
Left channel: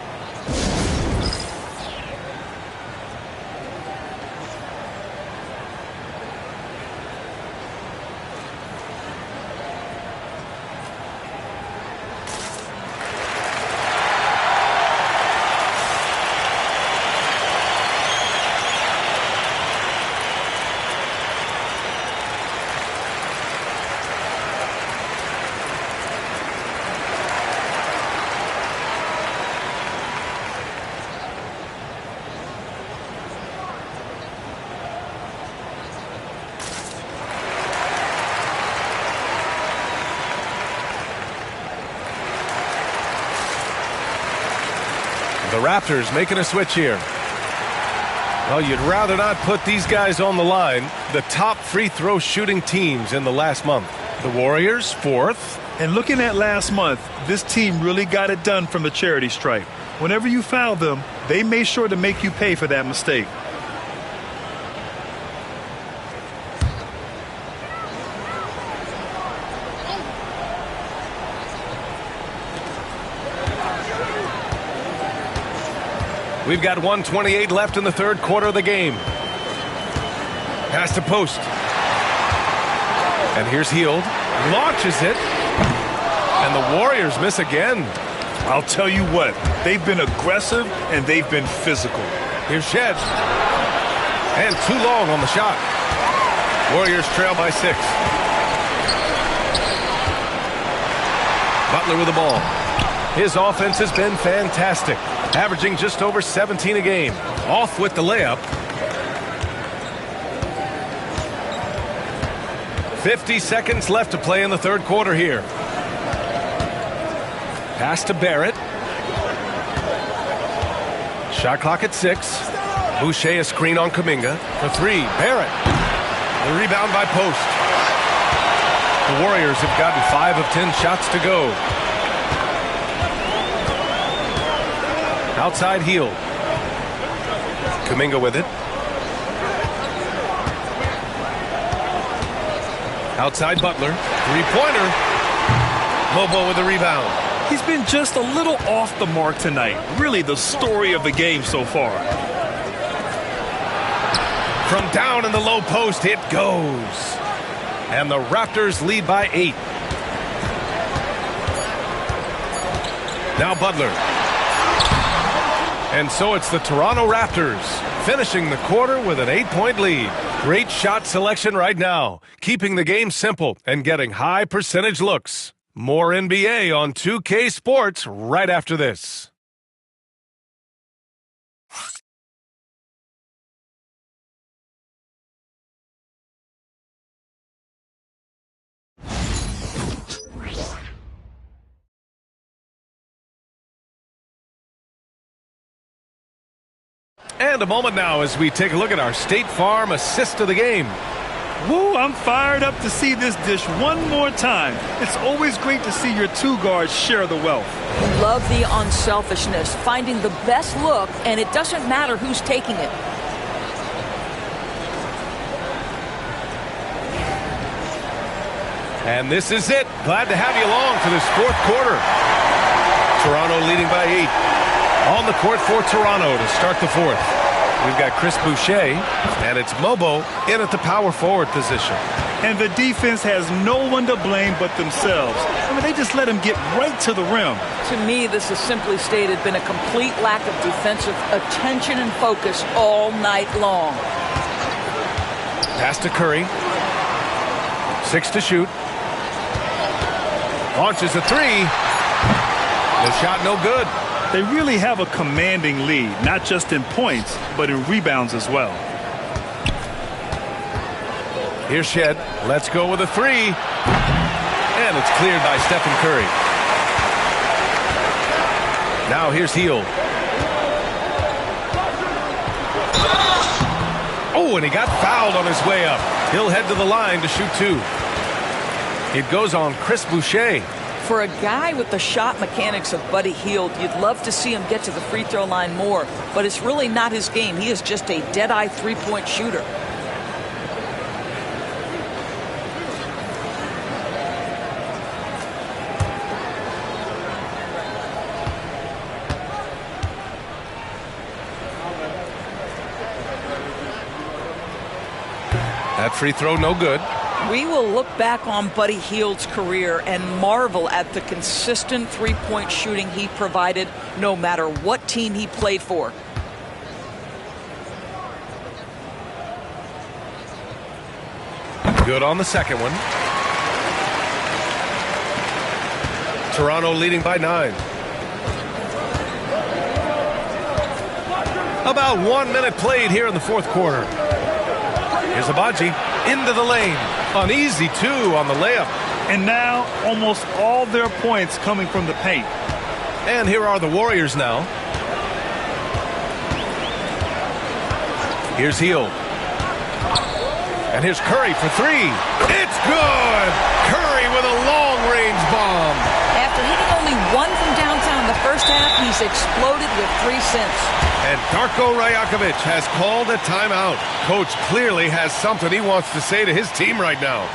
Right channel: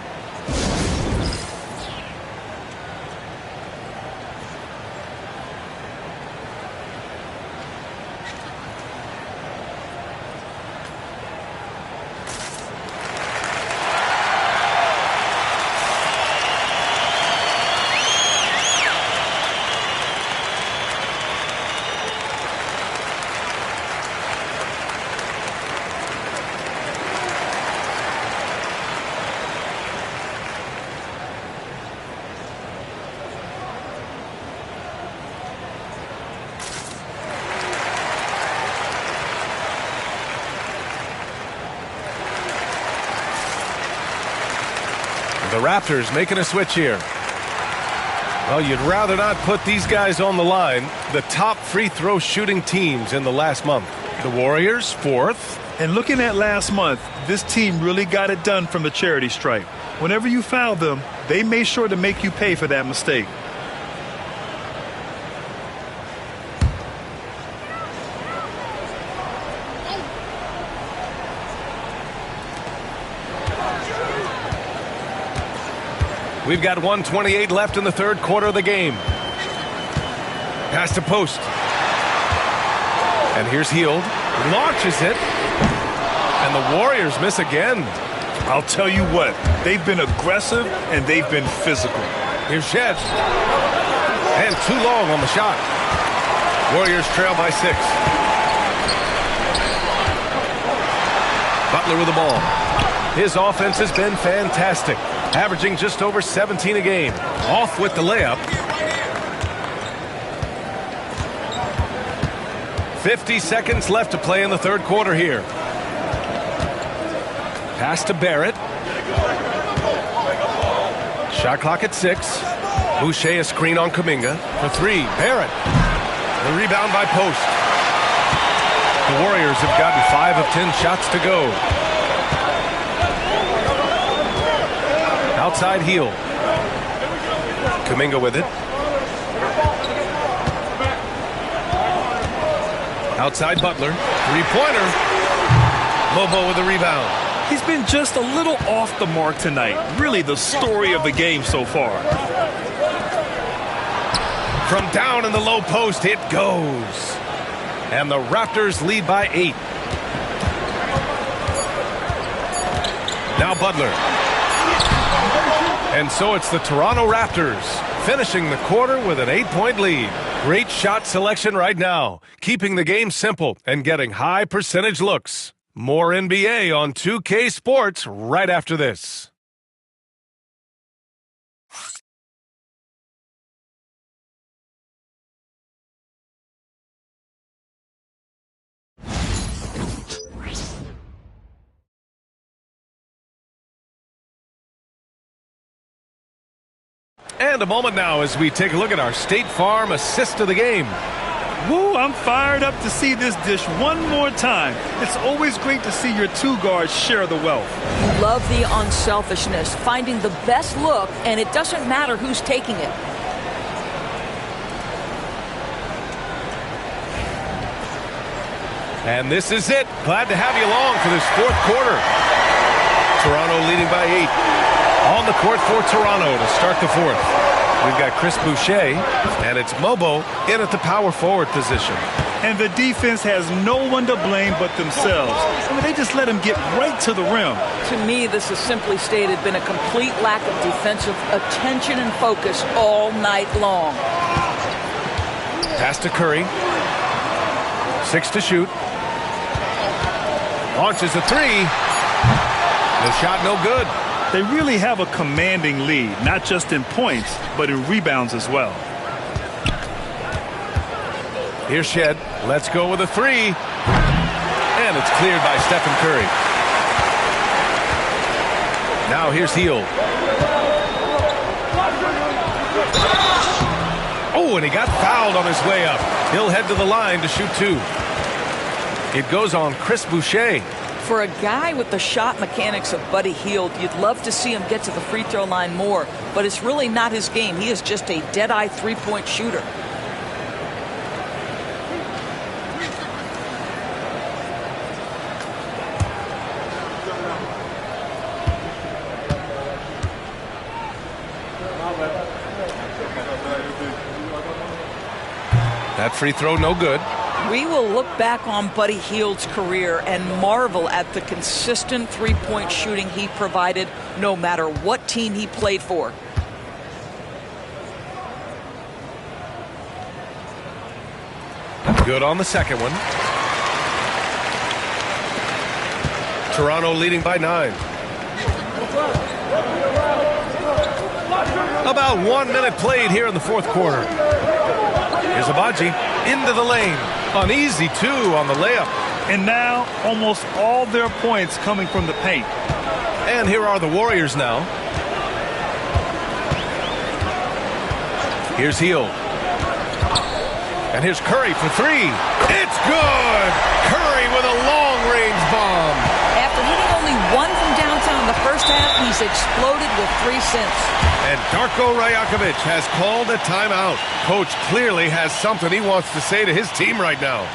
The Raptors making a switch here. Well, you'd rather not put these guys on the line. The top free throw shooting teams in the last month. The Warriors, 4th. And looking at last month, this team really got it done from the charity stripe. Whenever you foul them, they made sure to make you pay for that mistake. We've got 1:28 left in the third quarter of the game. Pass to post. And here's Hield. Launches it. And the Warriors miss again. I'll tell you what, they've been aggressive and they've been physical. Here's Shed. And too long on the shot. Warriors trail by 6. Butler with the ball. His offense has been fantastic. Averaging just over 17 a game. Off with the layup. 50 seconds left to play in the third quarter here. Pass to Barrett. Shot clock at 6. Boucher a screen on Kuminga. For 3, Barrett. The rebound by Post. The Warriors have gotten 5 of 10 shots to go. Outside Hield. Kuminga with it. Outside Butler. 3-pointer. Lobo with the rebound. He's been just a little off the mark tonight. Really the story of the game so far. From down in the low post, it goes. And the Raptors lead by 8. Now Butler. And so it's the Toronto Raptors finishing the quarter with an 8-point lead. Great shot selection right now, keeping the game simple and getting high percentage looks. More NBA on 2K Sports right after this. And a moment now as we take a look at our State Farm assist of the game. Woo, I'm fired up to see this dish one more time. It's always great to see your two guards share the wealth. You love the unselfishness, finding the best look, and it doesn't matter who's taking it. And this is it. Glad to have you along for this fourth quarter. Toronto leading by 8. On the court for Toronto to start the fourth. We've got Chris Boucher, and it's Mobo in at the power forward position. And the defense has no one to blame but themselves. I mean, they just let him get right to the rim. To me, this has simply stated been a complete lack of defensive attention and focus all night long. Pass to Curry. 6 to shoot. Launches a 3. The shot no good. They really have a commanding lead, not just in points, but in rebounds as well. Here's Shed. Let's go with a 3. And it's cleared by Stephen Curry. Now here's Hield. Oh, and he got fouled on his way up. He'll head to the line to shoot 2. It goes on Chris Boucher. For a guy with the shot mechanics of Buddy Hield, you'd love to see him get to the free throw line more, but it's really not his game. He is just a dead-eye three-point shooter. That free throw no good. We will look back on Buddy Hield's career and marvel at the consistent three-point shooting he provided no matter what team he played for. Good on the second one. Toronto leading by 9. About 1 minute played here in the fourth quarter. Here's Abaji into the lane. An easy 2 on the layup. And now almost all their points coming from the paint. And here are the Warriors now. Here's Hield. And here's Curry for 3. It's good! Curry with a long-range bomb. After hitting only 1 from downtown in the first half, he's exploded with 3 since. And Darko Rajakovic has called a timeout. Coach clearly has something he wants to say to his team right now.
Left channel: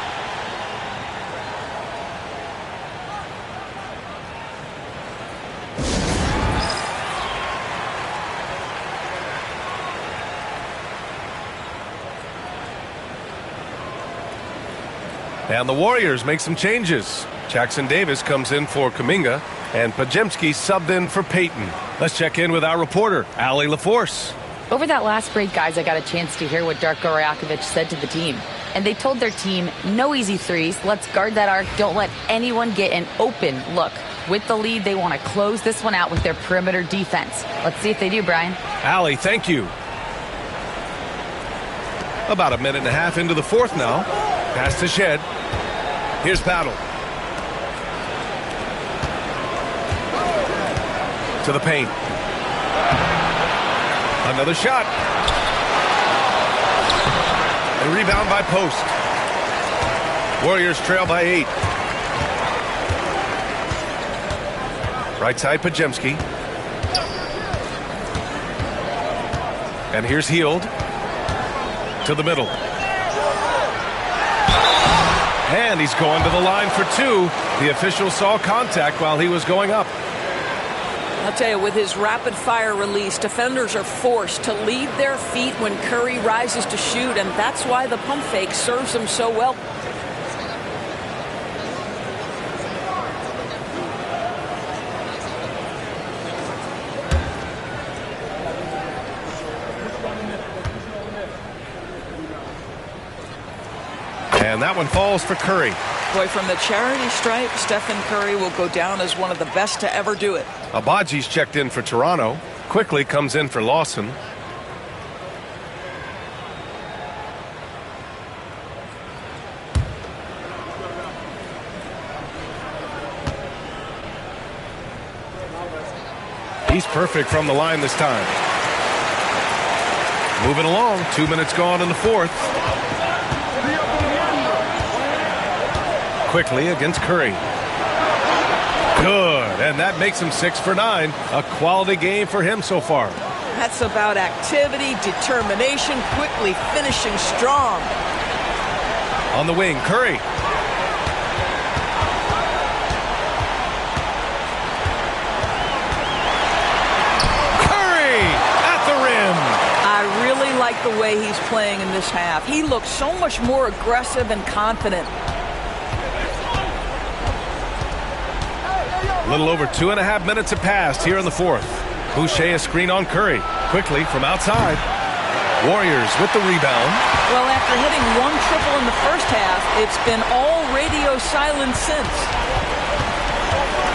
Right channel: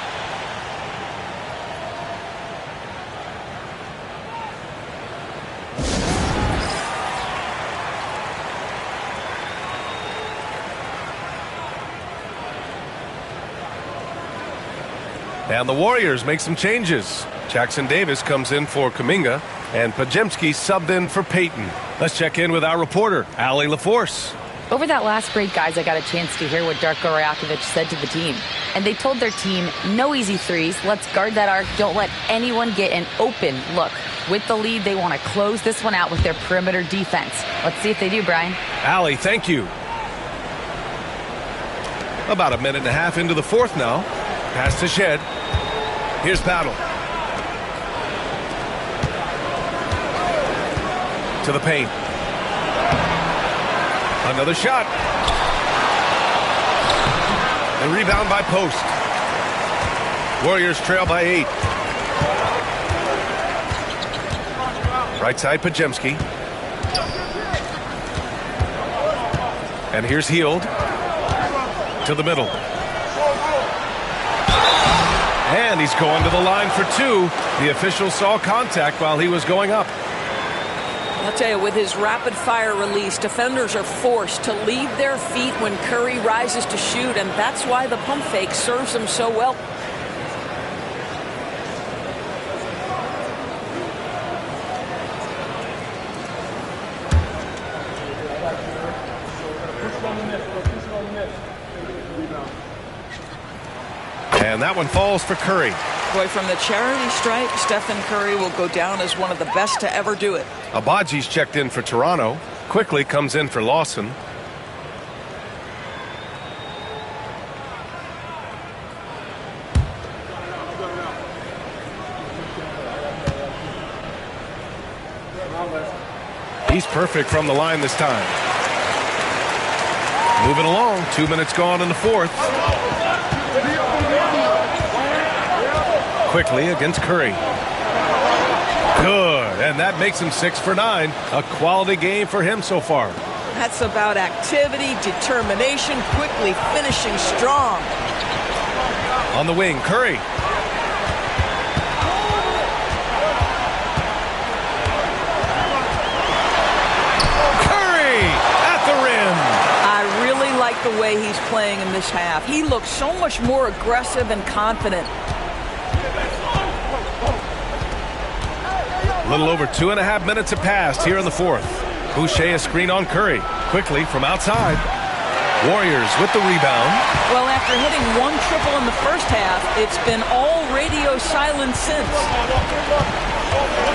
And the Warriors make some changes. Jackson Davis comes in for Kuminga, and Pajemski subbed in for Payton. Let's check in with our reporter, Allie LaForce. Over that last break, guys, I got a chance to hear what Darko Rajakovic said to the team. And they told their team, no easy threes, let's guard that arc, don't let anyone get an open look. With the lead, they want to close this one out with their perimeter defense. Let's see if they do, Brian. Allie, thank you. About a minute and a half into the fourth now. Pass to Shed. Here's Battle. To the paint. Another shot. And rebound by Post. Warriors trail by 8. Right side Pajemski. And here's Hield. To the middle. And he's going to the line for two. The official saw contact while he was going up. I'll tell you, with his rapid-fire release, defenders are forced to leave their feet when Curry rises to shoot, and that's why the pump fake serves him so well. And that one falls for Curry. Boy, from the charity stripe, Stephen Curry will go down as one of the best to ever do it. Abaji's checked in for Toronto. Quickly comes in for Lawson. He's perfect from the line this time. Moving along, 2 minutes gone in the fourth. Quickly against Curry. Good, and that makes him 6 for 9. A quality game for him so far. That's about activity, determination, quickly finishing strong. On the wing, Curry. Curry at the rim. I really like the way he's playing in this half. He looks so much more aggressive and confident. A little over 2.5 minutes have passed here in the fourth. Boucher a screen on Curry. Quickly from outside. Warriors with the rebound. Well, after hitting one triple in the first half, it's been all radio silence since.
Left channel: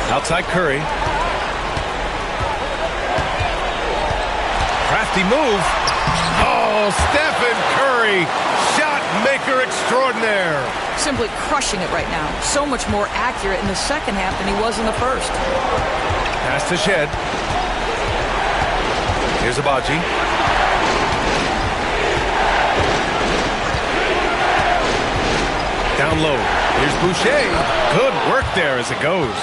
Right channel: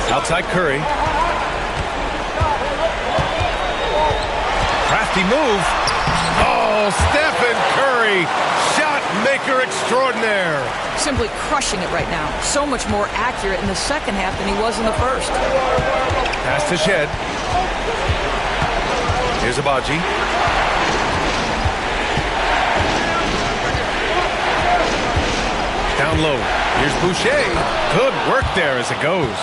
Outside Curry. Crafty move. Oh, Stephen Curry. Shot maker extraordinaire. Simply crushing it right now. So much more accurate in the second half than he was in the first. Pass to Shed. Here's Abaji. Down low. Here's Boucher. Good work there as it goes.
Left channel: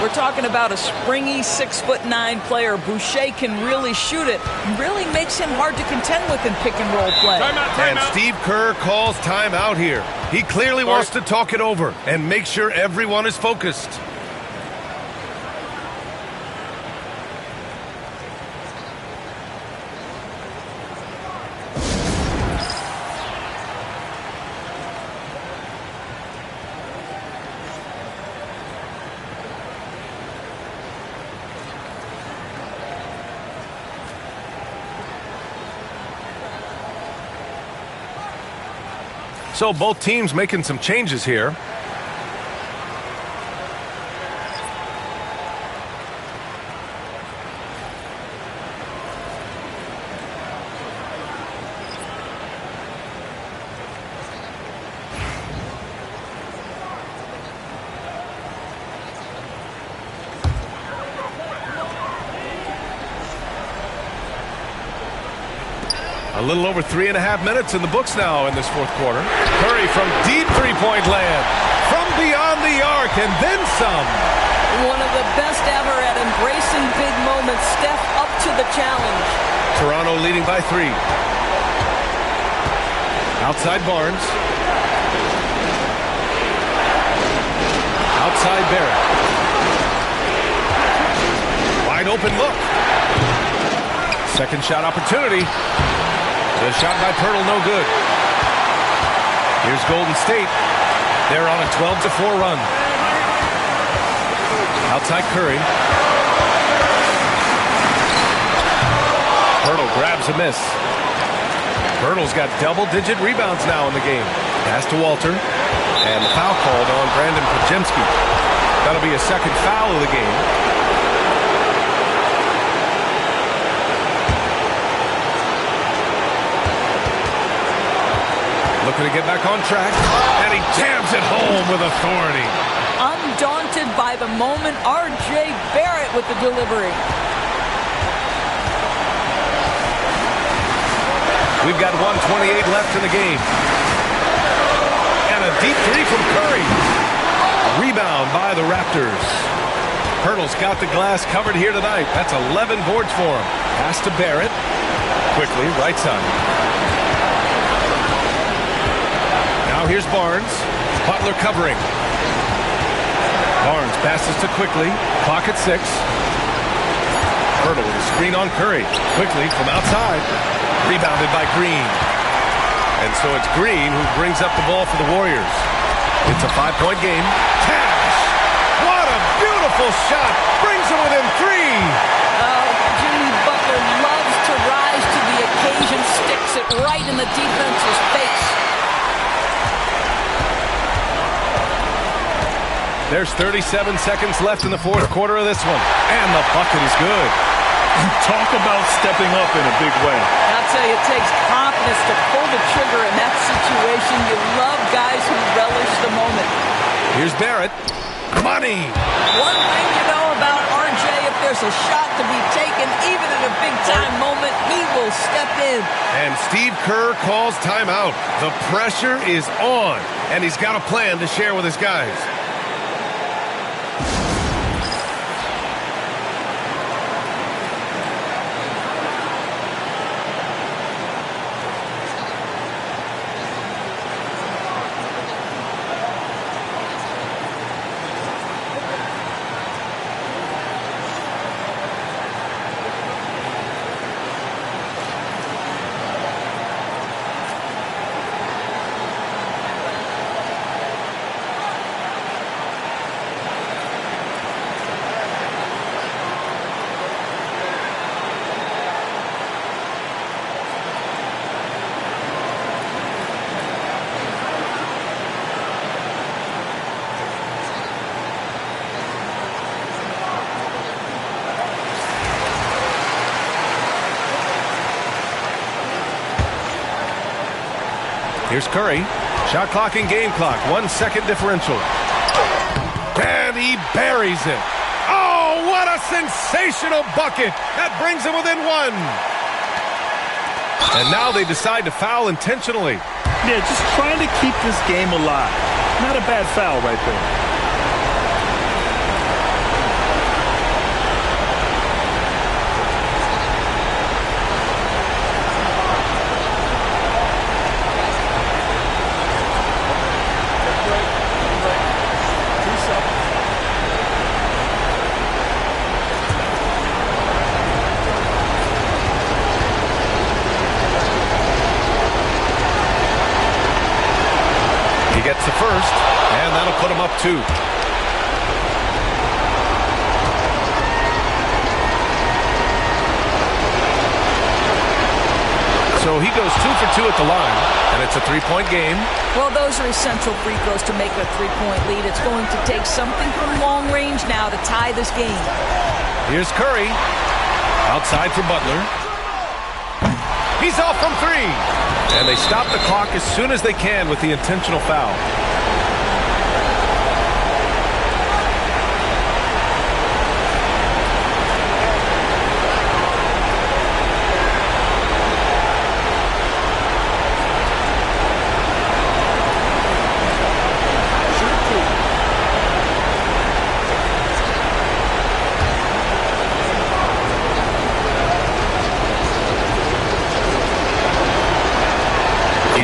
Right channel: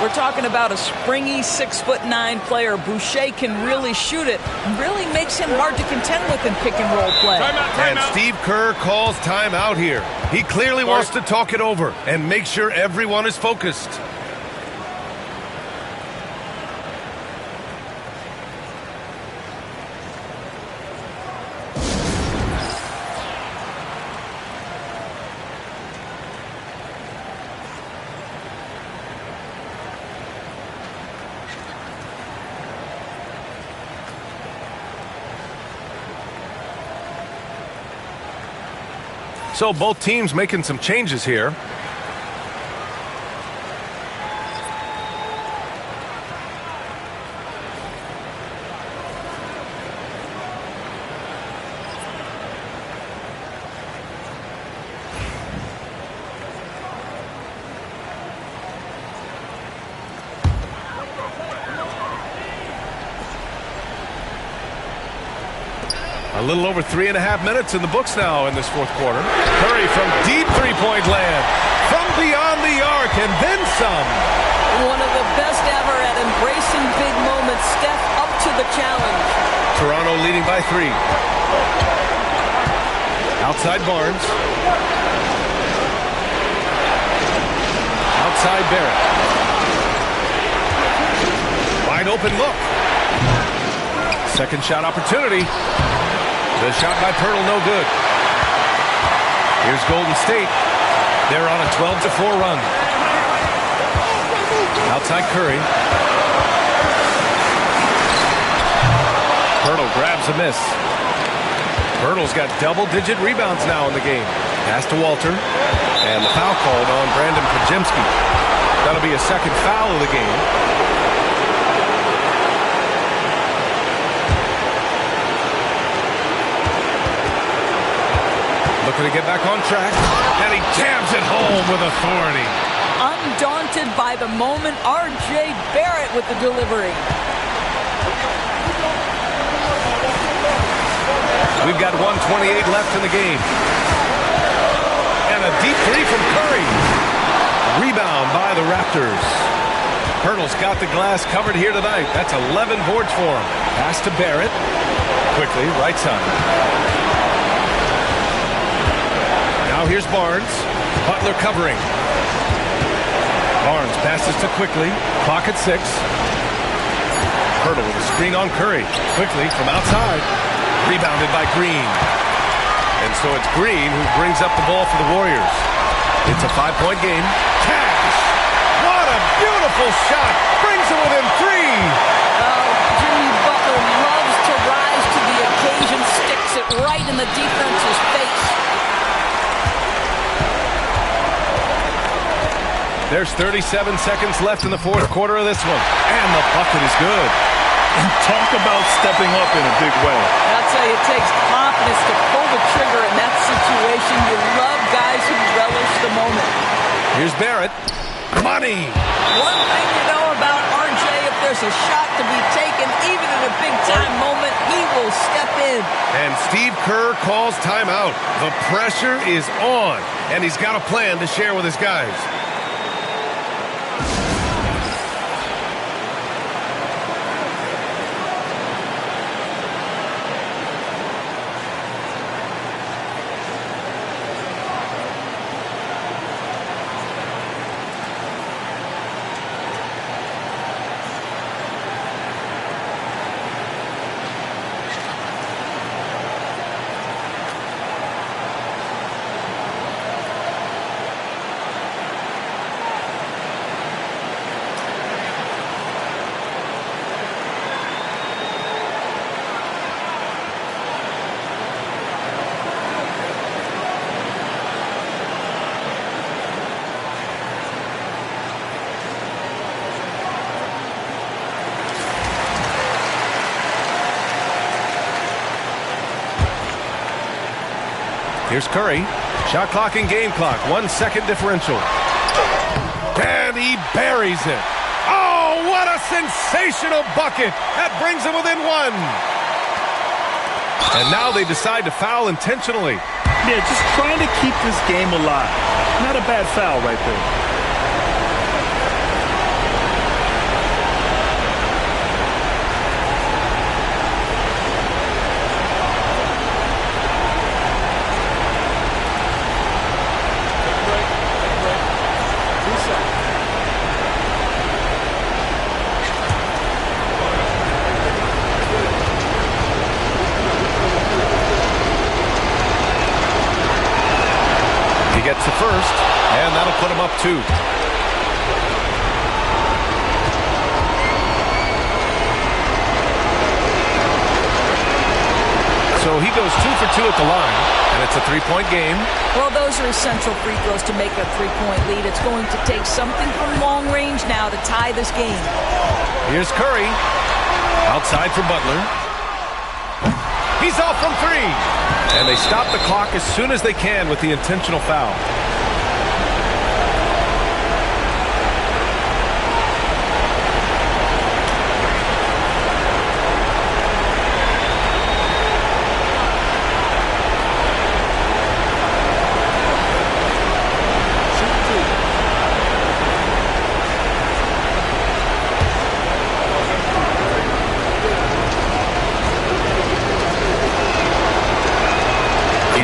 We're talking about a springy 6'9" player. Boucher can really shoot it. Really makes him hard to contend with in pick and roll play. And Steve Kerr calls timeout here. He clearly wants to talk it over and make sure everyone is focused. So both teams making some changes here. A little over 3.5 minutes in the books now in this fourth quarter. Curry from deep three-point land. From beyond the arc and then some. One of the best ever at embracing big moments. Steph up to the challenge. Toronto leading by 3. Outside Barnes. Outside Barrett. Wide open look. Second shot opportunity. The shot by Pirtle, no good. Here's Golden State. They're on a 12-4 run. Outside Curry. Pirtle grabs a miss. Pirtle's got double-digit rebounds now in the game. Pass to Walter. And the foul called on Brandon Podziemski. That'll be a second foul of the game. Looking to get back on track, and he jams it home with authority. Undaunted by the moment, R.J. Barrett with the delivery. We've got 1:28 left in the game. And a deep three from Curry. Rebound by the Raptors. Pirtle's got the glass covered here tonight. That's 11 boards for him. Pass to Barrett. Quickly, right side. Now here's Barnes. Butler covering. Barnes passes to Quickly. Clock at 6. Hurdle with a screen on Curry. Quickly from outside. Rebounded by Green. And so it's Green who brings up the ball for the Warriors. It's a 5-point game. Cash! What a beautiful shot! Brings them within 3. Oh, Jimmy Butler loves to rise to the occasion. Sticks it right in the defense's face. There's 37 seconds left in the fourth quarter of this one. And the bucket is good. And talk about stepping up in a big way. I'll tell you, it takes confidence to pull the trigger in that situation. You love guys who relish the moment. Here's Barrett. Money! One thing you know about RJ, if there's a shot to be taken, even in a big-time moment, he will step in. And Steve Kerr calls timeout. The pressure is on, and he's got a plan to share with his guys. Here's Curry. Shot clock and game clock. 1 second differential. And he buries it. Oh, what a sensational bucket. That brings him within 1. And now they decide to foul intentionally. Yeah, just trying to keep this game alive. Not a bad foul right there. He gets the first, and that'll put him up 2. So he goes 2 for 2 at the line, and it's a 3-point game. Well, those are essential free throws to make a 3-point lead. It's going to take something from long range now to tie this game. Here's Curry. Outside for Butler. He's off from 3. And they stop the clock as soon as they can with the intentional foul.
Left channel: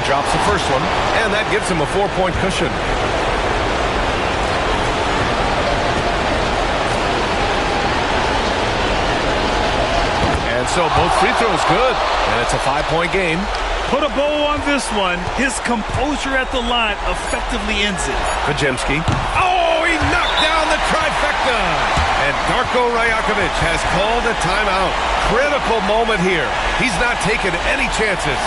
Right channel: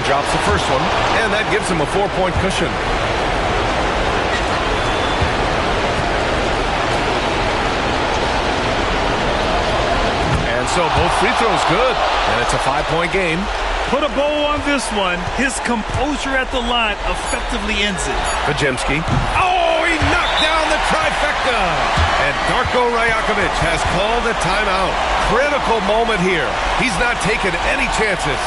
Drops the first one, and that gives him a 4-point cushion. And so both free throws good, and it's a 5-point game. Put a bow on this one. His composure at the line effectively ends it. Pajemski. Oh, he knocked down the trifecta. And Darko Rajakovic has called a timeout. Critical moment here. He's not taking any chances.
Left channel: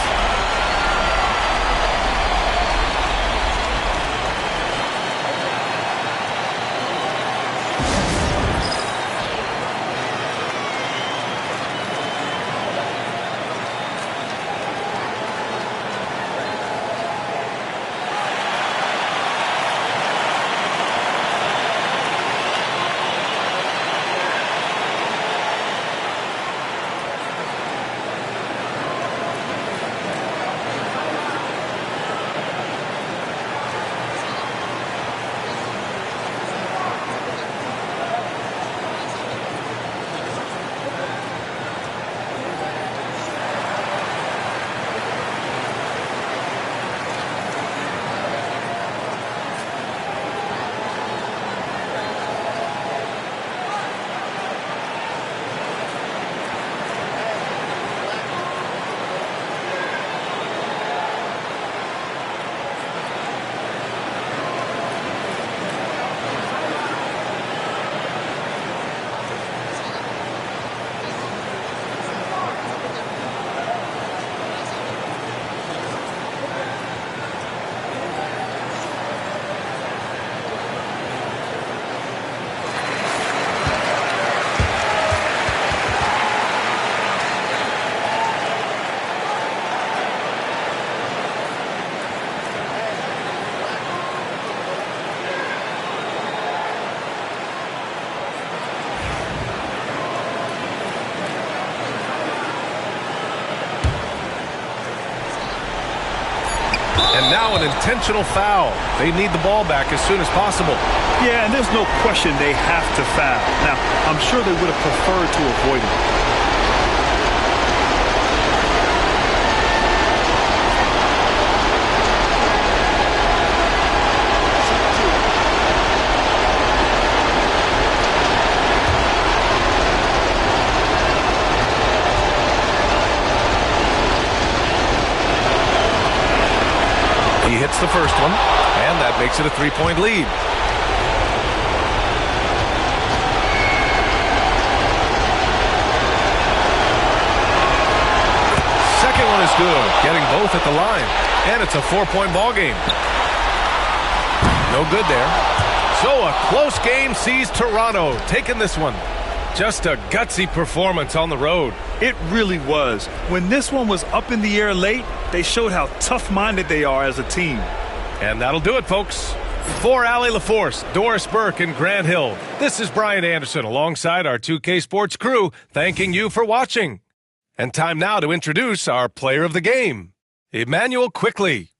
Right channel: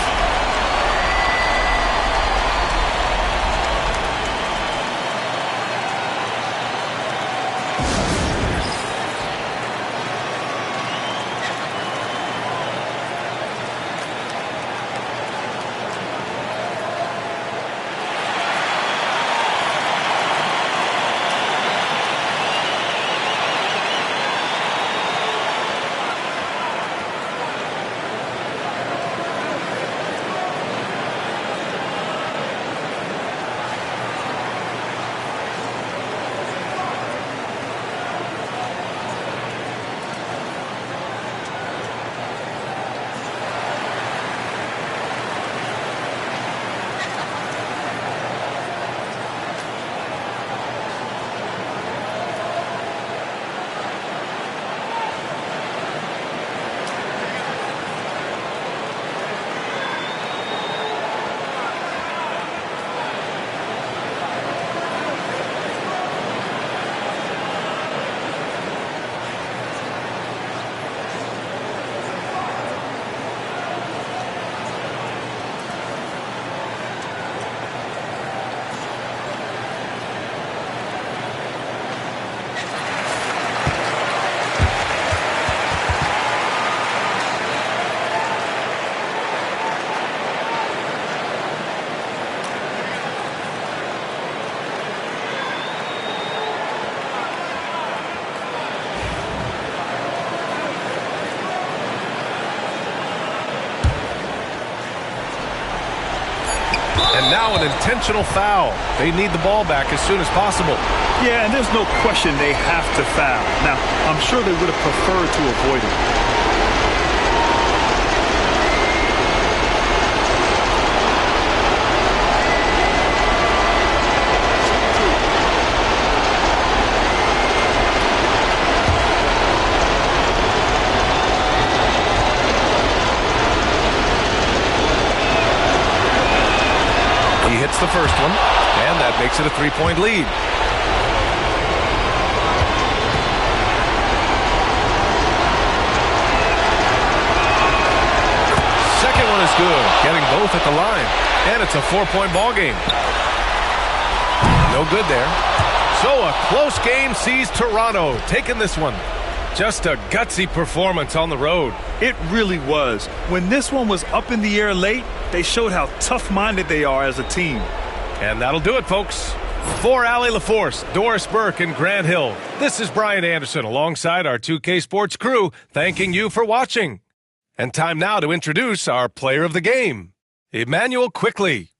And now an intentional foul. They need the ball back as soon as possible. Yeah, and there's no question they have to foul. Now, I'm sure they would have preferred to avoid it. He hits the first one, and that makes it a 3-point lead. Second one is good, getting both at the line. And it's a 4-point ball game. No good there. So a close game sees Toronto taking this one. Just a gutsy performance on the road. It really was. When this one was up in the air late, they showed how tough-minded they are as a team. And that'll do it, folks. For Allie LaForce, Doris Burke, and Grant Hill, this is Brian Anderson alongside our 2K Sports crew, thanking you for watching. And time now to introduce our player of the game, Emmanuel Quickly.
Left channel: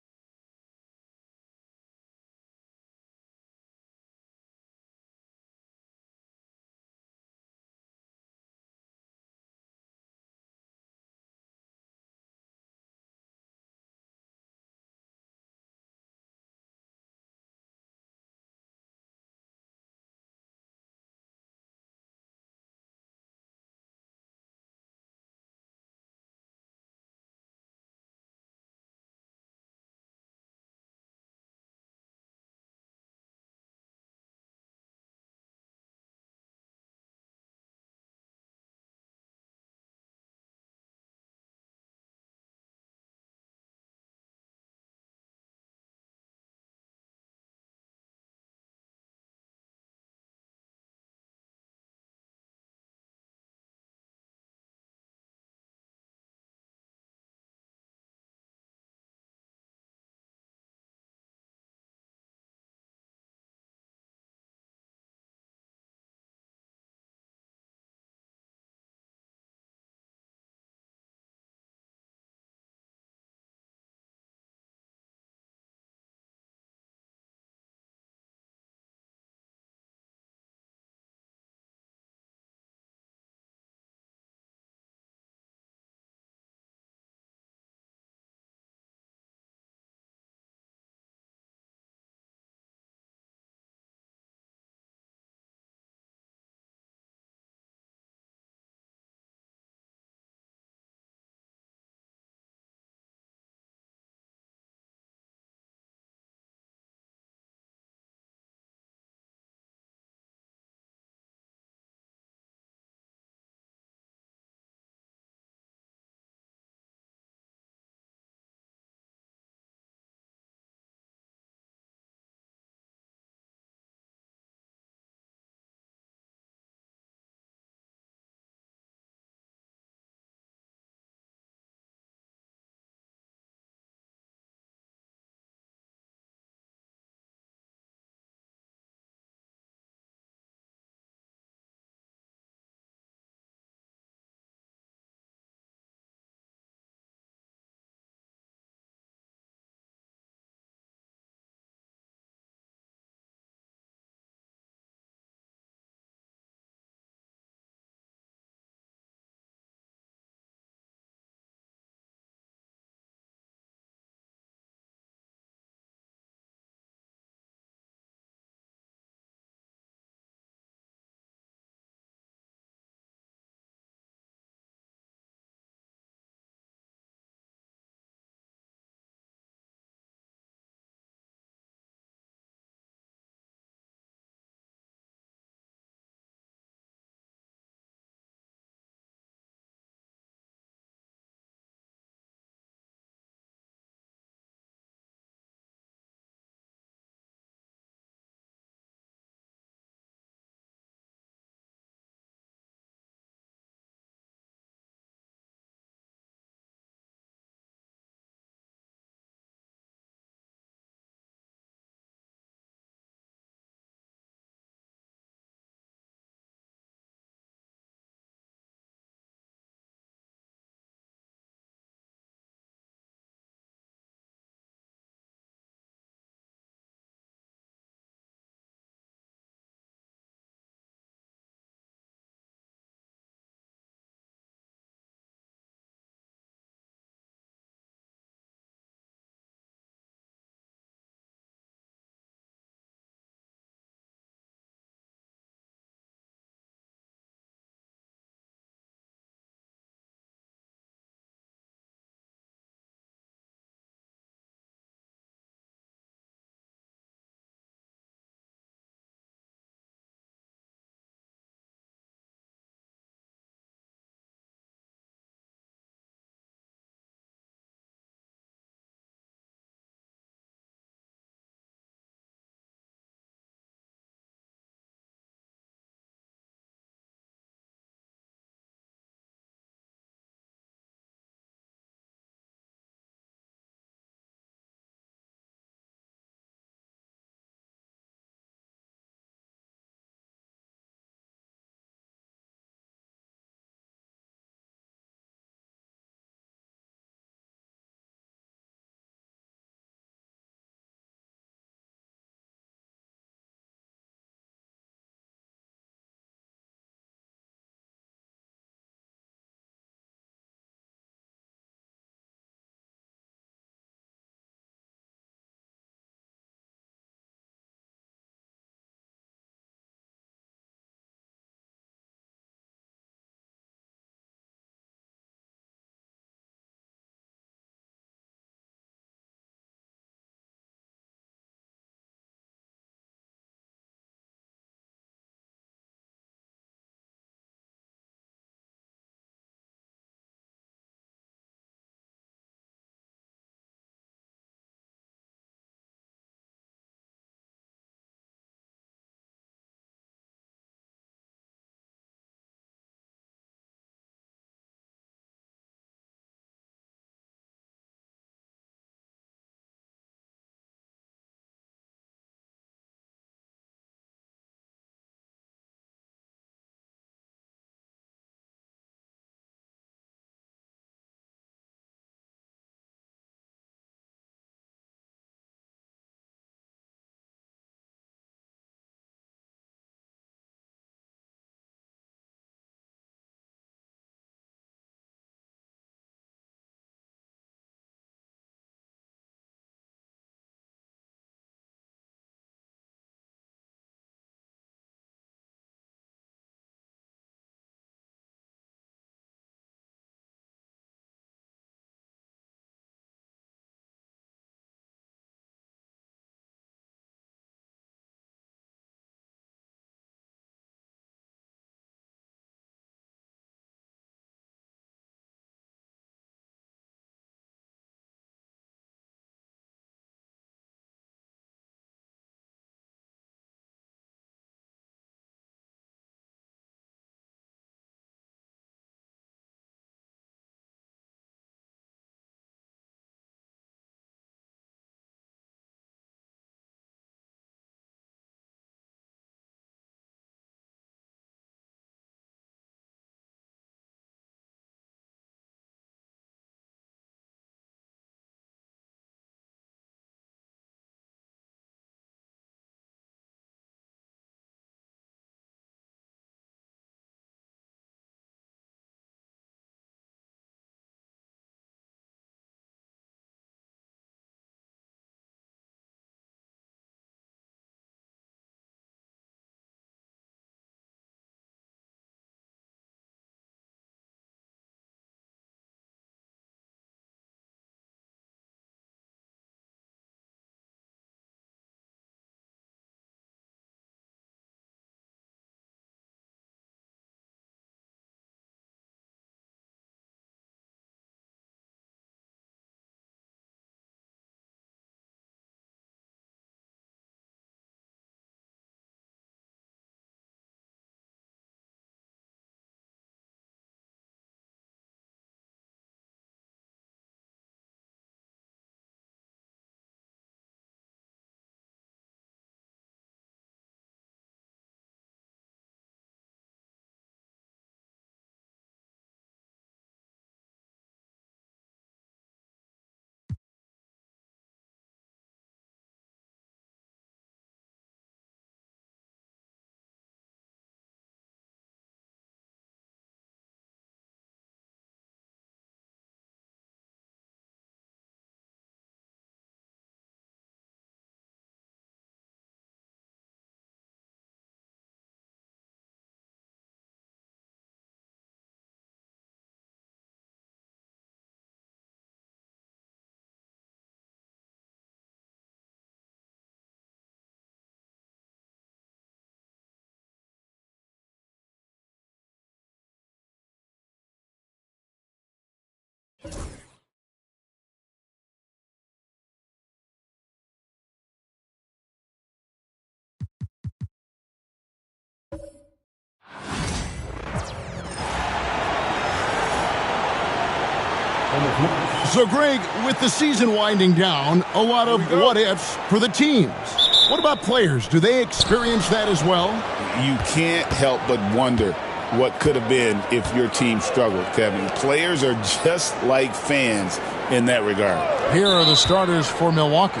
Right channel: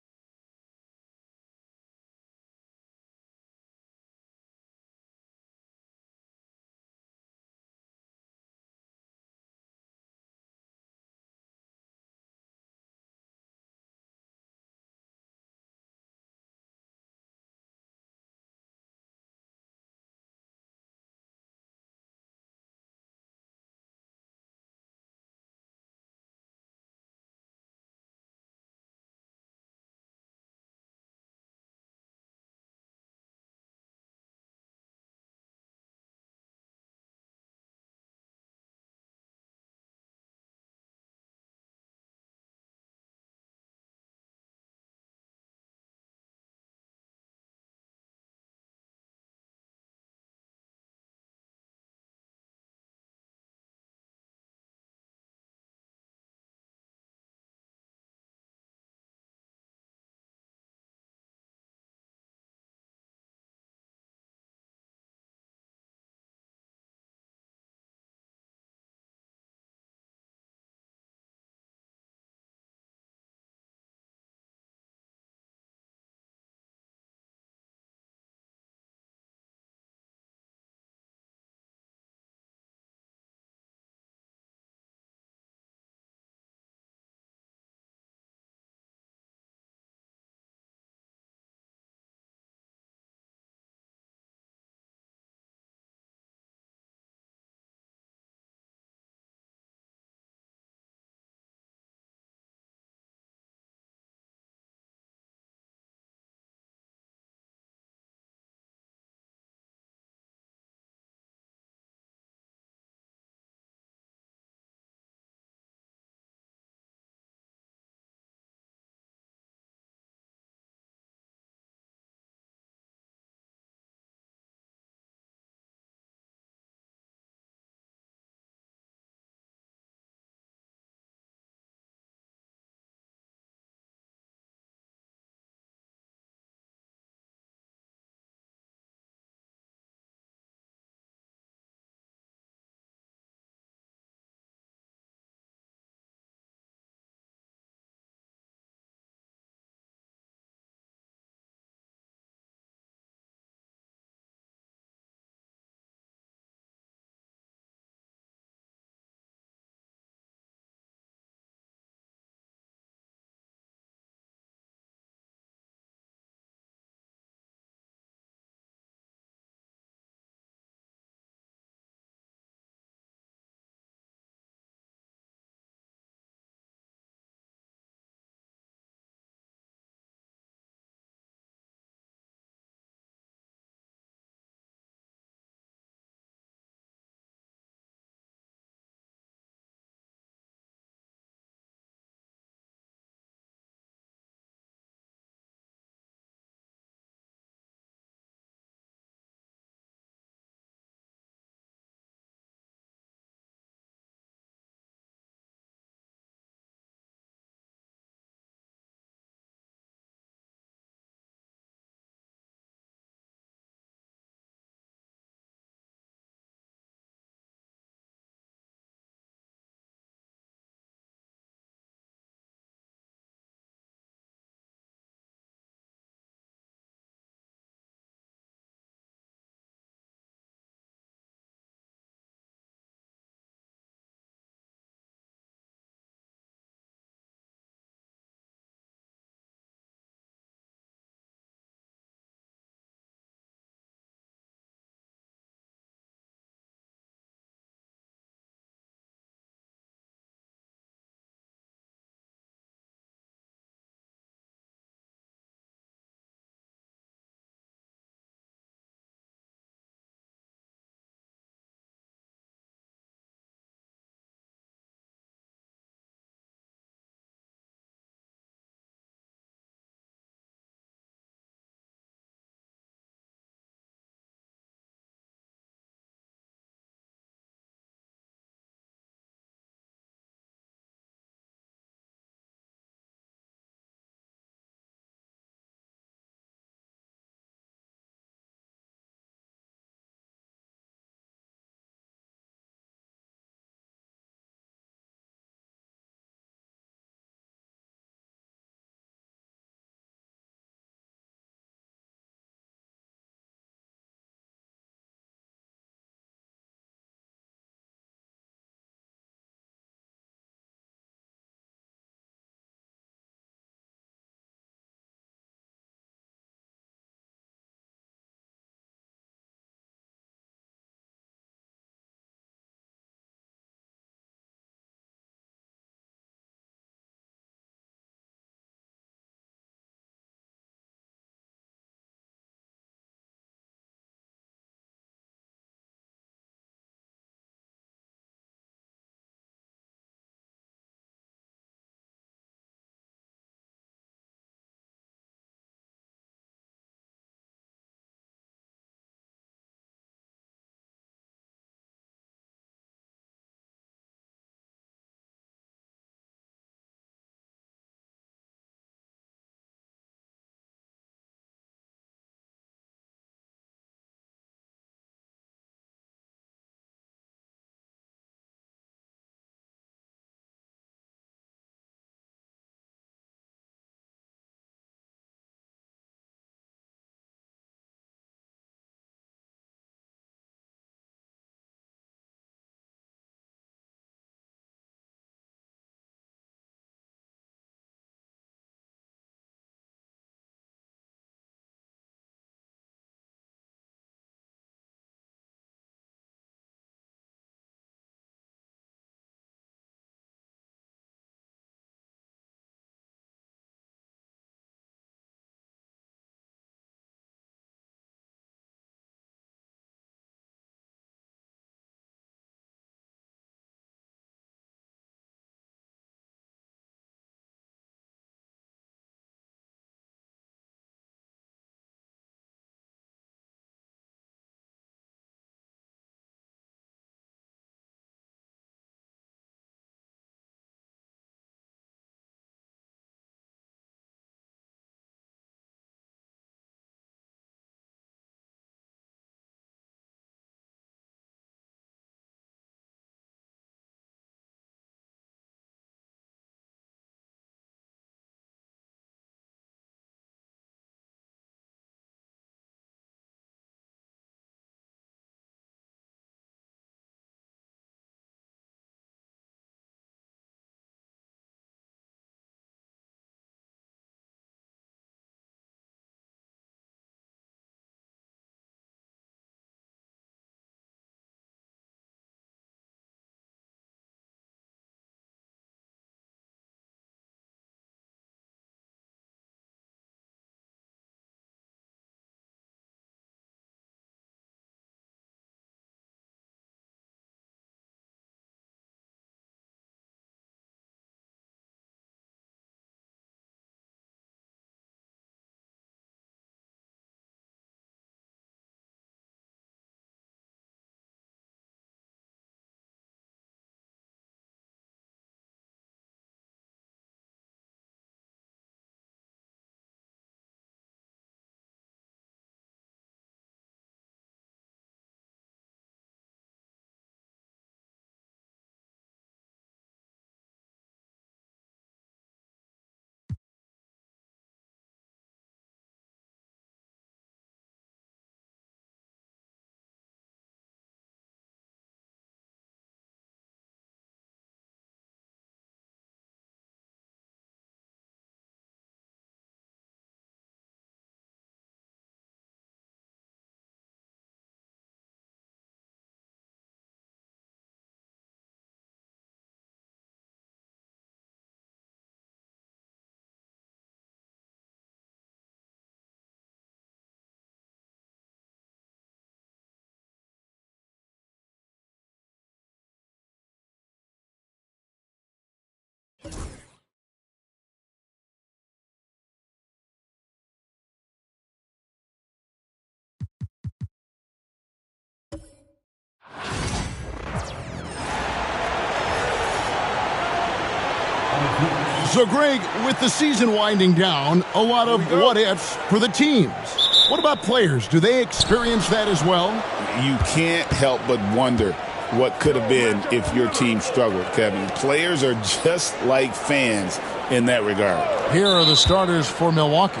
So, Greg, with the season winding down, a lot of what-ifs for the teams. What about players? Do they experience that as well? You can't help but wonder what could have been if your team struggled, Kevin. Players are just like fans in that regard. Here are the starters for Milwaukee.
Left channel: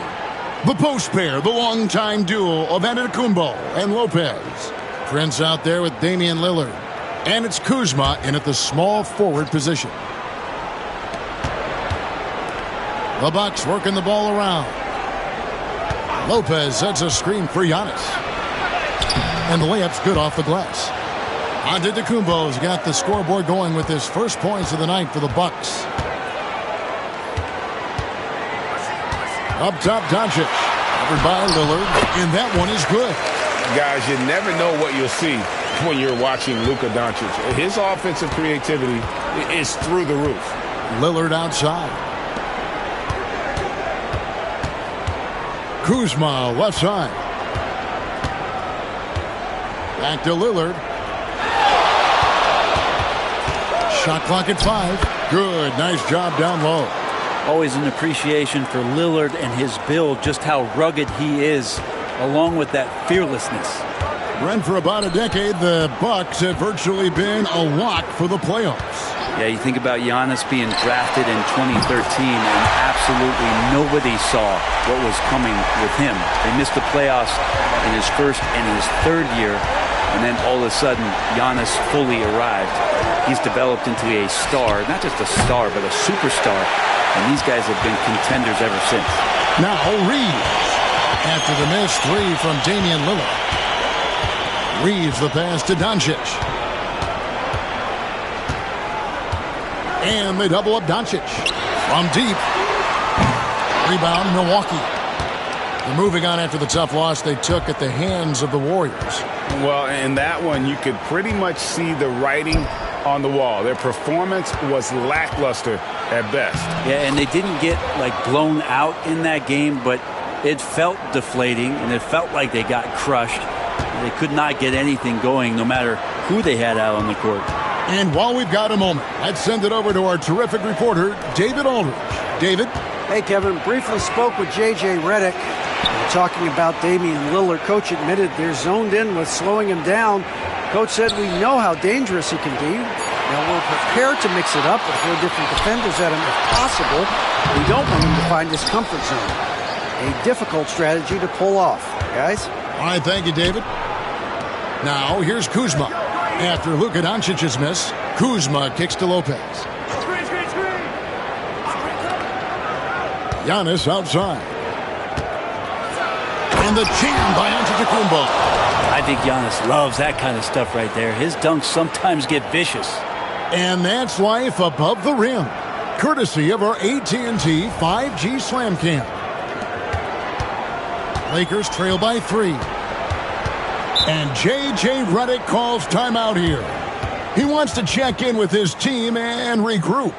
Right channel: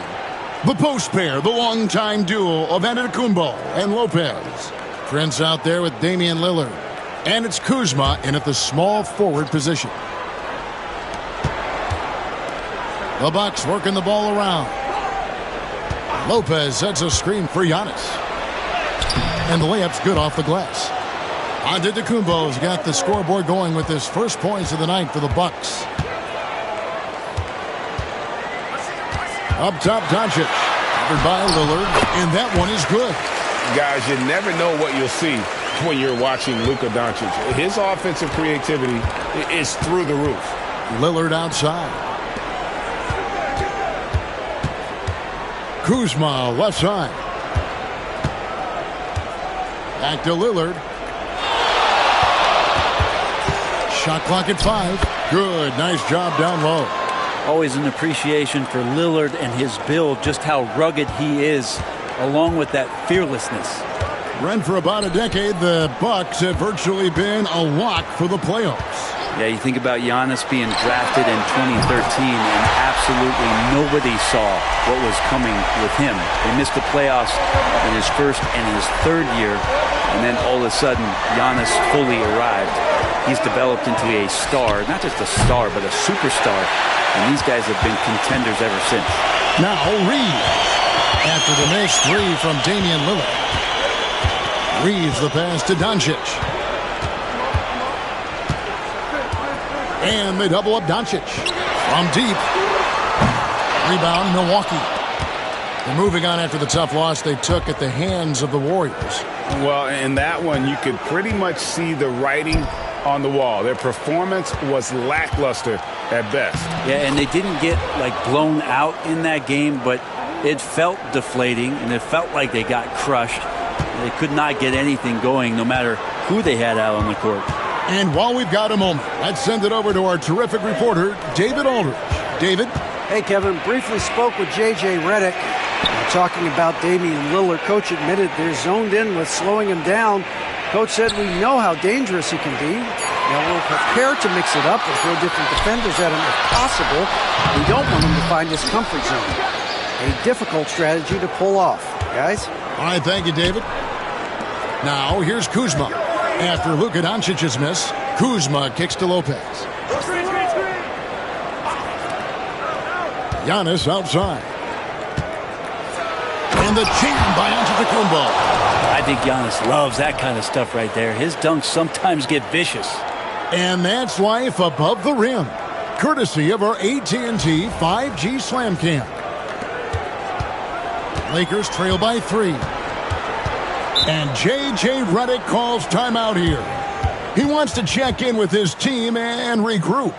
The post pair, the longtime duo of Antetokounmpo and Lopez. Prince out there with Damian Lillard. And it's Kuzma in at the small forward position. The Bucks working the ball around. Lopez sets a screen for Giannis. And the layup's good off the glass. Antetokounmpo's got the scoreboard going with his first points of the night for the Bucks. Up top, Doncic. Covered by Lillard. And that one is good. Guys, you never know what you'll see when you're watching Luka Doncic. His offensive creativity is through the roof. Lillard outside. Kuzma left side. Back to Lillard. Shot clock at 5. Good. Nice job down low. Always an appreciation for Lillard and his build, just how rugged he is, along with that fearlessness. Brent, for about a decade, the Bucks have virtually been a lock for the playoffs. Yeah, you think about Giannis being drafted in 2013, and absolutely nobody saw what was coming with him. They missed the playoffs in his first and his third year, and then all of a sudden, Giannis fully arrived. He's developed into a star, not just a star, but a superstar, and these guys have been contenders ever since. Now Reeves, after the missed three from Damian Lillard. Reeves the pass to Doncic. And they double up Doncic from deep. Rebound, Milwaukee. They're moving on after the tough loss they took at the hands of the Warriors. Well, in that one, you could pretty much see the writing on the wall. Their performance was lackluster at best. Yeah, and they didn't get, blown out in that game, but it felt deflating, and it felt like they got crushed. They could not get anything going, no matter who they had out on the court. And while we've got a moment, let's send it over to our terrific reporter, David Aldridge. David? Hey, Kevin. Briefly spoke with J.J. Redick. Talking about Damian Lillard, Coach admitted they're zoned in with slowing him down. Coach said we know how dangerous he can be. Now, we're prepared to mix it up and throw different defenders at him if possible. We don't want him to find his comfort zone. A difficult strategy to pull off. Guys? All right, thank you, David. Now, here's Kuzma. After Luka Doncic's miss, Kuzma kicks to Lopez. Giannis outside. And the jam by Antetokounmpo. I think Giannis loves that kind of stuff right there. His dunks sometimes get vicious. And that's life above the rim, courtesy of our AT&T 5G Slam Cam. Lakers trail by 3. And J.J. Redick calls timeout here. He wants to check in with his team and regroup.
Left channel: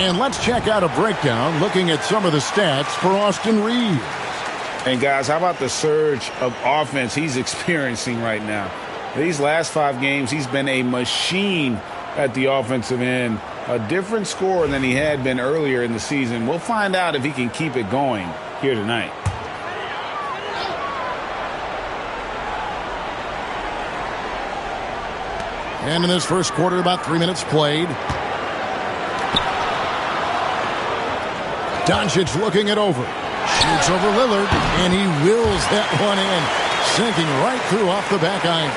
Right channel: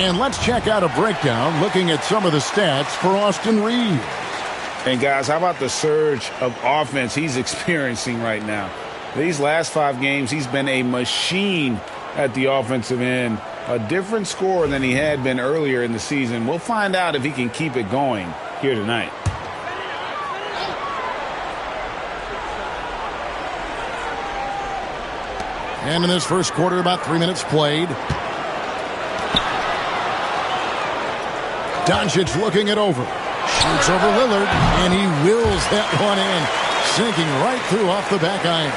And let's check out a breakdown looking at some of the stats for Austin Reeves. And, guys, how about the surge of offense he's experiencing right now? These last 5 games, he's been a machine at the offensive end. A different scorer than he had been earlier in the season. We'll find out if he can keep it going here tonight. And in this first quarter, about 3 minutes played. Doncic looking it over. Shoots over Lillard, and he wills that one in. Sinking right through off the back iron.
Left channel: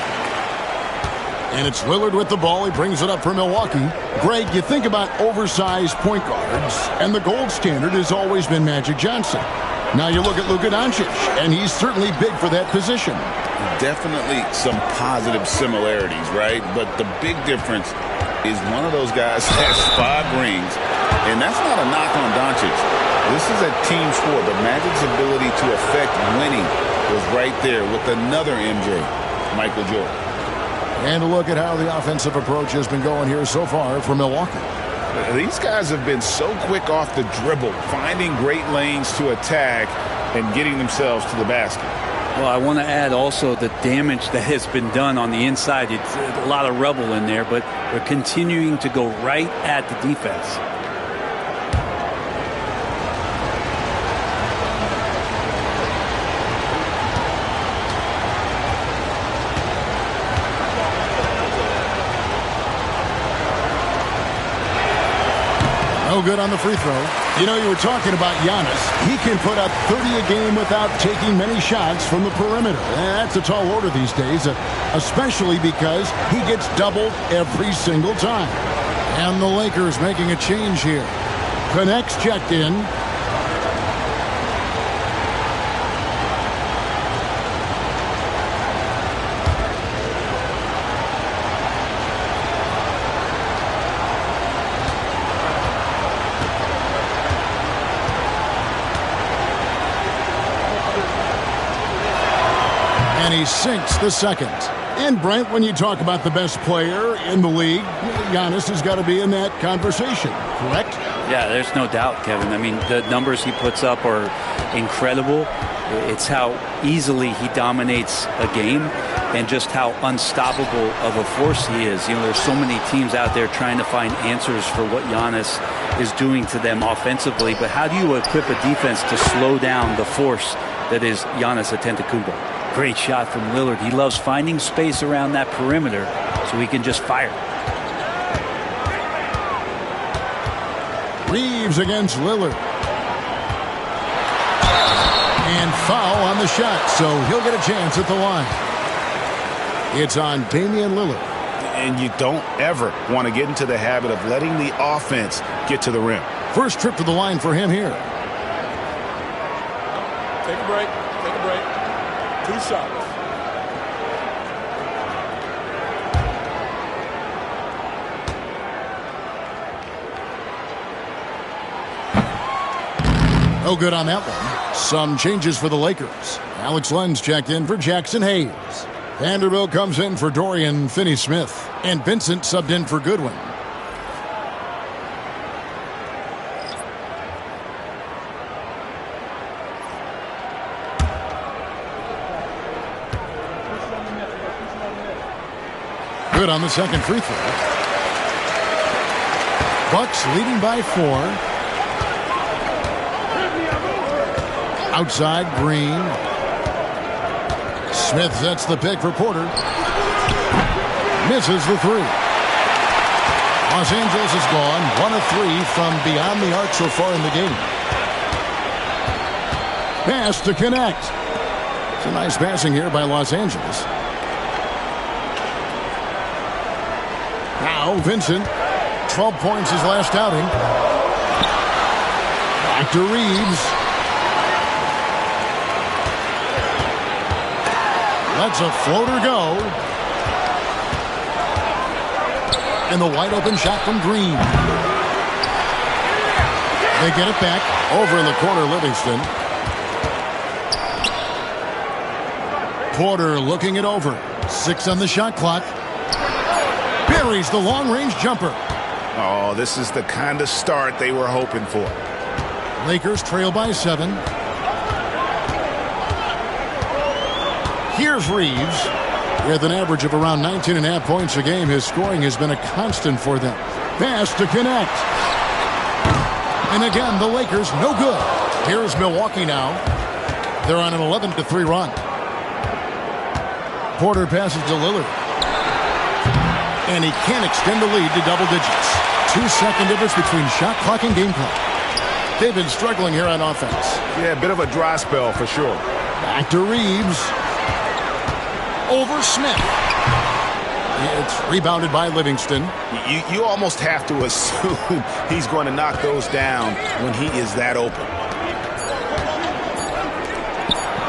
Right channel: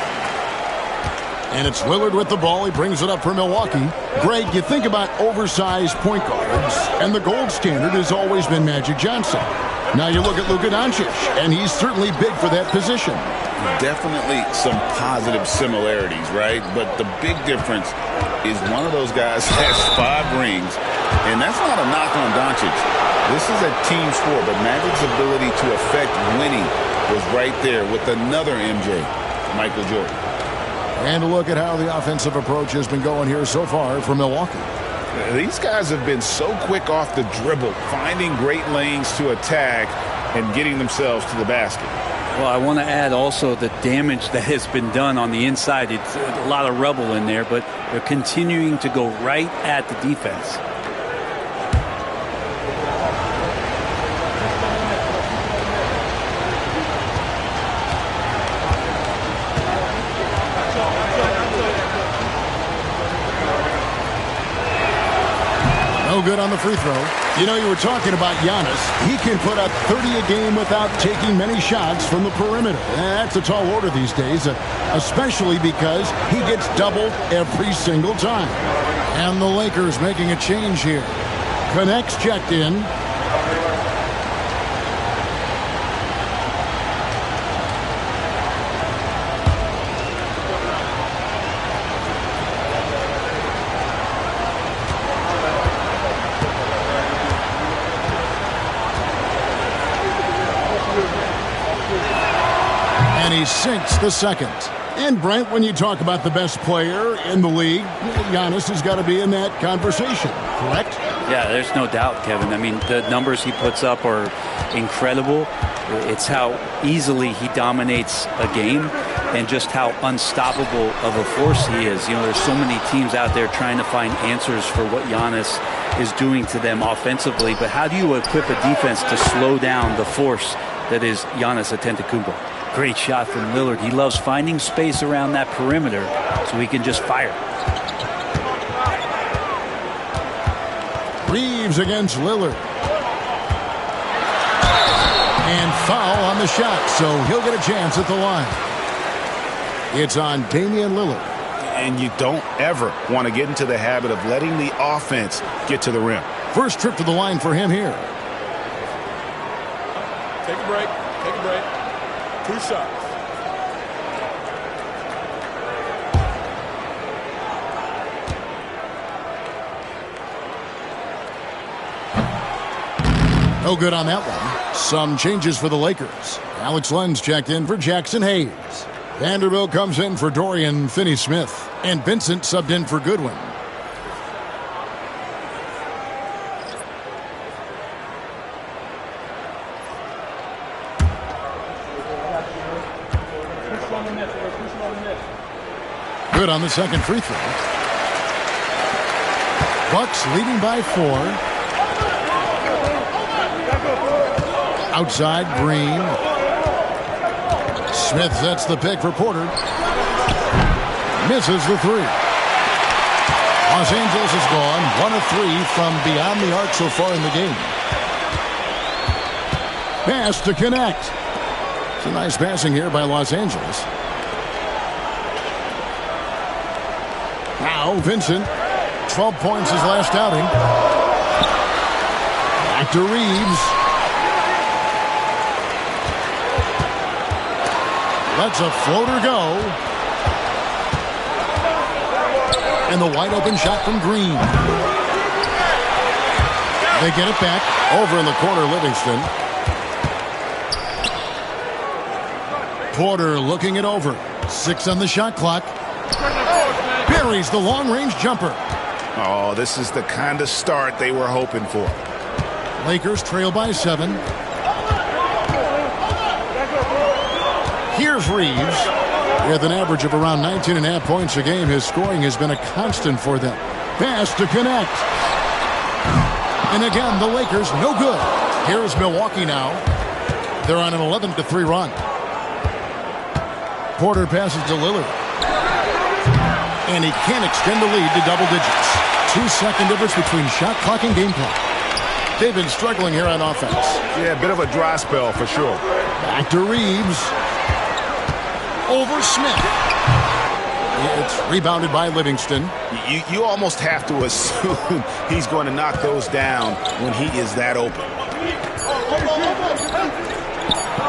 And it's Lillard with the ball. He brings it up for Milwaukee. Greg, you think about oversized point guards, and the gold standard has always been Magic Johnson. Now you look at Luka Doncic, and he's certainly big for that position. Definitely some positive similarities, right? But the big difference is one of those guys has 5 rings, and that's not a knock on Doncic. This is a team sport, but Magic's ability to affect winning was right there with another MJ, Michael Jordan. And a look at how the offensive approach has been going here so far for Milwaukee. These guys have been so quick off the dribble, finding great lanes to attack and getting themselves to the basket. Well, I want to add also the damage that has been done on the inside. It's a lot of rubble in there, but they're continuing to go right at the defense. No good on the free throw. You know, you were talking about Giannis. He can put up 30 a game without taking many shots from the perimeter. That's a tall order these days, especially because he gets doubled every single time. And the Lakers making a change here. Connects checked in. And he sinks the second. And Brent, when you talk about the best player in the league, Giannis has got to be in that conversation, correct? Yeah, there's no doubt, Kevin. I mean, the numbers he puts up are incredible. It's how easily he dominates a game and just how unstoppable of a force he is. You know, there's so many teams out there trying to find answers for what Giannis is doing to them offensively, but how do you equip a defense to slow down the force that is Giannis Antetokounmpo? Great shot from Lillard. He loves finding space around that perimeter so he can just fire. Reeves against Lillard. And foul on the shot, so he'll get a chance at the line. It's on Damian Lillard. And you don't ever want to get into the habit of letting the offense get to the rim. First trip to the line for him here. Take a break. Take a break. 2 shots. No good on that one. Some changes for the Lakers. Alex Len's checked in for Jackson Hayes. Vanderbilt comes in for Dorian Finney-Smith. And Vincent subbed in for Goodwin. Good on the second free throw. Bucks leading by 4. Outside, Green. Smith sets the pick for Porter. Misses the 3. Los Angeles has gone 1 of 3 from beyond the arc so far in the game. Pass to connect. It's a nice passing here by Los Angeles. Now Vincent, 12 points his last outing. Back to Reeves. Lets a floater go. And the wide open shot from Green. They get it back. Over in the corner, Livingston. Porter looking it over. 6 on the shot clock. Buries the long-range jumper. Oh, this is the kind of start they were hoping for. Lakers trail by 7. Here's Reeves. With an average of around 19.5 points a game, his scoring has been a constant for them. Pass to connect. And again, the Lakers no good. Here's Milwaukee now. They're on an 11-3 run. Porter passes to Lillard. And he can't extend the lead to double digits. 2-second difference between shot clock and game clock. They've been struggling here on offense. Yeah, a bit of a dry spell for sure. Back to Reeves. Over Smith. It's rebounded by Livingston. You almost have to assume he's going to knock those down when he is that open.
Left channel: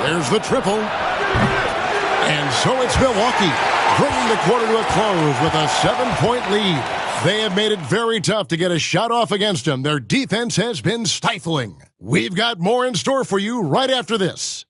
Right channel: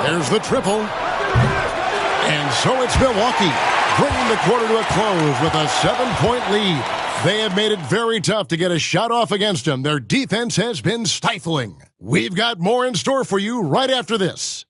There's the triple. And so it's Milwaukee, bringing the quarter to a close with a 7-point lead. They have made it very tough to get a shot off against them. Their defense has been stifling. We've got more in store for you right after this.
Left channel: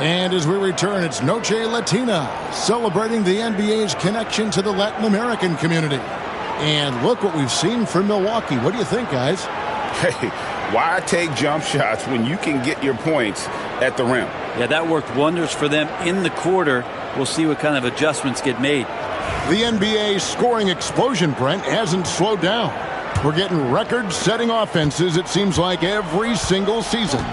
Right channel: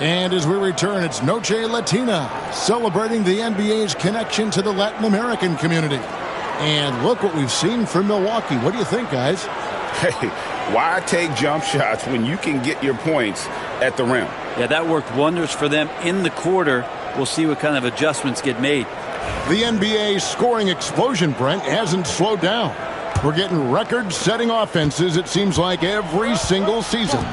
And as we return, it's Noche Latina, celebrating the NBA's connection to the Latin American community. And look what we've seen from Milwaukee. What do you think, guys? Hey, why take jump shots when you can get your points at the rim? Yeah, that worked wonders for them in the quarter. We'll see what kind of adjustments get made. The NBA scoring explosion, Brent, hasn't slowed down. We're getting record-setting offenses, it seems like, every single season.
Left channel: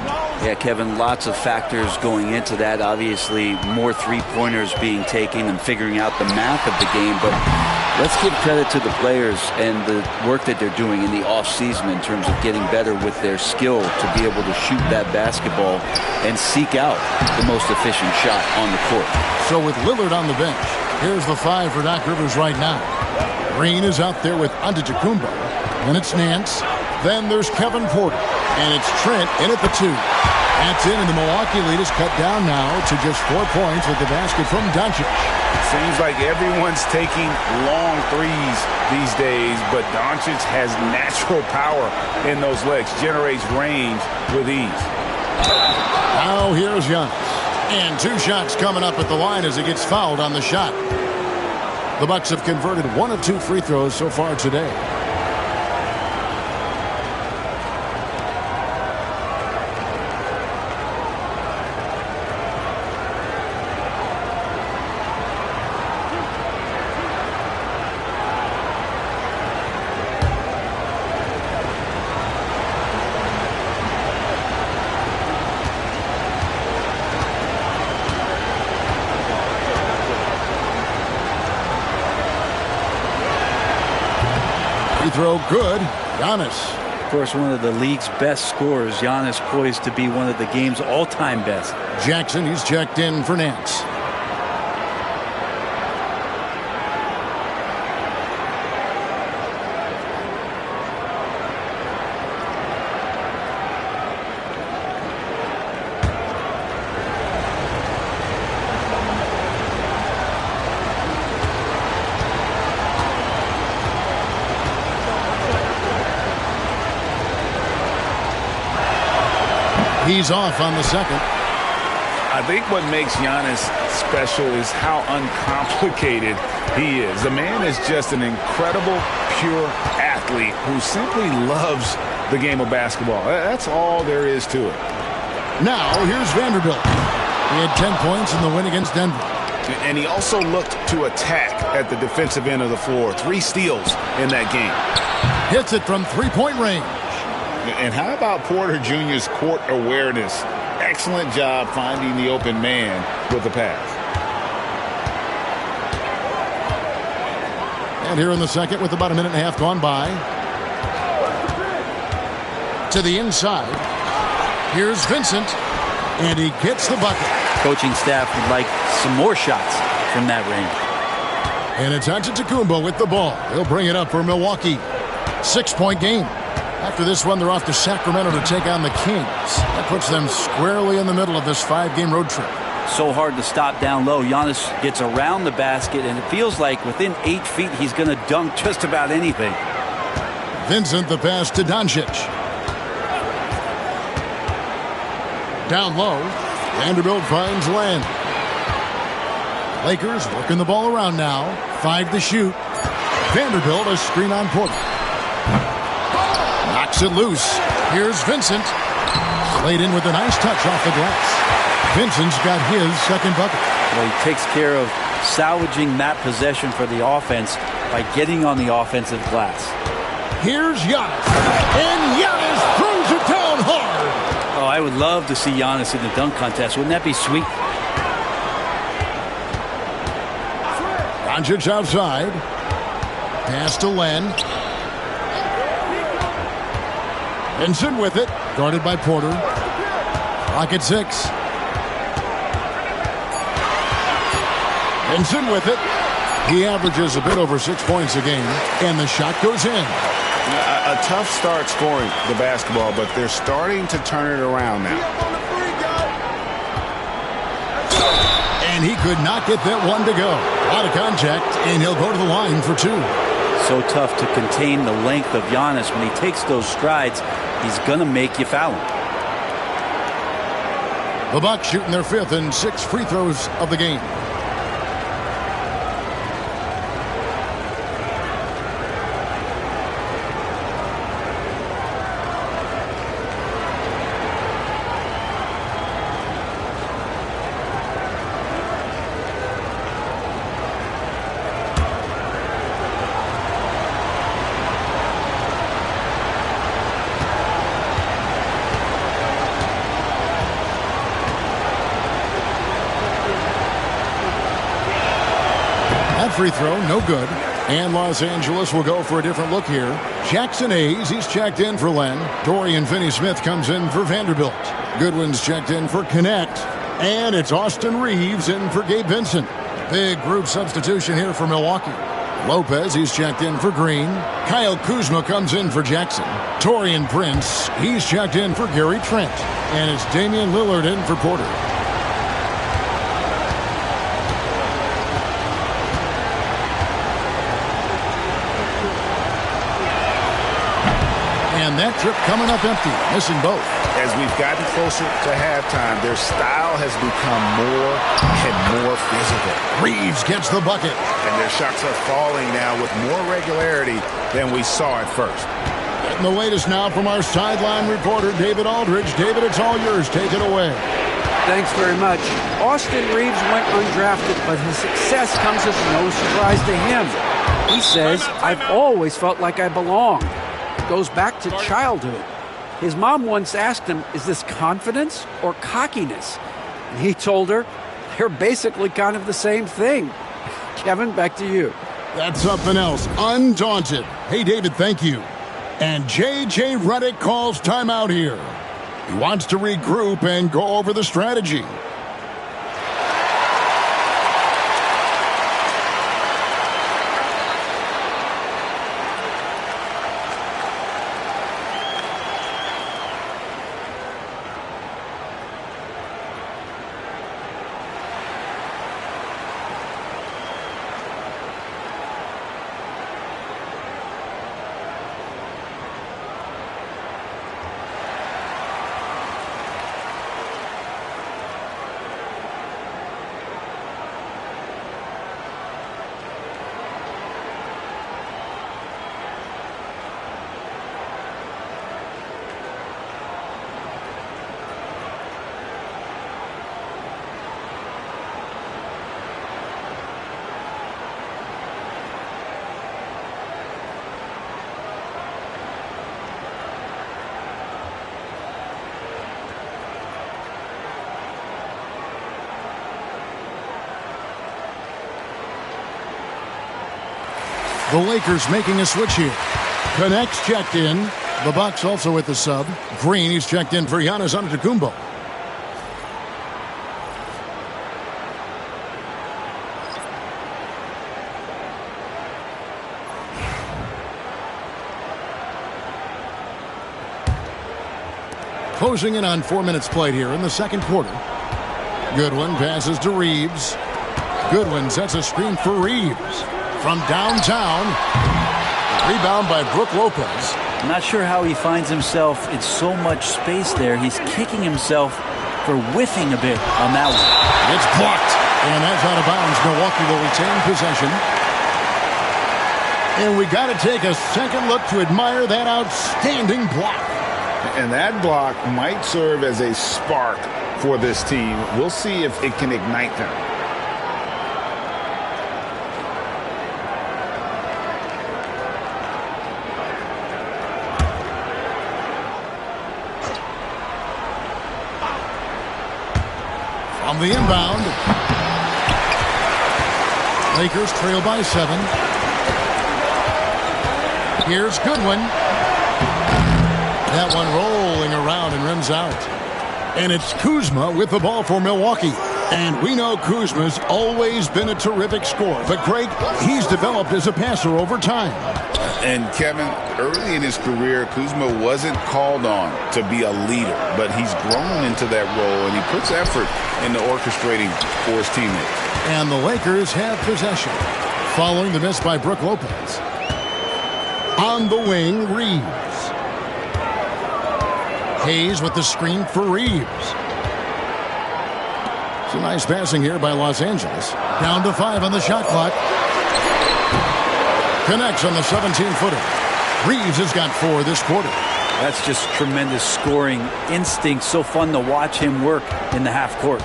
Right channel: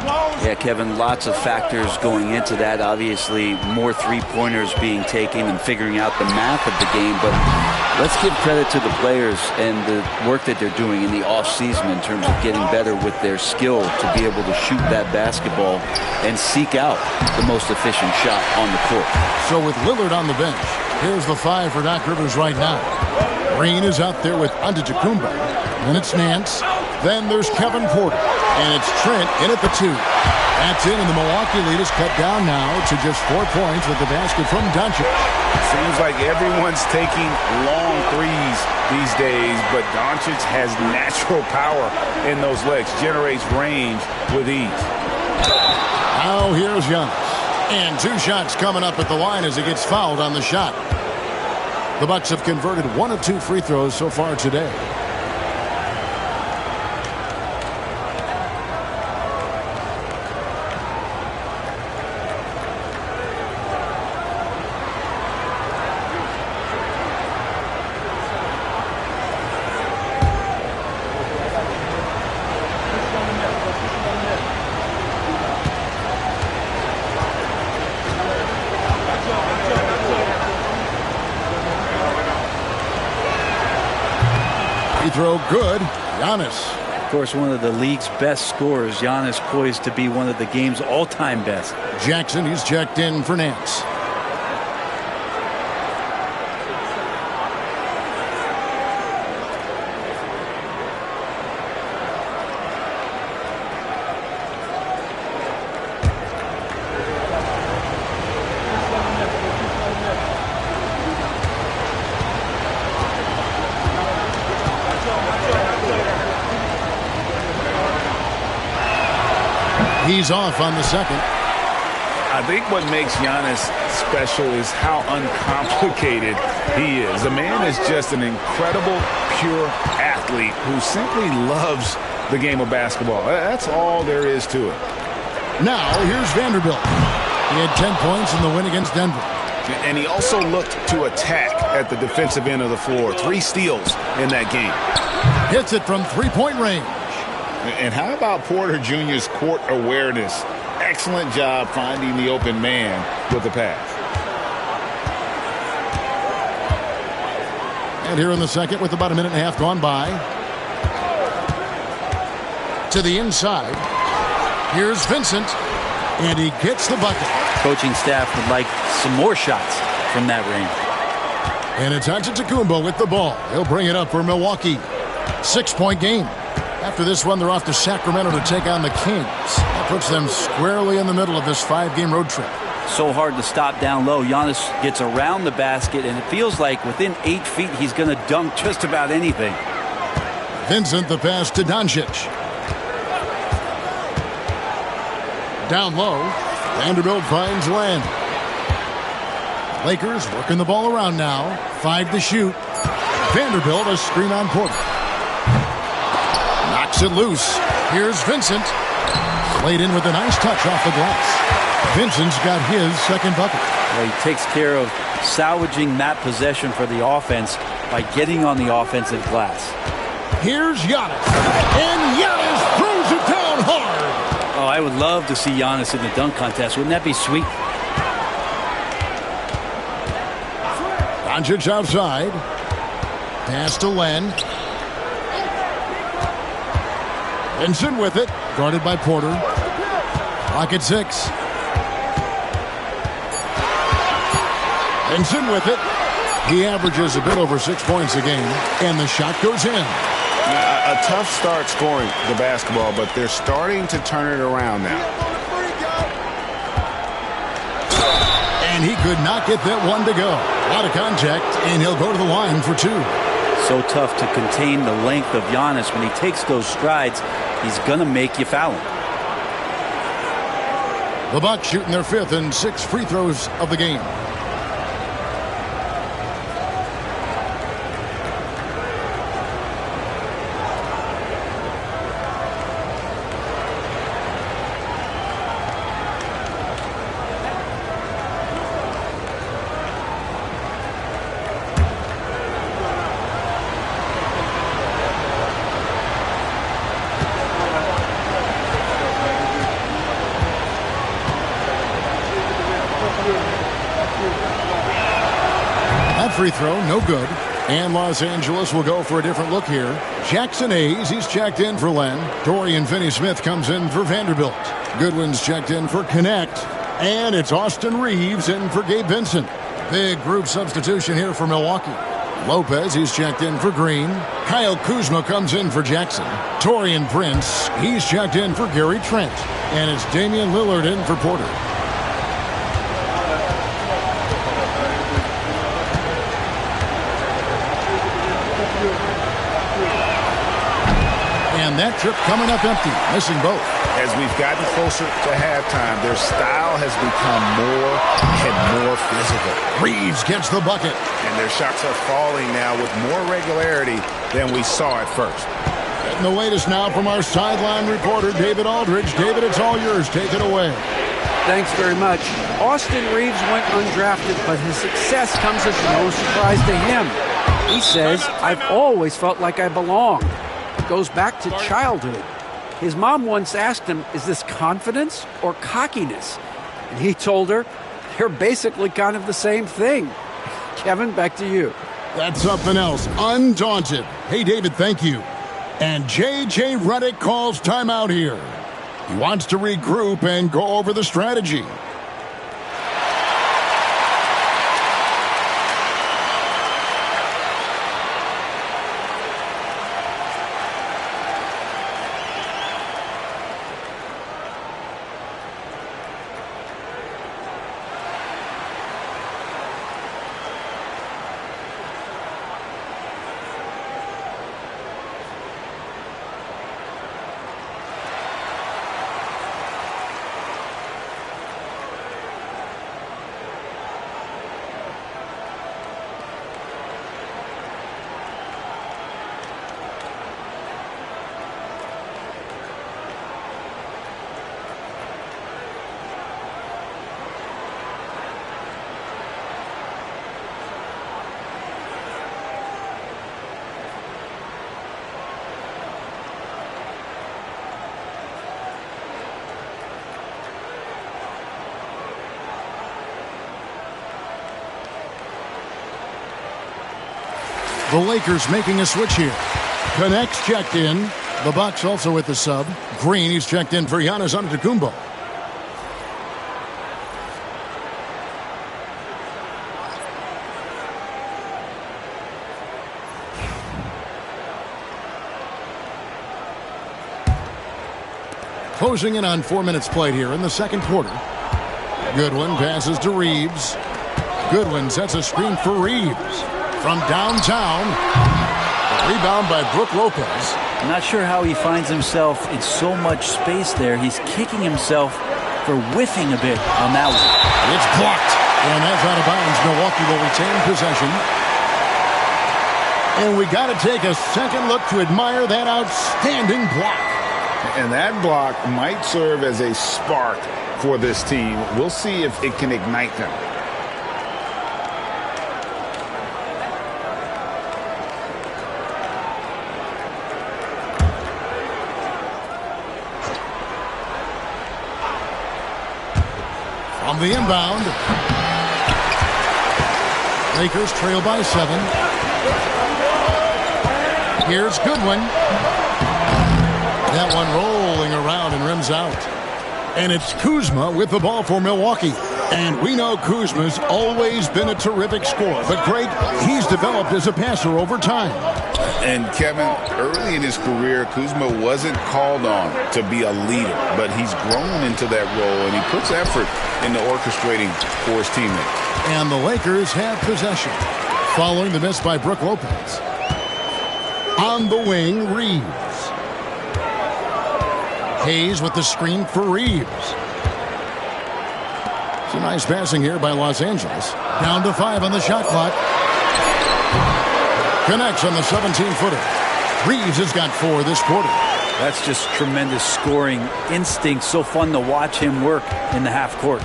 Yeah, Kevin, lots of factors going into that. Obviously, more three-pointers being taken and figuring out the math of the game. But let's give credit to the players and the work that they're doing in the off-season in terms of getting better with their skill to be able to shoot that basketball and seek out the most efficient shot on the court. So with Lillard on the bench, here's the 5 for Doc Rivers right now. Green is out there with Antetokounmpo. Then it's Nance. Then there's Kevin Porter. And it's Trent in at the 2. That's in, and the Milwaukee lead is cut down now to just 4 points with the basket from Doncic. Seems like everyone's taking long threes these days, but Doncic has natural power in those legs, generates range with ease. Now here's Giannis. And 2 shots coming up at the line as he gets fouled on the shot. The Bucks have converted 1 of 2 free throws so far today. Throw good. Giannis. Of course, one of the league's best scorers. Giannis poised to be one of the game's all-time best. Jackson, he's checked in for Nance. He's off on the second. I think what makes Giannis special is how uncomplicated he is. The man is just an incredible, pure athlete who simply loves the game of basketball. That's all there is to it. Now, here's Vanderbilt. He had 10 points in the win against Denver. And he also looked to attack at the defensive end of the floor. 3 steals in that game. Hits it from three-point range. And how about Porter Jr.'s court awareness? Excellent job finding the open man with the pass. And here in the second with about a minute and a half gone by. To the inside. Here's Vincent. And he gets the bucket. Coaching staff would like some more shots from that range. And it's Antetokounmpo with the ball. He'll bring it up for Milwaukee. 6-point game. After this one, they're off to Sacramento to take on the Kings. That puts them squarely in the middle of this 5-game road trip. So hard to stop down low. Giannis gets around the basket, and it feels like within 8 feet, he's going to dunk just about anything. Vincent, the pass to Doncic. down low. Vanderbilt finds Len. Lakers working the ball around now. 5 to shoot. Vanderbilt a screen on Porter. Knocks it loose. Here's Vincent. Laid in with a nice touch off the glass. Vincent's got his second bucket. Well, he takes care of salvaging that possession for the offense by getting on the offensive glass. Here's Giannis. And Giannis throws it down hard. Oh, I would love to see Giannis in the dunk contest. Wouldn't that be sweet? Doncic outside. Pass to Len. Vincent with it. Guarded by Porter. Clock at 6. Vincent with it. He averages a bit over 6 points a game. And the shot goes in. A tough start scoring the basketball, but they're starting to turn it around now. And he could not get that one to go. A lot of contact, and he'll go to the line for 2. So tough to contain the length of Giannis. When he takes those strides, he's going to make you foul him. The Bucks shooting their 5th and 6th free throws of the game. That free throw, no good. And Los Angeles will go for a different look here. Jackson Hayes, he's checked in for Len. Dorian Finney-Smith comes in for Vanderbilt. Goodwin's checked in for Connect. And it's Austin Reeves in for Gabe Vincent. Big group substitution here for Milwaukee. Lopez, he's checked in for Green. Kyle Kuzma comes in for Jackson. Torian Prince, he's checked in for Gary Trent. And it's Damian Lillard in for Porter. And that trip coming up empty, missing both. As we've gotten closer to halftime, their style has become more and more physical. Reeves gets the bucket. And their shots are falling now with more regularity than we saw at first. Getting the latest now from our sideline reporter, David Aldridge. David, it's all yours. Take it away. Thanks very much. Austin Reeves went undrafted, but his success comes as no surprise to him. He says, I've always felt like I belonged. It goes back to childhood. His mom once asked him, is this confidence or cockiness? And he told her, they're basically kind of the same thing. Kevin, back to you. That's something else. Undaunted. Hey, David, thank you. And J.J. Redick calls timeout here. He wants to regroup and go over the strategy. The Lakers making a switch here. Connects checked in. The Bucks also with the sub. Green, he's checked in for Giannis Antetokounmpo. Closing in on 4 minutes played here in the second quarter. Goodwin passes to Reeves. Goodwin sets a screen for Reeves. From downtown, the rebound by Brook Lopez. I'm not sure how he finds himself in so much space there. He's kicking himself for whiffing a bit on that one. It's blocked, and that's out of bounds. Milwaukee will retain possession. And we got to take a second look to admire that outstanding block. And that block might serve as a spark for this team. We'll see if it can ignite them. From the inbound, Lakers trail by 7. Here's Goodwin. That one rolling around and rims out. And it's Kuzma with the ball for Milwaukee. And we know Kuzma's always been a terrific scorer. But, Greg, he's developed as a passer over time. And, Kevin, early in his career, Kuzma wasn't called on to be a leader. But he's grown into that role, and he puts effort into orchestrating for his teammates. And the Lakers have possession. Following the miss by Brook Lopez. On the wing, Reeves. Hayes with the screen for Reeves. It's a nice passing here by Los Angeles. Down to 5 on the shot clock. Connects on the 17-footer. Reeves has got 4 this quarter. That's just tremendous scoring instinct. So fun to watch him work in the half court.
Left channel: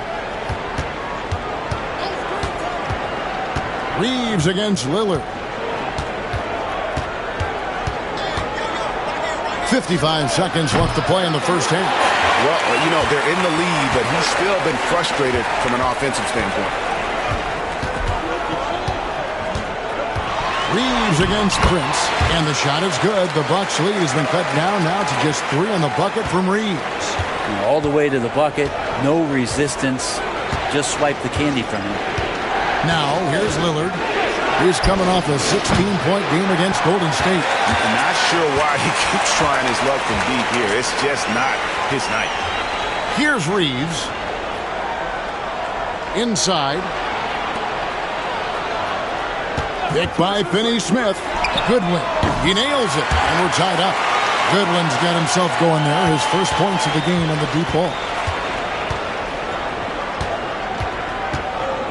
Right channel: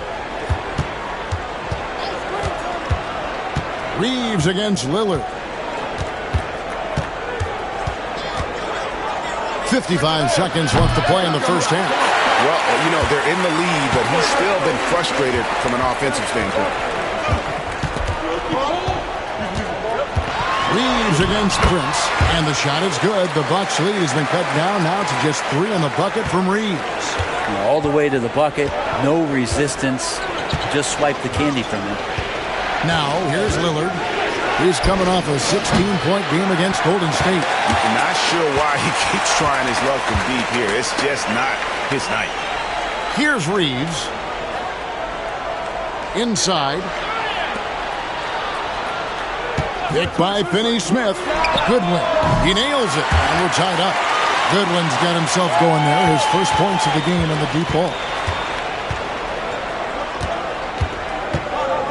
Reeves against Lillard. 55 seconds left to play in the first half. Well, you know, they're in the lead, but he's still been frustrated from an offensive standpoint. Reeves against Prince, and the shot is good. The Bucks' lead has been cut down now to just 3 on the bucket from Reeves. All the way to the bucket, no resistance, just swipe the candy from him. Now, here's Lillard. He's coming off a 16-point game against Golden State. I'm not sure why he keeps trying his luck from deep here. It's just not his night. Here's Reeves. Inside. Picked by Finney-Smith. Goodwin. He nails it, and we're tied up. Goodwin's got himself going there. His first points of the game on the deep ball.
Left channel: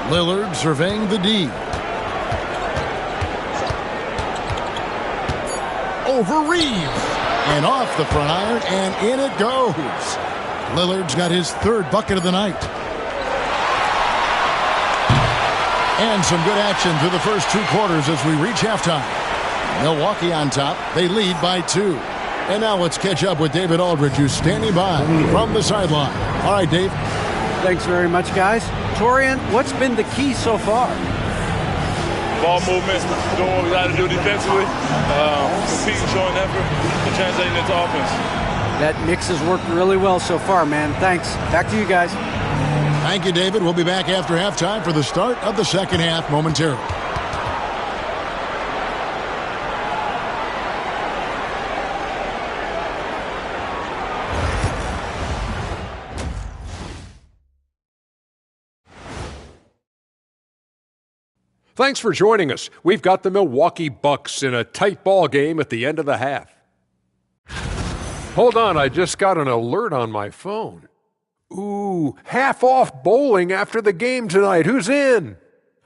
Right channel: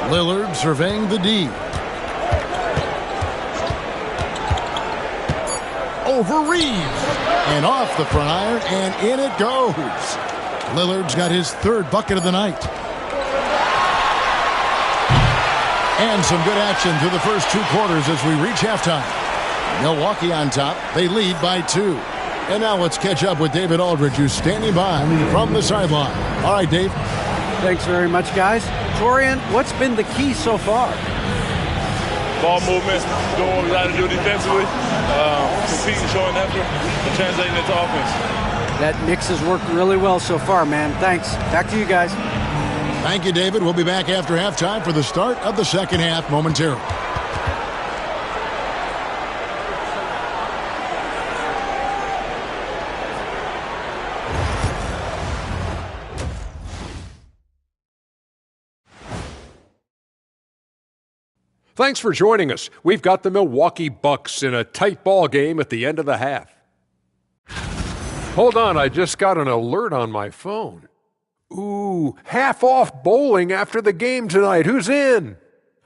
Lillard surveying the D. Over Reeves. And off the front iron, and in it goes. Lillard's got his 3rd bucket of the night. And some good action through the first 2 quarters as we reach halftime. Milwaukee on top. They lead by 2. And now let's catch up with David Aldridge, who's standing by from the sideline. All right, Dave. Thanks very much, guys. Torian, what's been the key so far? Ball movement, doing what we got to do defensively, competing, showing effort, and translating into offense. That mix has worked really well so far, man. Thanks. Back to you guys. Thank you, David. We'll be back after halftime for the start of the second half momentarily. Thanks for joining us. We've got the Milwaukee Bucks in a tight ball game at the end of the half. Hold on, I just got an alert on my phone. Ooh, half off bowling after the game tonight. Who's in?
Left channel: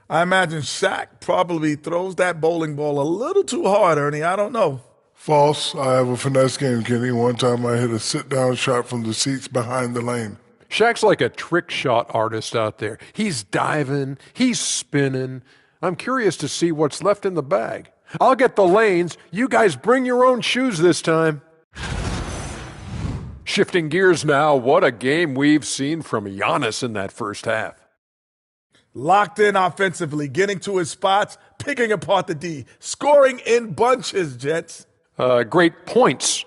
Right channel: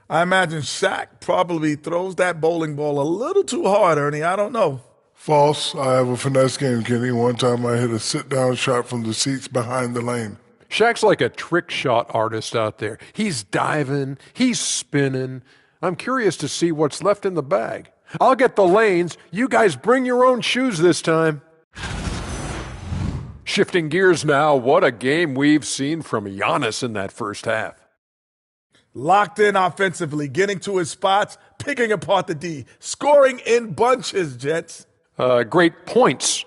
I imagine Shaq probably throws that bowling ball a little too hard, Ernie. I don't know. False. I have a finesse game, Kenny. One time I hit a sit-down shot from the seats behind the lane. Shaq's like a trick shot artist out there. He's diving, he's spinning. I'm curious to see what's left in the bag. I'll get the lanes. You guys bring your own shoes this time. Shifting gears now, what a game we've seen from Giannis in that first half. Locked in offensively, getting to his spots, picking apart the D, scoring in bunches, Jets. Great points.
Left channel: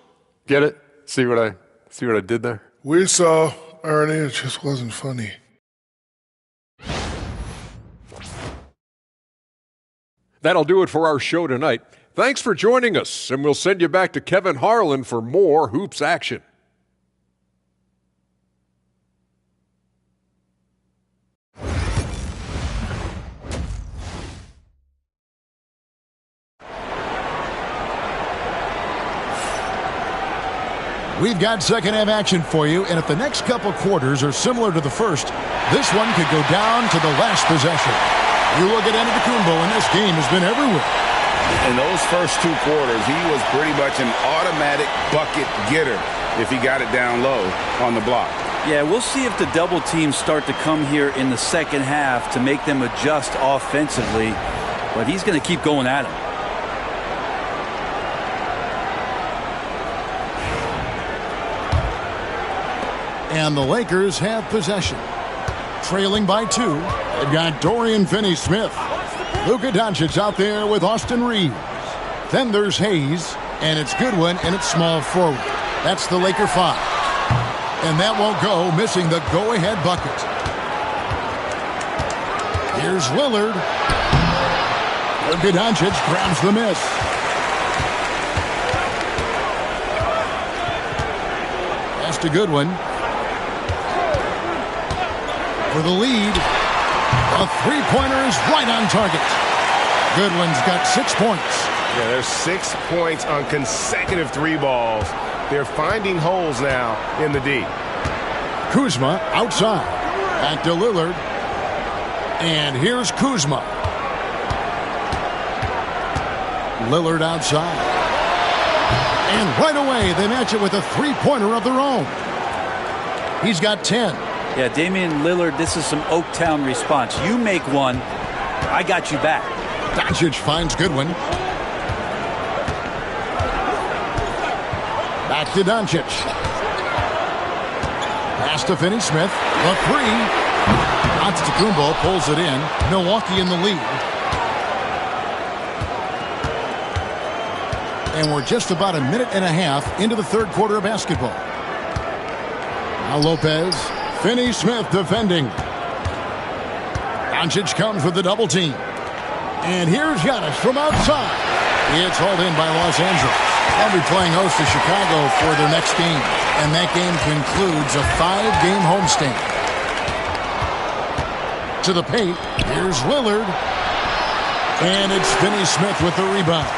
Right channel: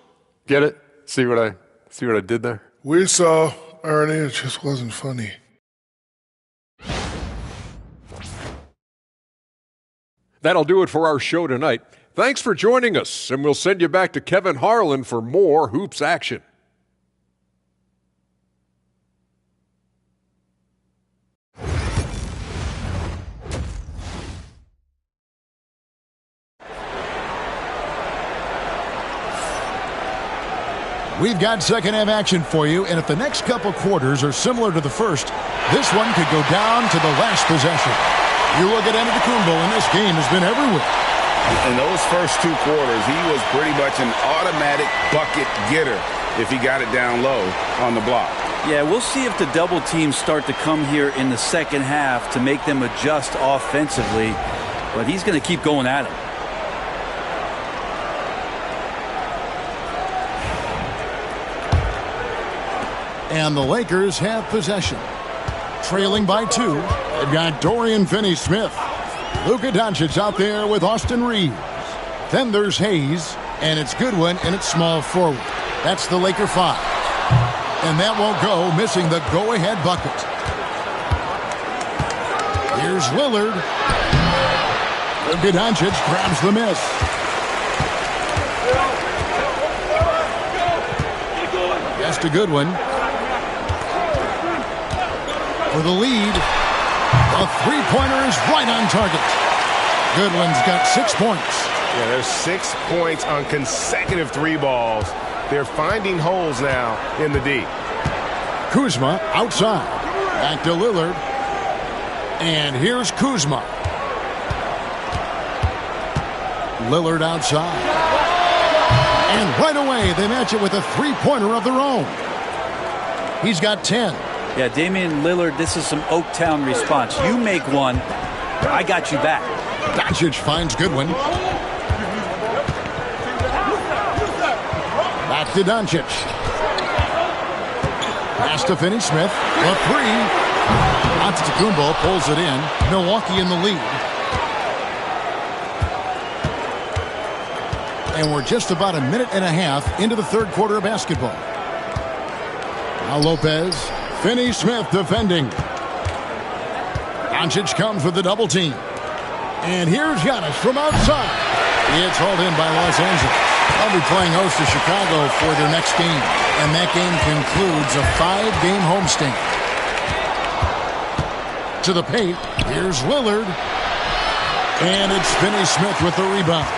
Get it? See what I did there? We saw, Ernie, it just wasn't funny. That'll do it for our show tonight. Thanks for joining us, and we'll send you back to Kevin Harlan for more Hoops action. We've got second half action for you, and if the next couple quarters are similar to the first, this one could go down to the last possession. You look at Antetokounmpo, and this game has been everywhere. In those first 2 quarters, he was pretty much an automatic bucket getter if he got it down low on the block. Yeah, we'll see if the double teams start to come here in the second half to make them adjust offensively, but he's going to keep going at him. And the Lakers have possession. Trailing by 2, they've got Dorian Finney-Smith. Luka Doncic out there with Austin Reeves. Then there's Hayes, and it's Goodwin, and it's small forward. That's the Laker 5. And that won't go, missing the go-ahead bucket. Here's Lillard. Luka Doncic grabs the miss. Pass to Goodwin. For the lead. A three-pointer is right on target. Goodwin's got 6 points. Yeah, there's 6 points on consecutive 3 balls. They're finding holes now in the D. Kuzma outside. Back to Lillard. And here's Kuzma. Lillard outside. And right away, they match it with a three-pointer of their own. He's got 10. Yeah, Damian Lillard, this is some Oaktown response. You make one, I got you back. Doncic finds Goodwin. Back to Doncic. Pass to Finney-Smith. The 3. Antetokounmpo pulls it in. Milwaukee in the lead. And we're just about a minute and a half into the third quarter of basketball. Now Lopez. Finney-Smith defending. Doncic comes with the double team. And here's Giannis from outside. It's hauled in by Los Angeles. They'll be playing host to Chicago for their next game. And that game concludes a 5-game homestand. To the paint. Here's Lillard. And it's Finney-Smith with the rebound.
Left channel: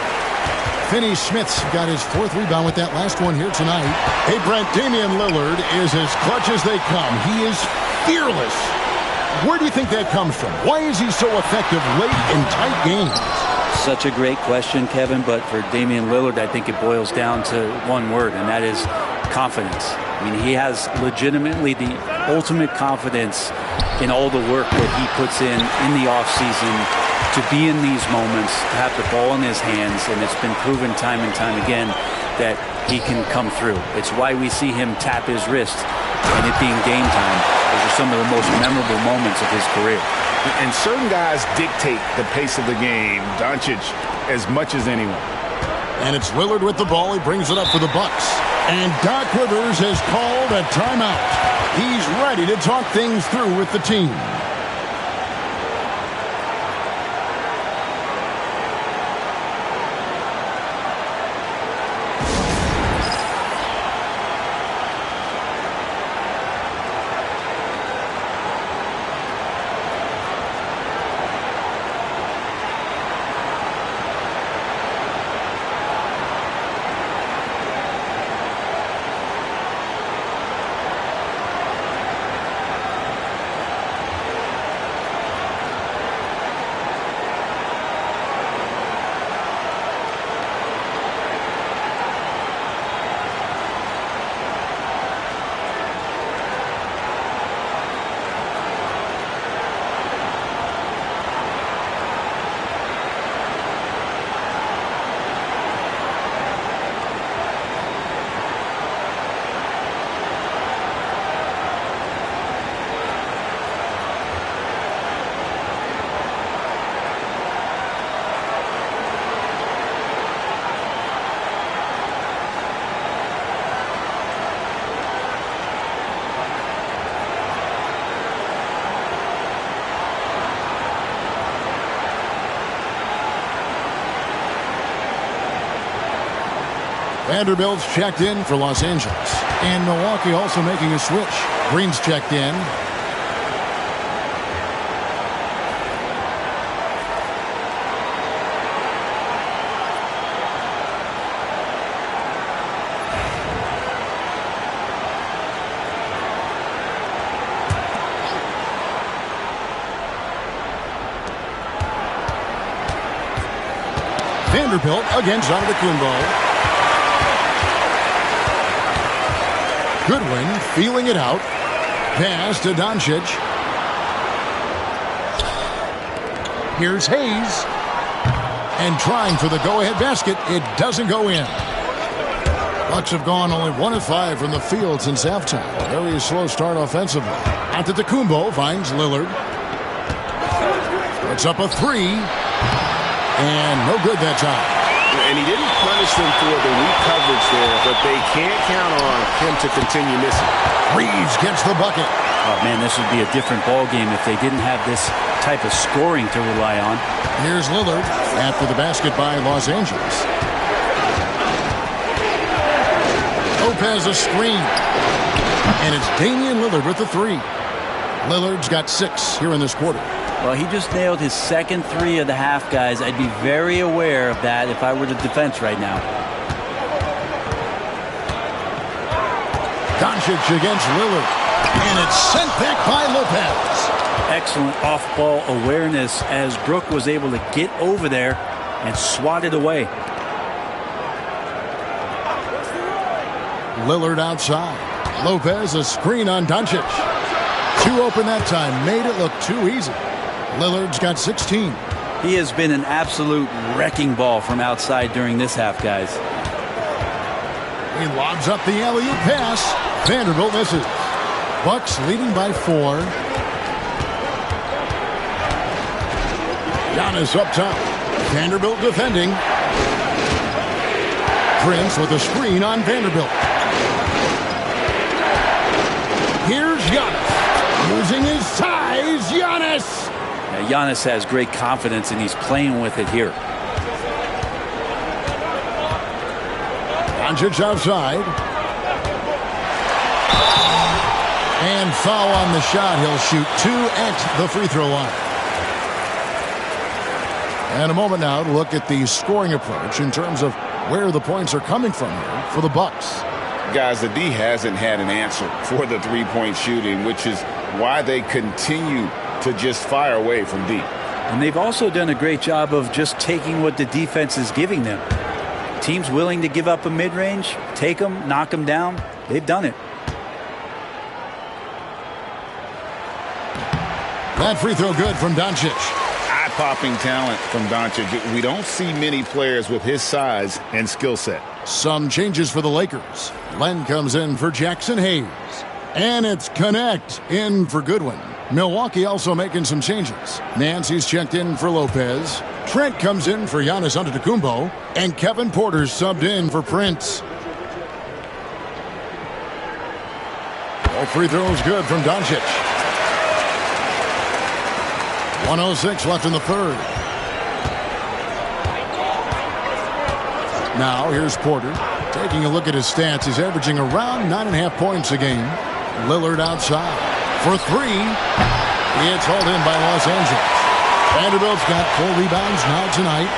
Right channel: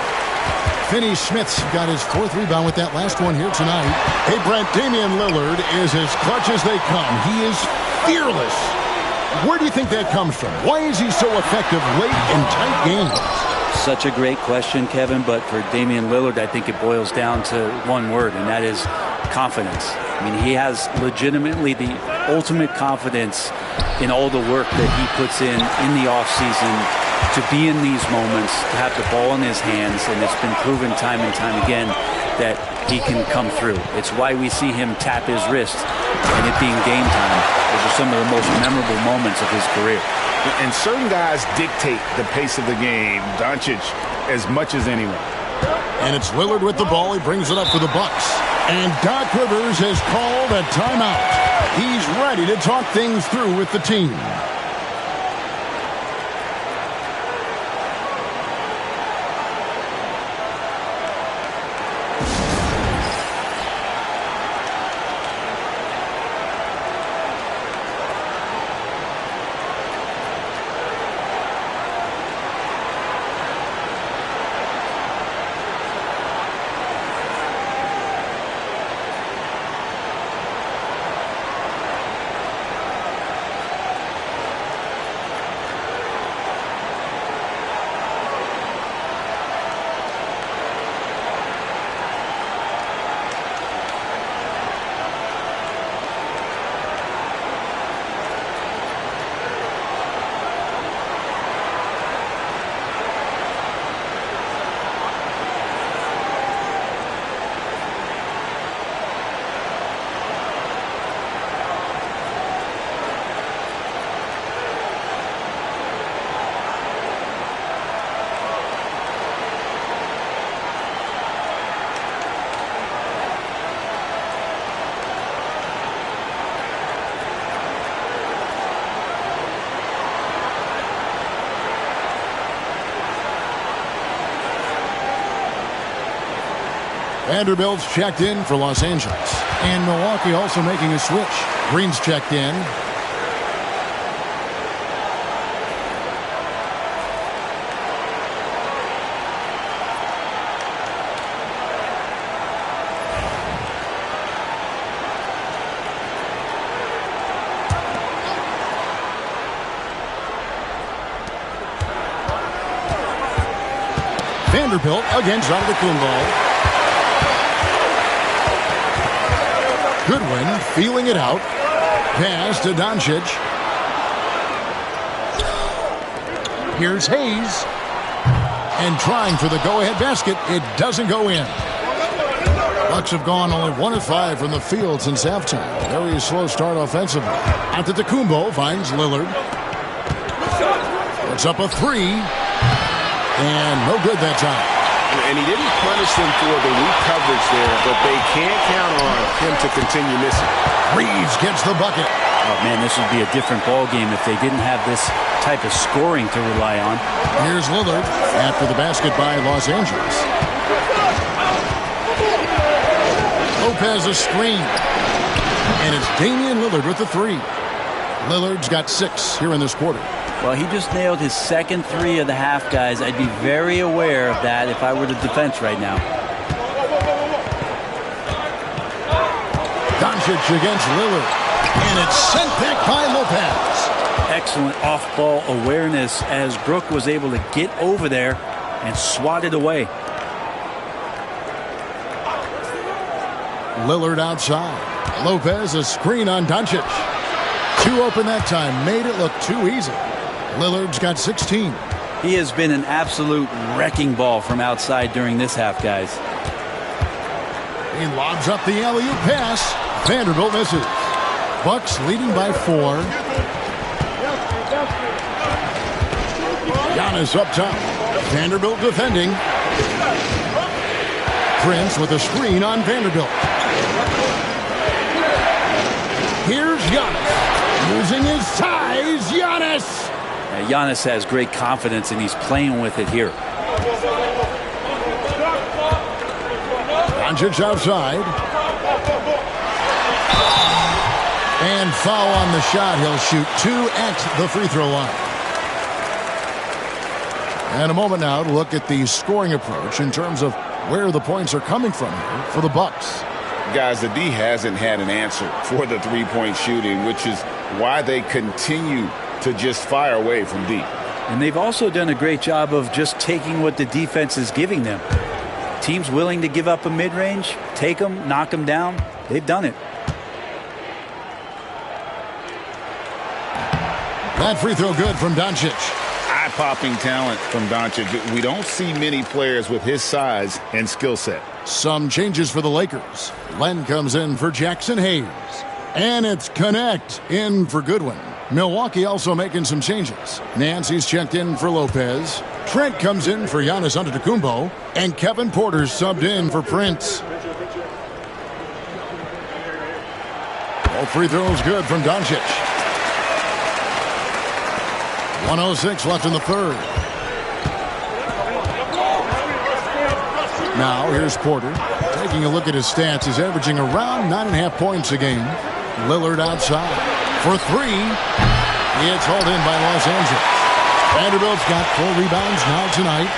Finney-Smith's got his 4th rebound with that last one here tonight. Hey, Brent, Damian Lillard is as clutch as they come. He is fearless. Where do you think that comes from? Why is he so effective late in tight games? Such a great question, Kevin, but for Damian Lillard, I think it boils down to one word, and that is confidence. I mean, he has legitimately the ultimate confidence in all the work that he puts in the offseason to be in these moments, to have the ball in his hands, and it's been proven time and time again that he can come through. It's why we see him tap his wrist and it being game time. Those are some of the most memorable moments of his career. And certain guys dictate the pace of the game, Doncic as much as anyone. And it's Lillard with the ball. He brings it up for the Bucks. And Doc Rivers has called a timeout. He's ready to talk things through with the team. Vanderbilt's checked in for Los Angeles. And Milwaukee also making a switch. Green's checked in. Vanderbilt against Antetokounmpo. Goodwin feeling it out. Pass to Doncic. Here's Hayes. And trying for the go-ahead basket. It doesn't go in. Bucks have gone only 1 of 5 from the field since halftime. Very slow start offensively. Antetokounmpo finds Lillard. Puts up a 3. And no good that time. And he didn't punish them for the weak coverage there, but they can't count on him to continue missing. Reeves gets the bucket. Oh, man, this would be a different ball game if they didn't have this type of scoring to rely on. Here's Lillard after the basket by Los Angeles. Lopez a screen. And it's Damian Lillard with the 3. Lillard's got 6 here in this quarter. Well, he just nailed his second 3 of the half, guys. I'd be very aware of that if I were the defense right now. Doncic against Lillard. And it's sent back by Lopez. Excellent off-ball awareness as Brook was able to get over there and swat it away. Lillard outside. Lopez a screen on Doncic. 2 open that time. Made it look too easy. Lillard's got 16. He has been an absolute wrecking ball from outside during this half, guys. He lobs up the alley-oop pass. Vanderbilt misses. Bucks leading by 4. Giannis up top. Vanderbilt defending. Prince with a screen on Vanderbilt. Here's Giannis. Using his size, Giannis. Yeah, Giannis has great confidence, and he's playing with it here. Doncic outside. And foul on the shot. He'll shoot 2 at the free throw line. And a moment now to look at the scoring approach in terms of where the points are coming from here for the Bucks. Guys, the D hasn't had an answer for the three-point shooting, which is why they continue to just fire away from deep. And they've also done a great job of just taking what the defense is giving them. Teams willing to give up a mid-range, take them, knock them down. They've done it. That free throw good from Doncic. Eye-popping talent from Doncic. We don't see many players with his size and skill set. Some changes for the Lakers. Len comes in for Jackson Hayes. And it's Connect in for Goodwin. Milwaukee also making some changes. Nancy's checked in for Lopez. Trent comes in for Giannis Antetokounmpo. And Kevin Porter's subbed in for Prince. All free throws good from Doncic. 1:06 left in the third. Now here's Porter. Taking a look at his stats, he's averaging around 9.5 points a game. Lillard outside for 3. It's hauled in by Los Angeles. Vanderbilt's got 4 rebounds now tonight.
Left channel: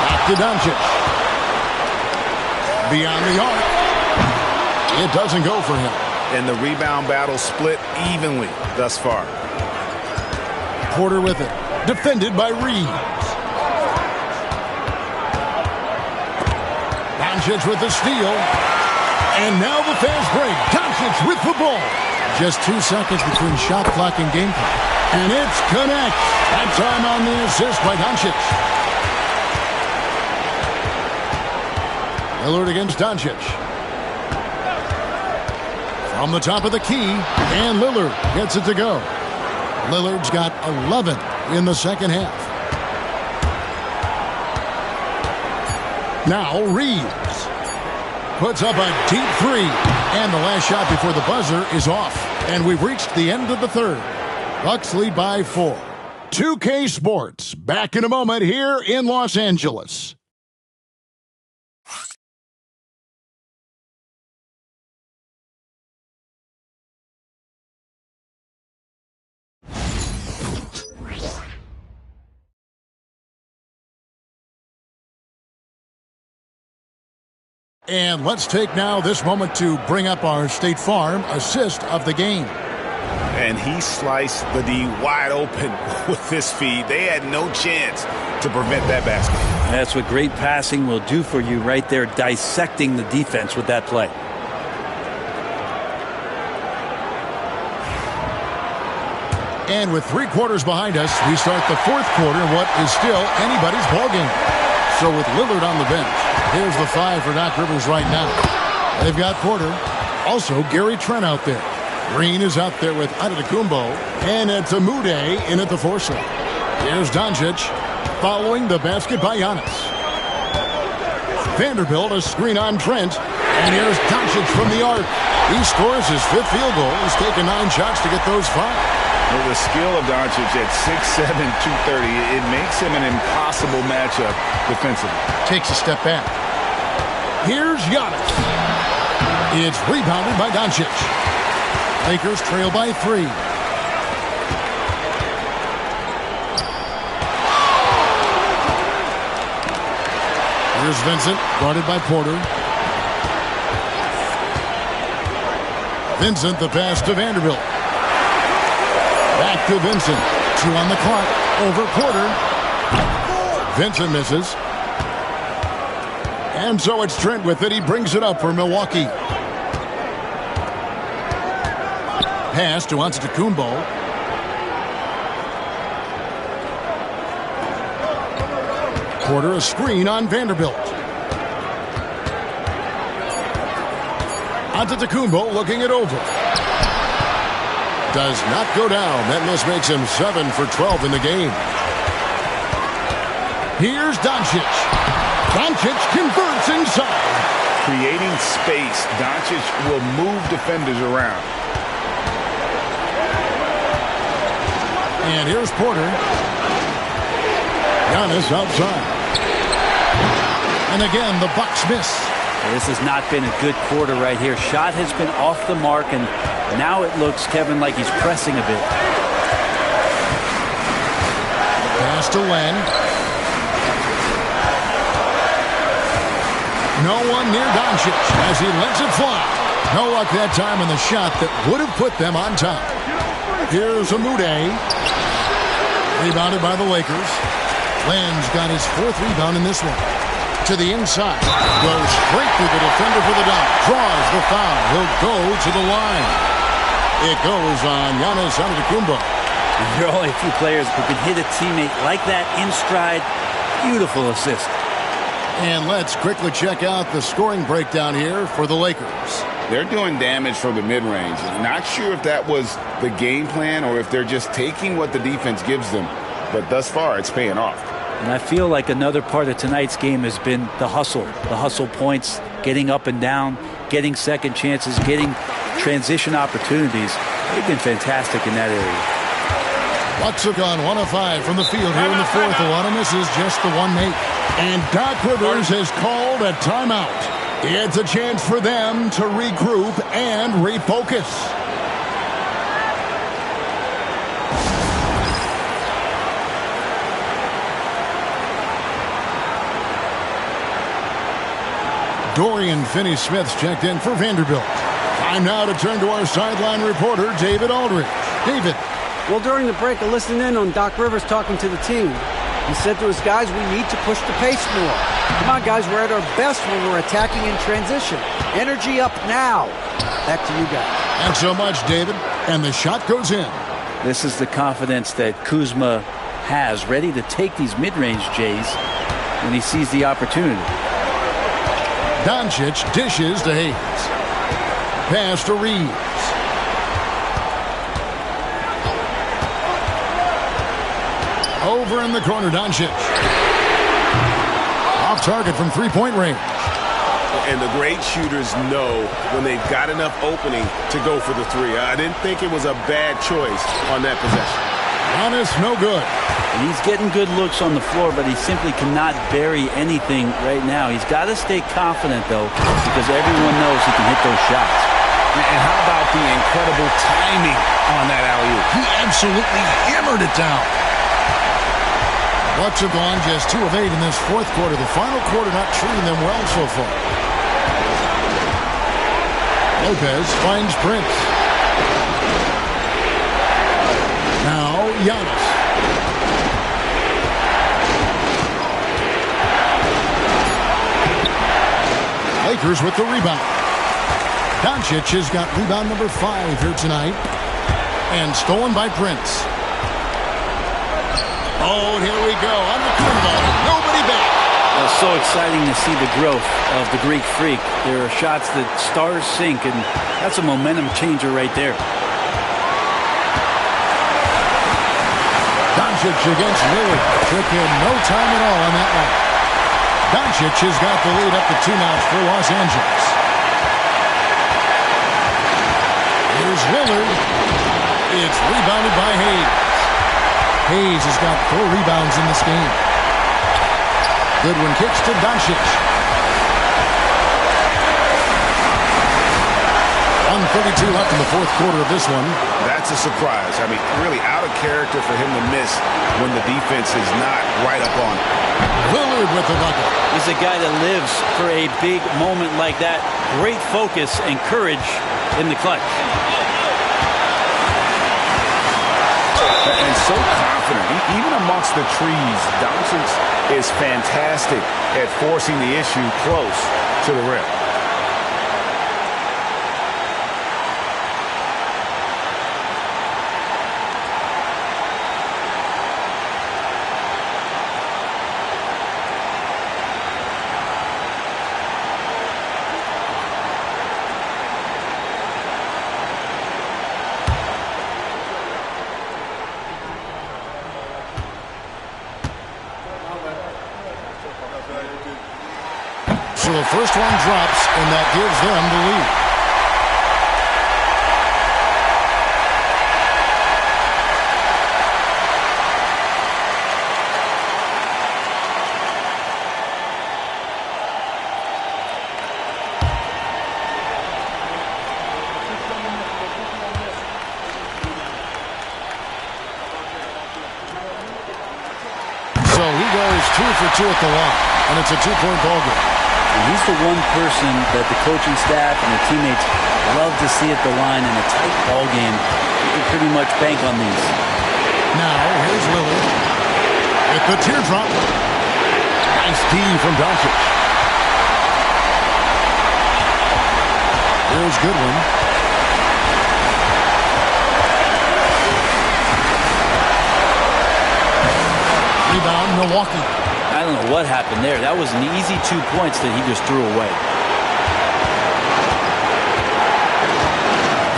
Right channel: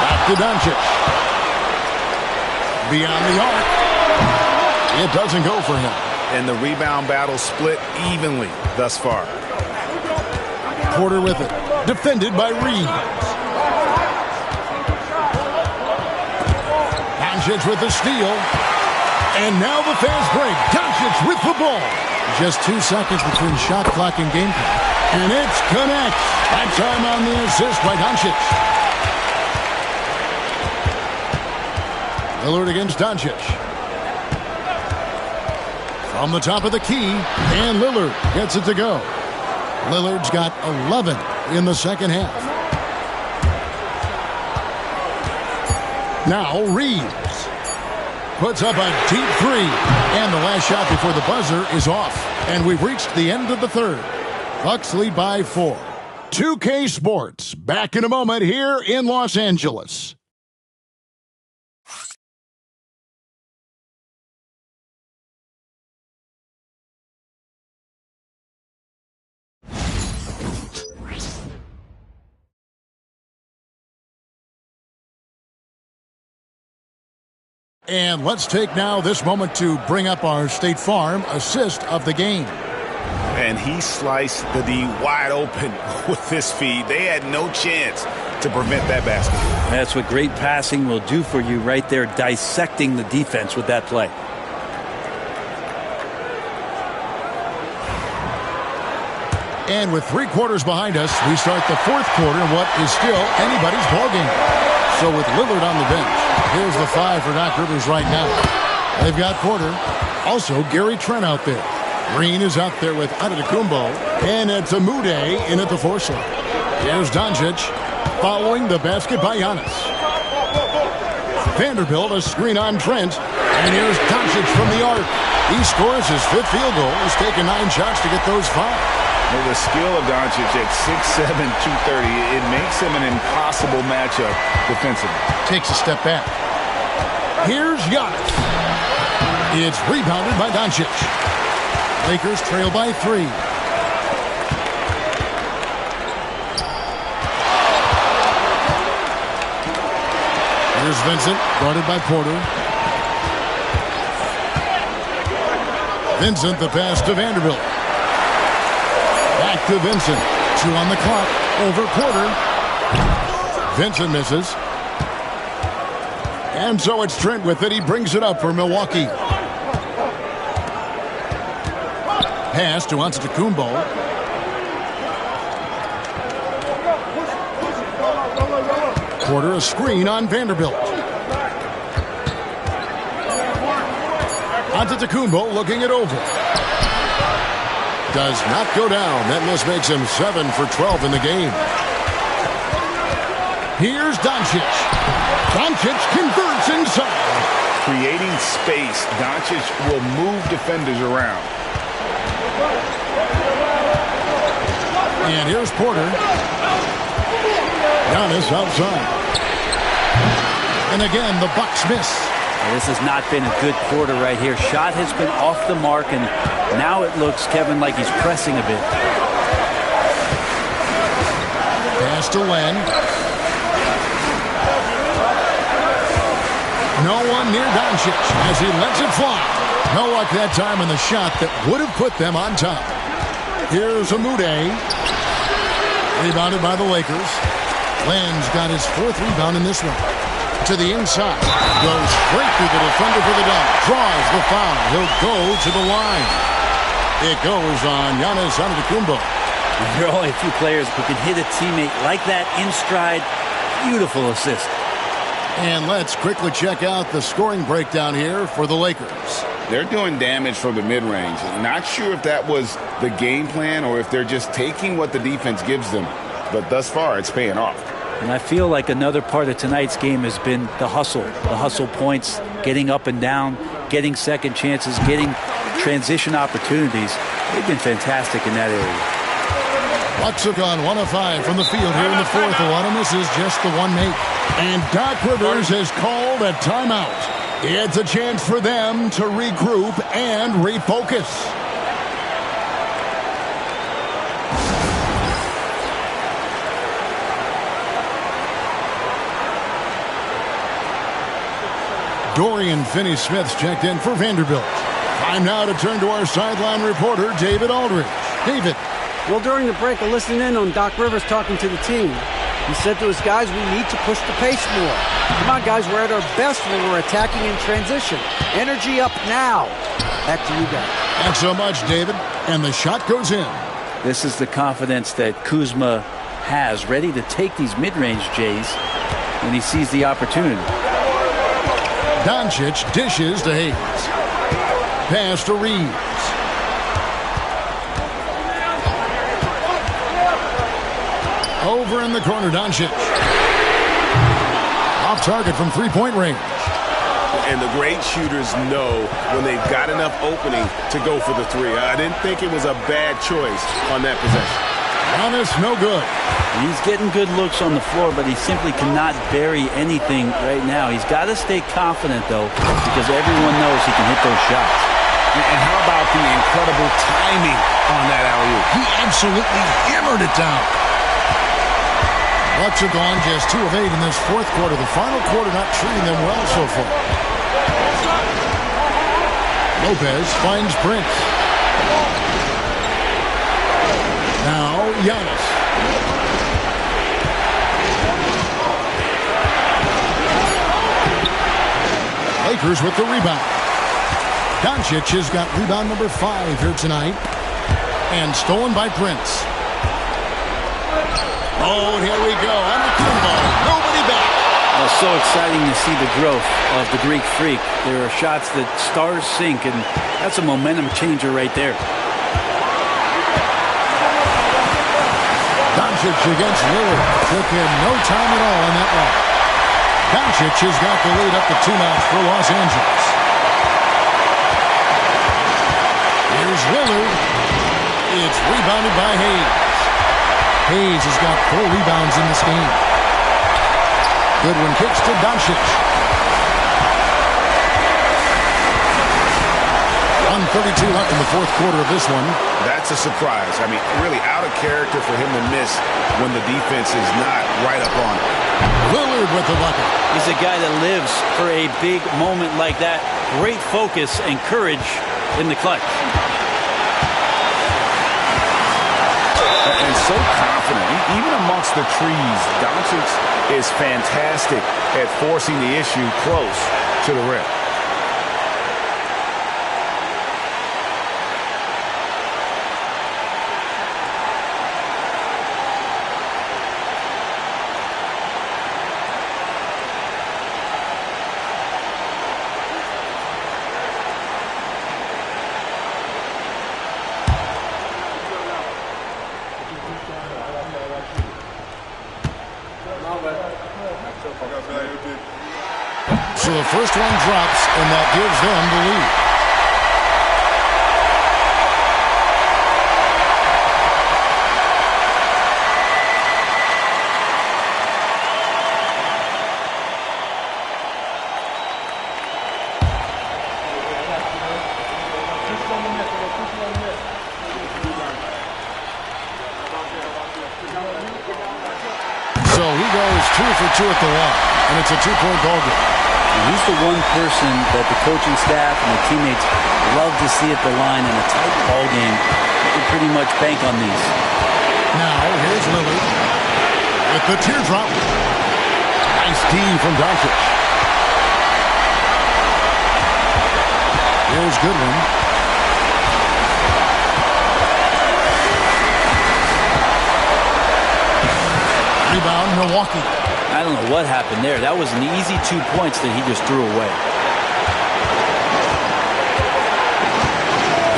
Back to Doncic. Beyond the arc. It doesn't go for him. And the rebound battle split evenly thus far. Porter with it. Defended by Reeves. Doncic with the steal. And now the fast break. Doncic with the ball. Just 2 seconds between shot clock and game clock. And it's Connect. That time on the assist by Doncic. Lillard against Doncic. From the top of the key. And Lillard gets it to go. Lillard's got 11 in the second half. Now Reeves puts up a deep 3. And the last shot before the buzzer is off. And we've reached the end of the third. Bucks lead by 4. 2K Sports back in a moment here in Los Angeles. And let's take now this moment to bring up our State Farm assist of the game. And he sliced the D wide open with this feed. They had no chance to prevent that basket. That's what great passing will do for you right there, dissecting the defense with that play. And with 3 quarters behind us, we start the 4th quarter in what is still anybody's ballgame. So with Lillard on the bench, here's the 5 for Doc Rivers right now. They've got Porter. Also, Gary Trent out there. Green is out there with Antetokounmpo. And it's Amude in at the 4 slot. Here's Doncic following the basket by Giannis. Vanderbilt, a screen on Trent. And here's Doncic from the arc. He scores his 5th field goal. He's taken 9 shots to get those 5. Well, the skill of Doncic at 6'7", 230, it makes him an impossible matchup defensively. Takes a step back. Here's Giannis. It's rebounded by Doncic. Lakers trail by 3. Here's Vincent, guarded by Porter. Vincent, the pass to Vanderbilt. Back to Vincent. 2 on the clock. Over Porter. Vincent misses. And so it's Trent with it. He brings it up for Milwaukee. Pass to Antetokounmpo. Porter, a screen on Vanderbilt. Antetokounmpo looking it over. Does not go down. That miss makes him 7 for 12 in the game. Here's Doncic. Doncic converts inside. Creating space, Doncic will move defenders around. And here's Porter. Giannis outside. And again, the Bucks miss. This has not been a good quarter right here. Shot has been off the mark, and now it looks, Kevin, like he's pressing a bit. Pass to Len. No one near Doncic as he lets it fly. No luck that time on the shot that would have put them on top. Here's Amude. Rebounded by the Lakers. Len's got his 4th rebound in this one. To the inside. Goes straight through the defender for the dunk. Draws the foul. He'll go to the line. It goes on Giannis Antetokounmpo. There are only a few players who can hit a teammate like that in stride. Beautiful assist. And let's quickly check out the scoring breakdown here for the Lakers. They're doing damage from the mid-range. Not sure if that was the game plan or if they're just taking what the defense gives them. But thus far, it's paying off. And I feel like another part of tonight's game has been the hustle points, getting up and down, getting second chances, getting transition opportunities. They've been fantastic in that area. Bucks have gone 1 of 5 from the field here in the 4th. A lot of misses, just the 1 make. And Doc Rivers has called a timeout. It's a chance for them to regroup and refocus. Dorian Finney-Smith's checked in for Vanderbilt. Time now to turn to our sideline reporter, David Aldridge. David. Well, during the break, I listened in on Doc Rivers talking to the team. He said to his guys, we need to push the pace more. Come on, guys, we're at our best when we're attacking in transition. Energy up now. Back to you guys. Thanks so much, David. And the shot goes in. This is the confidence that Kuzma has, ready to take these mid-range Jays when he sees the opportunity. Doncic dishes to Hayes. Pass to Reeves. Over in the corner, Doncic. Off target from three-point range. And the great shooters know when they've got enough opening to go for the 3. I didn't think it was a bad choice on that possession. Giannis, no good. He's getting good looks on the floor, but he simply cannot bury anything right now. He's got to stay confident, though, because everyone knows he can hit those shots. And how about the incredible timing on that alley-oop? He absolutely hammered it down. Bucks have gone just 2 of 8 in this 4th quarter. The final quarter not treating them well so far. Lopez finds Prince. Now, Giannis. Lakers with the rebound. Doncic has got rebound number 5 here tonight. And stolen by Prince. Oh, here we go. On the Kumbo. Nobody back. It's so exciting to see the growth of the Greek Freak. There are shots that stars sink, and that's a momentum changer right there. Doncic against Lillard. Took him no time at all on that one. Doncic has got the lead up to 2 now for Los Angeles. Here's Lillard. It's rebounded by Hayes. Hayes has got 4 rebounds in this game. Goodwin kicks to Doncic. 1:32 left in the 4th quarter of this one. That's a surprise. I mean, really out of character for him to miss when the defense is not right up on him. Lillard with the bucket. He's a guy that lives for a big moment like that. Great focus and courage in the clutch. And so confident. Even amongst the trees, Doncic is fantastic at forcing the issue close to the rim. So the first one drops, and that gives them the lead. So he goes 2 for 2 at the line, and it's a 2-point ball game. And he's the one person that the coaching staff and the teammates love to see at the line in a tight ball game. You can pretty much bank on these. Now, here's Lillard with the teardrop. Nice D from Doncic. Here's Goodwin. Rebound, Milwaukee. I don't know what happened there. That was an easy 2 points that he just threw away.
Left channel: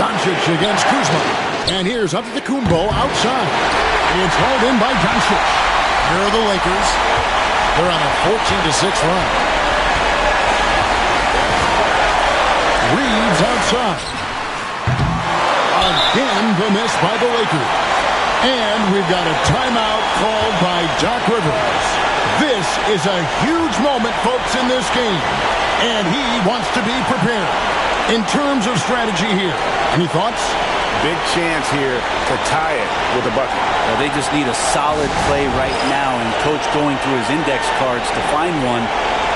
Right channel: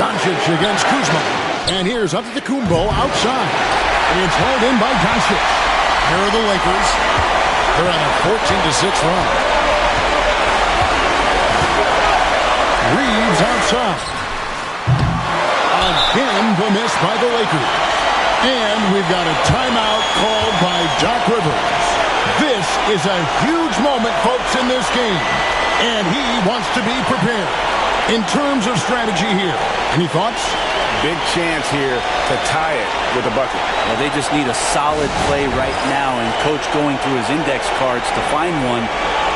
Doncic against Kuzma. And here's Antetokounmpo outside. It's hauled in by Doncic. Here are the Lakers. They're on a 14-6 run. Reeves outside. Again, the miss by the Lakers. And we've got a timeout called by Doc Rivers. This is a huge moment, folks, in this game. And he wants to be prepared. In terms of strategy here, any thoughts? Big chance here to tie it with a bucket. Well, they just need a solid play right now, and Coach going through his index cards to find one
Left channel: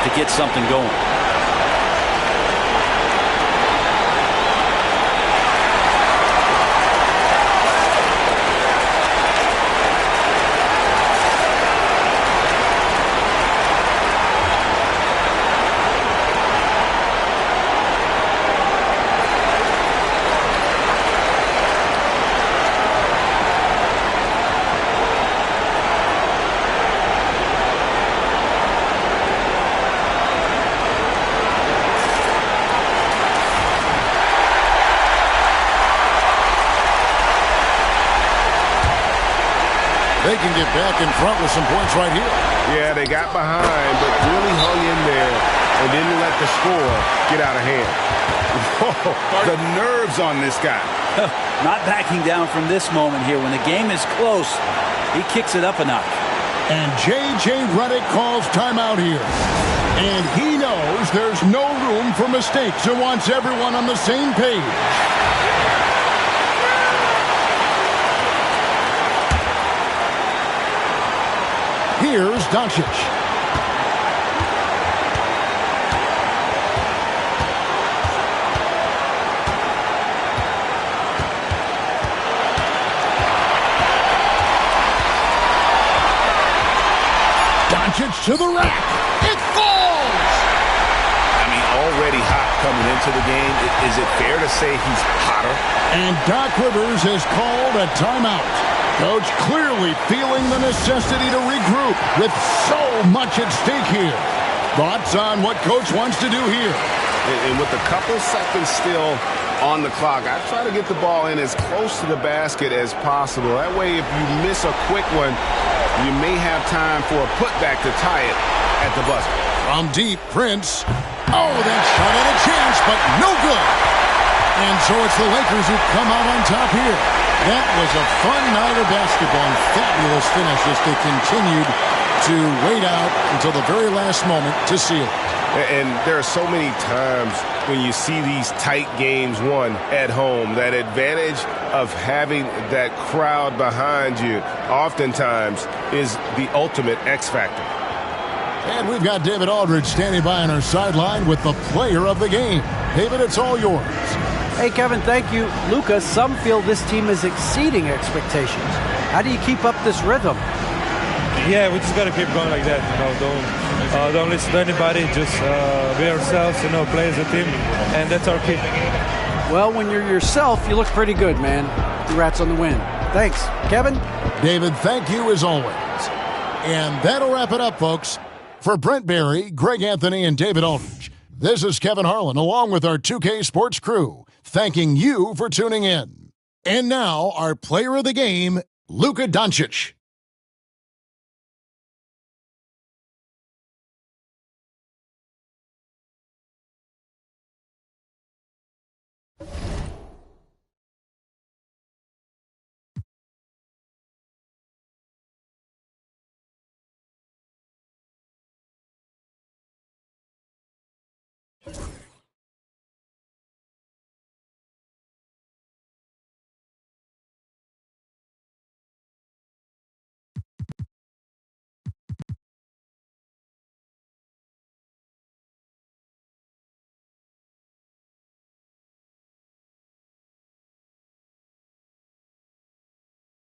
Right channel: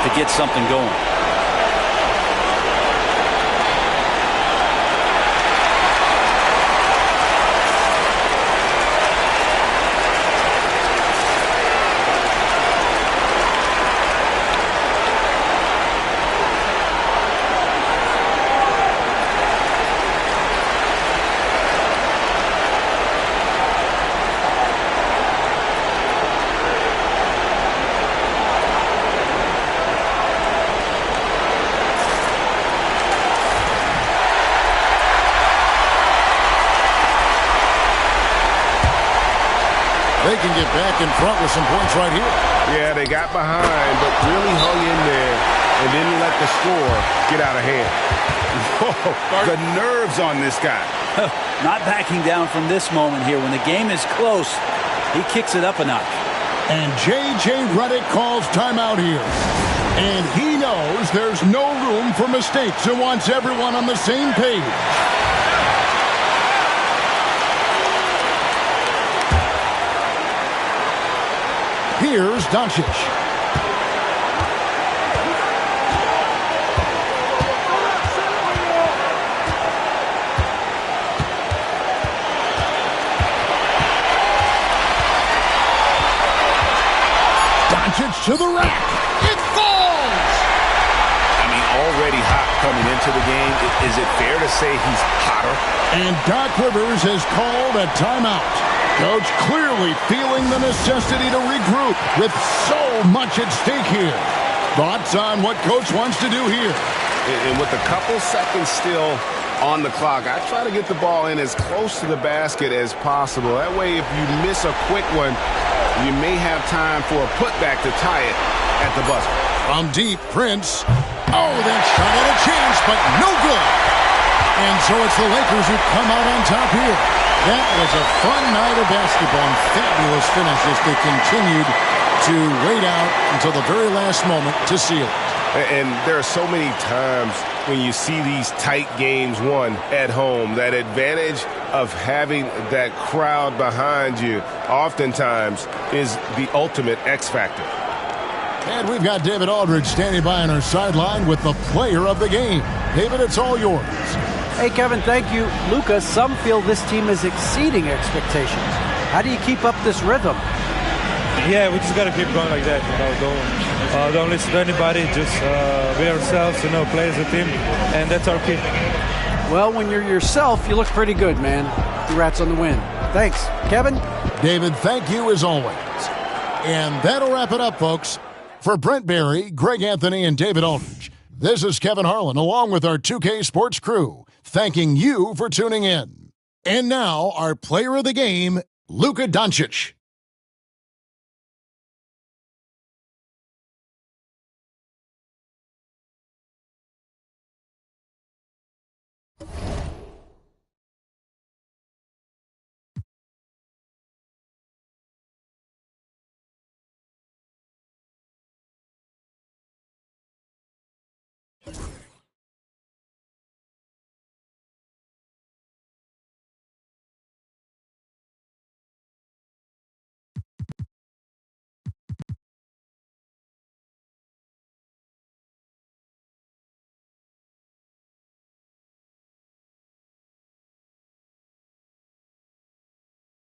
to get something going. They can get back in front with some points right here. Yeah, they got behind, but really hung in there and didn't let the score get out of hand. Whoa, the nerves on this guy. Not backing down from this moment here. When the game is close, he kicks it up a notch. And J.J. Redick calls timeout here. And he knows there's no room for mistakes and wants everyone on the same page. Here's Doncic. to the rack. It falls! I mean, already hot coming into the game. Is it fair to say he's hotter? And Doc Rivers has called a timeout. Coach clearly feeling the necessity to regroup with so much at stake here. Thoughts on what Coach wants to do here? And with a couple seconds still on the clock, I try to get the ball in as close to the basket as possible. That way, if you miss a quick one, you may have time for a putback to tie it at the buzzer. From deep, Prince. Oh, that shot had a chance, but no good. And so it's the Lakers who come out on top here. That was a fun night of basketball and fabulous finish as they continued to wait out until the very last moment to seal it. And there are so many times when you see these tight games won at home, that advantage of having that crowd behind you oftentimes is the ultimate X factor. And we've got David Aldridge standing by on our sideline with the player of the game. David, it's all yours. Hey, Kevin, thank you. Luka, some feel this team is exceeding expectations. How do you keep up this rhythm? Yeah, we just got to keep going like that. Don't listen to anybody. Just be ourselves, play as a team, and that's our key. Well, when you're yourself, you look pretty good, man. Congrats on the win. Thanks. Kevin? David, thank you as always. And that'll wrap it up, folks. For Brent Barry, Greg Anthony, and David Aldridge, this is Kevin Harlan along with our 2K Sports crew, thanking you for tuning in. And now, our player of the game, Luka Doncic.